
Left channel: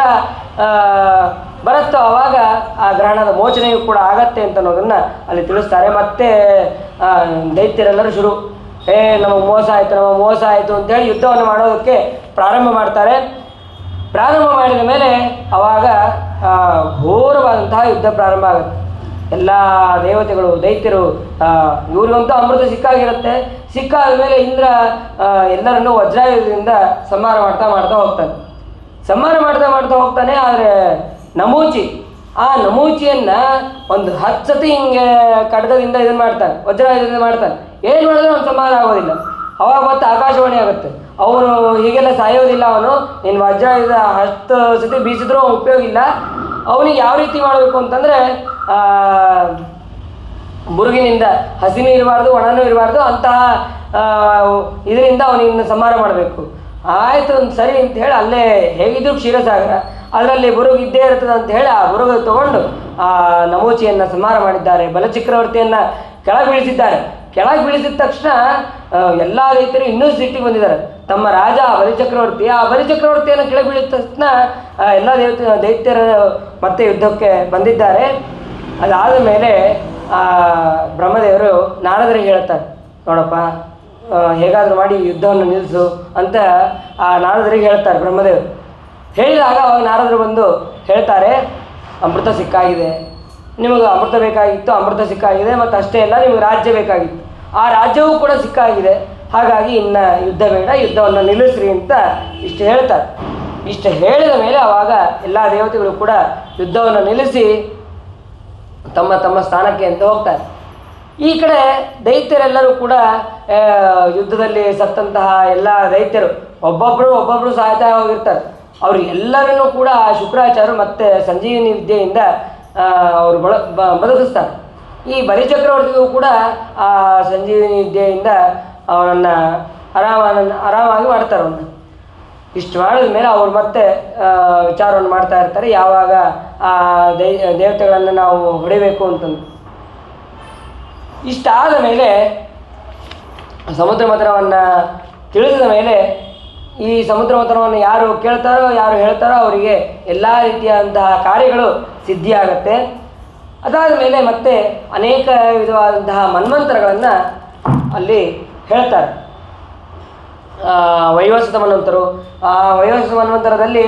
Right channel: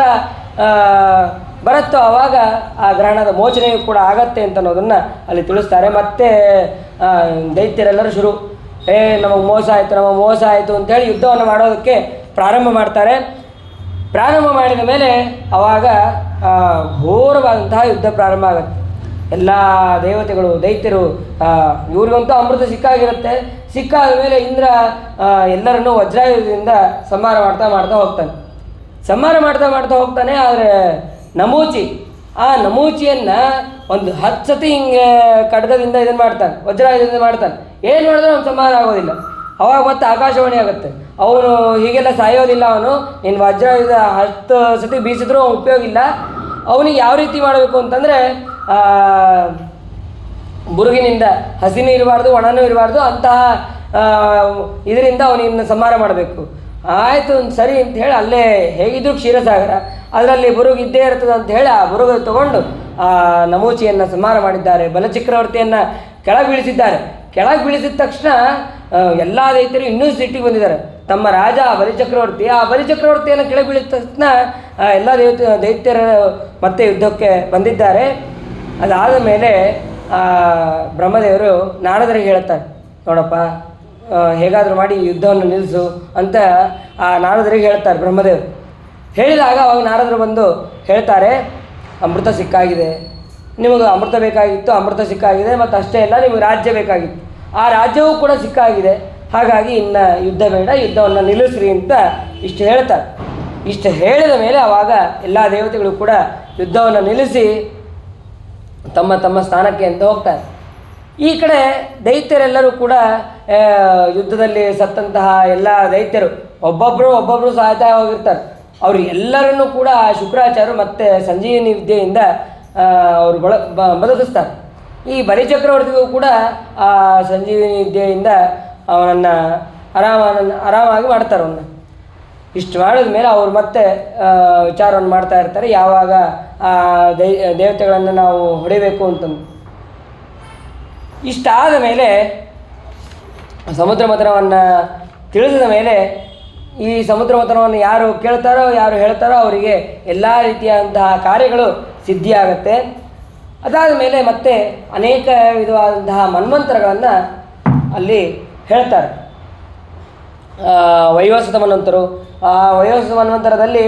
ಬರುತ್ತೋ ಆವಾಗ ಆ ಗ್ರಹಣದ ಮೋಚನೆಯೂ ಕೂಡ ಆಗತ್ತೆ ಅಂತ ಅನ್ನೋದನ್ನು ಅಲ್ಲಿ ತಿಳಿಸ್ತಾರೆ. ಮತ್ತೆ ದೈತ್ಯರೆಲ್ಲರೂ ನಮಗೆ ಮೋಸ ಆಯಿತು ಅಂತೇಳಿ ಯುದ್ಧವನ್ನು ಮಾಡೋದಕ್ಕೆ ಪ್ರಾರಂಭ ಮಾಡ್ತಾರೆ. ಪ್ರಾರಂಭ ಮಾಡಿದ ಮೇಲೆ ಆವಾಗ ಘೋರವಾದಂತಹ ಯುದ್ಧ ಪ್ರಾರಂಭ ಆಗುತ್ತೆ. ಎಲ್ಲ ದೇವತೆಗಳು ದೈತ್ಯರು ಇವ್ರಿಗಂತೂ ಅಮೃತ ಸಿಕ್ಕಾದ ಮೇಲೆ ಇಂದ್ರ ಎಲ್ಲರನ್ನೂ ವಜ್ರಾಯುಧದಿಂದ ಸಂಹಾರ ಮಾಡ್ತಾ ಹೋಗ್ತಾನೆ. ಆದರೆ ಆ ನಮೂಚಿಯನ್ನು ಒಂದು 10 ಸತಿ ಹಿಂಗೆ ಖಡ್ಗದಿಂದ ಇದನ್ನು ಮಾಡ್ತಾನೆ, ವಜ್ರಾಯುಧದಿಂದ ಮಾಡ್ತಾನೆ. ಏನು ಮಾಡಿದ್ರೆ ಅವ್ನು ಸಂಹಾರ ಆಗೋದಿಲ್ಲ. ಅವಾಗ ಮತ್ತೆ ಆಕಾಶವಾಣಿ ಆಗುತ್ತೆ, ಅವನು ಹೀಗೆಲ್ಲ ಸಾಯೋದಿಲ್ಲ, ಅವನು ನಿನ್ನ ವಜ್ರಾಯುಧ 10 ಸತಿ ಬೀಸಿದ್ರೂ ಉಪಯೋಗ ಇಲ್ಲ. ಅವನಿಗೆ ಯಾವ ರೀತಿ ಮಾಡಬೇಕು ಅಂತಂದರೆ ಬುರುಗಿನಿಂದ ಹಸಿನೂ ಇರಬಾರ್ದು ಒಣನೂ ಇರಬಾರ್ದು, ಅಂತಹ ಇದರಿಂದ ಅವನಿನ್ನು ಸಂಹಾರ ಮಾಡಬೇಕು. ಆಯಿತು ಸರಿ ಅಂತ ಹೇಳಿ ಅಲ್ಲೇ ಹೇಗಿದ್ರು ಕ್ಷೀರಸಾಗರ, ಅದರಲ್ಲಿ ಬುರುಗು ಇದ್ದೇ ಇರ್ತದೆ ಅಂತ ಹೇಳಿ ಆ ಬುರುಗು ತಗೊಂಡು ಆ ನಮೂಚಿಯನ್ನು ಸಂಹಾರ ಮಾಡಿದ್ದಾರೆ. ಬಲಚಕ್ರವರ್ತಿಯನ್ನು ಕೆಳಗೆ ಬೀಳಿಸಿದ ತಕ್ಷಣ ಎಲ್ಲ ದೈತ್ಯರು ಇನ್ನೂ ಸಿಟ್ಟಿಗೆ ಬಂದಿದ್ದಾರೆ. ತಮ್ಮ ರಾಜ ಬಲಿಚಕ್ರವರ್ತಿಯನ್ನು ಕೆಳಗೆ ಬೀಳಿದ ತಕ್ಷಣ ಎಲ್ಲ ದೈತ್ಯರು ಮತ್ತೆ ಯುದ್ಧಕ್ಕೆ ಬಂದಿದ್ದಾರೆ. ಅದಾದ ಮೇಲೆ ಬ್ರಹ್ಮದೇವರು ನಾರದರಿಗೆ ಹೇಳ್ತಾರೆ, ನೋಡಪ್ಪ ಹೇಗಾದರೂ ಮಾಡಿ ಯುದ್ಧವನ್ನು ನಿಲ್ಲಿಸು ಅಂತ ಆ ನಾರದರಿಗೆ ಹೇಳ್ತಾರೆ ಬ್ರಹ್ಮದೇವರು. ಹೇಳಿದಾಗ ಅವಾಗ ನಾರದರು ಬಂದು ಹೇಳ್ತಾರೆ, ಅಮೃತ ಸಿಕ್ಕಾಗಿದೆ, ನಿಮಗೆ ಅಮೃತ ಬೇಕಾಗಿತ್ತು, ಅಮೃತ ಸಿಕ್ಕಾಗಿದೆ, ಮತ್ತು ಅಷ್ಟೇ ಅಲ್ಲ ನಿಮಗೆ ರಾಜ್ಯ ಬೇಕಾಗಿತ್ತು, ಆ ರಾಜ್ಯವೂ ಕೂಡ ಸಿಕ್ಕಾಗಿದೆ. ಹಾಗಾಗಿ ಇನ್ನು ಯುದ್ಧ ಬೇಡ, ಯುದ್ಧವನ್ನು ನಿಲ್ಲಿಸ್ರಿ ಅಂತ ಇಷ್ಟು ಹೇಳ್ತಾರೆ. ಇಷ್ಟು ಹೇಳಿದ ಮೇಲೆ ಆವಾಗ ಎಲ್ಲ ದೇವತೆಗಳು ಕೂಡ ಯುದ್ಧವನ್ನು ನಿಲ್ಲಿಸಿ ತಮ್ಮ ತಮ್ಮ ಸ್ಥಾನಕ್ಕೆ ಅಂತ ಹೋಗ್ತಾರೆ. ಈ ಕಡೆ ದೈತ್ಯರೆಲ್ಲರೂ ಕೂಡ ಯುದ್ಧದಲ್ಲಿ ಸತ್ತಂತಹ ಎಲ್ಲ ದೈತ್ಯರು ಒಬ್ಬೊಬ್ಬರು ಸಾಯ್ತಾ ಹೋಗಿರ್ತಾರೆ. ಎಲ್ಲರನ್ನೂ ಕೂಡ ಶುಕ್ರಾಚಾರ್ಯರು ಮತ್ತು ಸಂಜೀವಿನಿ ವಿದ್ಯೆಯಿಂದ ಅವರು ಬದುಕಿಸ್ತಾರೆ. ಈ ಬಲಿಚಕ್ರವರ್ತಿಗೂ ಕೂಡ ಆ ಸಂಜೀವಿನಿ ವಿದ್ಯೆಯಿಂದ ಅವನನ್ನು ಆರಾಮಾಗಿ ಮಾಡ್ತಾರೆ. ಅವನ್ನ ಇಷ್ಟು ಮಾಡಿದ ಮೇಲೆ ಅವರು ಮತ್ತೆ ವಿಚಾರವನ್ನು ಮಾಡ್ತಾ ಇರ್ತಾರೆ, ಯಾವಾಗ ಆ ದೇವತೆಗಳನ್ನು ನಾವು ಹೊಡಿಬೇಕು ಅಂತಂದು. ಇಷ್ಟಾದ ಮೇಲೆ ಸಮುದ್ರ ಮಂಥನವನ್ನು ತಿಳಿಸಿದ ಮೇಲೆ ಈ ಸಮುದ್ರ ಮಂಥನವನ್ನು ಯಾರು ಕೇಳ್ತಾರೋ ಯಾರು ಹೇಳ್ತಾರೋ ಅವರಿಗೆ ಎಲ್ಲ ರೀತಿಯಾದಂತಹ ಕಾರ್ಯಗಳು ಸಿದ್ಧಿಯಾಗತ್ತೆ. ಅದಾದ ಮೇಲೆ ಮತ್ತೆ ಅನೇಕ ವಿಧವಾದಂತಹ ಮನ್ವಂತರಗಳನ್ನು ಅಲ್ಲಿ ಹೇಳ್ತಾರೆ. ವೈವಸ್ವತ ಮನ್ವಂತರು, ಆ ವೈವಸ್ವತ ಮನ್ವಂತರದಲ್ಲಿ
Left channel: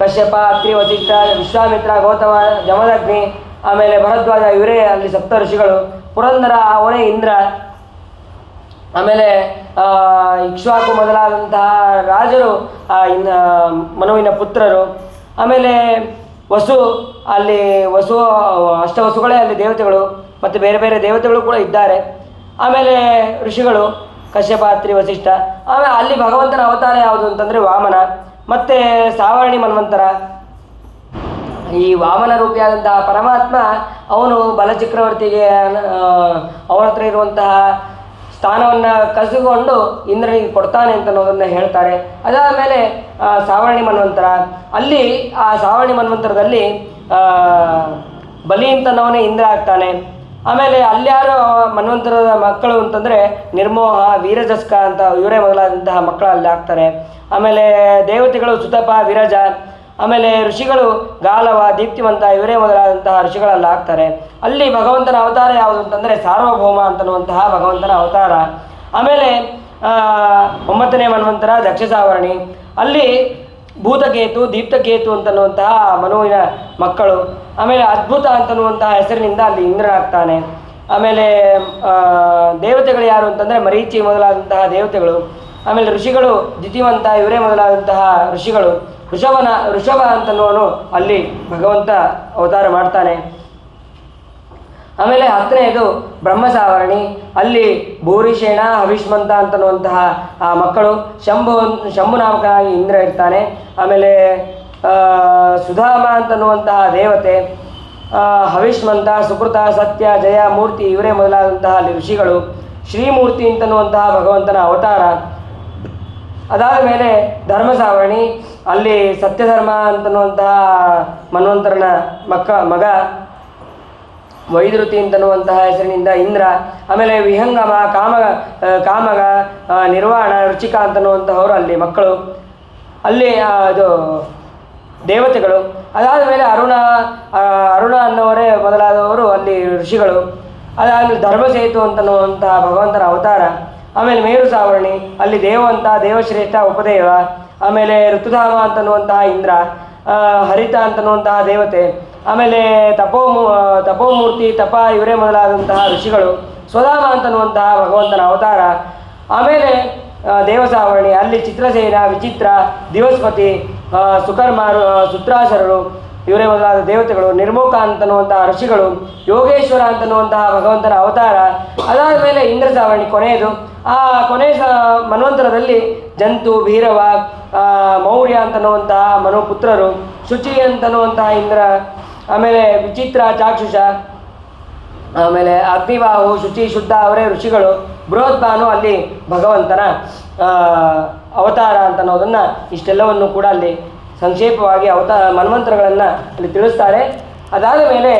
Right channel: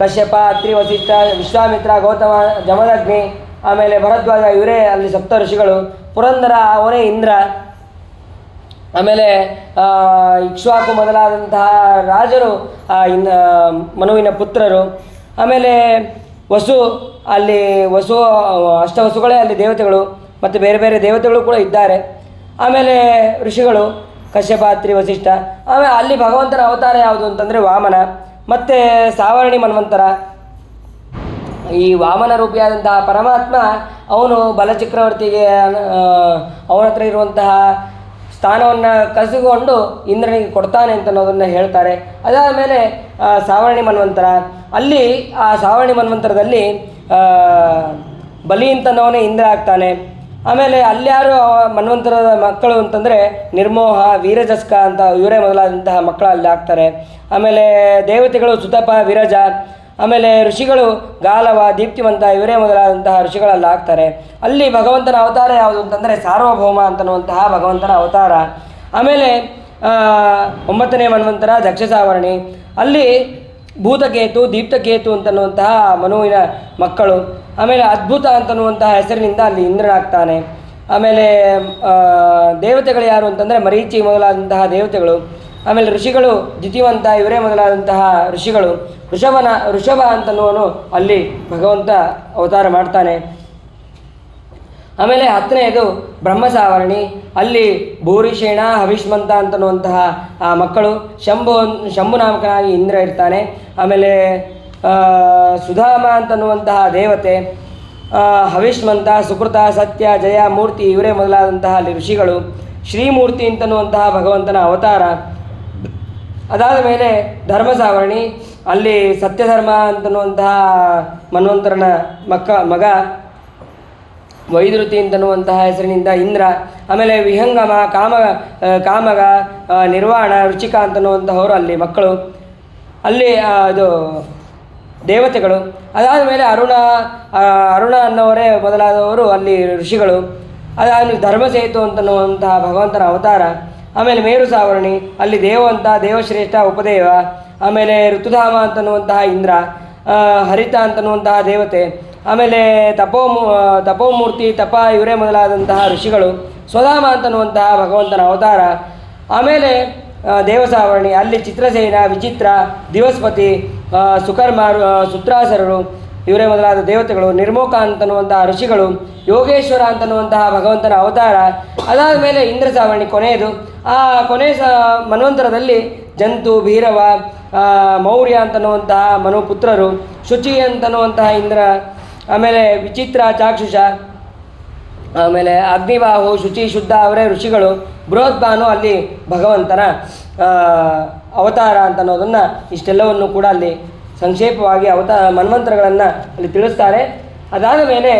ಕಶ್ಯಪ, ಅತ್ರಿ, ವಸಿಷ್ಠ, ವಿಶ್ವಾಮಿತ್ರ, ಗೌತಮ, ಜಮದಗ್ನಿ, ಆಮೇಲೆ ಭರದ್ವಾಜ, ಇವರೇ ಅಲ್ಲಿ ಸಪ್ತ ಋಷಿಗಳು. ಪುರಂದರ ಅವನೇ ಇಂದ್ರ, ಆಮೇಲೆ ಇಕ್ಷ್ವಾಕು ಮೊದಲಾದಂತಹ ರಾಜರು ಮನುವಿನ ಪುತ್ರರು. ಆಮೇಲೆ ವಸು ಅಷ್ಟವಸುಗಳೇ ಅಲ್ಲಿ ದೇವತೆಗಳು, ಮತ್ತು ಬೇರೆ ಬೇರೆ ದೇವತೆಗಳು ಕೂಡ ಇದ್ದಾರೆ. ಆಮೇಲೆ ಋಷಿಗಳು ಕಶ್ಯಪ, ಅತ್ರಿ, ವಸಿಷ್ಠ. ಆಮೇಲೆ ಅಲ್ಲಿ ಭಗವಂತನ ಅವತಾರ ಯಾವುದು ಅಂತಂದರೆ ವಾಮನ, ಮತ್ತು ಸಾವರ್ಣಿ ಮನ್ವಂತರ. ಈ ವಾಮನ ರೂಪಿಯಾದಂತಹ ಪರಮಾತ್ಮ ಅವನು ಬಲಚಕ್ರವರ್ತಿಗೆ ಅವನ ಹತ್ರ ಇರುವಂತಹ ಸ್ಥಾನವನ್ನು ಕಸಿದುಕೊಂಡು ಇಂದ್ರನಿಗೆ ಕೊಡ್ತಾನೆ ಅಂತ ಅನ್ನೋದನ್ನು ಹೇಳ್ತಾರೆ. ಅದಾದ ಮೇಲೆ ಸಾವರ್ಣಿ ಮನ್ವಂತರ, ಅಲ್ಲಿ ಆ ಸಾವರ್ಣಿ ಮನ್ವಂತರದಲ್ಲಿ ಬಲಿ ಅಂತನವನೇ ಇಂದ್ರ ಆಗ್ತಾನೆ. ಆಮೇಲೆ ಅಲ್ಯಾರು ಮನ್ವಂತರದ ಮಕ್ಕಳು ಅಂತಂದರೆ ನಿರ್ಮೋಹ, ವೀರಜಸ್ಕ ಅಂತ ಇವರೇ ಮೊದಲಾದಂತಹ ಮಕ್ಕಳು ಅಲ್ಲಿ ಆಗ್ತಾರೆ. ಆಮೇಲೆ ದೇವತೆಗಳು ಸುತಪ, ವಿರಜ. ಆಮೇಲೆ ಋಷಿಗಳು ಗಾಲವ, ದೀಪ್ತಿವಂತ, ಇವರೇ ಮೊದಲಾದಂತಹ ಋಷಿಗಳೆಲ್ಲ ಆಗ್ತಾರೆ. ಅಲ್ಲಿ ಭಗವಂತನ ಅವತಾರ ಯಾವುದು ಅಂತಂದರೆ ಸಾರ್ವಭೌಮ ಅಂತನ್ನುವಂತಹ ಭಗವಂತನ ಅವತಾರ. ಆಮೇಲೆ 9ನೇ ಮನ್ವಂತರ ದಕ್ಷ ಸಾವರ್ಣಿ, ಅಲ್ಲಿ ಭೂತಕೇತು, ದೀಪ್ತಕೇತು ಅಂತನ್ನುವಂತಹ ಮನುವಿನ ಮಕ್ಕಳು. ಆಮೇಲೆ ಅದ್ಭುತ ಅಂತನ್ನುವಂತಹ ಹೆಸರಿನಿಂದ ಅಲ್ಲಿ ಇಂದ್ರನಾಗ್ತಾನೆ. ಆಮೇಲೆ ದೇವತೆಗಳು ಯಾರು ಅಂತಂದರೆ ಮರೀಚಿ ಮೊದಲಾದಂತಹ ದೇವತೆಗಳು. ಆಮೇಲೆ ಋಷಿಗಳು ದ್ಯುತಿವಂತ ಇವರೇ ಮೊದಲಾದಂತಹ ಋಷಿಗಳು. ಋಷಭ ಅಂತನ್ನುವನು ಅಲ್ಲಿ ಭಗವಂತ ಅವತಾರ ಮಾಡ್ತಾನೆ. ಆಮೇಲೆ 10ನೇದು ಬ್ರಹ್ಮಸಾವರ್ಣಿ, ಅಲ್ಲಿ ಭೂರಿಷೇಣ ಹವಿಷ್ಮಂತ ಅಂತನ್ನುವಂತಹ ಮಕ್ಕಳು. ಶಂಭು ನಾಮಕನಾಗಿ ಇಂದ್ರ ಇರ್ತಾನೆ. ಆಮೇಲೆ ಸುಧಾಮ ಅಂತನ್ನುವಂತಹ ದೇವತೆ, ಹವಿಷ್ಮಂತ, ಸುಕೃತ, ಸತ್ಯ, ಜಯ, ಮೂರ್ತಿ ಇವರೇ ಮೊದಲಾದಂತಹ ಅಲ್ಲಿ ಋಷಿಗಳು. ಶ್ರೀಮೂರ್ತಿ ಅಂತನ್ನುವಂತಹ ಭಗವಂತನ ಅವತಾರ. ಅದಾದ ಮೇಲೆ ಧರ್ಮಸಾವರ್ಣಿ, ಅಲ್ಲಿ ಸತ್ಯಧರ್ಮ ಅಂತನ್ನುವಂತಹ ಮನ್ವಂತರನ ಮಗ. ವೈದ್ಯುತಿ ಅಂತನ್ನುವಂತಹ ಹೆಸರಿನಿಂದ ಇಂದ್ರ. ಆಮೇಲೆ ವಿಹಂಗಮ, ಕಾಮಗ, ನಿರ್ವಾಣ, ರುಚಿಕ ಅಂತನ್ನುವಂತಹವರು ಅಲ್ಲಿ ಮಕ್ಕಳು, ಅಲ್ಲಿ ಅದು ದೇವತೆಗಳು. ಅದಾದ ಮೇಲೆ ಅರುಣ ಅನ್ನೋವರೇ ಮೊದಲಾದವರು ಅಲ್ಲಿ ಋಷಿಗಳು. ಅದಾದಮೇಲೆ ಧರ್ಮಸೇತು ಅಂತನ್ನುವಂತಹ ಭಗವಂತನ ಅವತಾರ. ಆಮೇಲೆ ಮೇರು ಸಾವರ್ಣಿ, ಅಲ್ಲಿ ದೇವಂತ, ದೇವಶ್ರೇಷ್ಠ, ಉಪದೇವ. ಆಮೇಲೆ ಋತುಧಾಮ ಅಂತನ್ನುವಂತಹ ಇಂದ್ರ, ಹರಿತ ಅಂತನ್ನುವಂತಹ ದೇವತೆ. ಆಮೇಲೆ ತಪೋಮೂರ್ತಿ, ತಪ ಇವರೇ ಮೊದಲಾದಂತಹ ಋಷಿಗಳು. ಸ್ವಧಾಮ ಅಂತನ್ನುವಂತಹ ಭಗವಂತನ ಅವತಾರ. ಆಮೇಲೆ ದೇವಸಾವರ್ಣಿ, ಅಲ್ಲಿ ಚಿತ್ರಸೇನ, ವಿಚಿತ್ರ, ದಿವಸ್ಪತಿ, ಸುಕರ್ಮ, ಸುತ್ರಾಸರರು ಇವರೇ ಮೊದಲಾದ ದೇವತೆಗಳು. ನಿರ್ಮೋಕ ಅಂತನ್ನುವಂತಹ ಋಷಿಗಳು. ಯೋಗೇಶ್ವರ ಅಂತನ್ನುವಂತಹ ಭಗವಂತನ ಅವತಾರ. ಅದಾದ ಮೇಲೆ ಇಂದ್ರ ಸಾವರ್ಣಿ ಕೊನೆಯದು. ಆ ಕೊನೆಯ ಮನ್ವಂತರದಲ್ಲಿ ಜಂತು, ಭೀರವ, ಮೌರ್ಯ ಅಂತನ್ನುವಂತಹ ಮನುಪುತ್ರರು. ಶುಚಿ ಅಂತನ್ನುವಂತಹ ಇಂದ್ರ. ಆಮೇಲೆ ವಿಚಿತ್ರ, ಚಾಕ್ಷುಷ. ಆಮೇಲೆ ಅಗ್ನಿಬಾಹು, ಶುಚಿ, ಶುದ್ಧ ಅವರೇ ಋಷಿಗಳು. ಬೃಹದ್ಭಾನು ಅಲ್ಲಿ ಭಗವಂತನ ಅವತಾರ ಅಂತನ್ನೋದನ್ನು ಇಷ್ಟೆಲ್ಲವನ್ನು ಕೂಡ ಅಲ್ಲಿ ಸಂಕ್ಷೇಪವಾಗಿ ಮನ್ವಂತರಗಳನ್ನು ಅಲ್ಲಿ ತಿಳಿಸ್ತಾರೆ. ಅದಾದ ಮೇಲೆ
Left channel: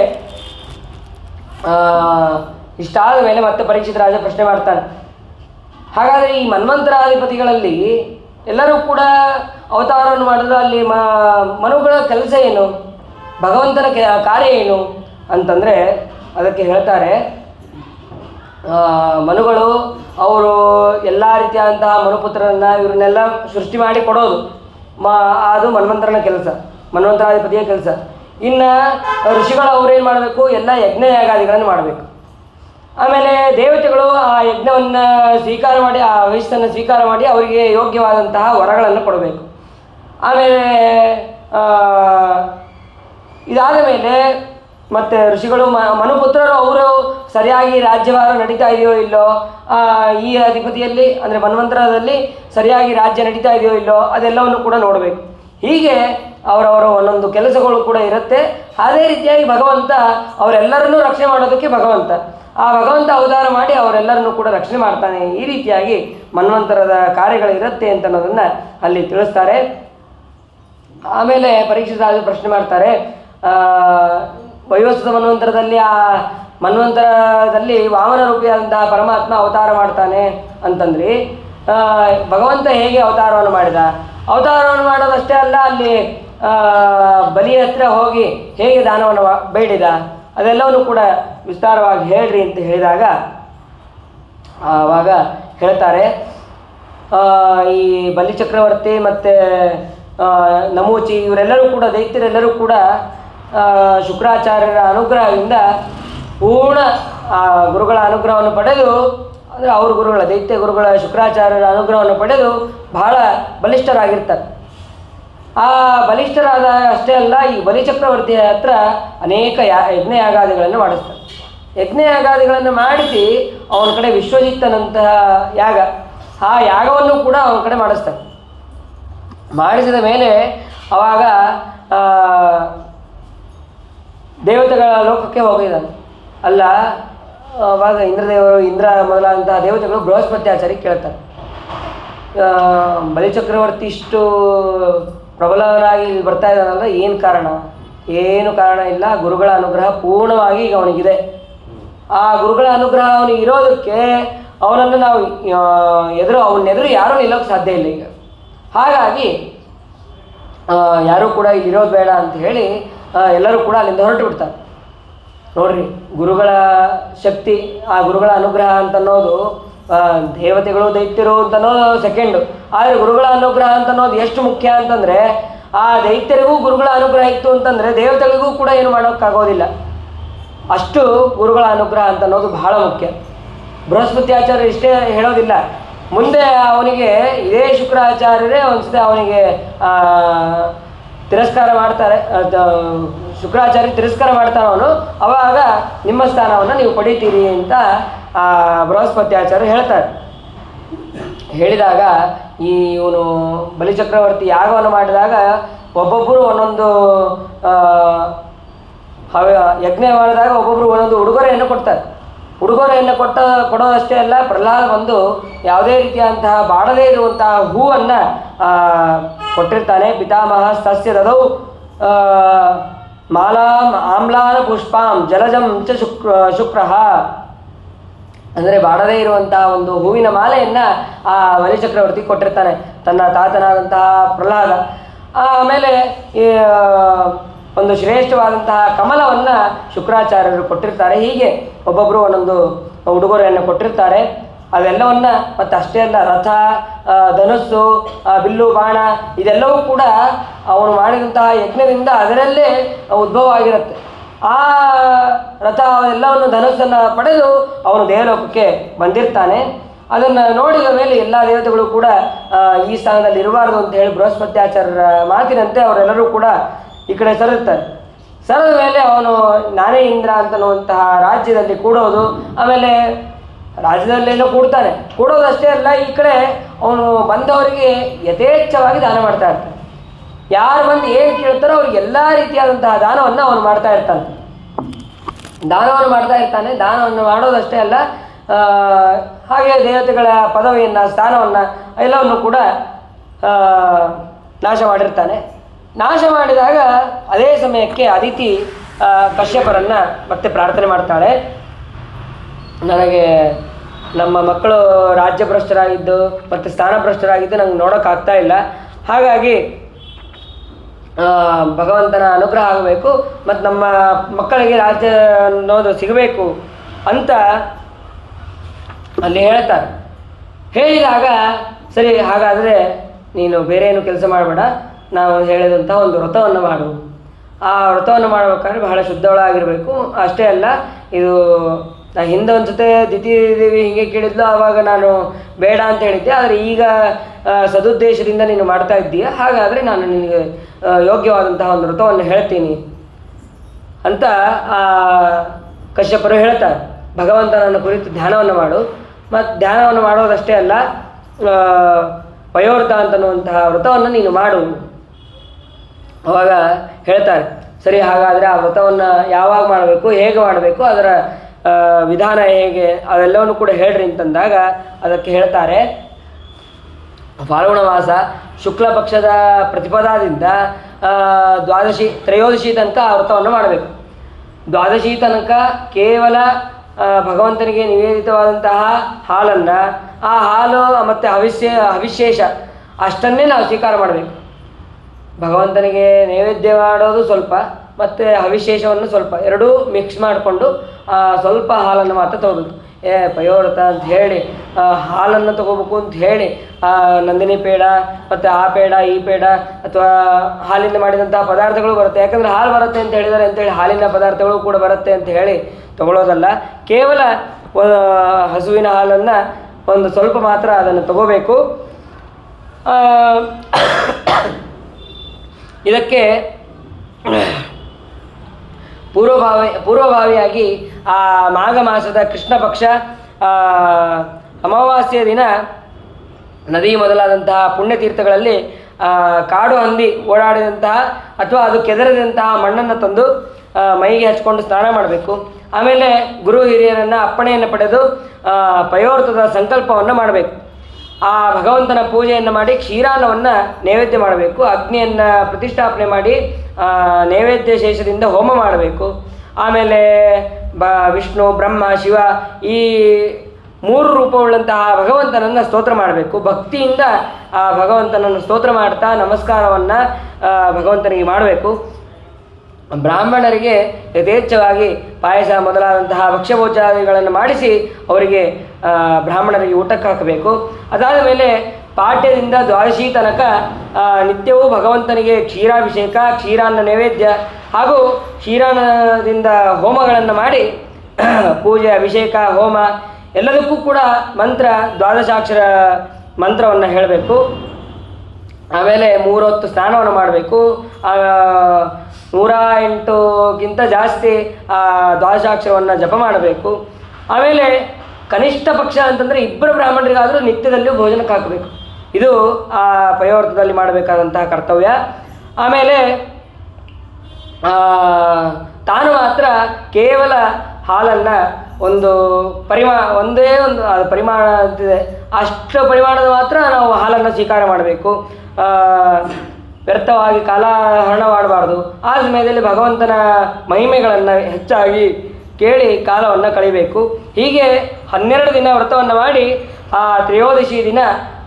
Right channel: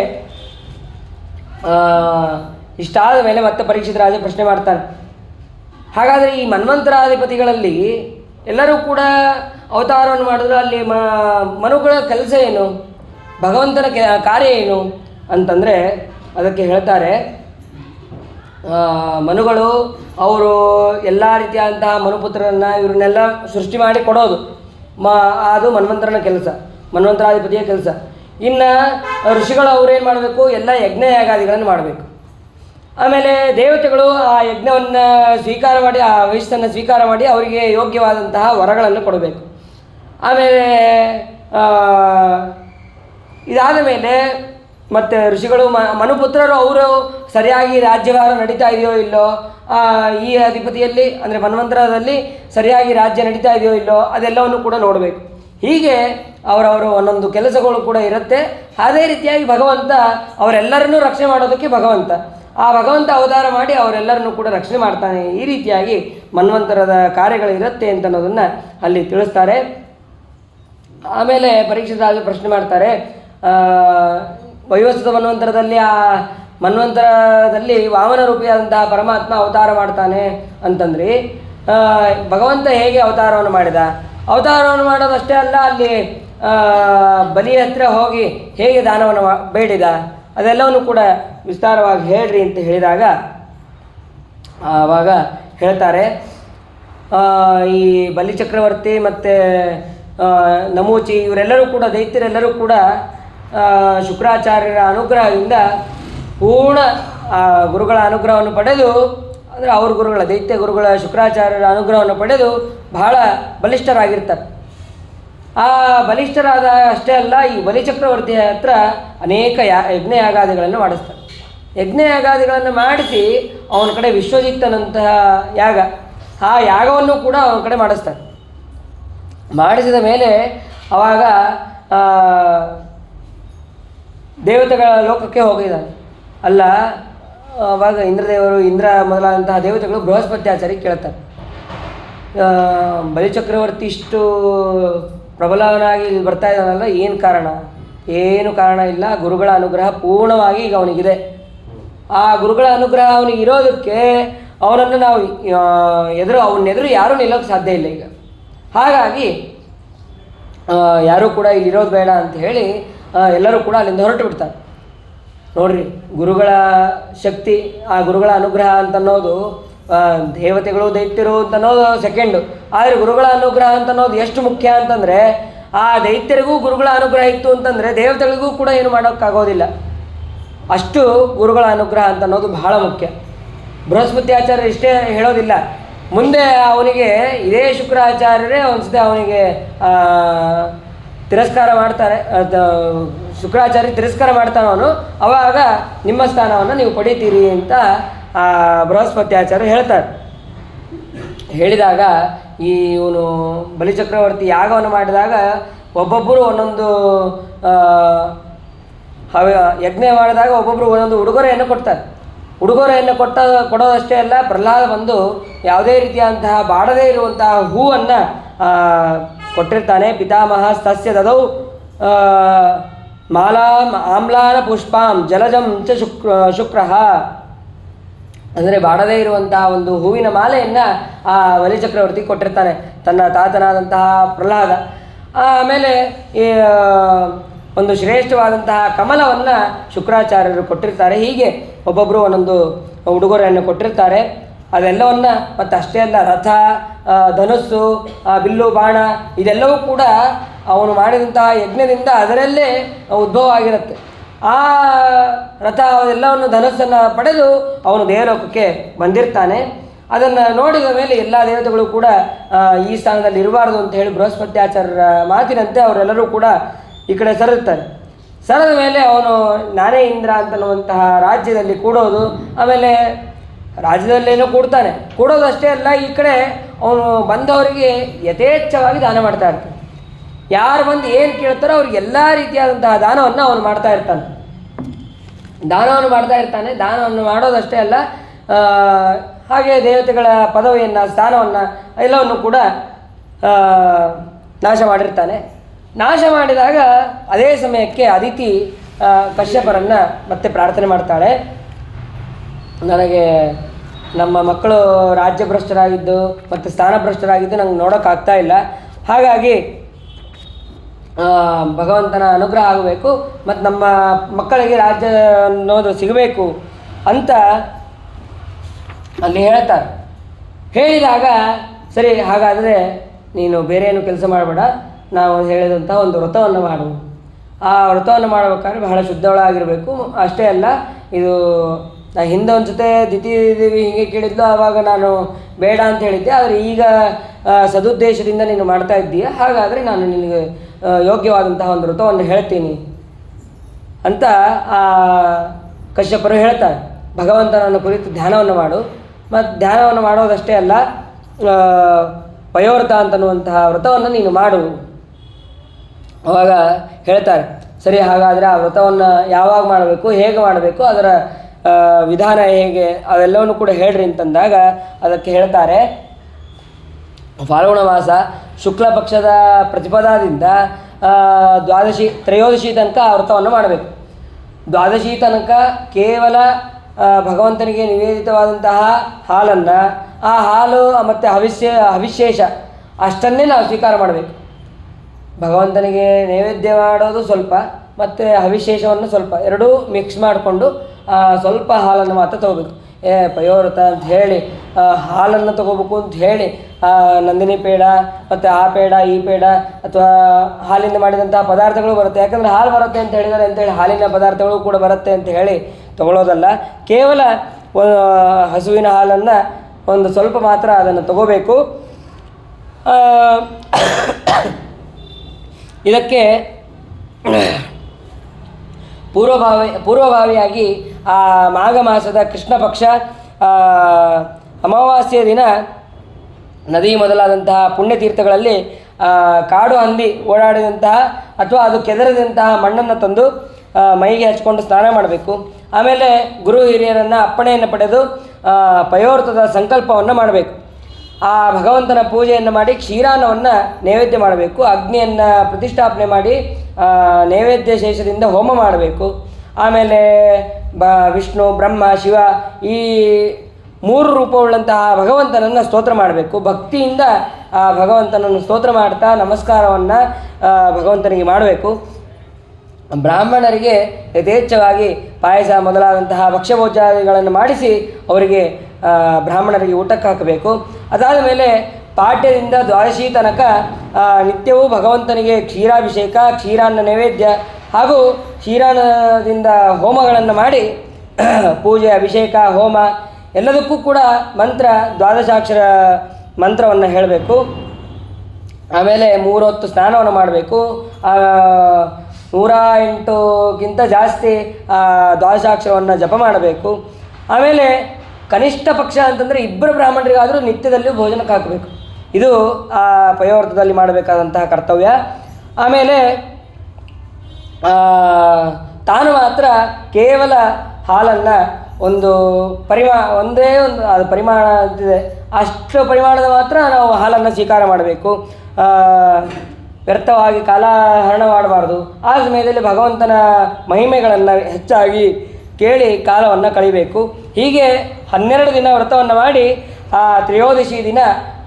ಇಷ್ಟಾದ ಮೇಲೆ ಮತ್ತೆ ಪರೀಕ್ಷಿತ ರಾಜ ಪ್ರಶ್ನೆ ಮಾಡ್ತಾನೆ, ಹಾಗಾದರೆ ಈ ಮನ್ವಂತರಾಧಿಪತಿಗಳಲ್ಲಿ ಎಲ್ಲರೂ ಕೂಡ ಅವತಾರವನ್ನು ಮಾಡಿದ್ರೆ ಅಲ್ಲಿ ಮನುಗಳ ಕೆಲಸ ಏನು, ಭಗವಂತನ ಕಾರ್ಯ ಏನು ಅಂತಂದರೆ ಅದಕ್ಕೆ ಹೇಳ್ತಾರೆ, ಮನುಗಳು ಅವರು ಎಲ್ಲ ರೀತಿಯಾದಂತಹ ಮನುಪುತ್ರರನ್ನು ಇವ್ರನ್ನೆಲ್ಲ ಸೃಷ್ಟಿ ಮಾಡಿ ಕೊಡೋದು ಅದು ಮನ್ವಂತರನ ಕೆಲಸ, ಮನ್ವಂತರಾಧಿಪತಿಯ ಕೆಲಸ. ಇನ್ನು ಋಷಿಗಳು ಅವ್ರೇನು ಮಾಡಬೇಕು, ಎಲ್ಲ ಯಜ್ಞ ಯಾಗಾದಿಗಳನ್ನು ಮಾಡಬೇಕು. ಆಮೇಲೆ ದೇವತೆಗಳು ಆ ಯಜ್ಞವನ್ನು ಸ್ವೀಕಾರ ಮಾಡಿ, ಆ ವಯಸ್ಸನ್ನು ಸ್ವೀಕಾರ ಮಾಡಿ ಅವರಿಗೆ ಯೋಗ್ಯವಾದಂತಹ ವರಗಳನ್ನು ಕೊಡಬೇಕು. ಆಮೇಲೆ ಇದಾದ ಮೇಲೆ ಮತ್ತು ಋಷಿಗಳು ಮನುಪುತ್ರರು ಅವರು ಸರಿಯಾಗಿ ರಾಜ್ಯಭಾರ ನಡೀತಾ ಇದೆಯೋ ಇಲ್ಲೋ, ಈ ಅಧಿಪತಿಯಲ್ಲಿ ಅಂದರೆ ಮನ್ವಂತರದಲ್ಲಿ ಸರಿಯಾಗಿ ರಾಜ್ಯ ನಡೀತಾ ಇದೆಯೋ ಇಲ್ಲೋ ಅದೆಲ್ಲವನ್ನು ಕೂಡ ನೋಡಬೇಕು. ಹೀಗೆ ಅವರವರ ಒಂದೊಂದು ಕೆಲಸಗಳು ಕೂಡ ಇರುತ್ತೆ. ಅದೇ ರೀತಿಯಾಗಿ ಭಗವಂತ ಅವರೆಲ್ಲರನ್ನೂ ರಕ್ಷಣೆ ಮಾಡೋದಕ್ಕೆ ಭಗವಂತ ಅವತಾರ ಮಾಡಿ ಅವರೆಲ್ಲರನ್ನೂ ಕೂಡ ರಕ್ಷಣೆ ಮಾಡ್ತಾನೆ. ಈ ರೀತಿಯಾಗಿ ಮನ್ವಂತರದ ಕಾರ್ಯಗಳಿರುತ್ತೆ ಅಂತ ಅನ್ನೋದನ್ನು ಅಲ್ಲಿ ತಿಳಿಸ್ತಾರೆ. ಆಮೇಲೆ ಪರೀಕ್ಷಿತ ಪ್ರಶ್ನೆ ಮಾಡ್ತಾರೆ, ವೈವಸ್ವತ ಮನ್ವಂತರದಲ್ಲಿ ಆ ಮನ್ವಂತರದಲ್ಲಿ ವಾಮನ ರೂಪಿಯಾದಂತಹ ಪರಮಾತ್ಮ ಅವತಾರ ಮಾಡ್ತಾನೆ ಅಂತಂದ್ರಿ, ಭಗವಂತ ಹೇಗೆ ಅವತಾರವನ್ನು ಮಾಡಿದ? ಅವತಾರವನ್ನು ಮಾಡೋದಷ್ಟೇ ಅಲ್ಲ, ಅಲ್ಲಿ ಬಲಿಯ ಹತ್ರ ಹೋಗಿ ಹೇಗೆ ದಾನವನ್ನು ಬೇಡಿದ ಅದೆಲ್ಲವನ್ನು ಕೂಡ ವಿಸ್ತಾರವಾಗಿ ಹೇಳ್ರಿ ಅಂತ ಹೇಳಿದಾಗ ಆವಾಗ ಹೇಳ್ತಾರೆ, ಈ ಬಲಿಚಕ್ರವರ್ತಿ ಮತ್ತು ನಮೂಚಿ ಇವರೆಲ್ಲರೂ ಕೂಡ ದೈತ್ಯರೆಲ್ಲರೂ ಕೂಡ ಶುಕ್ರಾಚಾರ್ಯರ ಅನುಗ್ರಹದಿಂದ ಪೂರ್ಣ ಗುರುಗಳ ಅನುಗ್ರಹವನ್ನು ಪಡೆದು, ಅಂದರೆ ಅವ್ರ ಗುರುಗಳ ದೈತ್ಯ ಗುರುಗಳ ಶುಕ್ರಾಚಾರ್ಯರ ಅನುಗ್ರಹವನ್ನು ಪಡೆದು ಬಹಳ ಬಲಿಷ್ಠರಾಗಿರ್ತಾರೆ. ಆ ಬಲಿಷ್ಠರಾದ ಅಷ್ಟೇ ಅಲ್ಲ, ಈ ಬಲಿಚಕ್ರವರ್ತಿಯ ಹತ್ರ ಅನೇಕ ಯಜ್ಞಯಾಗಾದಿಗಳನ್ನು ಮಾಡಿಸ್ತಾರೆ. ಯಜ್ಞಯಾಗಾದಿಗಳನ್ನು ಮಾಡಿಸಿ ಅವನ ಕಡೆ ವಿಶ್ವಜಿತ್ತನಂತಹ ಯಾಗ, ಆ ಯಾಗವನ್ನು ಕೂಡ ಅವನ ಕಡೆ ಮಾಡಿಸ್ತಾರೆ. ಮಾಡಿಸಿದ ಮೇಲೆ ಅವಾಗ ದೇವತೆಗಳ ಲೋಕಕ್ಕೆ ಹೋಗಿದ್ದಾನೆ. ಅಲ್ಲ, ಆವಾಗ ಇಂದ್ರ ಮೊದಲಾದಂತಹ ದೇವತೆಗಳು ಬೃಹಸ್ಪತ್ಯಾಚಾರ್ಯಕ್ಕೆ ಕೇಳ್ತಾರೆ, ಬಲಿಚಕ್ರವರ್ತಿ ಇಷ್ಟು ಪ್ರಬಲನಾಗಿ ಬರ್ತಾ ಇದ್ದಾನಲ್ಲ, ಏನು ಕಾರಣ? ಏನು ಕಾರಣ ಇಲ್ಲ, ಗುರುಗಳ ಅನುಗ್ರಹ ಪೂರ್ಣವಾಗಿ ಈಗ ಅವನಿಗಿದೆ. ಆ ಗುರುಗಳ ಅನುಗ್ರಹ ಅವನಿಗೆ ಇರೋದಕ್ಕೆ ಅವನನ್ನು ನಾವು ಅವನ್ನೆದುರು ಯಾರೂ ನಿಲ್ಲೋಕ್ಕೆ ಸಾಧ್ಯ ಇಲ್ಲ ಈಗ. ಹಾಗಾಗಿ ಯಾರೂ ಕೂಡ ಇಲ್ಲಿರೋದು ಬೇಡ ಅಂತ ಹೇಳಿ ಎಲ್ಲರೂ ಕೂಡ ಅಲ್ಲಿಂದ ಹೊರಟು ಬಿಡ್ತಾರೆ. ನೋಡ್ರಿ, ಗುರುಗಳ ಶಕ್ತಿ, ಆ ಗುರುಗಳ ಅನುಗ್ರಹ ಅಂತನ್ನೋದು ದೇವತೆಗಳು ದೈತ್ಯರು ಅಂತನ್ನೋದು ಸೆಕೆಂಡು, ಆದರೆ ಗುರುಗಳ ಅನುಗ್ರಹ ಅಂತನ್ನೋದು ಎಷ್ಟು ಮುಖ್ಯ ಅಂತಂದರೆ, ಆ ದೈತ್ಯರಿಗೂ ಗುರುಗಳ ಅನುಗ್ರಹ ಇತ್ತು ಅಂತಂದರೆ ದೇವತೆಗಳಿಗೂ ಕೂಡ ಏನು ಮಾಡೋಕ್ಕಾಗೋದಿಲ್ಲ. ಅಷ್ಟು ಗುರುಗಳ ಅನುಗ್ರಹ ಅಂತನ್ನೋದು ಬಹಳ ಮುಖ್ಯ. ಬೃಹಸ್ಪತ್ಯಾಚಾರ್ಯರು ಇಷ್ಟೇ ಹೇಳೋದಿಲ್ಲ, ಮುಂದೆ ಅವನಿಗೆ ಇದೇ ಶುಕ್ರಾಚಾರ್ಯರೇ ಒಂದ್ಸತಿ ಅವನಿಗೆ ತಿರಸ್ಕಾರ ಮಾಡ್ತಾರೆ. ಶುಕ್ರಾಚಾರ್ಯ ತಿರಸ್ಕಾರ ಮಾಡ್ತಾನೆ ಅವನು. ಅವಾಗ ನಿಮ್ಮ ಸ್ಥಾನವನ್ನು ನೀವು ಪಡಿತೀರಿ ಅಂತ ಬೃಹಸ್ಪತ್ಯಾಚಾರ್ಯ ಹೇಳ್ತಾರೆ. ಹೇಳಿದಾಗ ಇವನು ಬಲಿಚಕ್ರವರ್ತಿ ಯಾಗವನ್ನು ಮಾಡಿದಾಗ ಒಬ್ಬೊಬ್ಬರು ಒಂದೊಂದು ಯಜ್ಞ ಮಾಡಿದಾಗ ಒಬ್ಬೊಬ್ಬರು ಒಂದೊಂದು ಉಡುಗೊರೆಯನ್ನು ಕೊಡ್ತಾರೆ. ಉಡುಗೊರೆಯನ್ನು ಕೊಡೋದಷ್ಟೇ ಅಲ್ಲ, ಪ್ರಹ್ಲಾದ ಬಂದು ಯಾವುದೇ ರೀತಿಯಾದಂತಹ ಬಾಡದೇ ಇರುವಂತಹ ಹೂವನ್ನು ಕೊಟ್ಟಿರ್ತಾನೆ. ಪಿತಾಮಹ ತಸ್ಯ ದದೌ ಮಾಲಾಂ ಆಮ್ಲಾನ ಪುಷ್ಪಾಂ ಜಲಜಂ ಚ ಶುಕ್ರಃ. ಅಂದರೆ ಬಾಡದೇ ಇರುವಂತಹ ಒಂದು ಹೂವಿನ ಮಾಲೆಯನ್ನು ಆ ಬಲಿಚಕ್ರವರ್ತಿ ಕೊಟ್ಟಿರ್ತಾನೆ ತನ್ನ ತಾತನಾದಂತಹ ಪ್ರಹ್ಲಾದ. ಆಮೇಲೆ ಒಂದು ಶ್ರೇಷ್ಠವಾದಂತಹ ಕಮಲವನ್ನು ಶುಕ್ರಾಚಾರ್ಯರು ಕೊಟ್ಟಿರ್ತಾರೆ. ಹೀಗೆ ಒಬ್ಬೊಬ್ಬರು ಒಂದೊಂದು ಉಡುಗೊರೆಯನ್ನು ಕೊಟ್ಟಿರ್ತಾರೆ. ಅದೆಲ್ಲವನ್ನು ಮತ್ತು ಅಷ್ಟೇ ಅಲ್ಲ, ರಥ, ಧನುಸ್ಸು, ಬಿಲ್ಲು, ಬಾಣ ಇದೆಲ್ಲವೂ ಕೂಡ ಅವನು ಮಾಡಿದಂತಹ ಯಜ್ಞದಿಂದ ಅದರಲ್ಲೇ ಉದ್ಭವ ಆಗಿರುತ್ತೆ. ಆ ರಥ ಎಲ್ಲವನ್ನು ಧನುಸ್ಸನ್ನು ಪಡೆದು ಅವನು ದೇವಲೋಕಕ್ಕೆ ಬಂದಿರ್ತಾನೆ. ಅದನ್ನು ನೋಡಿದ ಮೇಲೆ ಎಲ್ಲ ದೇವತೆಗಳು ಕೂಡ ಈ ಸ್ಥಾನದಲ್ಲಿ ಇರಬಾರ್ದು ಅಂತ ಹೇಳಿ ಬೃಹಸ್ಪತ್ಯಾಚಾರ್ಯರ ಮಾತಿನಂತೆ ಅವರೆಲ್ಲರೂ ಕೂಡ ಈ ಕಡೆ ಸರಿರ್ತಾರೆ. ಸರದ ಮೇಲೆ ಅವನು ನಾನೇ ಇಂದ್ರ ಅಂತನ್ನುವಂತಹ ರಾಜ್ಯದಲ್ಲಿ ಕೂಡೋದು. ಆಮೇಲೆ ರಾಜ್ಯದಲ್ಲೇನೋ ಕೂಡ್ತಾನೆ. ಕೂಡೋದಷ್ಟೇ ಅಲ್ಲ, ಈ ಕಡೆ ಅವನು ಬಂದವರಿಗೆ ಯಥೇಚ್ಛವಾಗಿ ದಾನ ಮಾಡ್ತಾ ಇರ್ತಾನೆ. ಯಾರು ಬಂದು ಏನು ಕೇಳ್ತಾರೋ ಅವ್ರಿಗೆ ಎಲ್ಲ ರೀತಿಯಾದಂತಹ ದಾನವನ್ನು ಅವನು ಮಾಡ್ತಾ ಇರ್ತಾನೆ. ದಾನವನ್ನು ಮಾಡೋದಷ್ಟೇ ಅಲ್ಲ, ಹಾಗೆ ದೇವತೆಗಳ ಪದವಿಯನ್ನು, ಸ್ಥಾನವನ್ನು ಎಲ್ಲವನ್ನು ಕೂಡ ನಾಶ ಮಾಡಿರ್ತಾನೆ. ನಾಶ ಮಾಡಿದಾಗ ಅದೇ ಸಮಯಕ್ಕೆ ಅದಿತಿ ಕಶ್ಯಪರನ್ನು ಮತ್ತೆ ಪ್ರಾರ್ಥನೆ ಮಾಡ್ತಾಳೆ. ನನಗೆ ನಮ್ಮ ಮಕ್ಕಳು ರಾಜ್ಯಭ್ರಷ್ಟರಾಗಿದ್ದು ಮತ್ತು ಸ್ಥಾನಭ್ರಷ್ಟರಾಗಿದ್ದು ನಂಗೆ ನೋಡೋಕ್ಕಾಗ್ತಾ ಇಲ್ಲ. ಹಾಗಾಗಿ ಭಗವಂತನ ಅನುಗ್ರಹ ಆಗಬೇಕು ಮತ್ತು ನಮ್ಮ ಮಕ್ಕಳಿಗೆ ರಾಜ್ಯ ಅನ್ನೋದು ಸಿಗಬೇಕು ಅಂತ ಅಲ್ಲಿ ಹೇಳ್ತಾರೆ. ಹೇಳಿದಾಗ ಸರಿ, ಹಾಗಾದರೆ ನೀನು ಬೇರೆ ಏನು ಕೆಲಸ ಮಾಡಬೇಡ, ನಾವು ಹೇಳಿದಂಥ ಒಂದು ವ್ರತವನ್ನು ಮಾಡು. ಆ ವ್ರತವನ್ನು ಮಾಡಬೇಕಾದ್ರೆ ಬಹಳ ಶುದ್ಧಳಾಗಿರಬೇಕು. ಅಷ್ಟೇ ಅಲ್ಲ, ಇದು ನಾ ಹಿಂದೆ ಒಂದು ಜೊತೆ ದಿತಿದೇವಿ ಹೀಗೆ ಕೇಳಿದ್ಲು, ಆವಾಗ ನಾನು ಬೇಡ ಅಂತ ಹೇಳಿದ್ದೆ. ಆದರೆ ಈಗ ಸದುದ್ದೇಶದಿಂದ ನೀನು ಮಾಡ್ತಾ ಇದ್ದೀಯ, ಹಾಗಾದರೆ ನಾನು ನಿನಗೆ ಯೋಗ್ಯವಾದಂತಹ ಒಂದು ವ್ರತವನ್ನು ಹೇಳ್ತೀನಿ ಅಂತ ಕಶ್ಯಪರು ಹೇಳ್ತಾರೆ. ಭಗವಂತನನ್ನು ಕುರಿತು ಧ್ಯಾನವನ್ನು ಮಾಡು. ಮತ್ತು ಧ್ಯಾನವನ್ನು ಮಾಡೋದಷ್ಟೇ ಅಲ್ಲ, ಪಯೋವ್ರತ ಅಂತನ್ನುವಂತಹ ವ್ರತವನ್ನು ನೀನು ಮಾಡು. ಅವಾಗ ಹೇಳ್ತಾರೆ, ಸರಿ, ಹಾಗಾದರೆ ಆ ವ್ರತವನ್ನು ಯಾವಾಗ ಮಾಡಬೇಕು, ಹೇಗೆ ಮಾಡಬೇಕು, ಅದರ ವಿಧಾನ ಹೇಗೆ, ಅದೆಲ್ಲವನ್ನು ಕೂಡ ಹೇಳ್ರಿ ಅಂತಂದಾಗ ಅದಕ್ಕೆ ಹೇಳ್ತಾರೆ, ಫಾಲ್ಗುಣ ಮಾಸ ಶುಕ್ಲ ಪಕ್ಷದ ಪ್ರತಿಪದಾದಿಂದ ತ್ರಯೋದಶಿ ತನಕ ಆ ವ್ರತವನ್ನು ಮಾಡಬೇಕು. ದ್ವಾದಶಿ ತನಕ ಕೇವಲ ಭಗವಂತನಿಗೆ ನಿವೇದಿತವಾದಂತಹ ಹಾಲನ್ನು, ಆ ಹಾಲು ಮತ್ತು ಹವಿಶೇಷ ಅಷ್ಟನ್ನೇ ನಾವು ಸ್ವೀಕಾರ ಮಾಡಬೇಕು. ಭಗವಂತನಿಗೆ ನೈವೇದ್ಯ ಮಾಡೋದು ಸ್ವಲ್ಪ ಮತ್ತು ಹವಿಶೇಷವನ್ನು ಸ್ವಲ್ಪ, ಎರಡೂ ಮಿಕ್ಸ್ ಮಾಡಿಕೊಂಡು ಸ್ವಲ್ಪ ಹಾಲನ್ನು ಮಾತ್ರ ತೊಗೋಬೇಕು. ಪಯೋವ್ರತ ಅಂತ ಹೇಳಿ ಹಾಲನ್ನು ತೊಗೋಬೇಕು ಅಂತ ಹೇಳಿ ನಂದಿನಿ ಪೇಡ ಮತ್ತು ಆ ಪೇಡ ಈ ಪೇಡ ಅಥವಾ ಹಾಲಿಂದ ಮಾಡಿದಂಥ ಪದಾರ್ಥಗಳು ಬರುತ್ತೆ. ಯಾಕಂದರೆ ಹಾಲು ಬರುತ್ತೆ ಅಂತ ಹೇಳಿದ್ದಾರೆ ಅಂತೇಳಿ ಹಾಲಿನ ಪದಾರ್ಥಗಳು ಕೂಡ ಬರುತ್ತೆ ಅಂತ ಹೇಳಿ ತಗೊಳ್ಳೋದಲ್ಲ. ಕೇವಲ ಹಸುವಿನ ಹಾಲನ್ನು ಒಂದು ಸ್ವಲ್ಪ ಮಾತ್ರ ಅದನ್ನು ತಗೋಬೇಕು. ಇದಕ್ಕೆ ಪೂರ್ವಭಾವಿಯಾಗಿ ಮಾಘ ಮಾಸದ ಕೃಷ್ಣ ಪಕ್ಷ ಅಮಾವಾಸ್ಯೆಯ ದಿನ ನದಿ ಮೊದಲಾದಂತಹ ಪುಣ್ಯತೀರ್ಥಗಳಲ್ಲಿ ಕಾಡು ಹಂದಿ ಓಡಾಡಿದಂತಹ ಅಥವಾ ಅದು ಕೆದರಿದಂತಹ ಮಣ್ಣನ್ನು ತಂದು ಮೈಗೆ ಹಚ್ಕೊಂಡು ಸ್ನಾನ ಮಾಡಬೇಕು. ಆಮೇಲೆ ಗುರು ಹಿರಿಯರನ್ನು ಅಪ್ಪಣೆಯನ್ನು ಪಡೆದು ಪಯೋವ್ರತದ ಸಂಕಲ್ಪವನ್ನು ಮಾಡಬೇಕು. ಆ ಭಗವಂತನ ಪೂಜೆಯನ್ನು ಮಾಡಿ ಕ್ಷೀರಾನ್ನವನ್ನು ನೈವೇದ್ಯ ಮಾಡಬೇಕು. ಅಗ್ನಿಯನ್ನು ಪ್ರತಿಷ್ಠಾಪನೆ ಮಾಡಿ ನೈವೇದ್ಯ ಶೇಷದಿಂದ ಹೋಮ ಮಾಡಬೇಕು. ಆಮೇಲೆ ವಿಷ್ಣು, ಬ್ರಹ್ಮ, ಶಿವ ಈ ಮೂರು ರೂಪವುಳ್ಳಂತಹ ಭಗವಂತನನ್ನು ಸ್ತೋತ್ರ ಮಾಡಬೇಕು. ಭಕ್ತಿಯಿಂದ ಆ ಭಗವಂತನನ್ನು ಸ್ತೋತ್ರ ಮಾಡ್ತಾ ನಮಸ್ಕಾರವನ್ನು ಭಗವಂತನಿಗೆ ಮಾಡಬೇಕು. ಬ್ರಾಹ್ಮಣರಿಗೆ ಯಥೇಚ್ಛವಾಗಿ ಪಾಯಸ ಮೊದಲಾದಂತಹ ಭಕ್ಷ್ಯಭೋಜಾದಿಗಳನ್ನು ಮಾಡಿಸಿ ಅವರಿಗೆ ಬ್ರಾಹ್ಮಣರಿಗೆ ಊಟಕ್ಕೆ ಹಾಕಬೇಕು. ಅದಾದ ಮೇಲೆ ಪಾಠ್ಯದಿಂದ ದ್ವಾದಶಿ ತನಕ ನಿತ್ಯವೂ ಭಗವಂತನಿಗೆ ಕ್ಷೀರಾಭಿಷೇಕ, ಕ್ಷೀರಾನ್ನ ನೈವೇದ್ಯ ಹಾಗೂ ಕ್ಷೀರಾನ್ನದಿಂದ ಹೋಮಗಳನ್ನು ಮಾಡಿ ಪೂಜೆ, ಅಭಿಷೇಕ, ಹೋಮ ಎಲ್ಲದಕ್ಕೂ ಕೂಡ ಮಂತ್ರ ದ್ವಾದಶಾಕ್ಷರ ಮಂತ್ರವನ್ನು ಹೇಳಬೇಕು. ಆಮೇಲೆ 3 ಹೊತ್ತು ಸ್ನಾನವನ್ನು ಮಾಡಬೇಕು. 108ಗಿಂತ ಜಾಸ್ತಿ ದ್ವಾದಶಾಕ್ಷರವನ್ನು ಜಪ ಮಾಡಬೇಕು. ಆಮೇಲೆ ಕನಿಷ್ಠ ಪಕ್ಷ ಅಂತಂದರೆ 2 ಬ್ರಾಹ್ಮಣರಿಗಾದರೂ ನಿತ್ಯದಲ್ಲಿಯೂ ಭೋಜನಕ್ಕೆ ಹಾಕಬೇಕು. ಇದು ಆ ಪಯೋವರ್ತದಲ್ಲಿ ಮಾಡಬೇಕಾದಂತಹ ಕರ್ತವ್ಯ. ಆಮೇಲೆ ತಾನು ಮಾತ್ರ ಕೇವಲ ಹಾಲನ್ನು ಒಂದೇ ಒಂದು ಪರಿಮಾಣ ಅಂತಿದೆ, ಅಷ್ಟು ಪರಿಮಾಣದ ಮಾತ್ರ ನಾವು ಹಾಲನ್ನು ಸ್ವೀಕಾರ ಮಾಡಬೇಕು. ವ್ಯರ್ಥವಾಗಿ ಕಾಲಹರಣ ಮಾಡಬಾರ್ದು. ಆ ಸಮಯದಲ್ಲಿ ಭಗವಂತನ ಮಹಿಮೆಗಳನ್ನು ಹೆಚ್ಚಾಗಿ ಕೇಳಿ ಕಾಲವನ್ನು ಕಳಿಬೇಕು. ಹೀಗೆ 12 ದಿನ ವ್ರತವನ್ನು ಮಾಡಿ ಆ ತ್ರಯೋದಶಿ ದಿನ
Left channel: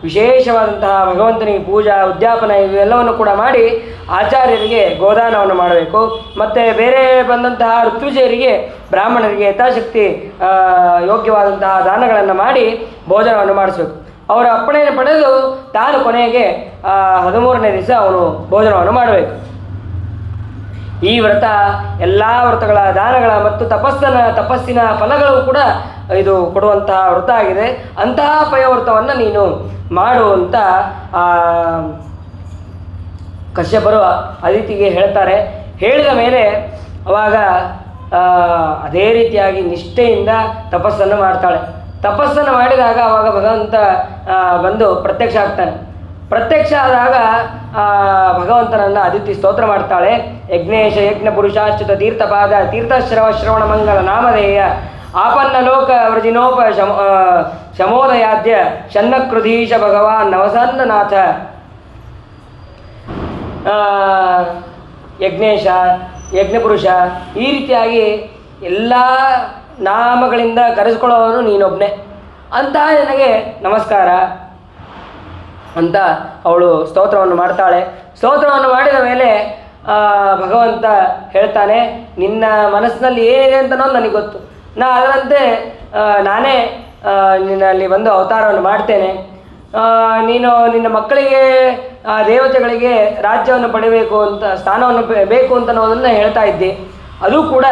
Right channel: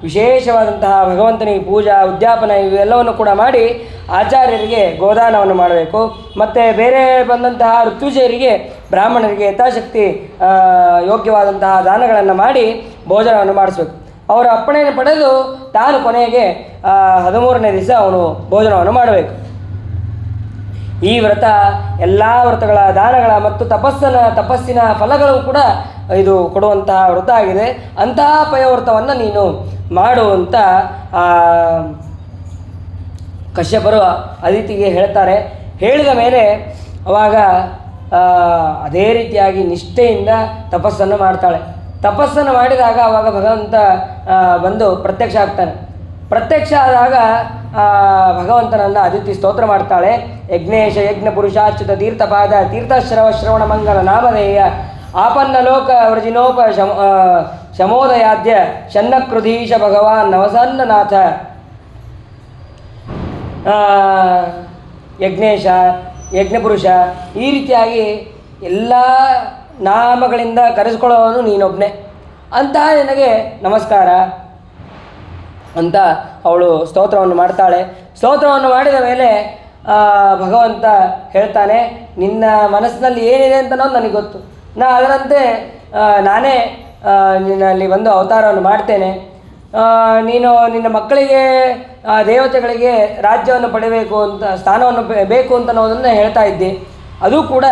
ವಿಶೇಷವಾದಂತಹ ಭಗವಂತನಿಗೆ ಪೂಜಾ ಉದ್ಯಾಪನ ಇವೆಲ್ಲವನ್ನು ಕೂಡ ಮಾಡಿ ಆಚಾರ್ಯರಿಗೆ ಗೋದಾನವನ್ನು ಮಾಡಬೇಕು. ಮತ್ತು ಬೇರೆ ಬಂದಂತಹ ಋತ್ವಿಜಯರಿಗೆ ಬ್ರಾಹ್ಮಣರಿಗೆ ಯಥಾಶಕ್ತಿ ಯೋಗ್ಯವಾದಂತಹ ದಾನಗಳನ್ನು ಮಾಡಿ ಭೋಜನವನ್ನು ಮಾಡಿಸಬೇಕು. ಅವರ ಅಪ್ಪಣೆಯನ್ನು ಪಡೆದು ತಾನು ಕೊನೆಗೆ 13ನೇ ದಿವಸ ಅವನು ಭೋಜನವನ್ನು ಮಾಡಬೇಕು. ಈ ವ್ರತ ಎಲ್ಲ ವ್ರತಗಳ ದಾನಗಳ ಮತ್ತು ತಪಸ್ಸಿನ ಫಲಗಳು ಕೂಡ ಇದು ಕೊಡುವಂತಹ ವ್ರತ ಆಗಿದೆ. ಅಂತಹ ಪಯೋವ್ರತವನ್ನು ನೀನು ಮಾಡುವಂತ ಕಶ್ಯಪರು ಅದಿತಿಗೆ ಹೇಳ್ತಾರೆ. ಹೇಳಿದ ಮೇಲೆ ಅವಾಗ ಅದೇ ರೀತಿಯಾಗಿ ನಿಷ್ಠೆಯಿಂದ ತಪಸ್ಸನ್ನು ಮಾಡ್ತಾಳೆ. ತಪಸ್ಸನ್ನು ಮಾಡಿದಾಗ ಅವಾಗ ಭಗವಂತ ಬಂದು ಪ್ರತ್ಯಕ್ಷ ಆಗ್ತಾನೆ. ಪ್ರತ್ಯಕ್ಷ ಆದಾಗ ಭಗವಂತನನ್ನು ಅದಿತಿ ಸ್ತೋತ್ರ ಮಾಡ್ತಾಳೆ. ಯಜ್ಞೇಶ ಯಜ್ಞ ಪುರುಷಾಚ್ಯುತ ತೀರ್ಥಪಾದ ತೀರ್ಥಶ್ರವ ಶ್ರವಣ ಮಂಗಲ ನಾಮಧೇಯ ಆಪನ್ನ ಲೋಕ ವ್ರಜಿನೋಪ ಶಮೋದಯಾದ್ಯ ಶನ್ನಕೃಧೀಶ ಭಗವಾನ್ ನವಸನ್ನನಾಥ. ಯಜ್ಞೇಶ ಯಜ್ಞಪುರುಷ ಈ ರೀತಿಯಾಗಿ ಎಲ್ಲ ನಾಮಗಳಿಂದ ಕರೆಸ್ಕೊಳ್ಳೋನು ನೀನೊಬ್ಬನೇ ಅಂತ ನಿನಗೆ ನಮಸ್ಕಾರ ಅಂತ ಅವಳು ಸ್ತೋತ್ರವನ್ನು ಮಾಡ್ತಾಳೆ. ಸ್ತೋತ್ರವನ್ನು ಮಾಡಿದ ಮೇಲೆ ಭಗವಂತ ಹೇಳ್ತಾನೆ, ನಿನ್ನ ಮನಸ್ಸಿನಲ್ಲಿ ಏನಿದೆ ಅಂತ ನನಗೆ ಗೊತ್ತು. ಅದರಂತೆ ನಾನೇ ನಿನ್ನಲ್ಲಿ ಬಂದು ಅವತಾರವನ್ನು ಮಾಡ್ತೇನೆ. ನೀನು ನಿನ್ನ ಮಕ್ಕಳಿಗೆ ದೇವತೆಗಳಿಗೆ ರಾಜ್ಯವನ್ನು ಪಡಿಬೇಕು ಅಂತ ಸ್ಥಾನವನ್ನು ಬೇಕು ಅಂತ ಅನ್ನೋದನ್ನು ಹೇಳ್ತಾ ಇದ್ದೆ. ಅದು ಕೂಡ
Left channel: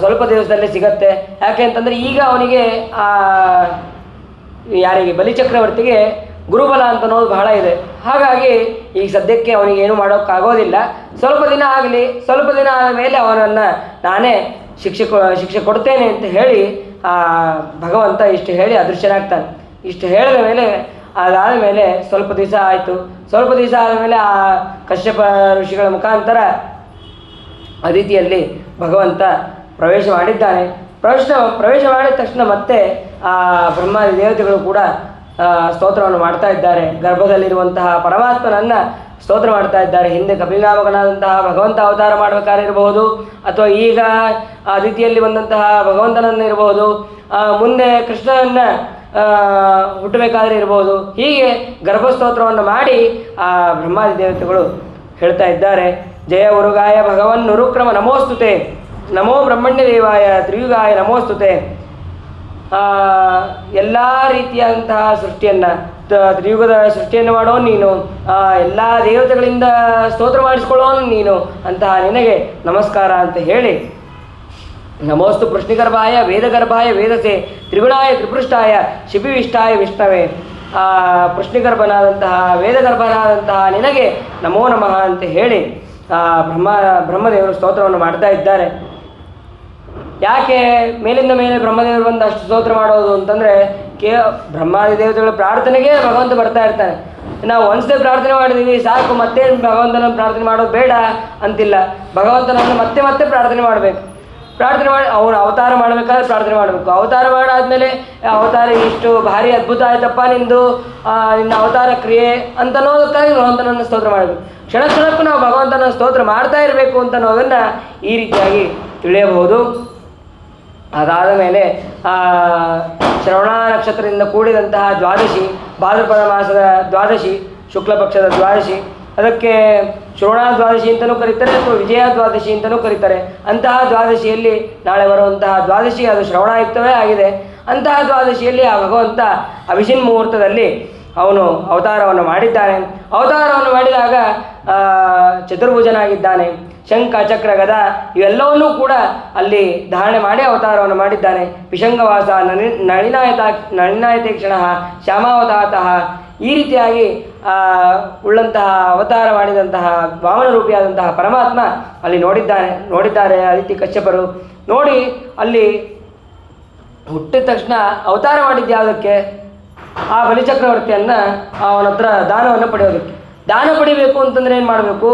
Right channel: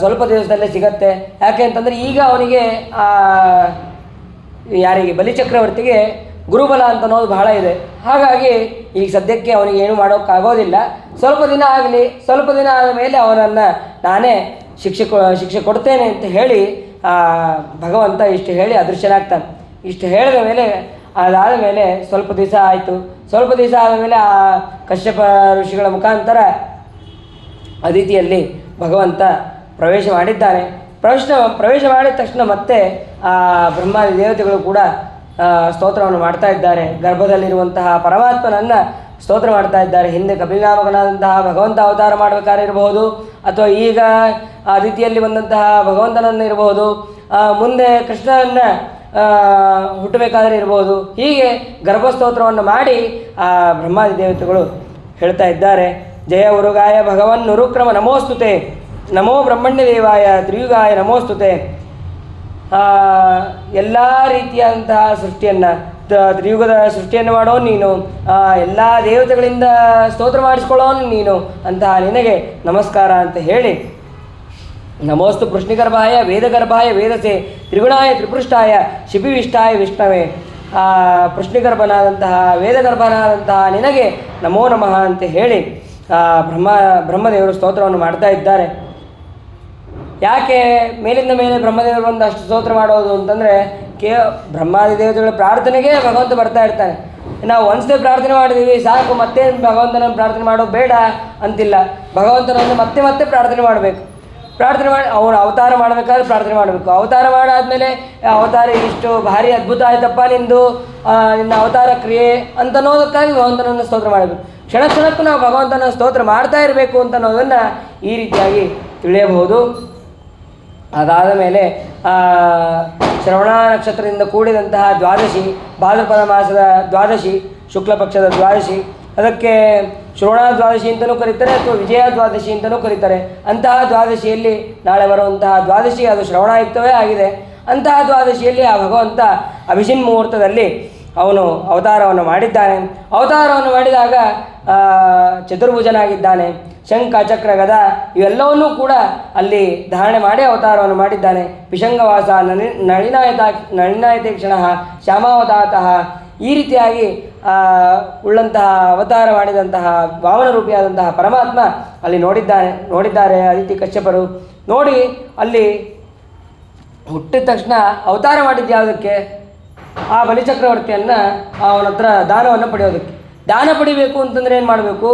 ಸ್ವಲ್ಪ ದಿವಸದಲ್ಲೇ ಸಿಗತ್ತೆ. ಯಾಕೆ ಅಂತಂದರೆ ಈಗ ಅವನಿಗೆ ಯಾರಿಗೆ ಬಲಿಚಕ್ರವರ್ತಿಗೆ ಗುರುಬಲ ಅಂತ ಅನ್ನೋದು ಬಹಳ ಇದೆ. ಹಾಗಾಗಿ ಈಗ ಸದ್ಯಕ್ಕೆ ಅವನಿಗೆ ಏನು ಮಾಡೋಕ್ಕಾಗೋದಿಲ್ಲ. ಸ್ವಲ್ಪ ದಿನ ಆಗಲಿ, ಸ್ವಲ್ಪ ದಿನ ಆದ ಮೇಲೆ ಅವನನ್ನು ನಾನೇ ಶಿಕ್ಷೆ ಕೊಡ್ತೇನೆ ಅಂತ ಹೇಳಿ ಭಗವಂತ ಇಷ್ಟು ಹೇಳಿ ಅದೃಶ್ಯನಾಗ್ತಾನೆ. ಇಷ್ಟು ಹೇಳಿದ ಮೇಲೆ ಅದಾದ ಮೇಲೆ ಸ್ವಲ್ಪ ದಿವಸ ಆಯಿತು. ಸ್ವಲ್ಪ ದಿವಸ ಆದಮೇಲೆ ಆ ಕಶ್ಯಪ ಋಷಿಗಳ ಮುಖಾಂತರ ಅದಿತಿಯಲ್ಲಿ ಭಗವಂತ ಪ್ರವೇಶ ಮಾಡಿದ್ದಾನೆ. ಪ್ರವೇಶ ಮಾಡಿದ ತಕ್ಷಣ ಮತ್ತೆ ಆ ಬ್ರಹ್ಮಾದಿ ದೇವತೆಗಳು ಕೂಡ ಸ್ತೋತ್ರವನ್ನು ಮಾಡ್ತಾ ಇದ್ದಾರೆ. ಗರ್ಭದಲ್ಲಿರುವಂತಹ ಪರಮಾತ್ಮನನ್ನು ಸ್ತೋತ್ರ ಮಾಡ್ತಾ ಇದ್ದಾರೆ. ಹಿಂದೆ ಕಪಿಲನಾಮಕನಾದಂತಹ ಭಗವಂತ ಅವತಾರ ಮಾಡಬೇಕಾದ್ರೆ ಇರಬಹುದು, ಅಥವಾ ಈಗ ಅದಿತಿಯಲ್ಲಿ ಬಂದಂತಹ ಭಗವಂತನನ್ನು ಇರಬಹುದು, ಮುಂದೆ ಕೃಷ್ಣನನ್ನು ಹುಟ್ಟಬೇಕಾದ್ರೆ ಇರಬಹುದು. ಹೀಗೆ ಗರ್ಭಸ್ತೋತ್ರವನ್ನು ಮಾಡಿ ಆ ಬ್ರಹ್ಮಾದಿ ದೇವತೆಗಳು ಹೇಳ್ತಾ ಇದ್ದಾರೆ. ಜಯ ಉರುಗಾಯ ಭಗವನ್ ನುರುಕ್ರಮ ನಮೋಸ್ತುತೆ, ನಮೋ ಬ್ರಹ್ಮಣ್ಯ ದೇವಾಯ ತ್ರಿಯುಗಾಯ ನಮೋಸ್ತುತೆ. ಎಲ್ಲ ರೀತಿಯಾದಂತಹ ಸೃಷ್ಟಿಯನ್ನು ತ್ರಿಯುಗದ ಸೃಷ್ಟಿಯನ್ನು ಮಾಡೋ ನೀನು, ಎಲ್ಲ ದೇವತೆಗಳಿಂದ ಸ್ತೋತ್ರ ಮಾಡಿಸ್ಕೊಳ್ಳೋನು ನೀನು, ಅಂತಹ ನಿನಗೆ ನಮಸ್ಕಾರ ಅಂತ ಹೇಳಿ ನಮೋಸ್ತು ಕೃಷ್ಣಿಗರ್ಭಾಯ ವೇದಗರ್ಭಾಯ ವೇದಸೆ ತ್ರಿಗುಣಾಯ ತ್ರಿಪೃಷ್ಠಾಯ ಶಿಪಿವಿಷ್ಟಾಯ ವಿಷ್ಣವೇ. ಕೃಷ್ಣಿಗರ್ಭನಾದಂತಹ ವೇದಗರ್ಭನಾದಂತಹ ನಿನಗೆ ನಮೋ ನಮಃ ಅಂತ ಹೇಳಿ ಬ್ರಹ್ಮದೇವರು ಸ್ತೋತ್ರವನ್ನು ಮಾಡ್ತಾ ಇದ್ದಾರೆ. ಯಾಕೆ ಮೇಲಿಂದ ಮೇಲೆ ಬ್ರಹ್ಮದೇವರು ಬಂದು ಅಷ್ಟು ಸ್ತೋತ್ರ ಮಾಡೋದು ಅಂತಂದರೆ, ಬ್ರಹ್ಮಾದಿ ದೇವತೆಗಳ ಪ್ರಾರ್ಥನೆಗೆ ಭಗವಂತ ಬರ್ತಾ ಇರ್ತಾನೆ. ನಾವು ಒಂದ್ಸಲ ಪ್ರಾರ್ಥನೆ ಮಾಡಿದ್ದೀವಿ ಸಾಕು, ಮತ್ತೇನು ಭಗವಂತನನ್ನು ಪ್ರಾರ್ಥನೆ ಮಾಡೋದು ಬೇಡ ಅಂತಿಲ್ಲ. ಭಗವಂತನನ್ನು ಮತ್ತೆ ಮತ್ತೆ ಪ್ರಾರ್ಥನೆ ಮಾಡಬೇಕು. ಪ್ರಾರ್ಥನೆ ಮಾಡಿ ಅವನು ಅವತಾರ ಮಾಡಬೇಕಾದ್ರೆ ಪ್ರಾರ್ಥನೆ ಮಾಡಬೇಕು. ಅವತಾರ ಮಾಡಾದ್ಮೇಲೆ ಅವತಾರ ಇಷ್ಟು ಭಾರಿ ಅದ್ಭುತ ಆಯ್ತಪ್ಪ ನಿನ್ನ ಅವತಾರ ಕ್ರಿಯೆ ಅಂತನ್ನೋದಕ್ಕಾಗಿ ಭಗವಂತನನ್ನು ಸ್ತೋತ್ರ ಮಾಡಬೇಕು. ಕ್ಷಣ ಕ್ಷಣಕ್ಕೂ ನಾವು ಭಗವಂತನ ಸ್ತೋತ್ರ ಮಾಡ್ತಾ ಇರಬೇಕು ಅಂತ ಅನ್ನೋದನ್ನು ಈ ರೀತಿಯಾಗಿ ತಿಳಿಯಬಹುದು. ಅದಾದ ಮೇಲೆ ಶ್ರವಣ ನಕ್ಷತ್ರದಿಂದ ಕೂಡಿದಂತಹ ದ್ವಾದಶಿ, ಭಾದ್ರಪದ ಮಾಸದ ದ್ವಾದಶಿ, ಶುಕ್ಲ ಪಕ್ಷದ ದ್ವಾದಶಿ, ಅದಕ್ಕೆ ಶ್ರವಣ ದ್ವಾದಶಿ ಅಂತಲೂ ಕರೀತಾರೆ ಅಥವಾ ವಿಜಯ ದ್ವಾದಶಿ ಅಂತಲೂ ಕರೀತಾರೆ. ಅಂತಹ ದ್ವಾದಶಿಯಲ್ಲಿ ನಾಳೆ ಬರುವಂತಹ ದ್ವಾದಶಿ ಅದು ಶ್ರವಣಯುಕ್ತವೇ ಆಗಿದೆ. ಅಂತಹ ದ್ವಾದಶಿಯಲ್ಲಿ ಆ ಭಗವಂತ ಅಭಿಷಿನ್ ಮುಹೂರ್ತದಲ್ಲಿ ಅವನು ಅವತಾರವನ್ನು ಮಾಡಿದ್ದಾನೆ. ಅವತಾರವನ್ನು ಮಾಡಿದಾಗ ಚತುರ್ಭುಜನಾಗಿದ್ದಾನೆ. ಶಂಖ ಚಕ್ರ ಗದ ಇವೆಲ್ಲವನ್ನೂ ಕೂಡ ಅಲ್ಲಿ ಧಾರಣೆ ಮಾಡಿ ಅವತಾರವನ್ನು ಮಾಡಿದ್ದಾನೆ. ಪಿಶಂಗವಾಸ ನಳಿನಾಯತೇಕ್ಷಣ ಶ್ಯಾಮಾವತಾತಃ ಈ ರೀತಿಯಾಗಿ ಉಳ್ಳಂತಹ ಅವತಾರ ಮಾಡಿದಂತಹ ವಾಮನ ರೂಪಿಯಾದಂತಹ ಪರಮಾತ್ಮ ಅಲ್ಲಿ ನೋಡಿದ್ದಾರೆ ಅದಿತಿ ಕಶ್ಯಪರು. ನೋಡಿ ಅಲ್ಲಿ ಹುಟ್ಟಿದ ತಕ್ಷಣ ಅವತಾರ ಮಾಡಿದ್ಯಾವುದಕ್ಕೆ? ಆ ಬಲಿಚಕ್ರವರ್ತಿಯನ್ನು ಅವನ ಹತ್ರ ದಾನವನ್ನು ಪಡೆಯೋದಕ್ಕೆ. ದಾನ ಪಡಿಬೇಕು ಅಂತಂದರೆ ಏನು ಮಾಡಬೇಕು?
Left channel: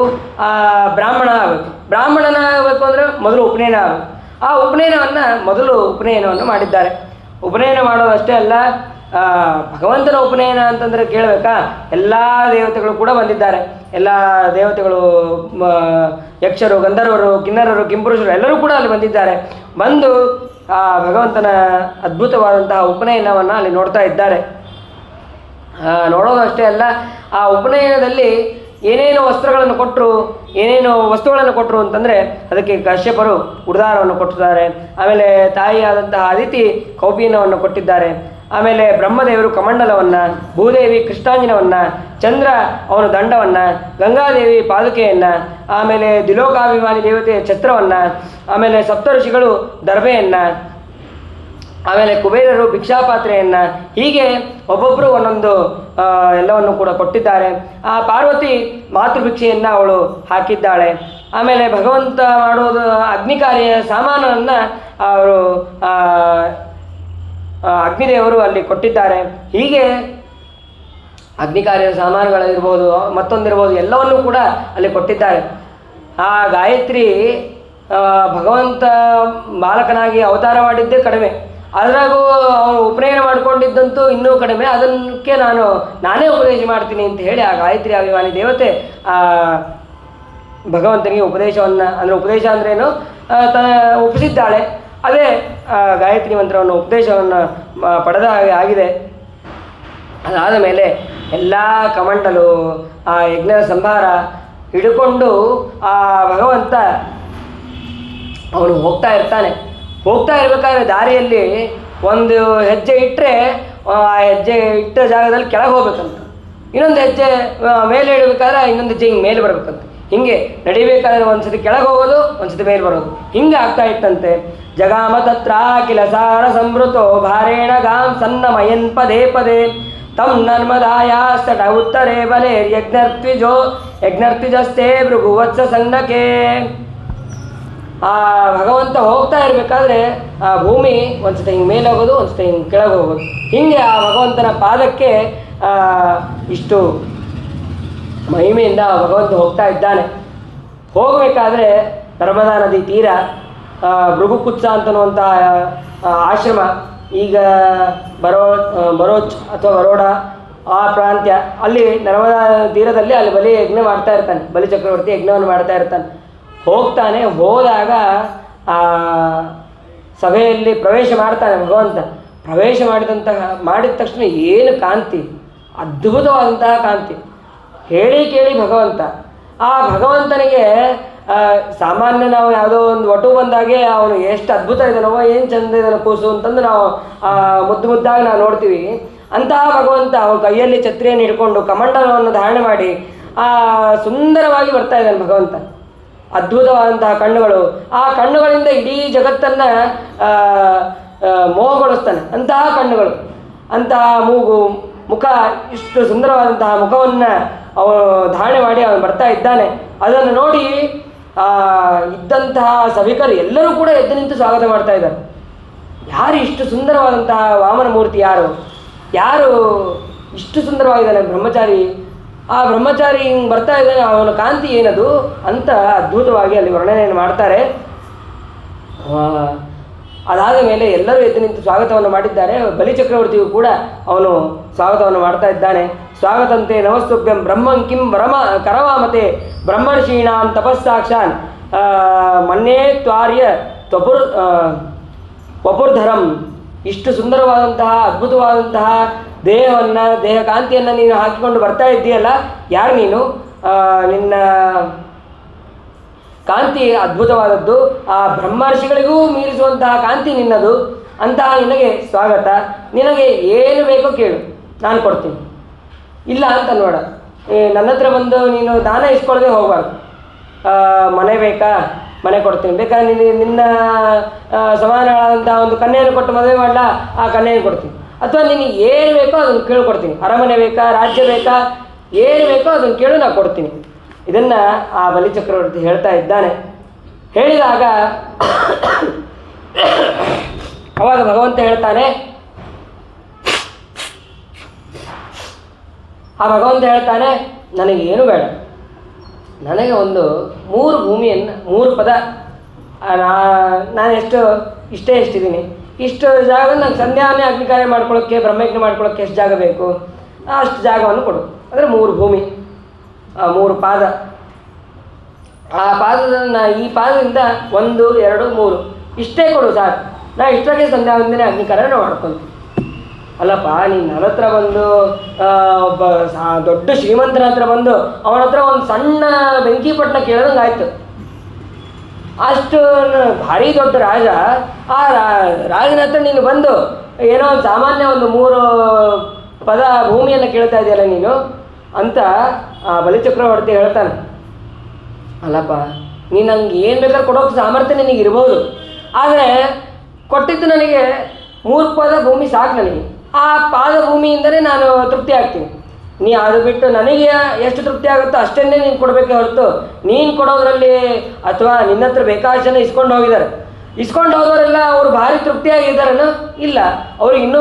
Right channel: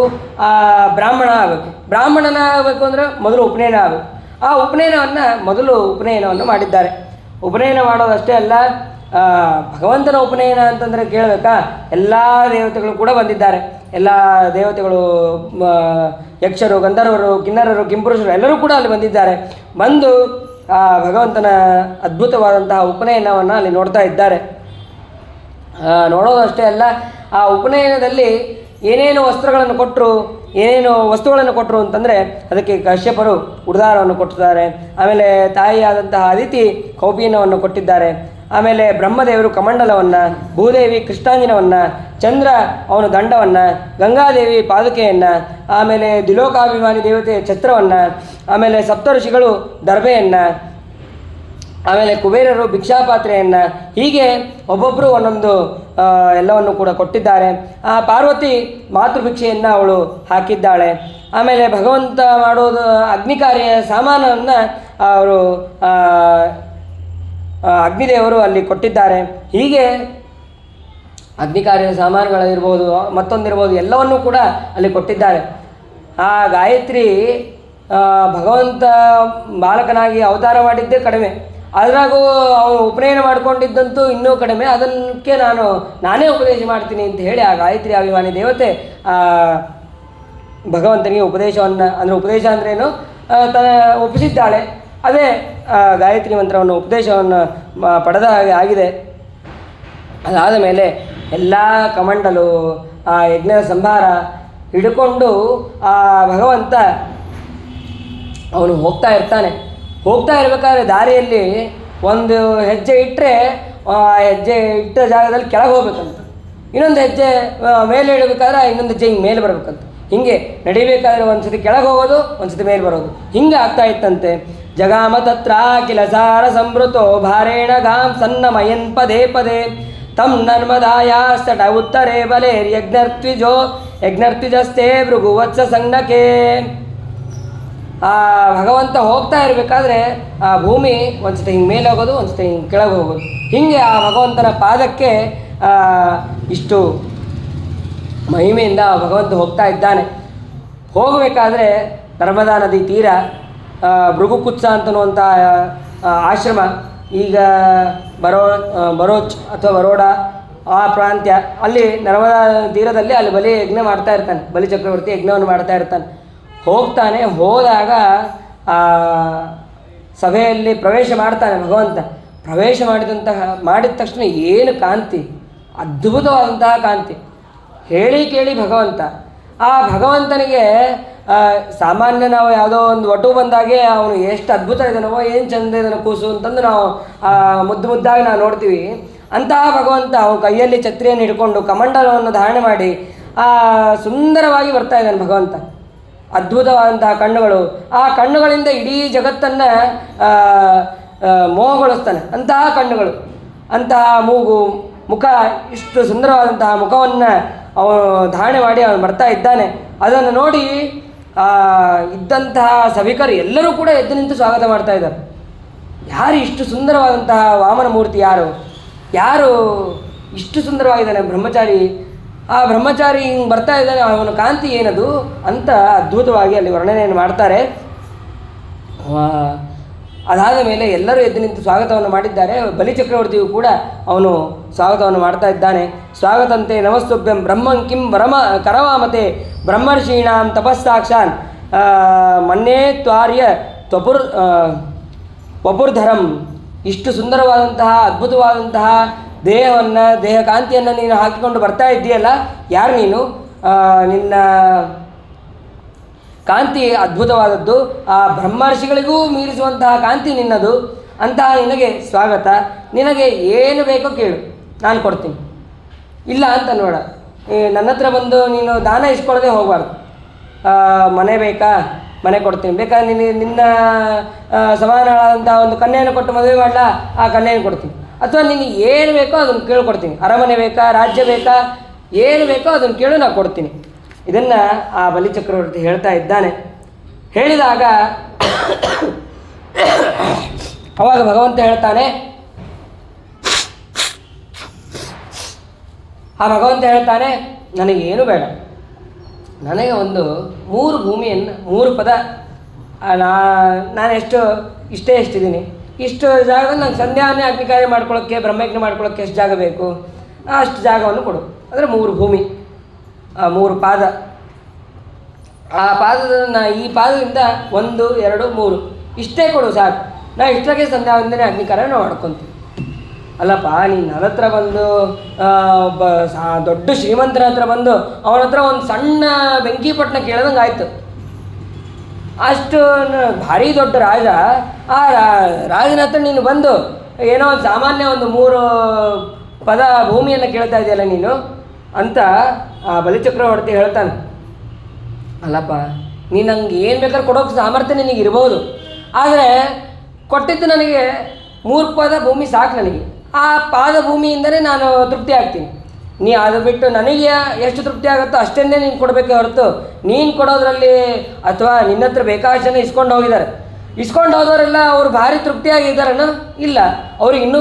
ಬ್ರಾಹ್ಮಣ ಆಗಬೇಕು. ಬ್ರಾಹ್ಮಣನಾಗಬೇಕು ಅಂದರೆ ಮೊದಲು ಉಪನಯನ ಆಗಬೇಕು. ಆ ಉಪನಯನವನ್ನು ಮಾಡಿದ್ದಾರೆ. ಉಪನಯನ ಮಾಡೋದಷ್ಟೇ ಅಲ್ಲ, ಭಗವಂತನ ಉಪನಯನ ಅಂತಂದರೆ ಕೇಳಬೇಕಾ? ಎಲ್ಲ ದೇವತೆಗಳು ಕೂಡ ಬಂದಿದ್ದಾರೆ. ಎಲ್ಲ ದೇವತೆಗಳು, ಯಕ್ಷರು, ಗಂಧರ್ವರು, ಕಿನ್ನರರು, ಕಿಂಪುರುಷರು ಎಲ್ಲರೂ ಕೂಡ ಅಲ್ಲಿ ಬಂದಿದ್ದಾರೆ. ಬಂದು ಭಗವಂತನ ಅದ್ಭುತವಾದಂತಹ ಉಪನಯನವನ್ನು ಅಲ್ಲಿ ನೋಡ್ತಾ ಇದ್ದಾರೆ. ನೋಡೋದಷ್ಟೇ ಅಲ್ಲ, ಆ ಉಪನಯನದಲ್ಲಿ ಏನೇನು ವಸ್ತ್ರಗಳನ್ನು ಕೊಟ್ಟರು, ಏನೇನು ವಸ್ತುಗಳನ್ನು ಕೊಟ್ಟರು ಅಂತಂದರೆ ಅದಕ್ಕೆ ಕಶ್ಯಪರು ಉಡುದಾರವನ್ನು ಕೊಟ್ಟಿದ್ದಾರೆ. ಆಮೇಲೆ ತಾಯಿಯಾದಂತಹ ಅದಿತಿ ಕೌಪೀನವನ್ನು ಕೊಟ್ಟಿದ್ದಾರೆ. ಆಮೇಲೆ ಬ್ರಹ್ಮದೇವರು ಕಮಂಡಲವನ್ನು, ಭೂದೇವಿ ಕೃಷ್ಣಾಂಜನವನ್ನು, ಚಂದ್ರ ಅವನು ದಂಡವನ್ನು, ಗಂಗಾದೇವಿ ಪಾದುಕೆಯನ್ನು, ಆಮೇಲೆ ದ್ವಿಲೋಕಾಭಿಮಾನಿ ದೇವತೆ ಛತ್ರವನ್ನು, ಆಮೇಲೆ ಸಪ್ತಋಷಿಗಳು ದರ್ಭೆಯನ್ನು, ಆಮೇಲೆ ಕುಬೇರರು ಭಿಕ್ಷಾಪಾತ್ರೆಯನ್ನು, ಹೀಗೆ ಒಬ್ಬೊಬ್ಬರು ಒಂದೊಂದು ಎಲ್ಲವನ್ನು ಕೂಡ ಕೊಟ್ಟಿದ್ದಾರೆ. ಆ ಪಾರ್ವತಿ ಮಾತೃಭಿಕ್ಷೆಯನ್ನು ಅವಳು ಹಾಕಿದ್ದಾಳೆ. ಆಮೇಲೆ ಭಗವಂತ ಮಾಡೋದು ಅಗ್ನಿಕಾರ್ಯ ಸಾಮಾನನ್ನು ಅವರು ಅಗ್ನಿದೇವರು ಅಲ್ಲಿ ಕೊಟ್ಟಿದ್ದಾರೆ. ಹೀಗೆ ಅಗ್ನಿಕಾರ್ಯ ಸಾಮಾನುಗಳಿರ್ಬೋದು, ಮತ್ತೊಂದಿರ್ಬೋದು, ಎಲ್ಲವನ್ನೂ ಕೂಡ ಅಲ್ಲಿ ಕೊಟ್ಟಿದ್ದಾರೆ. ಆ ಗಾಯತ್ರಿ ಭಗವಂತ ಬಾಲಕನಾಗಿ ಅವತಾರ ಮಾಡಿದ್ದೇ ಕಡಿಮೆ, ಅದರಾಗೂ ಅವನು ಉಪನಯನ ಮಾಡಿಕೊಂಡಿದ್ದಂತೂ ಇನ್ನೂ ಕಡಿಮೆ. ಅದಕ್ಕೆ ನಾನೇ ಉಪದೇಶ ಮಾಡ್ತೀನಿ ಅಂತ ಹೇಳಿ ಆ ಗಾಯತ್ರಿ ಅಭಿಮಾನಿ ದೇವತೆ ಭಗವಂತನಿಗೆ ಉಪದೇಶವನ್ನು, ಅಂದರೆ ಉಪದೇಶ ಅಂದ್ರೇನು, ಒಪ್ಪಿಸಿದ್ದಾಳೆ. ಅದೇ ಗಾಯತ್ರಿ ಮಂತ್ರವನ್ನು ಉಪದೇಶವನ್ನು ಪಡೆದ ಹಾಗೆ ಆಗಿದೆ. ಅದಾದ ಮೇಲೆ ಎಲ್ಲ ಕಮಂಡಲು, ಆ ಯಜ್ಞದ ಸಂಭಾರ ಹಿಡ್ಕೊಂಡು ಆ ಭಗವಂತ ಅವನು ಹೋಗ್ತಾ ಇರಬೇಕಾದ್ರೆ ದಾರಿಯಲ್ಲಿ ಒಂದು ಹೆಜ್ಜೆ ಇಟ್ಟರೆ ಆ ಹೆಜ್ಜೆ ಇಟ್ಟ ಜಾಗದಲ್ಲಿ ಕೆಳಗೆ ಹೋಗ್ಬೇಕಂತ, ಇನ್ನೊಂದು ಹೆಜ್ಜೆ ಮೇಲೆ ಇಡಬೇಕಾದ್ರೆ ಇನ್ನೊಂದು ಹೆಜ್ಜೆ ಹಿಂಗೆ ಮೇಲೆ ಬರಬೇಕಂತ. ಹೀಗೆ ನಡಿಬೇಕಾದ್ರೆ ಒಂದು ಸತಿ ಕೆಳಗೆ ಹೋಗೋದು, ಒಂದು ಸತಿ ಮೇಲೆ ಬರೋದು, ಹಿಂಗೆ ಆಗ್ತಾ ಇತ್ತಂತೆ. ಜಗಾಮ ತತ್ರ ಕಿಲ ಸಾರ ಸಂವೃತೋ ಭಾರೇಣ ಗಾಂ ಸನ್ನಮಯನ್ ಪದೇ ಪದೇ ತಂ ನರ್ಮದಾಯ ಸಟ ಉತ್ತರೇ ಬಲೇರ್ ಯಜ್ಞರ್ತ್ವಿಜಸ್ತೆ ಭೃಗುವತ್ಸ ಸನ್ನಕೆ. ಆ ಭಗವಂತ ಹೋಗ್ತಾ ಇರಬೇಕಾದ್ರೆ ಆ ಭೂಮಿ ಒಂದ್ಸತಿ ಹಿಂಗೆ ಮೇಲೆ ಹೋಗೋದು, ಒಂದ್ಸತಿ ಹಿಂಗೆ ಕೆಳಗೆ ಹೋಗೋದು, ಹೀಗೆ ಆ ಭಗವಂತನ ಪಾದಕ್ಕೆ ಇಷ್ಟು ಮಹಿಮೆಯಿಂದ ಭಗವಂತ ಹೋಗ್ತಾ ಇದ್ದಾನೆ. ಹೋಗಬೇಕಾದ್ರೆ ನರ್ಮದಾ ನದಿ ತೀರ ಭೃಗುಕುತ್ಸ ಅಂತನ್ನುವಂಥ ಆಶ್ರಮ, ಈಗ ಬರೋಚ್ ಅಥವಾ ಬರೋಡ ಆ ಪ್ರಾಂತ್ಯ, ಅಲ್ಲಿ ನರ್ಮದಾ ತೀರದಲ್ಲಿ ಅಲ್ಲಿ ಬಲಿ ಯಜ್ಞ ಮಾಡ್ತಾ ಇರ್ತಾನೆ, ಬಲಿ ಚಕ್ರವರ್ತಿ ಯಜ್ಞವನ್ನು ಮಾಡ್ತಾ ಇರ್ತಾನೆ. ಹೋದಾಗ ಸಭೆಯಲ್ಲಿ ಪ್ರವೇಶ ಮಾಡ್ತಾನೆ ಭಗವಂತ. ಪ್ರವೇಶ ಮಾಡಿದ ತಕ್ಷಣ ಏನು ಕಾಂತಿ, ಅದ್ಭುತವಾದಂತಹ ಕಾಂತಿ, ಹೇಳಿ ಕೇಳಿ ಭಗವಂತ. ಆ ಭಗವಂತನಿಗೆ ಸಾಮಾನ್ಯ ನಾವು ಯಾವುದೋ ಒಂದು ವಟು ಬಂದಾಗೆ ಅವನು ಎಷ್ಟು ಅದ್ಭುತ ಇದ್ದಾನೋ, ಏನು ಚಂದ ಇದ್ದಾನೋ ಕೂಸು ಅಂತಂದು ನಾವು ಮುದ್ದಾಗಿ ನಾವು ನೋಡ್ತೀವಿ. ಅಂತಹ ಭಗವಂತ ಅವನ ಕೈಯಲ್ಲಿ ಛತ್ರಿಯನ್ನು ಹಿಡ್ಕೊಂಡು ಕಮಂಡಲವನ್ನು ಧಾರಣೆ ಮಾಡಿ ಸುಂದರವಾಗಿ ಬರ್ತಾ ಇದ್ದಾನೆ ಭಗವಂತ. ಅದ್ಭುತವಾದಂತಹ ಕಣ್ಣುಗಳು, ಆ ಕಣ್ಣುಗಳಿಂದ ಇಡೀ ಜಗತ್ತನ್ನು ಮೋಹಗೊಳಿಸ್ತಾನೆ. ಅಂತಹ ಕಣ್ಣುಗಳು, ಅಂತಹ ಮೂಗು, ಮುಖ, ಇಷ್ಟು ಸುಂದರವಾದಂತಹ ಮುಖವನ್ನು ಅವನು ಧಾರಣೆ ಮಾಡಿ ಅವನು ಬರ್ತಾ ಇದ್ದಾನೆ. ಅದನ್ನು ನೋಡಿ ಇದ್ದಂತಹ ಸಭಿಕರು ಎಲ್ಲರೂ ಕೂಡ ಎದ್ದು ನಿಂತು ಸ್ವಾಗತ ಮಾಡ್ತಾ ಇದ್ದಾರೆ. ಯಾರು ಇಷ್ಟು ಸುಂದರವಾದಂತಹ ವಾಮನ ಮೂರ್ತಿ, ಯಾರು ಇಷ್ಟು ಸುಂದರವಾಗಿದ್ದಾನೆ ಬ್ರಹ್ಮಚಾರಿ, ಆ ಬ್ರಹ್ಮಚಾರಿ ಹಿಂಗೆ ಬರ್ತಾ ಇದ್ದಾನೆ, ಅವನ ಕಾಂತಿ ಏನದು ಅಂತ ಅದ್ಭುತವಾಗಿ ಅಲ್ಲಿ ವರ್ಣನೆಯನ್ನು ಮಾಡ್ತಾರೆ. ಅದಾದ ಮೇಲೆ ಎಲ್ಲರೂ ಎದ್ದು ನಿಂತು ಸ್ವಾಗತವನ್ನು ಮಾಡಿದ್ದಾರೆ. ಬಲಿಚಕ್ರವರ್ತಿಯು ಕೂಡ ಅವನು ಸ್ವಾಗತವನ್ನು ಮಾಡ್ತಾ ಇದ್ದಾನೆ. ಸ್ವಾಗತಂತೆ ನಮಸ್ತುಭ್ಯಂ ಬ್ರಹ್ಮಂ ಕಿಂ ಕರವಾಮತೆ ಬ್ರಹ್ಮರ್ಷೀಣಾಂ ತಪಸ್ಸಾಕ್ಷಾನ್ ಮನ್ಯೇ ತ್ವಾರ್ಯ ವಪುರ್ಧರಂ. ಇಷ್ಟು ಸುಂದರವಾದಂತಹ ಅದ್ಭುತವಾದಂತಹ ದೇಹ ಕಾಂತಿಯನ್ನು ನೀನು ಹಾಕಿಕೊಂಡು ಬರ್ತಾ ಇದ್ದೀಯಲ್ಲ, ಯಾರು ನೀನು? ನಿನ್ನ ಕಾಂತಿ ಅದ್ಭುತವಾದದ್ದು, ಆ ಬ್ರಹ್ಮರ್ಷಿಗಳಿಗೂ ಮೀರಿಸುವಂತಹ ಕಾಂತಿ ನಿನ್ನದು. ಅಂತಹ ನಿನಗೆ ಸ್ವಾಗತ. ನಿನಗೆ ಏನು ಬೇಕೋ ಕೇಳು, ನಾನು ಕೊಡ್ತೀನಿ. ಇಲ್ಲ ಅಂತ ನೋಡ, ನನ್ನ ಹತ್ರ ಬಂದು ನೀನು ದಾನ ಇಸ್ಕೊಳ್ಳದೆ ಹೋಗಬಾರ್ದು. ಮನೆ ಬೇಕಾ, ಮನೆ ಕೊಡ್ತೀನಿ, ಬೇಕಾದ್ರೆ ನಿನ್ನ ಸಮಾನವಾದಂಥ ಒಂದು ಕನ್ಯೆಯನ್ನು ಕೊಟ್ಟು ಮದುವೆ ಮಾಡಲ, ಆ ಕನ್ಯೆಯನ್ನು ಕೊಡ್ತೀನಿ. ಅಥವಾ ನಿನಗೆ ಏನು ಬೇಕೋ ಅದನ್ನು ಕೇಳ್ಕೊಡ್ತೀನಿ. ಅರಮನೆ ಬೇಕಾ, ರಾಜ್ಯ ಬೇಕಾ, ಏನು ಬೇಕೋ ಅದನ್ನು ಕೇಳು, ನಾನು ಕೊಡ್ತೀನಿ. ಇದನ್ನು ಆ ಬಲಿಚಕ್ರವರ್ತಿ ಹೇಳ್ತಾ ಇದ್ದಾನೆ. ಹೇಳಿದಾಗ ಅವಾಗ ಭಗವಂತ ಹೇಳ್ತಾನೆ, ನನಗೇನು ಬೇಡ, ನನಗೆ ಒಂದು 3 ಭೂಮಿಯನ್ನು 3 ಪದ, ನಾನು ಎಷ್ಟಿದ್ದೀನಿ, ಇಷ್ಟು ಜಾಗ ನಂಗೆ ಸಂಧ್ಯಾವನ್ನೇ ಅಗ್ನಿಕಾರ್ಯ ಮಾಡ್ಕೊಳ್ಳೋಕ್ಕೆ, ಬ್ರಹ್ಮಯಜ್ಞ ಮಾಡ್ಕೊಳ್ಳೋಕ್ಕೆ ಎಷ್ಟು ಜಾಗ ಬೇಕು ಅಷ್ಟು ಜಾಗವನ್ನು ಕೊಡು. ಅಂದರೆ 3 ಭೂಮಿ, 3 ಪಾದ. ಆ ಪಾದದ ಈ ಪಾದದಿಂದ 1, 2, 3 ಇಷ್ಟೇ ಕೊಡು ಸಾಕು, ನಾ ಇಷ್ಟಕ್ಕೆ ಸಂಧ್ಯಾವಂದನೆ ಅಗ್ನಿಕಾರ್ಯ ಮಾಡ್ಕೊತೀನಿ. ಅಲ್ಲಪ್ಪ, ನೀನು ನನ್ನ ಹತ್ರ ಬಂದು ಒಬ್ಬ ದೊಡ್ಡ ಶ್ರೀಮಂತರ ಹತ್ರ ಬಂದು ಅವನ ಹತ್ರ ಒಂದು ಸಣ್ಣ ಬೆಂಕಿ ಪಟ್ಟಣ ಕೇಳ್ದಂಗೆ ಆಯಿತು. ಅಷ್ಟು ಭಾರಿ ದೊಡ್ಡ ರಾಜ, ಆ ರಾಜನ ಹತ್ರ ನೀನು ಬಂದು ಏನೋ ಒಂದು ಸಾಮಾನ್ಯ ಒಂದು 3 ಪದ ಭೂಮಿಯನ್ನು ಕೇಳ್ತಾ ಇದೆಯಲ್ಲ ನೀನು ಅಂತ ಆ ಬಲಿಚಕ್ರವರ್ತಿ ಹೇಳ್ತಾನೆ. ಅಲ್ಲಪ್ಪ, ನೀನು ನಂಗೆ ಏನು ಬೇಕಾದ್ರೂ ಕೊಡೋಕೆ ಸಾಮರ್ಥ್ಯ ನಿನಗೆ ಇರ್ಬೋದು, ಆದರೆ ಕೊಟ್ಟಿದ್ದು ನನಗೆ 3 ಪದ ಭೂಮಿ ಸಾಕು. ನನಗೆ ಆ ಪಾದ ಭೂಮಿಯಿಂದಲೇ ನಾನು ತೃಪ್ತಿ ಆಗ್ತೀನಿ. ನೀ ಅದು ಬಿಟ್ಟು ನನಗೆ ಎಷ್ಟು ತೃಪ್ತಿ ಆಗುತ್ತೋ ಅಷ್ಟನ್ನೇ ನೀನು ಕೊಡಬೇಕೆ ಹೊರತು, ನೀನು ಕೊಡೋದ್ರಲ್ಲಿ ಅಥವಾ ನಿನ್ನ ಹತ್ರ ಬೇಕಾದಷ್ಟು ಜನ ಇಸ್ಕೊಂಡು ಹೋದವರೆಲ್ಲ ಅವರು ಭಾರಿ ತೃಪ್ತಿಯಾಗಿದ್ದಾರನ? ಇಲ್ಲ, ಅವ್ರಿಗೆ ಇನ್ನೂ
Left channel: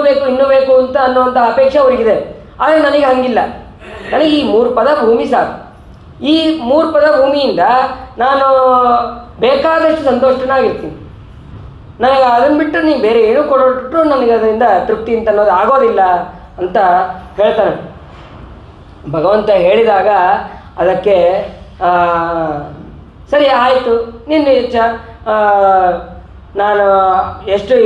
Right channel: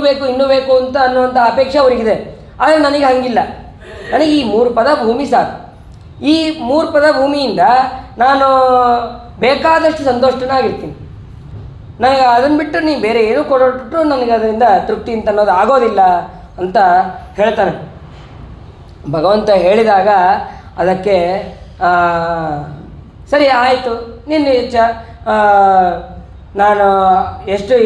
ಬೇಕು ಅಂತ ಅನ್ನುವಂಥ ಅಪೇಕ್ಷೆ ಅವರಿಗಿದೆ. ಆದರೆ ನನಗೆ ಹಂಗಿಲ್ಲ, ನನಗೆ ಈ 3 ಪದ ಭೂಮಿ ಸಾಕು. ಈ 3 ಪದ ಭೂಮಿಯಿಂದ ನಾನು ಬೇಕಾದಷ್ಟು ಸಂತೋಷನಾಗಿರ್ತೀನಿ. ನನಗೆ ಅದನ್ನು ಬಿಟ್ಟು ನೀವು ಬೇರೆ ಏನೂ ಕೊಟ್ಟರು ನನಗೆ ಅದರಿಂದ ತೃಪ್ತಿ ಅಂತ ಅನ್ನೋದು ಆಗೋದಿಲ್ಲ ಅಂತ ಹೇಳ್ತಾನೆ. ಭಗವಂತ ಹೇಳಿದಾಗ ಅದಕ್ಕೆ ಸರಿ ಆಯಿತು, ನಿನ್ನ ಇಚ್ಛೆ, ನಾನು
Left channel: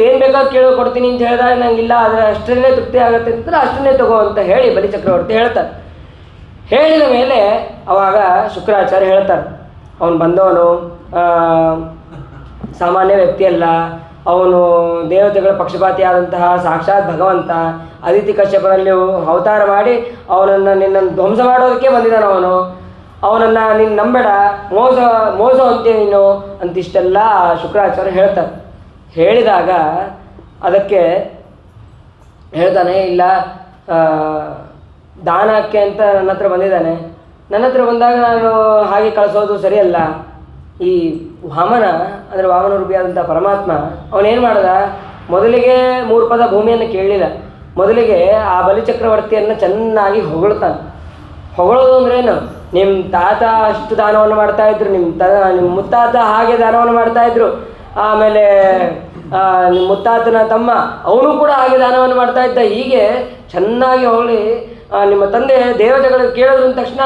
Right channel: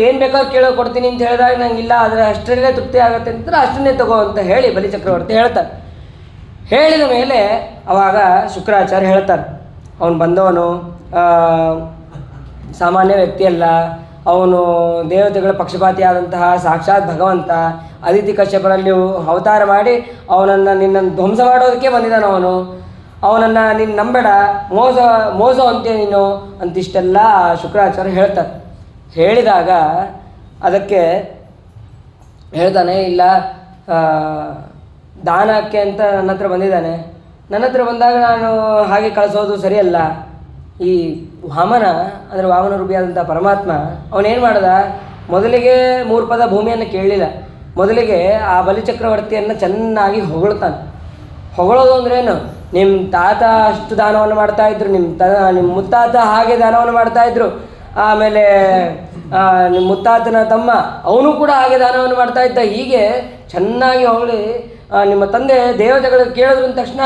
ಏನು ಬೇಕಾದ್ರೂ ಕೊಡ್ತೀನಿ ಅಂತ ಹೇಳಿದಾಗ ನನಗಿಲ್ಲ, ಆದರೆ ಅಷ್ಟರಲ್ಲೇ ತೃಪ್ತಿ ಆಗುತ್ತೆ ಅಂತ ಅಷ್ಟನ್ನೇ ತಗೋ ಅಂತ ಹೇಳಿ ಬಲಿಚಕ್ರವರ್ತಿ ಹೇಳ್ತಾರೆ. ಹೇಳಿದ ಮೇಲೆ ಅವಾಗ ಶುಕ್ರಾಚಾರ್ಯ ಹೇಳ್ತಾರೆ, ಅವನು ಬಂದವನು ಸಾಮಾನ್ಯ ವ್ಯಕ್ತಿಯಲ್ಲ, ಅವನು ದೇವತೆಗಳ ಪಕ್ಷಪಾತಿಯಾದಂತಹ ಸಾಕ್ಷಾತ್ ಭಗವಂತ. ಅದಿತಿ ಕಶ್ಯಪರಲ್ಲಿ ಅವತಾರ ಮಾಡಿ ನಿನ್ನನ್ನು ಧ್ವಂಸ ಮಾಡೋದಕ್ಕೆ ಬಂದಿದ್ದಾನೆ. ಅವನನ್ನು ನೀನು ನಂಬೇಡ, ಮೋಸ ಅಂತೀಯ ನೀನು ಅಂತಿಷ್ಟೆಲ್ಲ ಶುಕ್ರಾಚಾರ್ಯ ಹೇಳ್ತಾರೆ. ಹೇಳಿದಾಗ ಅದಕ್ಕೆ ಹೇಳ್ತಾನೆ, ಇಲ್ಲ ದಾನಕ್ಕೆ ಅಂತ ನನ್ನ ಹತ್ರ ಬಂದಿದ್ದಾನೆ, ನನ್ನ ಹತ್ರ ಬಂದಾಗ ನಾನು ಹಾಗೆ ಕಳಿಸೋದು ಸರಿಯಲ್ಲ. ಈ ವಾಮನ ಅಂದರೆ ವಾಮನ ರೂಪಿಯಾದಂಥ ಪರಮಾತ್ಮ ಅವನೇನು ಮಾಡ್ದ, ಮೊದಲಿಗೆ 3 ಪದ ಭೂಮಿಯನ್ನು ಕೇಳಲಿಲ್ಲ, ಮೊದಲಿಗೆ ಆ ಬಲಿಚಕ್ರವರ್ತಿಯನ್ನು ಚೆನ್ನಾಗಿ ಹೊಗಳ್ತಾನೆ. ಹೊಗಳೋದು ಅಂದ್ರೇನು, ನಿಮ್ಮ ತಾತ ಅಷ್ಟು ದಾನವನ್ನು ಮಾಡ್ತಾಯಿದ್ರು, ನಿಮ್ಮ ಮುತ್ತಾತ ಹಾಗೆ ದಾನವನ್ನು ಮಾಡ್ತಾಯಿದ್ರು, ಆಮೇಲೆ ನಿಮ್ಮ ಮುತ್ತಾತನ ತಮ್ಮ ಅವನು ಕೂಡ ಹಾಗೆ ದಾನವನ್ನು ಮಾಡ್ತಾಯಿದ್ದ. ಹೀಗೆ ಚೆನ್ನಾಗಿ ಹೊಗಳಿ, ನಿಮ್ಮ ತಂದೆ ದೇವತೆಗಳಿಗೆ ಕೇಳಿದ್ರು ಅಂದ ತಕ್ಷಣ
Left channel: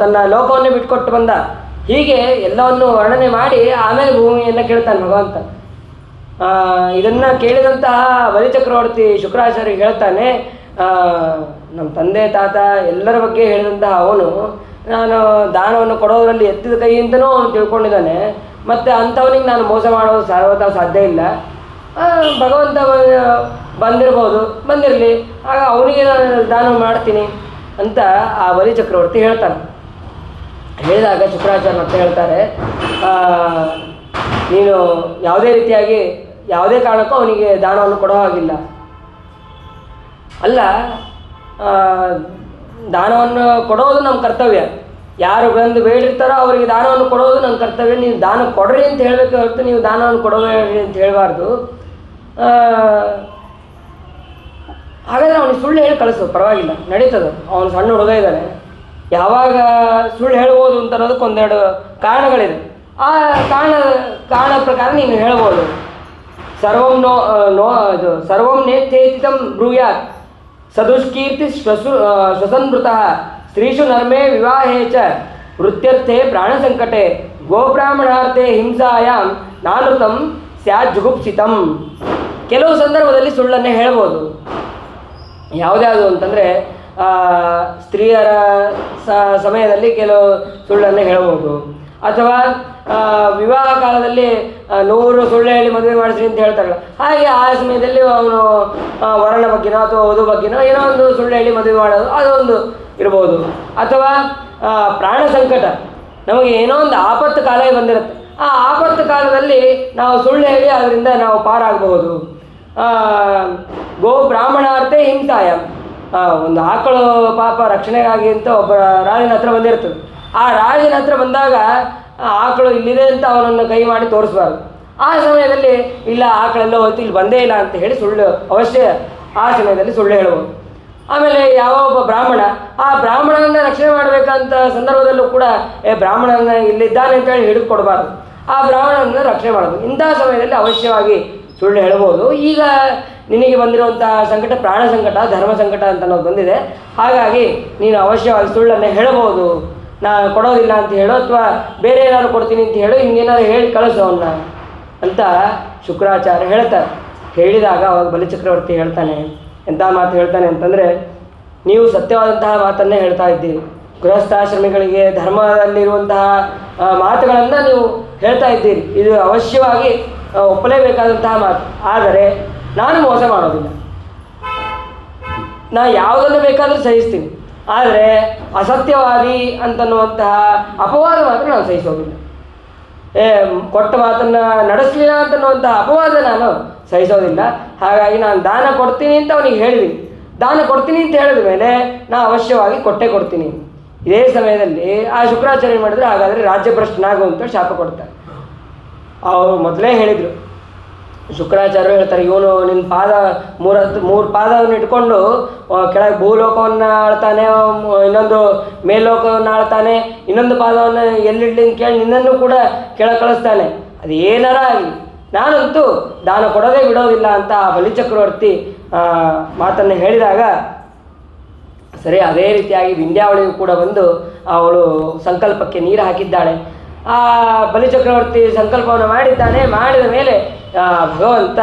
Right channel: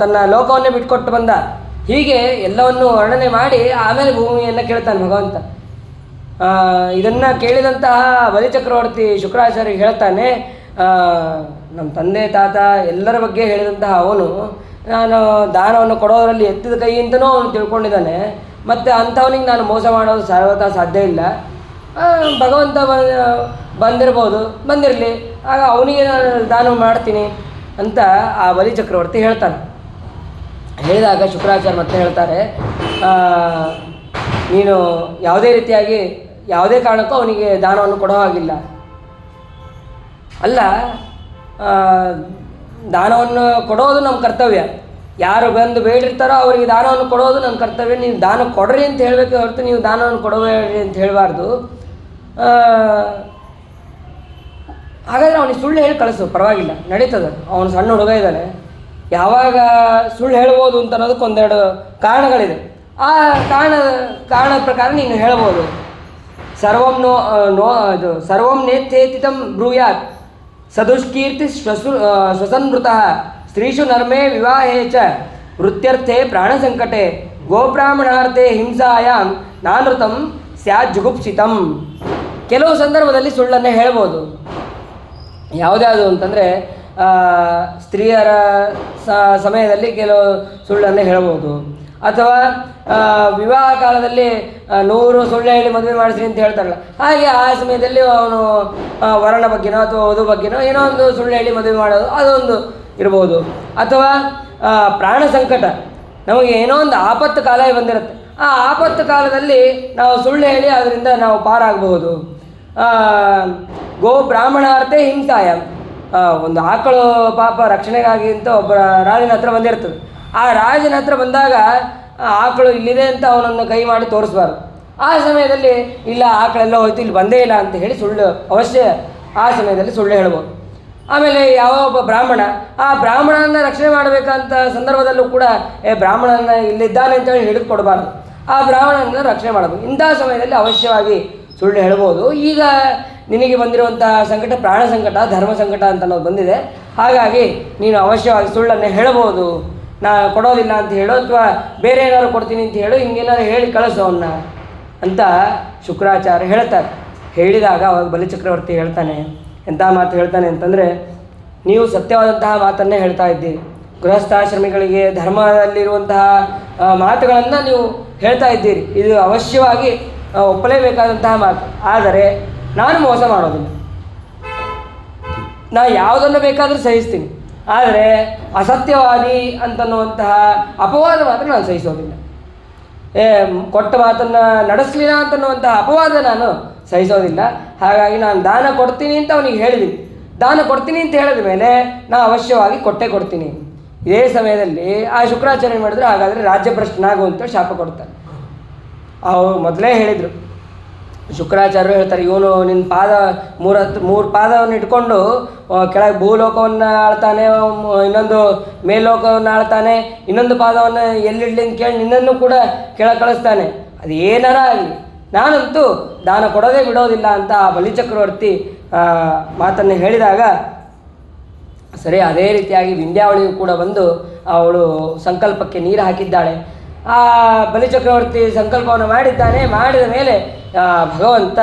ತನ್ನ ಲೋಕವನ್ನೇ ಬಿಟ್ಕೊಟ್ಟು ಬಂದ. ಹೀಗೆ ಎಲ್ಲವನ್ನು ವರ್ಣನೆ ಮಾಡಿ ಆಮೇಲೆ ಭೂಮಿಯನ್ನು ಕೇಳ್ತಾನೆ ಭಗವಂತ. ಇದನ್ನು ಕೇಳಿದಂತಹ ಬಲಿಚಕ್ರವರ್ತಿ ಶುಕ್ರಾಚಾರ್ಯ ಹೇಳ್ತಾನೆ, ನಮ್ಮ ತಂದೆ ತಾತ ಎಲ್ಲರ ಬಗ್ಗೆ ಹೇಳಿದಂತಹ ಅವನು ನಾನು ದಾನವನ್ನು ಕೊಡೋದರಲ್ಲಿ ಎತ್ತಿದ ಕೈ ಅಂತಲೂ ಅವನು ತಿಳ್ಕೊಂಡಿದ್ದಾನೆ. ಮತ್ತು ಅಂಥವನಿಗೆ ನಾನು ಮೋಸ ಮಾಡೋದು ಸರ್ವತಾ ಸಾಧ್ಯ ಇಲ್ಲ. ಭಗವಂತ ಬಂದಿರಲಿ, ಆಗ ಅವನಿಗೆ ನಾನು ದಾನ ಮಾಡ್ತೀನಿ ಅಂತ ಆ ಬಲಿಚಕ್ರವರ್ತಿ ಹೇಳ್ತಾನೆ. ಹೇಳಿದಾಗ ಶುಕ್ರಾಚಾರ್ಯ ಮತ್ತೆ ಹೇಳ್ತಾರೆ, ನೀನು ಯಾವುದೇ ರೀತಿಯಾಗಿ ಯಾವುದೇ ಕಾರಣಕ್ಕೂ ಅವನಿಗೆ ದಾನವನ್ನು ಕೊಡೋ ಹಾಗಿಲ್ಲ. ಅಲ್ಲ, ದಾನವನ್ನು ಕೊಡೋದು ನಮ್ಮ ಕರ್ತವ್ಯ. ಯಾರು ಬಂದು ಬೇಡಿರ್ತಾರೋ ಅವರಿಗೆ ದಾನವನ್ನು ಕೊಡೋದು ನನ್ನ ಕರ್ತವ್ಯ. ನೀವು ದಾನ ಕೊಡ್ರಿ ಅಂತ ಹೇಳಬೇಕು ಹೊರತು ನೀವು ದಾನವನ್ನು ಕೊಡಬೇಡಿ ಅಂತ ಹೇಳಬಾರ್ದು. ಹಾಗಾದರೆ ಅವನಿಗೆ ಸುಳ್ಳು ಹೇಳಿ ಕಳಿಸು, ಪರವಾಗಿಲ್ಲ, ನಡೀತದೆ. ಅವನು ಸಣ್ಣ ಹುಡುಗ ಇದ್ದಾನೆ, ಯಾವಾಗ ಸುಳ್ಳು ಹೇಳ್ಬೋದು ಅಂತ ಅನ್ನೋದಕ್ಕೆ 1-2 ಕಾರಣಗಳಿದೆ. ಆ ಕಾರಣ ಪ್ರಕಾರ ನೀನು ಹೇಳ್ಬೋದು. ಸರ್ವಂ ನೇತ್ಯೇತಿತಂ ಬ್ರೂಯಾತ್ ಸದುಷ್ಕೀರ್ತಿ ಶ್ವಸನ್ಮೃತಃ ಸ್ತ್ರೀಷು ನರ್ಮೇ ವಿವಾಹೇ ಚ ವೃತ್ಯರ್ಥೆ ಪ್ರಾಣಸಂಕಟೆ ಗೋಬ್ರಾಹ್ಮಣಾರ್ಥೆ ಹಿಂಸಾಯಾಂ ನಾನೃತಂ ಸ್ಯಾತ್ ಜುಗುಪ್ಸಿತಂ. ಕೆಲವು ಸಂದರ್ಭದಲ್ಲಿ ಸುಳ್ಳನ್ನೇ ಹೇಳ್ಬೋದು. ಯಾವುದ್ಯಾವುದು ಅಂತಂದರೆ ಸ್ತ್ರೀಯರ ಸಮಯದಲ್ಲಿ ಕೆಲವು ಸುಳ್ಳನ್ನು ಹೇಳ್ಬೋದು. ಅಥವಾ ವಿವಾಹ ಕಾಲದಲ್ಲಿ 100 ಸುಳ್ಳು ಹೇಳಿ ಮದುವೆ ಮಾಡಿಸ್ರಿ ಅಂತ ಹೇಳ್ತಾರಲ್ಲ, ಹಾಗೆ ಆ ಸಮಯದಲ್ಲಿ ಅವನು ವರನ ಬಗ್ಗೆನೋ ಅಥವಾ ವಧು ಬಗ್ಗೆನೋ ಏನೋ ಒಂದು ಸುಳ್ಳು ಹೇಳಿ ಮದುವೆ ಮಾಡೋದು ಅದೊಂದು ಇರ್ಬೋದು. ಅಥವಾ ಪ್ರಾಣ ಸಂಕಟ, ನಮಗೆ ಏನೋ ಒಂದು ಆಪತ್ತು ಕಾಲ ಬಂದಿರುತ್ತೆ, ಆ ಆಪತ್ತು ಕಾಲದಲ್ಲಿ ನಾವು ಸುಳ್ಳು ಹೇಳಿ ಅದರಿಂದ ನಾವು ಪಾರಾಗಬಹುದು. ಗೋ ಬ್ರಾಹ್ಮಣಾರ್ಥೆ ಹಿಂಸಾಯ, ಒಂದು ಆಕಳು ಪಾಪ ರಕ್ಷಣೆಗಾಗಿ ಅಂತ ಒಬ್ಬ ರಾಜನ ಹತ್ರ ಬಂದಿರ್ತದೆ. ಆ ರಾಜನ ಹತ್ರ ಬಂದಾಗ ಆಕಳು ಇಲ್ಲಿದೆ ಅಂತ ಅವನನ್ನು ಕೈ ಮಾಡಿ ತೋರಿಸ್ಬಾರ್ದು. ಆ ಸಮಯದಲ್ಲಿ ಇಲ್ಲ ಆಕಳೆಲ್ಲ ಹೋಯ್ತು ಇಲ್ಲಿ ಬಂದೇ ಇಲ್ಲ ಅಂತ ಹೇಳಿ ಸುಳ್ಳು ಅವಶ್ಯ ಆ ಸಮಯದಲ್ಲಿ ಸುಳ್ಳು ಹೇಳುವುದು. ಆಮೇಲೆ ಯಾವ ಒಬ್ಬ ಬ್ರಾಹ್ಮಣ ಆ ಬ್ರಾಹ್ಮಣನ ರಕ್ಷಣೆ ಮಾಡಬೇಕಂತ ಸಂದರ್ಭದಲ್ಲೂ ಕೂಡ ಬ್ರಾಹ್ಮಣನ ಇಲ್ಲಿದ್ದಾನೆ ಅಂತೇಳಿ ಹಿಡಿದು ಕೊಡಬಾರ್ದು, ಆ ಬ್ರಾಹ್ಮಣನ ರಕ್ಷಣೆ ಮಾಡಬೇಕು. ಇಂತಹ ಸಮಯದಲ್ಲಿ ಅವಶ್ಯವಾಗಿ ಸುಳ್ಳು ಹೇಳ್ಬೋದು. ಈಗ ನಿನಗೆ ಬಂದಿರುವಂತಹ ಸಂಕಟ ಪ್ರಾಣ ಸಂಕಟ, ಧರ್ಮ ಸಂಕಟ ಅಂತ ಅನ್ನೋದು ಬಂದಿದೆ, ಹಾಗಾಗಿ ನೀನು ಅವಶ್ಯವಾಗಿ ಸುಳ್ಳನ್ನು ಹೇಳಬಹುದು. ನಾನು ಕೊಡೋದಿಲ್ಲ ಅಂತ ಹೇಳು, ಅಥವಾ ಬೇರೆ ಏನಾದ್ರು ಕೊಡ್ತೀನಿ ಅಂತ ಹೇಳು, ಹಿಂಗೇನಾದ್ರು ಹೇಳಿ ಕಳಿಸೋವನ್ನ ಅಂತ ಶುಕ್ರಾಚಾರ್ಯ ಹೇಳ್ತಾರೆ. ಹೇಳಿದಾಗ ಅವಾಗ ಬಲಿಚಕ್ರವರ್ತಿ ಹೇಳ್ತಾನೆ, ಎಂಥ ಮಾತು ಹೇಳ್ತಾನೆ ಅಂತಂದರೆ, ನೀವು ಸತ್ಯವಾದಂತಹ ಮಾತನ್ನೇ ಹೇಳ್ತಾ ಇದ್ದೀರಿ, ಗೃಹಸ್ಥಾಶ್ರಮಿಗಳಿಗೆ ಧರ್ಮದಲ್ಲಿರುವಂತಹ ಮಾತುಗಳನ್ನು ನೀವು ಹೇಳ್ತಾ ಇದ್ದೀರಿ, ಇದು ಅವಶ್ಯವಾಗಿ ಒಪ್ಪಲೇಬೇಕಾದಂತಹ ಮಾತು. ಆದರೆ ನಾನು ಮೋಸ ಮಾಡೋದಿಲ್ಲ, ನಾ ಯಾವುದನ್ನು ಬೇಕಾದರೂ ಸಹಿಸ್ತೀನಿ, ಆದರೆ ಅಸತ್ಯವಾದಿ ಅಂತನ್ನುವಂತಹ ಅಪವಾದ ಮಾತ್ರ ನಾನು ಸಹಿಸೋದಿಲ್ಲ. ಕೊಟ್ಟ ಮಾತನ್ನು ನಡೆಸಲಿಲ್ಲ ಅಂತನ್ನುವಂತಹ ಅಪವಾದ ನಾನು ಸಹಿಸೋದಿಲ್ಲ. ಹಾಗಾಗಿ ನಾನು ದಾನ ಕೊಡ್ತೀನಿ ಅಂತ ಅವನಿಗೆ ಹೇಳಿದ್ದೀನಿ, ದಾನ ಕೊಡ್ತೀನಿ ಅಂತ ಹೇಳಿದ ಮೇಲೆ ನಾನು ಅವಶ್ಯವಾಗಿ ಕೊಟ್ಟೇ ಕೊಡ್ತೀನಿ. ಇದೇ ಸಮಯದಲ್ಲಿ ಆ ಶುಕ್ರಾಚಾರ್ಯ ಮಾಡಿದ್ರೆ ಹಾಗಾದರೆ ರಾಜ್ಯಭ್ರಷ್ಟನಾಗು ಅಂತ ಶಾಪ ಕೊಡ್ತಾರೆ. ಅವರು ಮೊದಲೇ ಹೇಳಿದರು, ಶುಕ್ರಾಚಾರ್ಯರು ಹೇಳ್ತಾರೆ, ಇವನು ನಿನ್ನ ಪಾದ ಮೂರು ಪಾದವನ್ನು ಇಟ್ಕೊಂಡು ಕೆಳಗೆ ಭೂಲೋಕವನ್ನು ಆಳ್ತಾನೆ, ಇನ್ನೊಂದು ಮೇಲ್ಲೋಕವನ್ನು ಆಳ್ತಾನೆ, ಇನ್ನೊಂದು ಪಾದವನ್ನು ಎಲ್ಲಿಡ್ಲಿ ಅಂತ ಕೇಳಿ ನಿನ್ನನ್ನು ಕೂಡ ಕೆಳಗೆ ಕಳಿಸ್ತಾನೆ, ಅದು ಏನಾರ ಆಗಲಿ ನಾನಂತೂ ದಾನ ಕೊಡೋದೇ ಬಿಡೋದಿಲ್ಲ ಅಂತ ಆ ಬಲಿಚಕ್ರವರ್ತಿ ಮಾತನ್ನು ಹೇಳಿದಾಗ, ಸರಿ ಅದೇ ರೀತಿಯಾಗಿ ವಿಂಧ್ಯಾವಳಿಯು ಕೂಡ ಬಂದು ಅವಳು ಸಂಕಲ್ಪಕ್ಕೆ ನೀರು ಹಾಕಿದ್ದಾಳೆ. ಆ ಬಲಿಚಕ್ರವರ್ತಿ ಸಂಕಲ್ಪವನ್ನು ಮಾಡಿದ್ದಾನೆ. ಮಾಡಿದ ಮೇಲೆ ಭಗವಂತ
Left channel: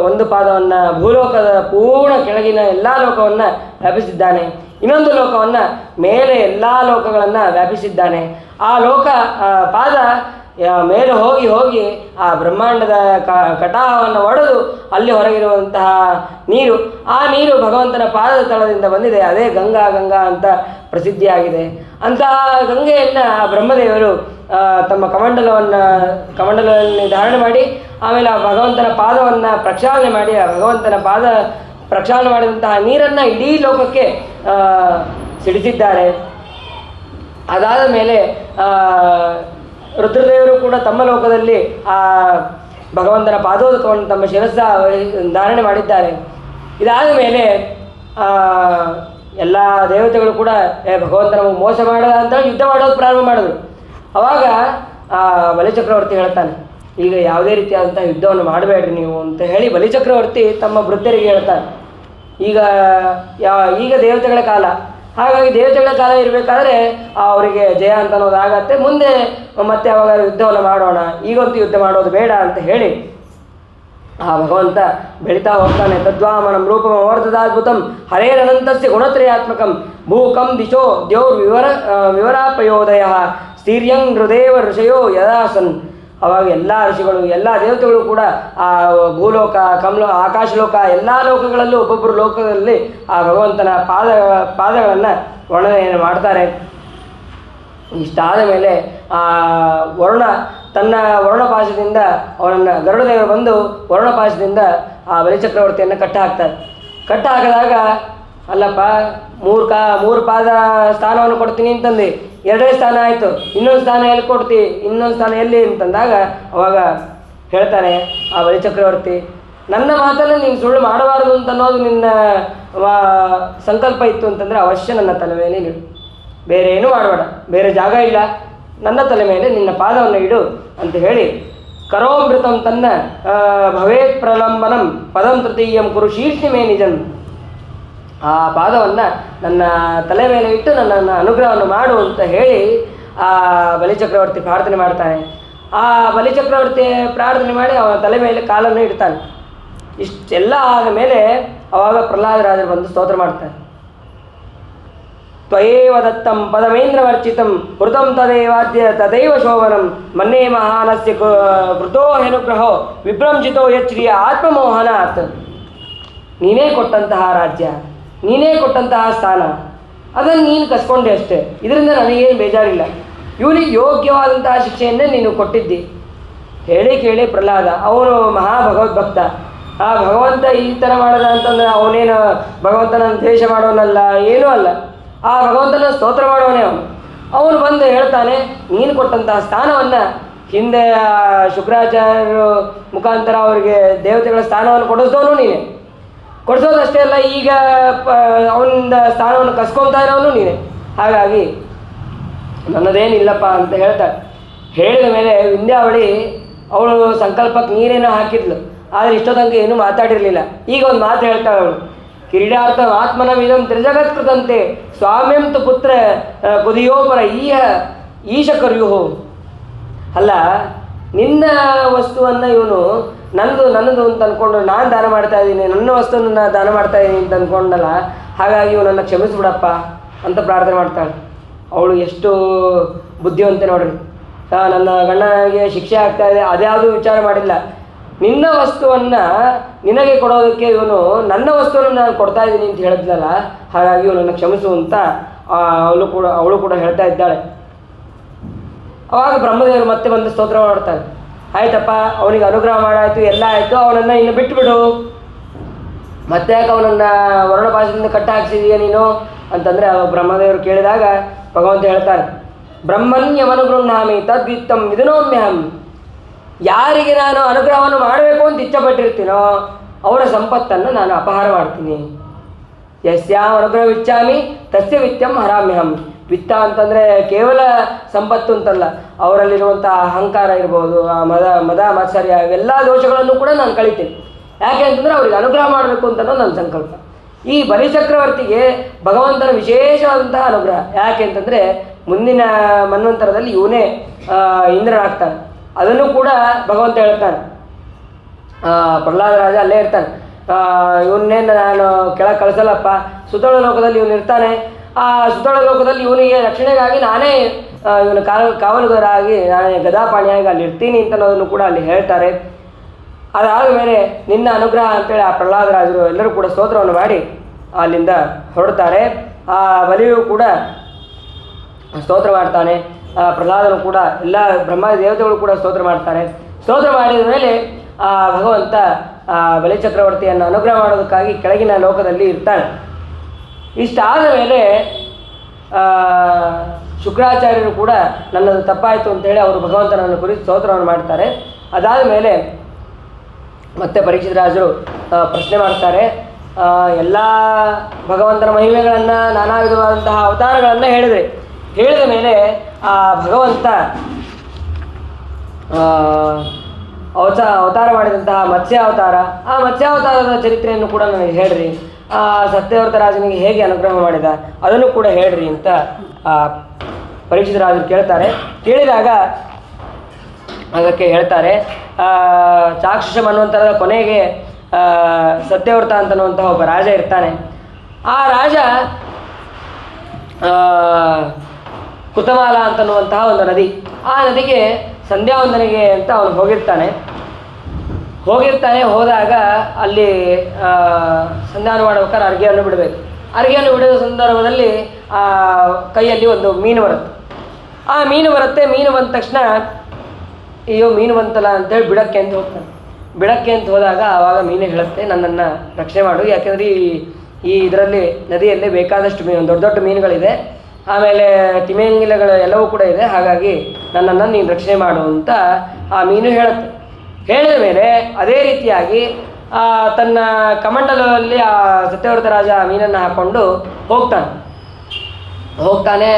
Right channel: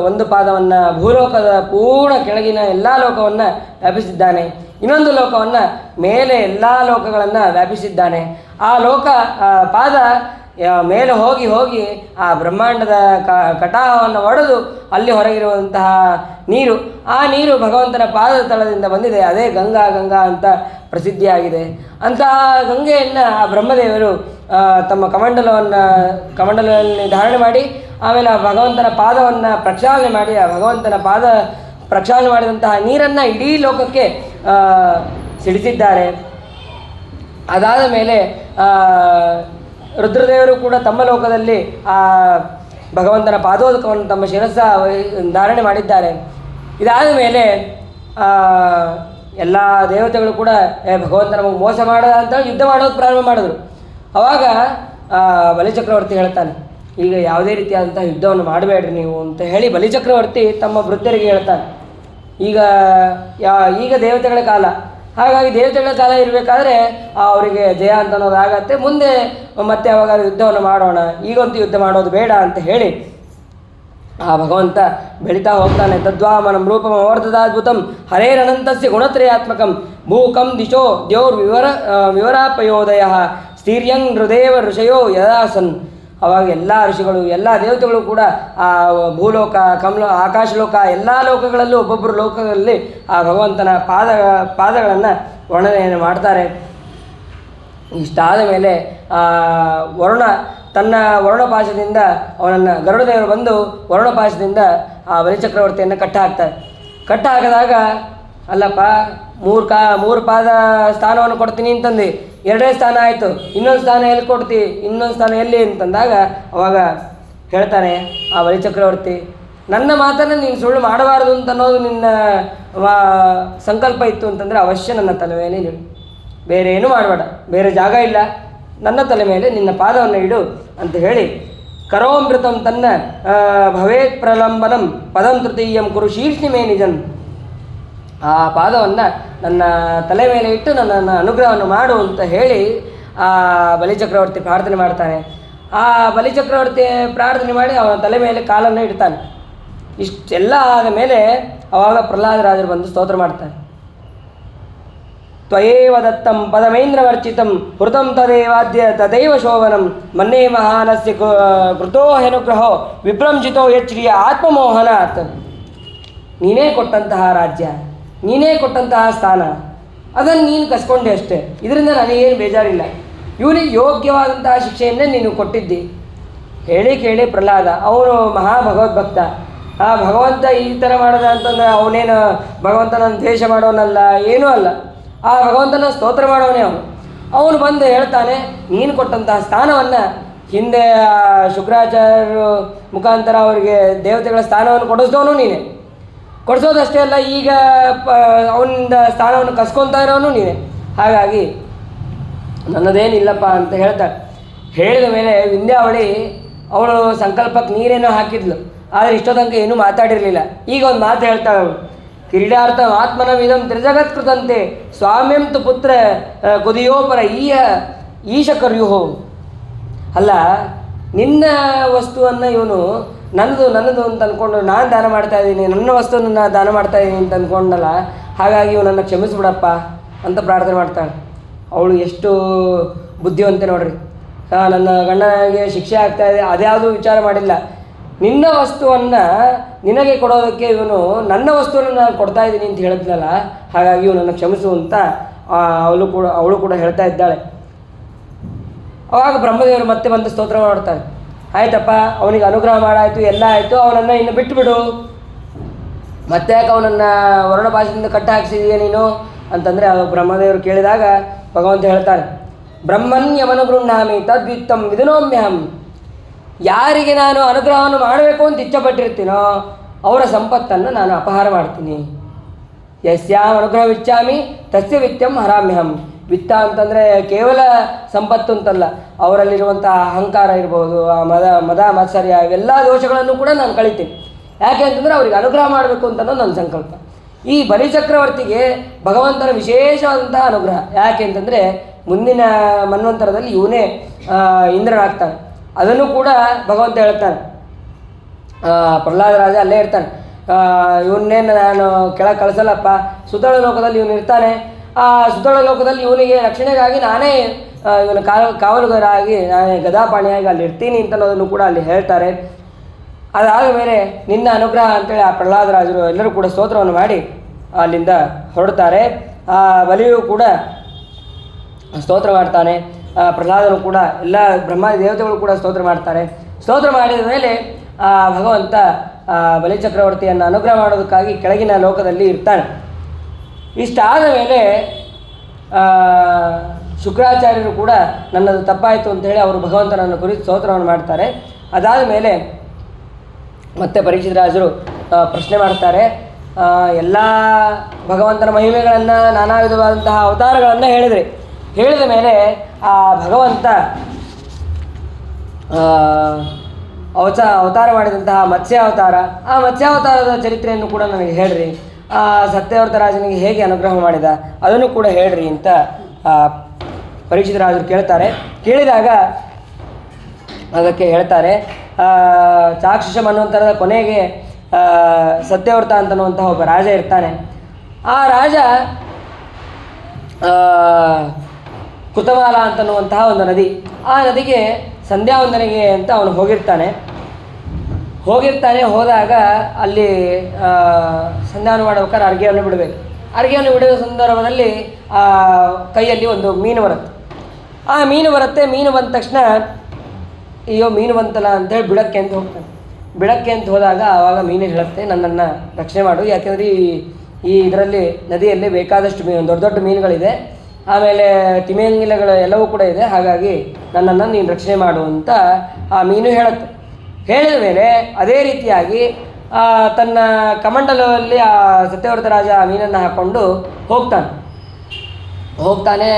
ಒಂದು ಪಾದವನ್ನು ಭೂಲೋಕದ ಪೂರ್ಣ ಕೆಳಗಿನ ಎಲ್ಲ ಲೋಕವನ್ನು ವ್ಯಾಪಿಸಿದ್ದಾನೆ, ಇನ್ನೊಂದು ಲೋಕವನ್ನು ಮೇಲೆ ಎಲ್ಲ ಲೋಕಗಳನ್ನು ವ್ಯಾಪಿಸಿದ್ದಾನೆ. ಆ ಪಾದ ಮೇಲೆ ಹೋಗಿ ಆ ಬ್ರಹ್ಮಾಂಡದ ಕಟಾಹವನ್ನು ಒಡೆದು ಅಲ್ಲಿ ಹೊರಗಿರುವಂತಹ ನೀರು, ಆ ನೀರು ಭಗವಂತನ ಪಾದದ ತಳದಿಂದ ಬಂದಿದೆ, ಅದೇ ಗಂಗಾ ಅಂತ ಪ್ರಸಿದ್ಧಿಯಾಗಿದೆ. ಅಂತಹ ಗಂಗೆಯನ್ನು ಬ್ರಹ್ಮದೇವರು ತಮ್ಮ ಕಮಂಡಲದಲ್ಲಿ ಧಾರಣೆ ಮಾಡಿ, ಆಮೇಲೆ ಆ ಭಗವಂತನ ಪಾದವನ್ನು ಪ್ರಕ್ಷಾಳನೆ ಮಾಡಿ, ಆ ಭಗವಂತನ ಪಾದ ಪ್ರಕ್ಷಾಳನೆ ಮಾಡಿದಂತಹ ನೀರನ್ನು ಇಡೀ ಲೋಕಕ್ಕೆ ಸಿಡಿಸಿದ್ದಾರೆ. ಅದಾದ ಮೇಲೆ ರುದ್ರದೇವರು ಕೂಡ ತಮ್ಮ ಲೋಕದಲ್ಲಿ ಆ ಭಗವಂತನ ಪಾದೋದಕವನ್ನು ತಮ್ಮ ಶಿರಸ್ಸ ಧಾರಣೆ ಮಾಡಿದ್ದಾರೆ. ಇದಾದ ಮೇಲೆ ಎಲ್ಲ ದೇವತೆಗಳು ಕೂಡ ಭಗವಂತನ ಮೋಸ ಮಾಡೋದ ಅಂತ ಯುದ್ಧ ಮಾಡೋದು ಪ್ರಾರಂಭ ಮಾಡಿದ್ರು. ಆವಾಗ ಬಲಿಚಕ್ರವರ್ತಿ ಹೇಳ್ತಾನೆ, ಈಗ ಯಾವುದೇ ರೀತಿಯಾದಂಥ ಯುದ್ಧವನ್ನು ಮಾಡಬೇಡ್ರಿ ನೀವು ಅಂತ ಹೇಳಿ ಬಲಿಚಕ್ರವರ್ತಿ ತಮ್ಮ ವೃದ್ಧರಿಗೆ ಹೇಳ್ತಾನೆ. ಈಗ ದೇವತೆಗಳ ಕಾಲ, ಹಾಗಾಗಿ ದೇವತೆಗಳ ಕಾಲ ಇರಬೇಕಾದ್ರೆ ಅವರಿಗೆ ಜಯ ಅಂತ ಅನ್ನೋದಾಗತ್ತೆ, ಮುಂದೆ ಮತ್ತೆ ಅವಾಗ ಯುದ್ಧವನ್ನು ಮಾಡೋಣ, ಈಗಂತೂ ಯುದ್ಧ ಮಾಡೋದು ಬೇಡ ಅಂತ ಹೇಳಿ ಆ ಭಗವಂತ ಬೆಳೀತಾ ಹೋಗ್ತಾನೆ. ತದ್ವಾಮನಂ ರೂಪಂ ಅವರ್ಧದಾದ್ಭುತಂ ಹರೇರನಂತಸ್ಯ ಗುಣತ್ರಯಾತ್ಮಕಂ ಭೂಕಂ ದಿಶೋ ವಿವರಾಪಯೋದಯ ಸ್ಥೀರ್ಯಂ ಹೃದೇವ ಋಷಯೋ ಯದಾಸನ್. ಅವಾಗ ಎಲ್ಲ ಋಷಿಗಳು ಎಲ್ಲ ದೇವತೆಗಳು ಕೂಡ ಆ ಭೂಲೋಕ, ಆಕಾಶಲೋಕ ಎಲ್ಲ ಲೋಕಗಳಲ್ಲೂ ಒಬ್ಬೊಬ್ಬರು ಲೋಕದಲ್ಲಿ ಆ ಭಗವಂತನ ಪಾದಗಳನ್ನು ವರ್ಣನೆಯನ್ನು ಮಾಡ್ತಾರೆ. ಇಷ್ಟಾದ ಮೇಲೆ ವರುಣ ತನ್ನ ವರ್ಣಪಾಶದಿಂದ ಅವನನ್ನು ಗರುಡದೇವರು ಬಂದು ವರ್ಣಪಾಶದಿಂದ ಆ ಬಲಿಚಕ್ರವರ್ತಿಯನ್ನು ಕಟ್ಟ ಹಾಕಿದಾಗ, ಅಲ್ಲಪ್ಪ ಮೂರು ಪಾದ ಸ್ಥಾನವನ್ನು ಕೊಡ್ತೀನಿ ಅಂತಂದು 2 ಸ್ಥಾನ ಆಯಿತು, ಇನ್ನೊಂದು ಸ್ಥಾನ ಎಲ್ಲಿ ಕೊಡ್ತಿ, ಇನ್ನೊಂದು ಸ್ಥಾನ ಎಲ್ಲಿ ಅಂತಂದಾಗ ಅವಾಗ ಹೇಳ್ತಾನೆ ಆ ಬಲಿಚಕ್ರವರ್ತಿ, ನನ್ನ ಮಾತನ್ನು ನೀನು ಸುಳ್ಳು ಮಾಡಬಾರ್ದು ಅಂತ ಅನ್ನೋದು ನಿನ್ನ ಸಂಕಲ್ಪ ಇತ್ತು ಅಂತಂದರೆ ಅವಶ್ಯ ನನ್ನ ತಲೆ ಮೇಲೆ ನೀಡು, ಬೇರೆ ಏನೂ ಮಾಡಬೇಡ, ಬೇರೆ ಜಾಗ ಇಲ್ಲ, ನನ್ನ ತಲೆ ಮೇಲೆ ನಿನ್ನ ಪಾದವನ್ನು ಇಡು ಅಂತ ಹೇಳಿ ಕರೋಮೃತಂ ತನ್ನ ಭವೇತ್ ಪ್ರಲಂಬನಂ ಪದಂ ತೃತೀಯಂ ಕುರು ಶೀರ್ಷಿ ಮೇ ನಿಜಂ. ಆ ಪಾದವನ್ನು ನನ್ನ ತಲೆ ಮೇಲೆ ಇಟ್ಟು ನನ್ನನ್ನು ಅನುಗ್ರಹವನ್ನು ಮಾಡು ಅಂತ ಹೇಳಿ ಆ ಬಲಿಚಕ್ರವರ್ತಿ ಪ್ರಾರ್ಥನೆ ಮಾಡ್ತಾನೆ. ಆ ಬಲಿಚಕ್ರವರ್ತಿ ಪ್ರಾರ್ಥನೆ ಮಾಡಿ ಅವನ ತಲೆ ಮೇಲೆ ಕಾಲನ್ನು ಇಡ್ತಾನೆ. ಇಷ್ಟೆಲ್ಲ ಆದ ಮೇಲೆ ಅವಾಗ ಪ್ರಹ್ಲಾದರಾಜರು ಬಂದು ಸ್ತೋತ್ರ ಮಾಡ್ತಾರೆ. ತ್ವಯೇವ ದತ್ತಂ ಪದಮೇಂದ್ರವರ್ಚಿತಂ ಹೃತಂ ತದೇವಾದ್ಯ ತದೈವ ಶೋಭನಂ ಮನ್ನೇ ಮಹಾನಸ್ಯ ಕೃತೋ ಹೆನುಗ್ರಹೋ ವಿಭ್ರಂಜಿತೋ ಯಚ್ಛ್ರೀ ಆತ್ಮಮೋಹನಾತ್. ನೀನೇ ಕೊಟ್ಟಂತಹ ರಾಜ್ಯ, ನೀನೇ ಕೊಟ್ಟಂತಹ ಸ್ಥಾನ, ಅದನ್ನು ನೀನು ಕಸ್ಕೊಂಡೆ ಅಷ್ಟೇ. ಇದರಿಂದ ನನಗೇನು ಬೇಜಾರಿಲ್ಲ. ಇವನಿಗೆ ಯೋಗ್ಯವಾದಂತಹ ಶಿಕ್ಷೆಯನ್ನೇ ನೀನು ಕೊಟ್ಟಿದ್ದಿ. ಹೇಳಿ ಕೇಳಿ ಪ್ರಹ್ಲಾದ ಅವನು ಮಹಾಭಗವದ್ಭಕ್ತ. ಆ ಭಗವಂತ ಈ ಥರ ಮಾಡಿದ ಅಂತಂದರೆ ಅವನೇನು ಭಗವಂತನ ದ್ವೇಷ ಮಾಡೋನಲ್ಲ, ಏನೂ ಅಲ್ಲ. ಆ ಭಗವಂತನ ಸ್ತೋತ್ರ ಮಾಡೋನೇ ಅವನು ಬಂದು ಹೇಳ್ತಾನೆ, ನೀನು ಕೊಟ್ಟಂತಹ ಸ್ಥಾನವನ್ನು ಹಿಂದೆ ಶುಕ್ರಾಚಾರ್ಯರು ಮುಖಾಂತರ ಅವರಿಗೆ ದೇವತೆಗಳ ಸ್ಥಾನವನ್ನು ಕೊಡಿಸಿದವನು ನೀನೆ, ಕೊಡಿಸೋದಷ್ಟೇ ಅಲ್ಲ ಈಗ ಅವನಿಂದ ಸ್ಥಾನವನ್ನು ಕಸ್ಕೊತಾ ಇರೋನು ನೀನೆ. ಹಾಗಾಗಿ ನನ್ನದೇನಿಲ್ಲಪ್ಪ ಅಂತ ಹೇಳ್ತಾಳೆ. ಹೇಳಿದ ಮೇಲೆ ವಿಂಧ್ಯಾವಳಿ ಅವಳು ಸಂಕಲ್ಪಕ್ಕೆ ನೀರೇನೋ ಹಾಕಿದ್ಲು, ಆದರೆ ಇಷ್ಟೊತ್ತಂಕ ಏನೂ ಮಾತಾಡಿರಲಿಲ್ಲ. ಈಗ ಒಂದು ಮಾತು ಹೇಳ್ತಾಳೆ ಅವಳು, ಕ್ರೀಡಾರ್ಥ ಆತ್ಮನವಿದಂ ತ್ರಿಜಗತ್ಕೃತಂತೆ ಸ್ವಾಮ್ಯಂ ತು ಪುತ್ರ ಕುದಿಯೋಪರ ಈಶ ಕರ್ಯುಹು. ಅಲ್ಲ, ನಿನ್ನ ವಸ್ತುವನ್ನು ಇವನು ನನ್ನದು ಅಂತ ಅಂದ್ಕೊಂಡು ನಾನು ದಾನ ಮಾಡ್ತಾ ಇದ್ದೀನಿ, ನನ್ನ ವಸ್ತುವನ್ನು ದಾನ ಮಾಡ್ತಾ ಇದ್ದೀನಿ ಅಂತ ಅಂದ್ಕೊಂಡಲ್ಲ, ಹಾಗಾಗಿ ಇವನನ್ನು ಕ್ಷಮಿಸ್ಬಿಡಪ್ಪ ಅಂತ ಪ್ರಾರ್ಥನೆ ಮಾಡ್ತಾಳೆ. ಅವಳು ಎಷ್ಟು ಬುದ್ಧಿವಂತೆ ನೋಡ್ರಿ. ನನ್ನ ಗಂಡನಿಗೆ ಶಿಕ್ಷೆ ಆಗ್ತಾ ಇದೆ ಅದ್ಯಾವುದೂ ವಿಚಾರ ಮಾಡಿಲ್ಲ. ನಿನ್ನ ವಸ್ತುವನ್ನು ನಿನಗೆ ಕೊಡೋದಕ್ಕೆ ಇವನು ನನ್ನ ವಸ್ತುವನ್ನು ನಾನು ಕೊಡ್ತಾ ಇದ್ದೀನಿ ಅಂತ ಹೇಳಿದ್ನಲ್ಲ, ಹಾಗಾಗಿ ಇವನನ್ನು ಕ್ಷಮಿಸು ಅಂತ ಅವಳು ಕೂಡ ಹೇಳ್ತಾ ಇದ್ದಾಳೆ. ಆವಾಗ ಬ್ರಹ್ಮದೇವರು ಮತ್ತೆ ಬಂದು ಸ್ತೋತ್ರ ಮಾಡ್ತಾರೆ. ಆಯ್ತಪ್ಪ, ಅವನಿಗೆ ಅನುಗ್ರಹ ಮಾಡಾಯಿತು, ಎಲ್ಲ ಆಯಿತು, ಅವನನ್ನು ಇನ್ನು ಬಿಟ್ಟುಬಿಡು. ಮತ್ತೆ ಯಾಕೆ ಅವನನ್ನು ವರ್ಣಪಾಶದಿಂದ ಕಟ್ಟ ಹಾಕ್ಸಿದೀಯ ನೀನು ಅಂತಂದರೆ ಬ್ರಹ್ಮದೇವರು ಕೇಳಿದಾಗ ಭಗವಂತ ಹೇಳ್ತಾನೆ, ಬ್ರಹ್ಮಣ್ಯಮನುಗೃಹಾಮಿ ತದ್ವಿತ್ತಂ ವಿಧನೋಮ್ಯಹಂ. ಯಾರಿಗೆ ನಾನು ಅನುಗ್ರಹವನ್ನು ಮಾಡಬೇಕು ಅಂತ ಇಚ್ಛಪಟ್ಟಿರ್ತೀನೋ ಅವರ ಸಂಪತ್ತನ್ನು ನಾನು ಅಪಹಾರ ಮಾಡ್ತೀನಿ. ಯಸ್ಯಾಂ ಅನುಗ್ರಹವಿಚ್ಛಾಮಿ ತಸ್ಯ ವಿತ್ತಂ ಹರಾಮ್ಯಹಂ. ವಿತ್ತ ಅಂತಂದರೆ ಕೇವಲ ಸಂಪತ್ತು ಅಂತಲ್ಲ, ಅವರಲ್ಲಿರುವಂಥ ಅಹಂಕಾರ ಇರ್ಬೋದು, ಮದ ಮಾತ್ಸರ್ಯ, ಇವೆಲ್ಲ ದೋಷಗಳನ್ನು ಕೂಡ ನಾನು ಕಳಿತೀನಿ. ಯಾಕೆ ಅಂತಂದರೆ ಅವ್ರಿಗೆ ಅನುಗ್ರಹ ಮಾಡಬೇಕು ಅಂತನೋ ನನ್ನ ಸಂಕಲ್ಪ. ಈ ಬಲಿಚಕ್ರವರ್ತಿಗೆ ಭಗವಂತನ ವಿಶೇಷವಾದಂತಹ ಅನುಗ್ರಹ. ಯಾಕೆ ಅಂತಂದರೆ ಮುಂದಿನ ಮನ್ವಂತರದಲ್ಲಿ ಇವನೇ ಇಂದ್ರನಾಗ್ತಾನೆ. ಅದನ್ನು ಕೂಡ ಭಗವಂತ ಹೇಳ್ತಾನೆ. ಪ್ರಹ್ಲಾದ ರಾಜ ಅಲ್ಲೇ ಇರ್ತಾನೆ. ಇವನ್ನೇನು ನಾನು ಕೆಳಗೆ ಕಳಿಸಲ್ಲಪ್ಪ, ಸುತಳ ಲೋಕದಲ್ಲಿ ಇವನು ಇರ್ತಾನೆ. ಆ ಸುತಳ ಲೋಕದಲ್ಲಿ ಇವನಿಗೆ ರಕ್ಷಣೆಗಾಗಿ ನಾನೇ ಇವನ ಕಾವಲುಗಾರಾಗಿ ನಾನೇ ಗದಾಪಾಣಿಯಾಗಿ ಅಲ್ಲಿ ಇರ್ತೀನಿ ಅಂತ ಅನ್ನೋದನ್ನು ಕೂಡ ಅಲ್ಲಿ ಹೇಳ್ತಾರೆ. ಅದಾದ ಮೇಲೆ ನಿನ್ನ ಅನುಗ್ರಹ ಅಂತೇಳಿ ಆ ಪ್ರಹ್ಲಾದರಾಜರು ಎಲ್ಲರೂ ಕೂಡ ಸ್ತೋತ್ರವನ್ನು ಮಾಡಿ ಅಲ್ಲಿಂದ ಹೊರಡ್ತಾರೆ. ಆ ಬಲಿಯು ಕೂಡ ಸ್ತೋತ್ರ ಮಾಡ್ತಾನೆ. ಪ್ರಹ್ಲಾದನು ಕೂಡ ಎಲ್ಲ ಬ್ರಹ್ಮ ದೇವತೆಗಳು ಕೂಡ ಸ್ತೋತ್ರ ಮಾಡ್ತಾರೆ. ಸ್ತೋತ್ರ ಮಾಡಿದ ಮೇಲೆ ಆ ಭಗವಂತ ಬಲಿಚಕ್ರವರ್ತಿಯನ್ನು ಅನುಗ್ರಹ ಮಾಡೋದಕ್ಕಾಗಿ ಕೆಳಗಿನ ಲೋಕದಲ್ಲಿ ಇರ್ತಾನೆ. ಇಷ್ಟಾದ ಮೇಲೆ ಶುಕ್ರಾಚಾರ್ಯರು ಕೂಡ ನನ್ನದು ತಪ್ಪಾಯಿತು ಅಂತೇಳಿ ಅವರು ಭಗವಂತನನ್ನು ಕುರಿತು ಸ್ತೋತ್ರವನ್ನು ಮಾಡ್ತಾರೆ. ಅದಾದ ಮೇಲೆ ಮತ್ತೆ ಪರೀಕ್ಷಿತ ರಾಜರು ಪ್ರಶ್ನೆ ಮಾಡ್ತಾರೆ. ಎಲ್ಲ ಭಗವಂತನ ಮಹಿಮೆಗಳನ್ನು, ನಾನಾ ವಿಧವಾದಂತಹ ಅವತಾರಗಳನ್ನು ಹೇಳಿದ ಮೇಲೆ ಆ ಭಗವಂತ ಅವತಾರ ಮಾಡಿದಂತಹ ಮತ್ಸ್ಯಾವತಾರ, ಆ ಮತ್ಸ್ಯಾವತಾರದ ಚರಿತ್ರೆಯನ್ನು ಕೂಡ ನನಗೆ ಹೇಳ್ರಿ. ಸತ್ಯವ್ರತ ರಾಜನಿಗೆ ಹೇಗೆ ಅನುಗ್ರಹ ಮಾಡಿದ ಅದನ್ನು ಕೂಡ ಹೇಳ್ರಿ ಅಂತ ಪರೀಕ್ಷಿತ ರಾಜರು ಕೇಳ್ತಾರೆ. ಕೇಳಿದಾಗ ಅದಕ್ಕೆ ಹೇಳ್ತಾರೆ, ಚಾಕ್ಷುಷ ಮನ್ವಂತರದ ಕೊನೆಗೆ ಸತ್ಯವ್ರತ ಅಂತನ್ನುವಂತಹ ಒಬ್ಬ ರಾಜ ಇರ್ತಾನೆ. ಆ ರಾಜ ಕುತಮಾಲ ಅಂತನ್ನುವಂತಹ ಒಂದು ನದಿ, ಆ ನದಿಗೆ ಸಂಧ್ಯಾವಂದನೆಗೆ ಅಂತ ಅವನು ಹೋದಾಗ ಅಲ್ಲಿ ಸಂಧ್ಯಾವನ ಮಾಡ್ಬೇಕಾದ್ರೆ ಅರ್ಘ್ಯವನ್ನು ಬಿಡಬೇಕು. ಅರ್ಘ್ಯವನ್ನು ಬಿಡುವ ಸಂದರ್ಭದಲ್ಲಿ ಕೈಯಲ್ಲಿ ಒಂದು ಮೀನು ಬರುತ್ತೆ. ಆ ಮೀನು ಬಂದ ತಕ್ಷಣ ಅಯ್ಯೋ ಮೀನು ಬಂತಲ್ಲ ಅಂತೇಳಿ ಬಿಡಕ್ಕೆ ಅಂತ ಹೋದಾಗ ಆವಾಗ ಮೀನು ಹೇಳುತ್ತೆ, ನನ್ನನ್ನು ರಕ್ಷಣೆ ಮಾಡು, ಯಾಕೆಂದರೆ ಈ ಇದರಲ್ಲಿ ನದಿಯಲ್ಲಿ ಬೇಕಾದಷ್ಟು ದೊಡ್ಡ ದೊಡ್ಡ ಮೀನುಗಳಿದೆ, ಆಮೇಲೆ ತಿಮಿಂಗಿಲಗಳು ಎಲ್ಲವೂ ಕೂಡ ಇದೆ, ಹಾಗಾಗಿ ನನ್ನನ್ನು ನೀನು ರಕ್ಷಣೆ ಮಾಡು ಅಂತ ಆ ಮೀನು ಹೇಳುತ್ತೆ. ಹೇಳಿದ ಮೇಲೆ ಅದೇ ರೀತಿಯಾಗಿ ತನ್ನ ಕಮಂಡಲದಲ್ಲಿ ಆ ಸತ್ಯವ್ರತ ರಾಜ ಆ ಮೀನನ್ನು ಹಾಕ್ಕೊಂಡು ಹೋಗ್ತಾನೆ.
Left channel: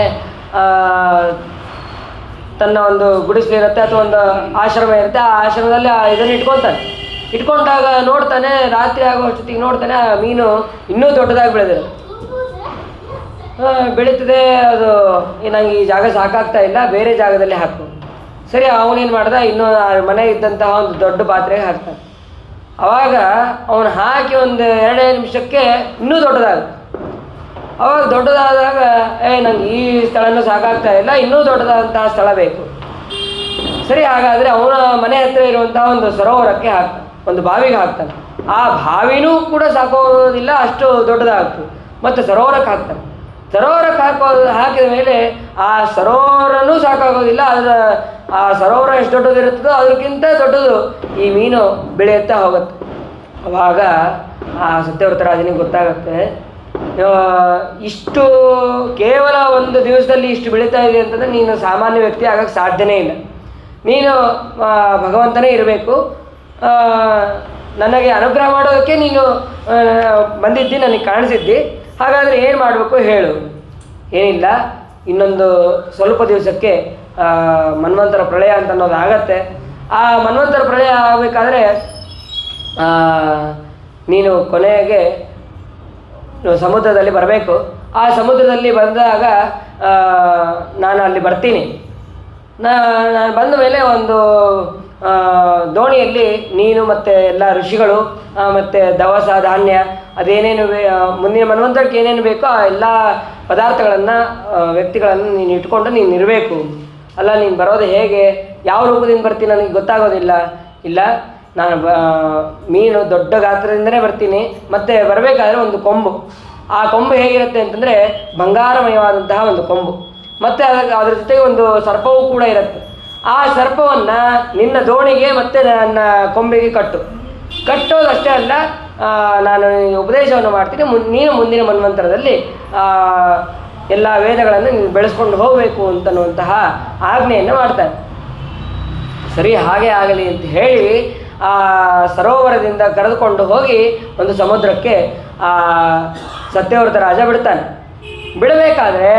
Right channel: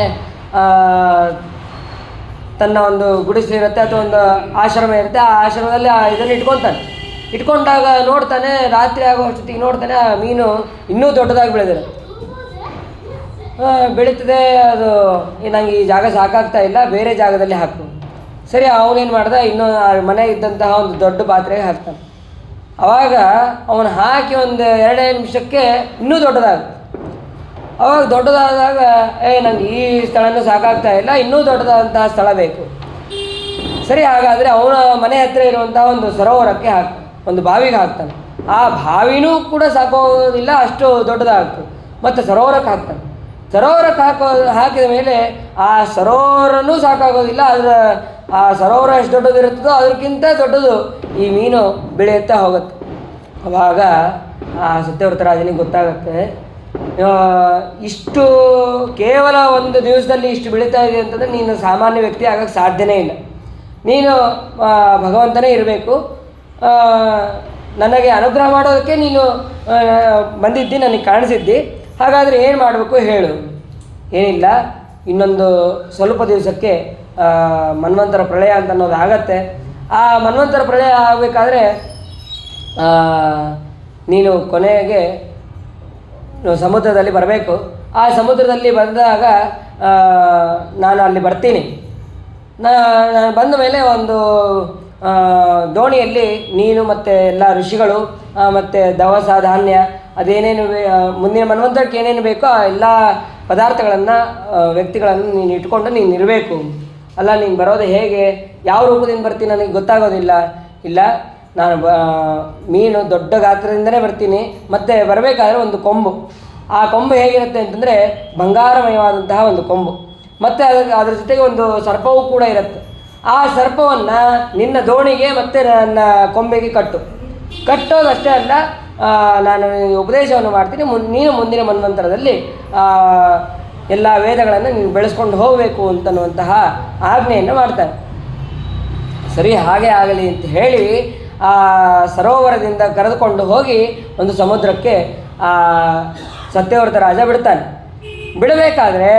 ತನ್ನ ಒಂದು ಗುಡಿಸಲಿರುತ್ತೆ ಅಥವಾ ಒಂದು ಆಶ್ರಮ ಇರುತ್ತೆ, ಆ ಆಶ್ರಮದಲ್ಲಿ ಇದನ್ನು ಇಟ್ಕೊಂಡಾಗ ನೋಡ್ತಾನೆ, ರಾತ್ರಿ ಆಗೋ ಅಷ್ಟೊತ್ತಿಗೆ ನೋಡ್ತಾನೆ ಆ ಮೀನು ಇನ್ನೂ ದೊಡ್ಡದಾಗಿ ಬೆಳೀತದೆ. ಅದು ನಂಗೆ ಈ ಜಾಗ ಸಾಕಾಗ್ತಾ ಇಲ್ಲ, ಬೇರೆ ಜಾಗದಲ್ಲಿ ಹಾಕು. ಸರಿ, ಅವನೇನು ಮಾಡ್ದ, ಇನ್ನೂ ಮನೆ ಇದ್ದಂತಹ ಒಂದು ದೊಡ್ಡ ಪಾತ್ರೆಗೆ ಹಾಕ್ತಾನೆ. ಆವಾಗ ಅವನು ಹಾಕಿ ಒಂದು 2 ನಿಮಿಷಕ್ಕೆ ಇನ್ನೂ ದೊಡ್ಡದಾಗುತ್ತೆ. ಅವಾಗ ದೊಡ್ಡದಾದಾಗ ನನಗೆ ಈ ಸ್ಥಳನೂ ಸಾಕಾಗ್ತಾ ಇಲ್ಲ, ಇನ್ನೂ ದೊಡ್ಡದಾದಂತಹ ಸ್ಥಳ ಬೇಕು. ಸರಿ, ಹಾಗಾದರೆ ಅವನ ಮನೆ ಹತ್ತಿರ ಇರುವಂತಹ ಒಂದು ಸರೋವರಕ್ಕೆ ಹಾಕ್ತಾನೆ, ಒಂದು ಬಾವಿಗೆ ಹಾಕ್ತಾನೆ. ಆ ಬಾವಿನೂ ಕೂಡ ಸಾಕೋದಿಲ್ಲ, ಅಷ್ಟು ದೊಡ್ಡದಾಗ್ತದೆ. ಮತ್ತು ಸರೋವರಕ್ಕೆ ಹಾಕ್ತಾನೆ. ಸರೋವರಕ್ಕೆ ಹಾಕಿದ ಮೇಲೆ ಆ ಸರೋವರನೂ ಸಾಕಾಗೋದಿಲ್ಲ. ಆ ಸರೋವರ ಎಷ್ಟು ದೊಡ್ಡದಿರುತ್ತದೋ ಅದಕ್ಕಿಂತ ದೊಡ್ಡದು ಈ ಮೀನು ಬೆಳೆಯುತ್ತಾ ಹೋಗುತ್ತೆ. ಅವಾಗ ಆ ಸತ್ಯವ್ರತ ರಾಜನಿಗೆ ಗೊತ್ತಾಗುತ್ತೆ, ಇಷ್ಟು ಕೇವಲ ಒಂದು ದಿವಸದಲ್ಲಿ ಇಷ್ಟು ಬೆಳೀತಾ ಇದೆ ಅಂತಂದರೆ ನೀನು ಸಾಮಾನ್ಯ ವ್ಯಕ್ತಿ ಆಗೋಕ್ಕೆ ಸಾಧ್ಯನೇ ಇಲ್ಲ. ನೀನು ಭಗವಂತನೇ ಇರಬೇಕು. ನನಗೆ ಅನುಗ್ರಹ ಮಾಡೋದಕ್ಕೆ ನೀನು ಬಂದಿದ್ದಿ, ನನಗೆ ಕಾಣಿಸಿದ್ದಿ. ಹಾಗಾದರೆ ಏನು ಮಾಡಬೇಕು ಹೇಳು. ಏನಿಲ್ಲ, ಇನ್ನೊಂದು ಸ್ವಲ್ಪ ದಿವಸಕ್ಕೆ ಮನ್ವಂತರ ಪ್ರಳಯ ಅಂತ ಅನ್ನೋದು ಆಗತ್ತೆ. ಆ ಮನ್ವಂತರ ಪ್ರಳಯ ಆಗಬೇಕಾದ್ರೆ ನೀನು ಕೊನೆಗೆ ಸಮುದ್ರದಲ್ಲಿ ಬರಬೇಕು. ಆ ಸಮುದ್ರದಲ್ಲಿ ಬಂದಾಗ ನಾನು ಅಲ್ಲಿ ಬರ್ತೀನಿ. ನಾನು ಬಂದ ಮೇಲೆ ಒಂದು ದೋಣಿಯಲ್ಲಿ ನೀನು ಮತ್ತು ಎಲ್ಲ ಋಷಿಗಳು ಮತ್ತು ದವಸ ಧಾನ್ಯ ಅದೇನೇನು ಮುಂದಿನ ಮನ್ವಂತರಕ್ಕೆ ಏನೇನು ಬೇಕೋ ಆ ಎಲ್ಲ ಪದಾರ್ಥಗಳನ್ನು ವ್ಯಕ್ತಿಗಳನ್ನು ನೀನು ಇಟ್ಕೊಂಡು ನೀನು ಇರಬೇಕು. ಅಲ್ಲ, ನೀನು ಬರೋದು ಹೇಗೆ, ಯಾವ ರೂಪದಿಂದ ಬರ್ತೀನಿ ನನಗೆ ಗೊತ್ತಾಗೋದಿಲ್ಲ. ಇಲ್ಲ, ನಾನು ಮೀನು ದೊಡ್ಡ ಗಾತ್ರದಿಂದಲೇ ಬರ್ತೀನಿ. ಮತ್ತು ಬರಬೇಕಾದ್ರೆ ಒಂದು ಕೊಂಬು, ಆ ಕೊಂಬು ಹೇಗಿರುತ್ತೆ ಅಂತಂದರೆ ಬಂಗಾರಮಯವಾದಂತಹ ಒಂದು ಕೊಂಬು. ಮತ್ತು ಅದ್ರ ಜೊತೆಗೆ ಒಂದು ಸರ್ಪವೂ ಕೂಡ ಇರುತ್ತೆ. ಆ ಸರ್ಪವನ್ನು ನಿನ್ನ ದೋಣಿಗೆ ಮತ್ತು ನನ್ನ ಕೊಂಬೆಗೆ ಕಟ್ಟೋದಷ್ಟೇ ಅಲ್ಲ, ನಾನು ಉಪದೇಶವನ್ನು ಮಾಡ್ತೀನಿ. ನೀನು ಮುಂದಿನ ಮನ್ವಂತರದಲ್ಲಿ ಎಲ್ಲ ವೇದಗಳನ್ನು ನೀನು ಬೆಳೆಸ್ಕೊಂಡು ಹೋಗಬೇಕು ಅಂತನ್ನುವಂತಹ ಆಜ್ಞೆಯನ್ನು ಮಾಡ್ತಾರೆ. ಸರಿ, ಹಾಗೆ ಆಗಲಿ ಅಂತ ಹೇಳಿ ಆ ಸರೋವರದಿಂದ ಕರೆದುಕೊಂಡು ಹೋಗಿ ಒಂದು ಸಮುದ್ರಕ್ಕೆ ಸತ್ಯವ್ರತ ರಾಜ ಬಿಡ್ತಾನೆ. ಬಿಡಬೇಕಾದ್ರೆ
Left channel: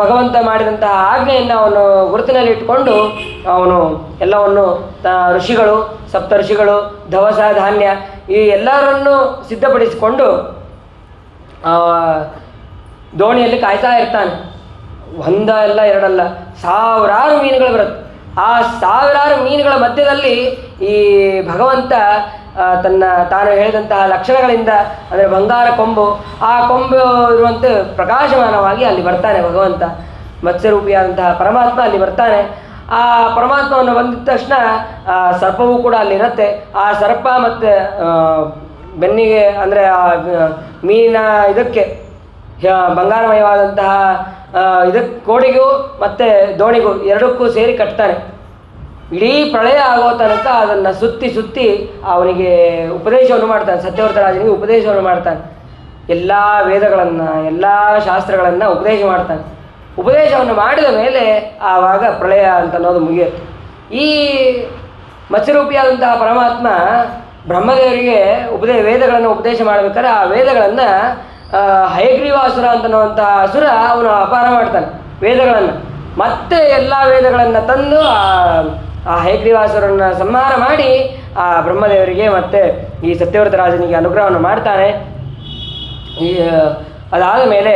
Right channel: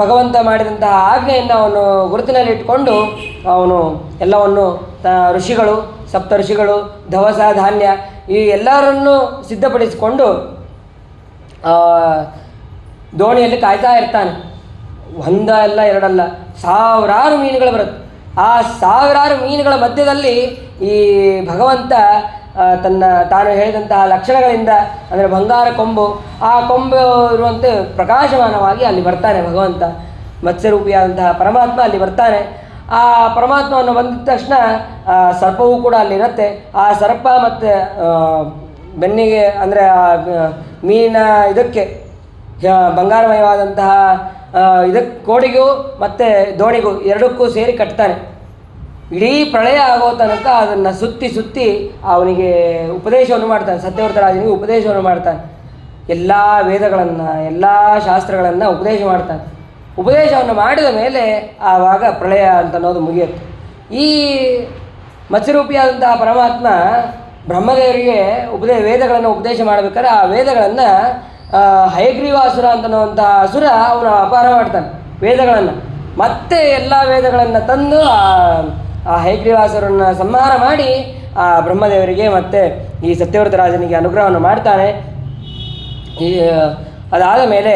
ಭಗವಂತ ಮಾಡಿದಂತಹ ಆಜ್ಞೆಯನ್ನು ಅವನು ಗುರುತಿನಲ್ಲಿ ಇಟ್ಕೊಂಡು ಅವನು ಎಲ್ಲವನ್ನು ಋಷಿಗಳು, ಸಪ್ತ ಋಷಿಗಳು, ದವಸ ಧಾನ್ಯ ಈ ಎಲ್ಲರನ್ನೂ ಸಿದ್ಧಪಡಿಸಿಕೊಂಡು ದೋಣಿಯಲ್ಲಿ ಕಾಯ್ತಾ ಇರ್ತಾನೆ. ಒಂದಲ್ಲ ಎರಡಲ್ಲ, ಸಾವಿರಾರು ಮೀನುಗಳು ಬರುತ್ತೆ. ಆ ಸಾವಿರಾರು ಮೀನುಗಳ ಮಧ್ಯದಲ್ಲಿ ಈ ಭಗವಂತ ತಾನು ಹೇಳಿದಂತಹ ಲಕ್ಷಣಗಳಿಂದ, ಅಂದರೆ ಬಂಗಾರ ಕೊಂಬು, ಆ ಕೊಂಬು ಇರುವಂತೆ ಪ್ರಕಾಶಮಾನವಾಗಿ ಅಲ್ಲಿ ಬರ್ತಾನೆ ಭಗವಂತ. ಮತ್ಸ್ಯರೂಪಿಯಾದಂತಹ ಪರಮಾತ್ಮ ಅಲ್ಲಿ ಬರ್ತಾನೆ. ಆ ಪರಮಾತ್ಮವನ್ನು ಬಂದಿದ ತಕ್ಷಣ ಸರ್ಪವೂ ಕೂಡ ಅಲ್ಲಿರುತ್ತೆ. ಆ ಸರ್ಪ ಮತ್ತು ಬೆನ್ನಿಗೆ, ಅಂದರೆ ಮೀನ ಇದಕ್ಕೆ ಬಂಗಾರಮಯವಾದಂತಹ ಇದಕ್ಕೆ ಕೋಡಿಗೂ ಮತ್ತು ದೋಣಿಗೂ ಎರಡಕ್ಕೂ ಸೇರಿ ಕಟ್ತಾನೆ. ಇಡೀ ಪ್ರಳಯ ಆಗೋ ತನಕ ಅದನ್ನು ಸುತ್ತಿ ಅವನಿಗೆ ಉಪದೇಶವನ್ನು ಮಾಡ್ತಾನೆ. ಸತ್ಯವ್ರತ ರಾಜನಿಗೆ ಉಪದೇಶವನ್ನು ಮಾಡ್ತಾನೆ. ಎಲ್ಲ ವೇದಗಳನ್ನು, ಎಲ್ಲ ಶಾಸ್ತ್ರಗಳನ್ನು ಉಪದೇಶ ಮಾಡ್ತಾನೆ. ಉಪದೇಶವನ್ನು ಮಾಡಿದ ಮೇಲೆ ಆವಾಗ ಪ್ರಳಯ ಅಂತ ಅನ್ನೋದು ಮುಗಿಯುತ್ತೆ. ಈ ಮತ್ಸ್ಯರೂಪಿಯಾದಂತಹ ಪರಮಾತ್ಮ ಬ್ರಹ್ಮದೇವರಿಗೆ ವೇದಗಳನ್ನು ಉಪದೇಶ ಮಾಡಬೇಕಾದ್ರೆ ಆ ವೇದಗಳನ್ನು ಹಯಗ್ರೀವಾಸುರ ಅಂತನ್ನುವಂತಹ ಅಸುರ ಅವನು ಅಪಹಾರ ಮಾಡ್ತಾನೆ ವೇದಗಳನ್ನು. ಮತ್ತೆ ಎಲ್ಲ ವೇದಗಳನ್ನು ತಂದು ಆ ಹಯಗ್ರೀವಾಸುರನ್ನು ಸಂಹಾರ ಮಾಡಿ ಆ ಬ್ರಹ್ಮದೇವರಿಗೆ ಮತ್ತು ಈ ಸತ್ಯವ್ರತ ರಾಜನಿಗೆ ಅನುಗ್ರಹವನ್ನು ಮಾಡ್ತಾನೆ. ಅದಾದ ಮೇಲೆ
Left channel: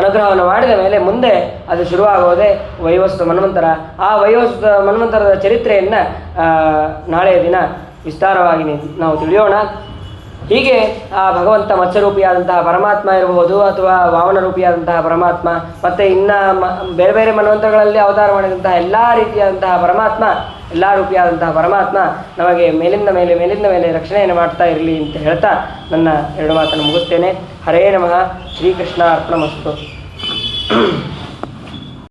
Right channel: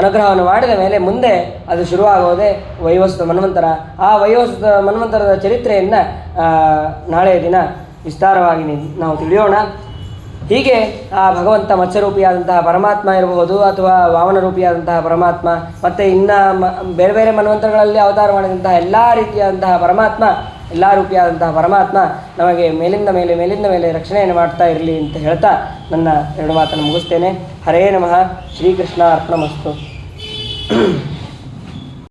ಅನುಗ್ರಹವನ್ನು ಮಾಡಿದ ಮೇಲೆ ಮುಂದೆ ಅದು ಶುರುವಾಗೋದೇ ವೈವಸ್ವತ ಮನ್ವಂತರ. ಆ ವೈವಸ್ವತ ಮನ್ವಂತರದ ಚರಿತ್ರೆಯನ್ನು ನಾಳೆಯ ದಿನ ವಿಸ್ತಾರವಾಗಿ ನಾವು ತಿಳಿಯೋಣ. ಹೀಗೆ ಆ ಭಗವಂತ ಮತ್ಸ್ಯರೂಪಿಯಾದಂತಹ ಪರಮಾತ್ಮ ಇರಬಹುದು, ಅಥವಾ ವಾಮನ ರೂಪಿಯಾದಂತಹ ಪರಮಾತ್ಮ, ಮತ್ತು ಇನ್ನು ಬೇರೆ ಬೇರೆ ಮನ್ವಂತರಗಳಲ್ಲಿ ಅವತಾರ ಮಾಡಿದಂತಹ ಎಲ್ಲ ರೀತಿಯಾದಂತಹ ಪರಮಾತ್ಮ, ಎಲ್ಲ ರೂಪಿಯಾದಂತಹ ಪರಮಾತ್ಮ ನಮಗೆ ಮೇಲಿಂದ ಮೇಲೆ ರಕ್ಷಣೆಯನ್ನು ಮಾಡ್ತಾ ಇರಲಿ ಅಂತ ಹೇಳ್ತಾ ನನ್ನ ಎರಡು ಮಾತನ್ನು ಮುಗಿಸ್ತೇನೆ. ಹರೇ ನಮಃ. ಶ್ರೀಕೃಷ್ಣ ಅರ್ಪಣಮಸ್ತು.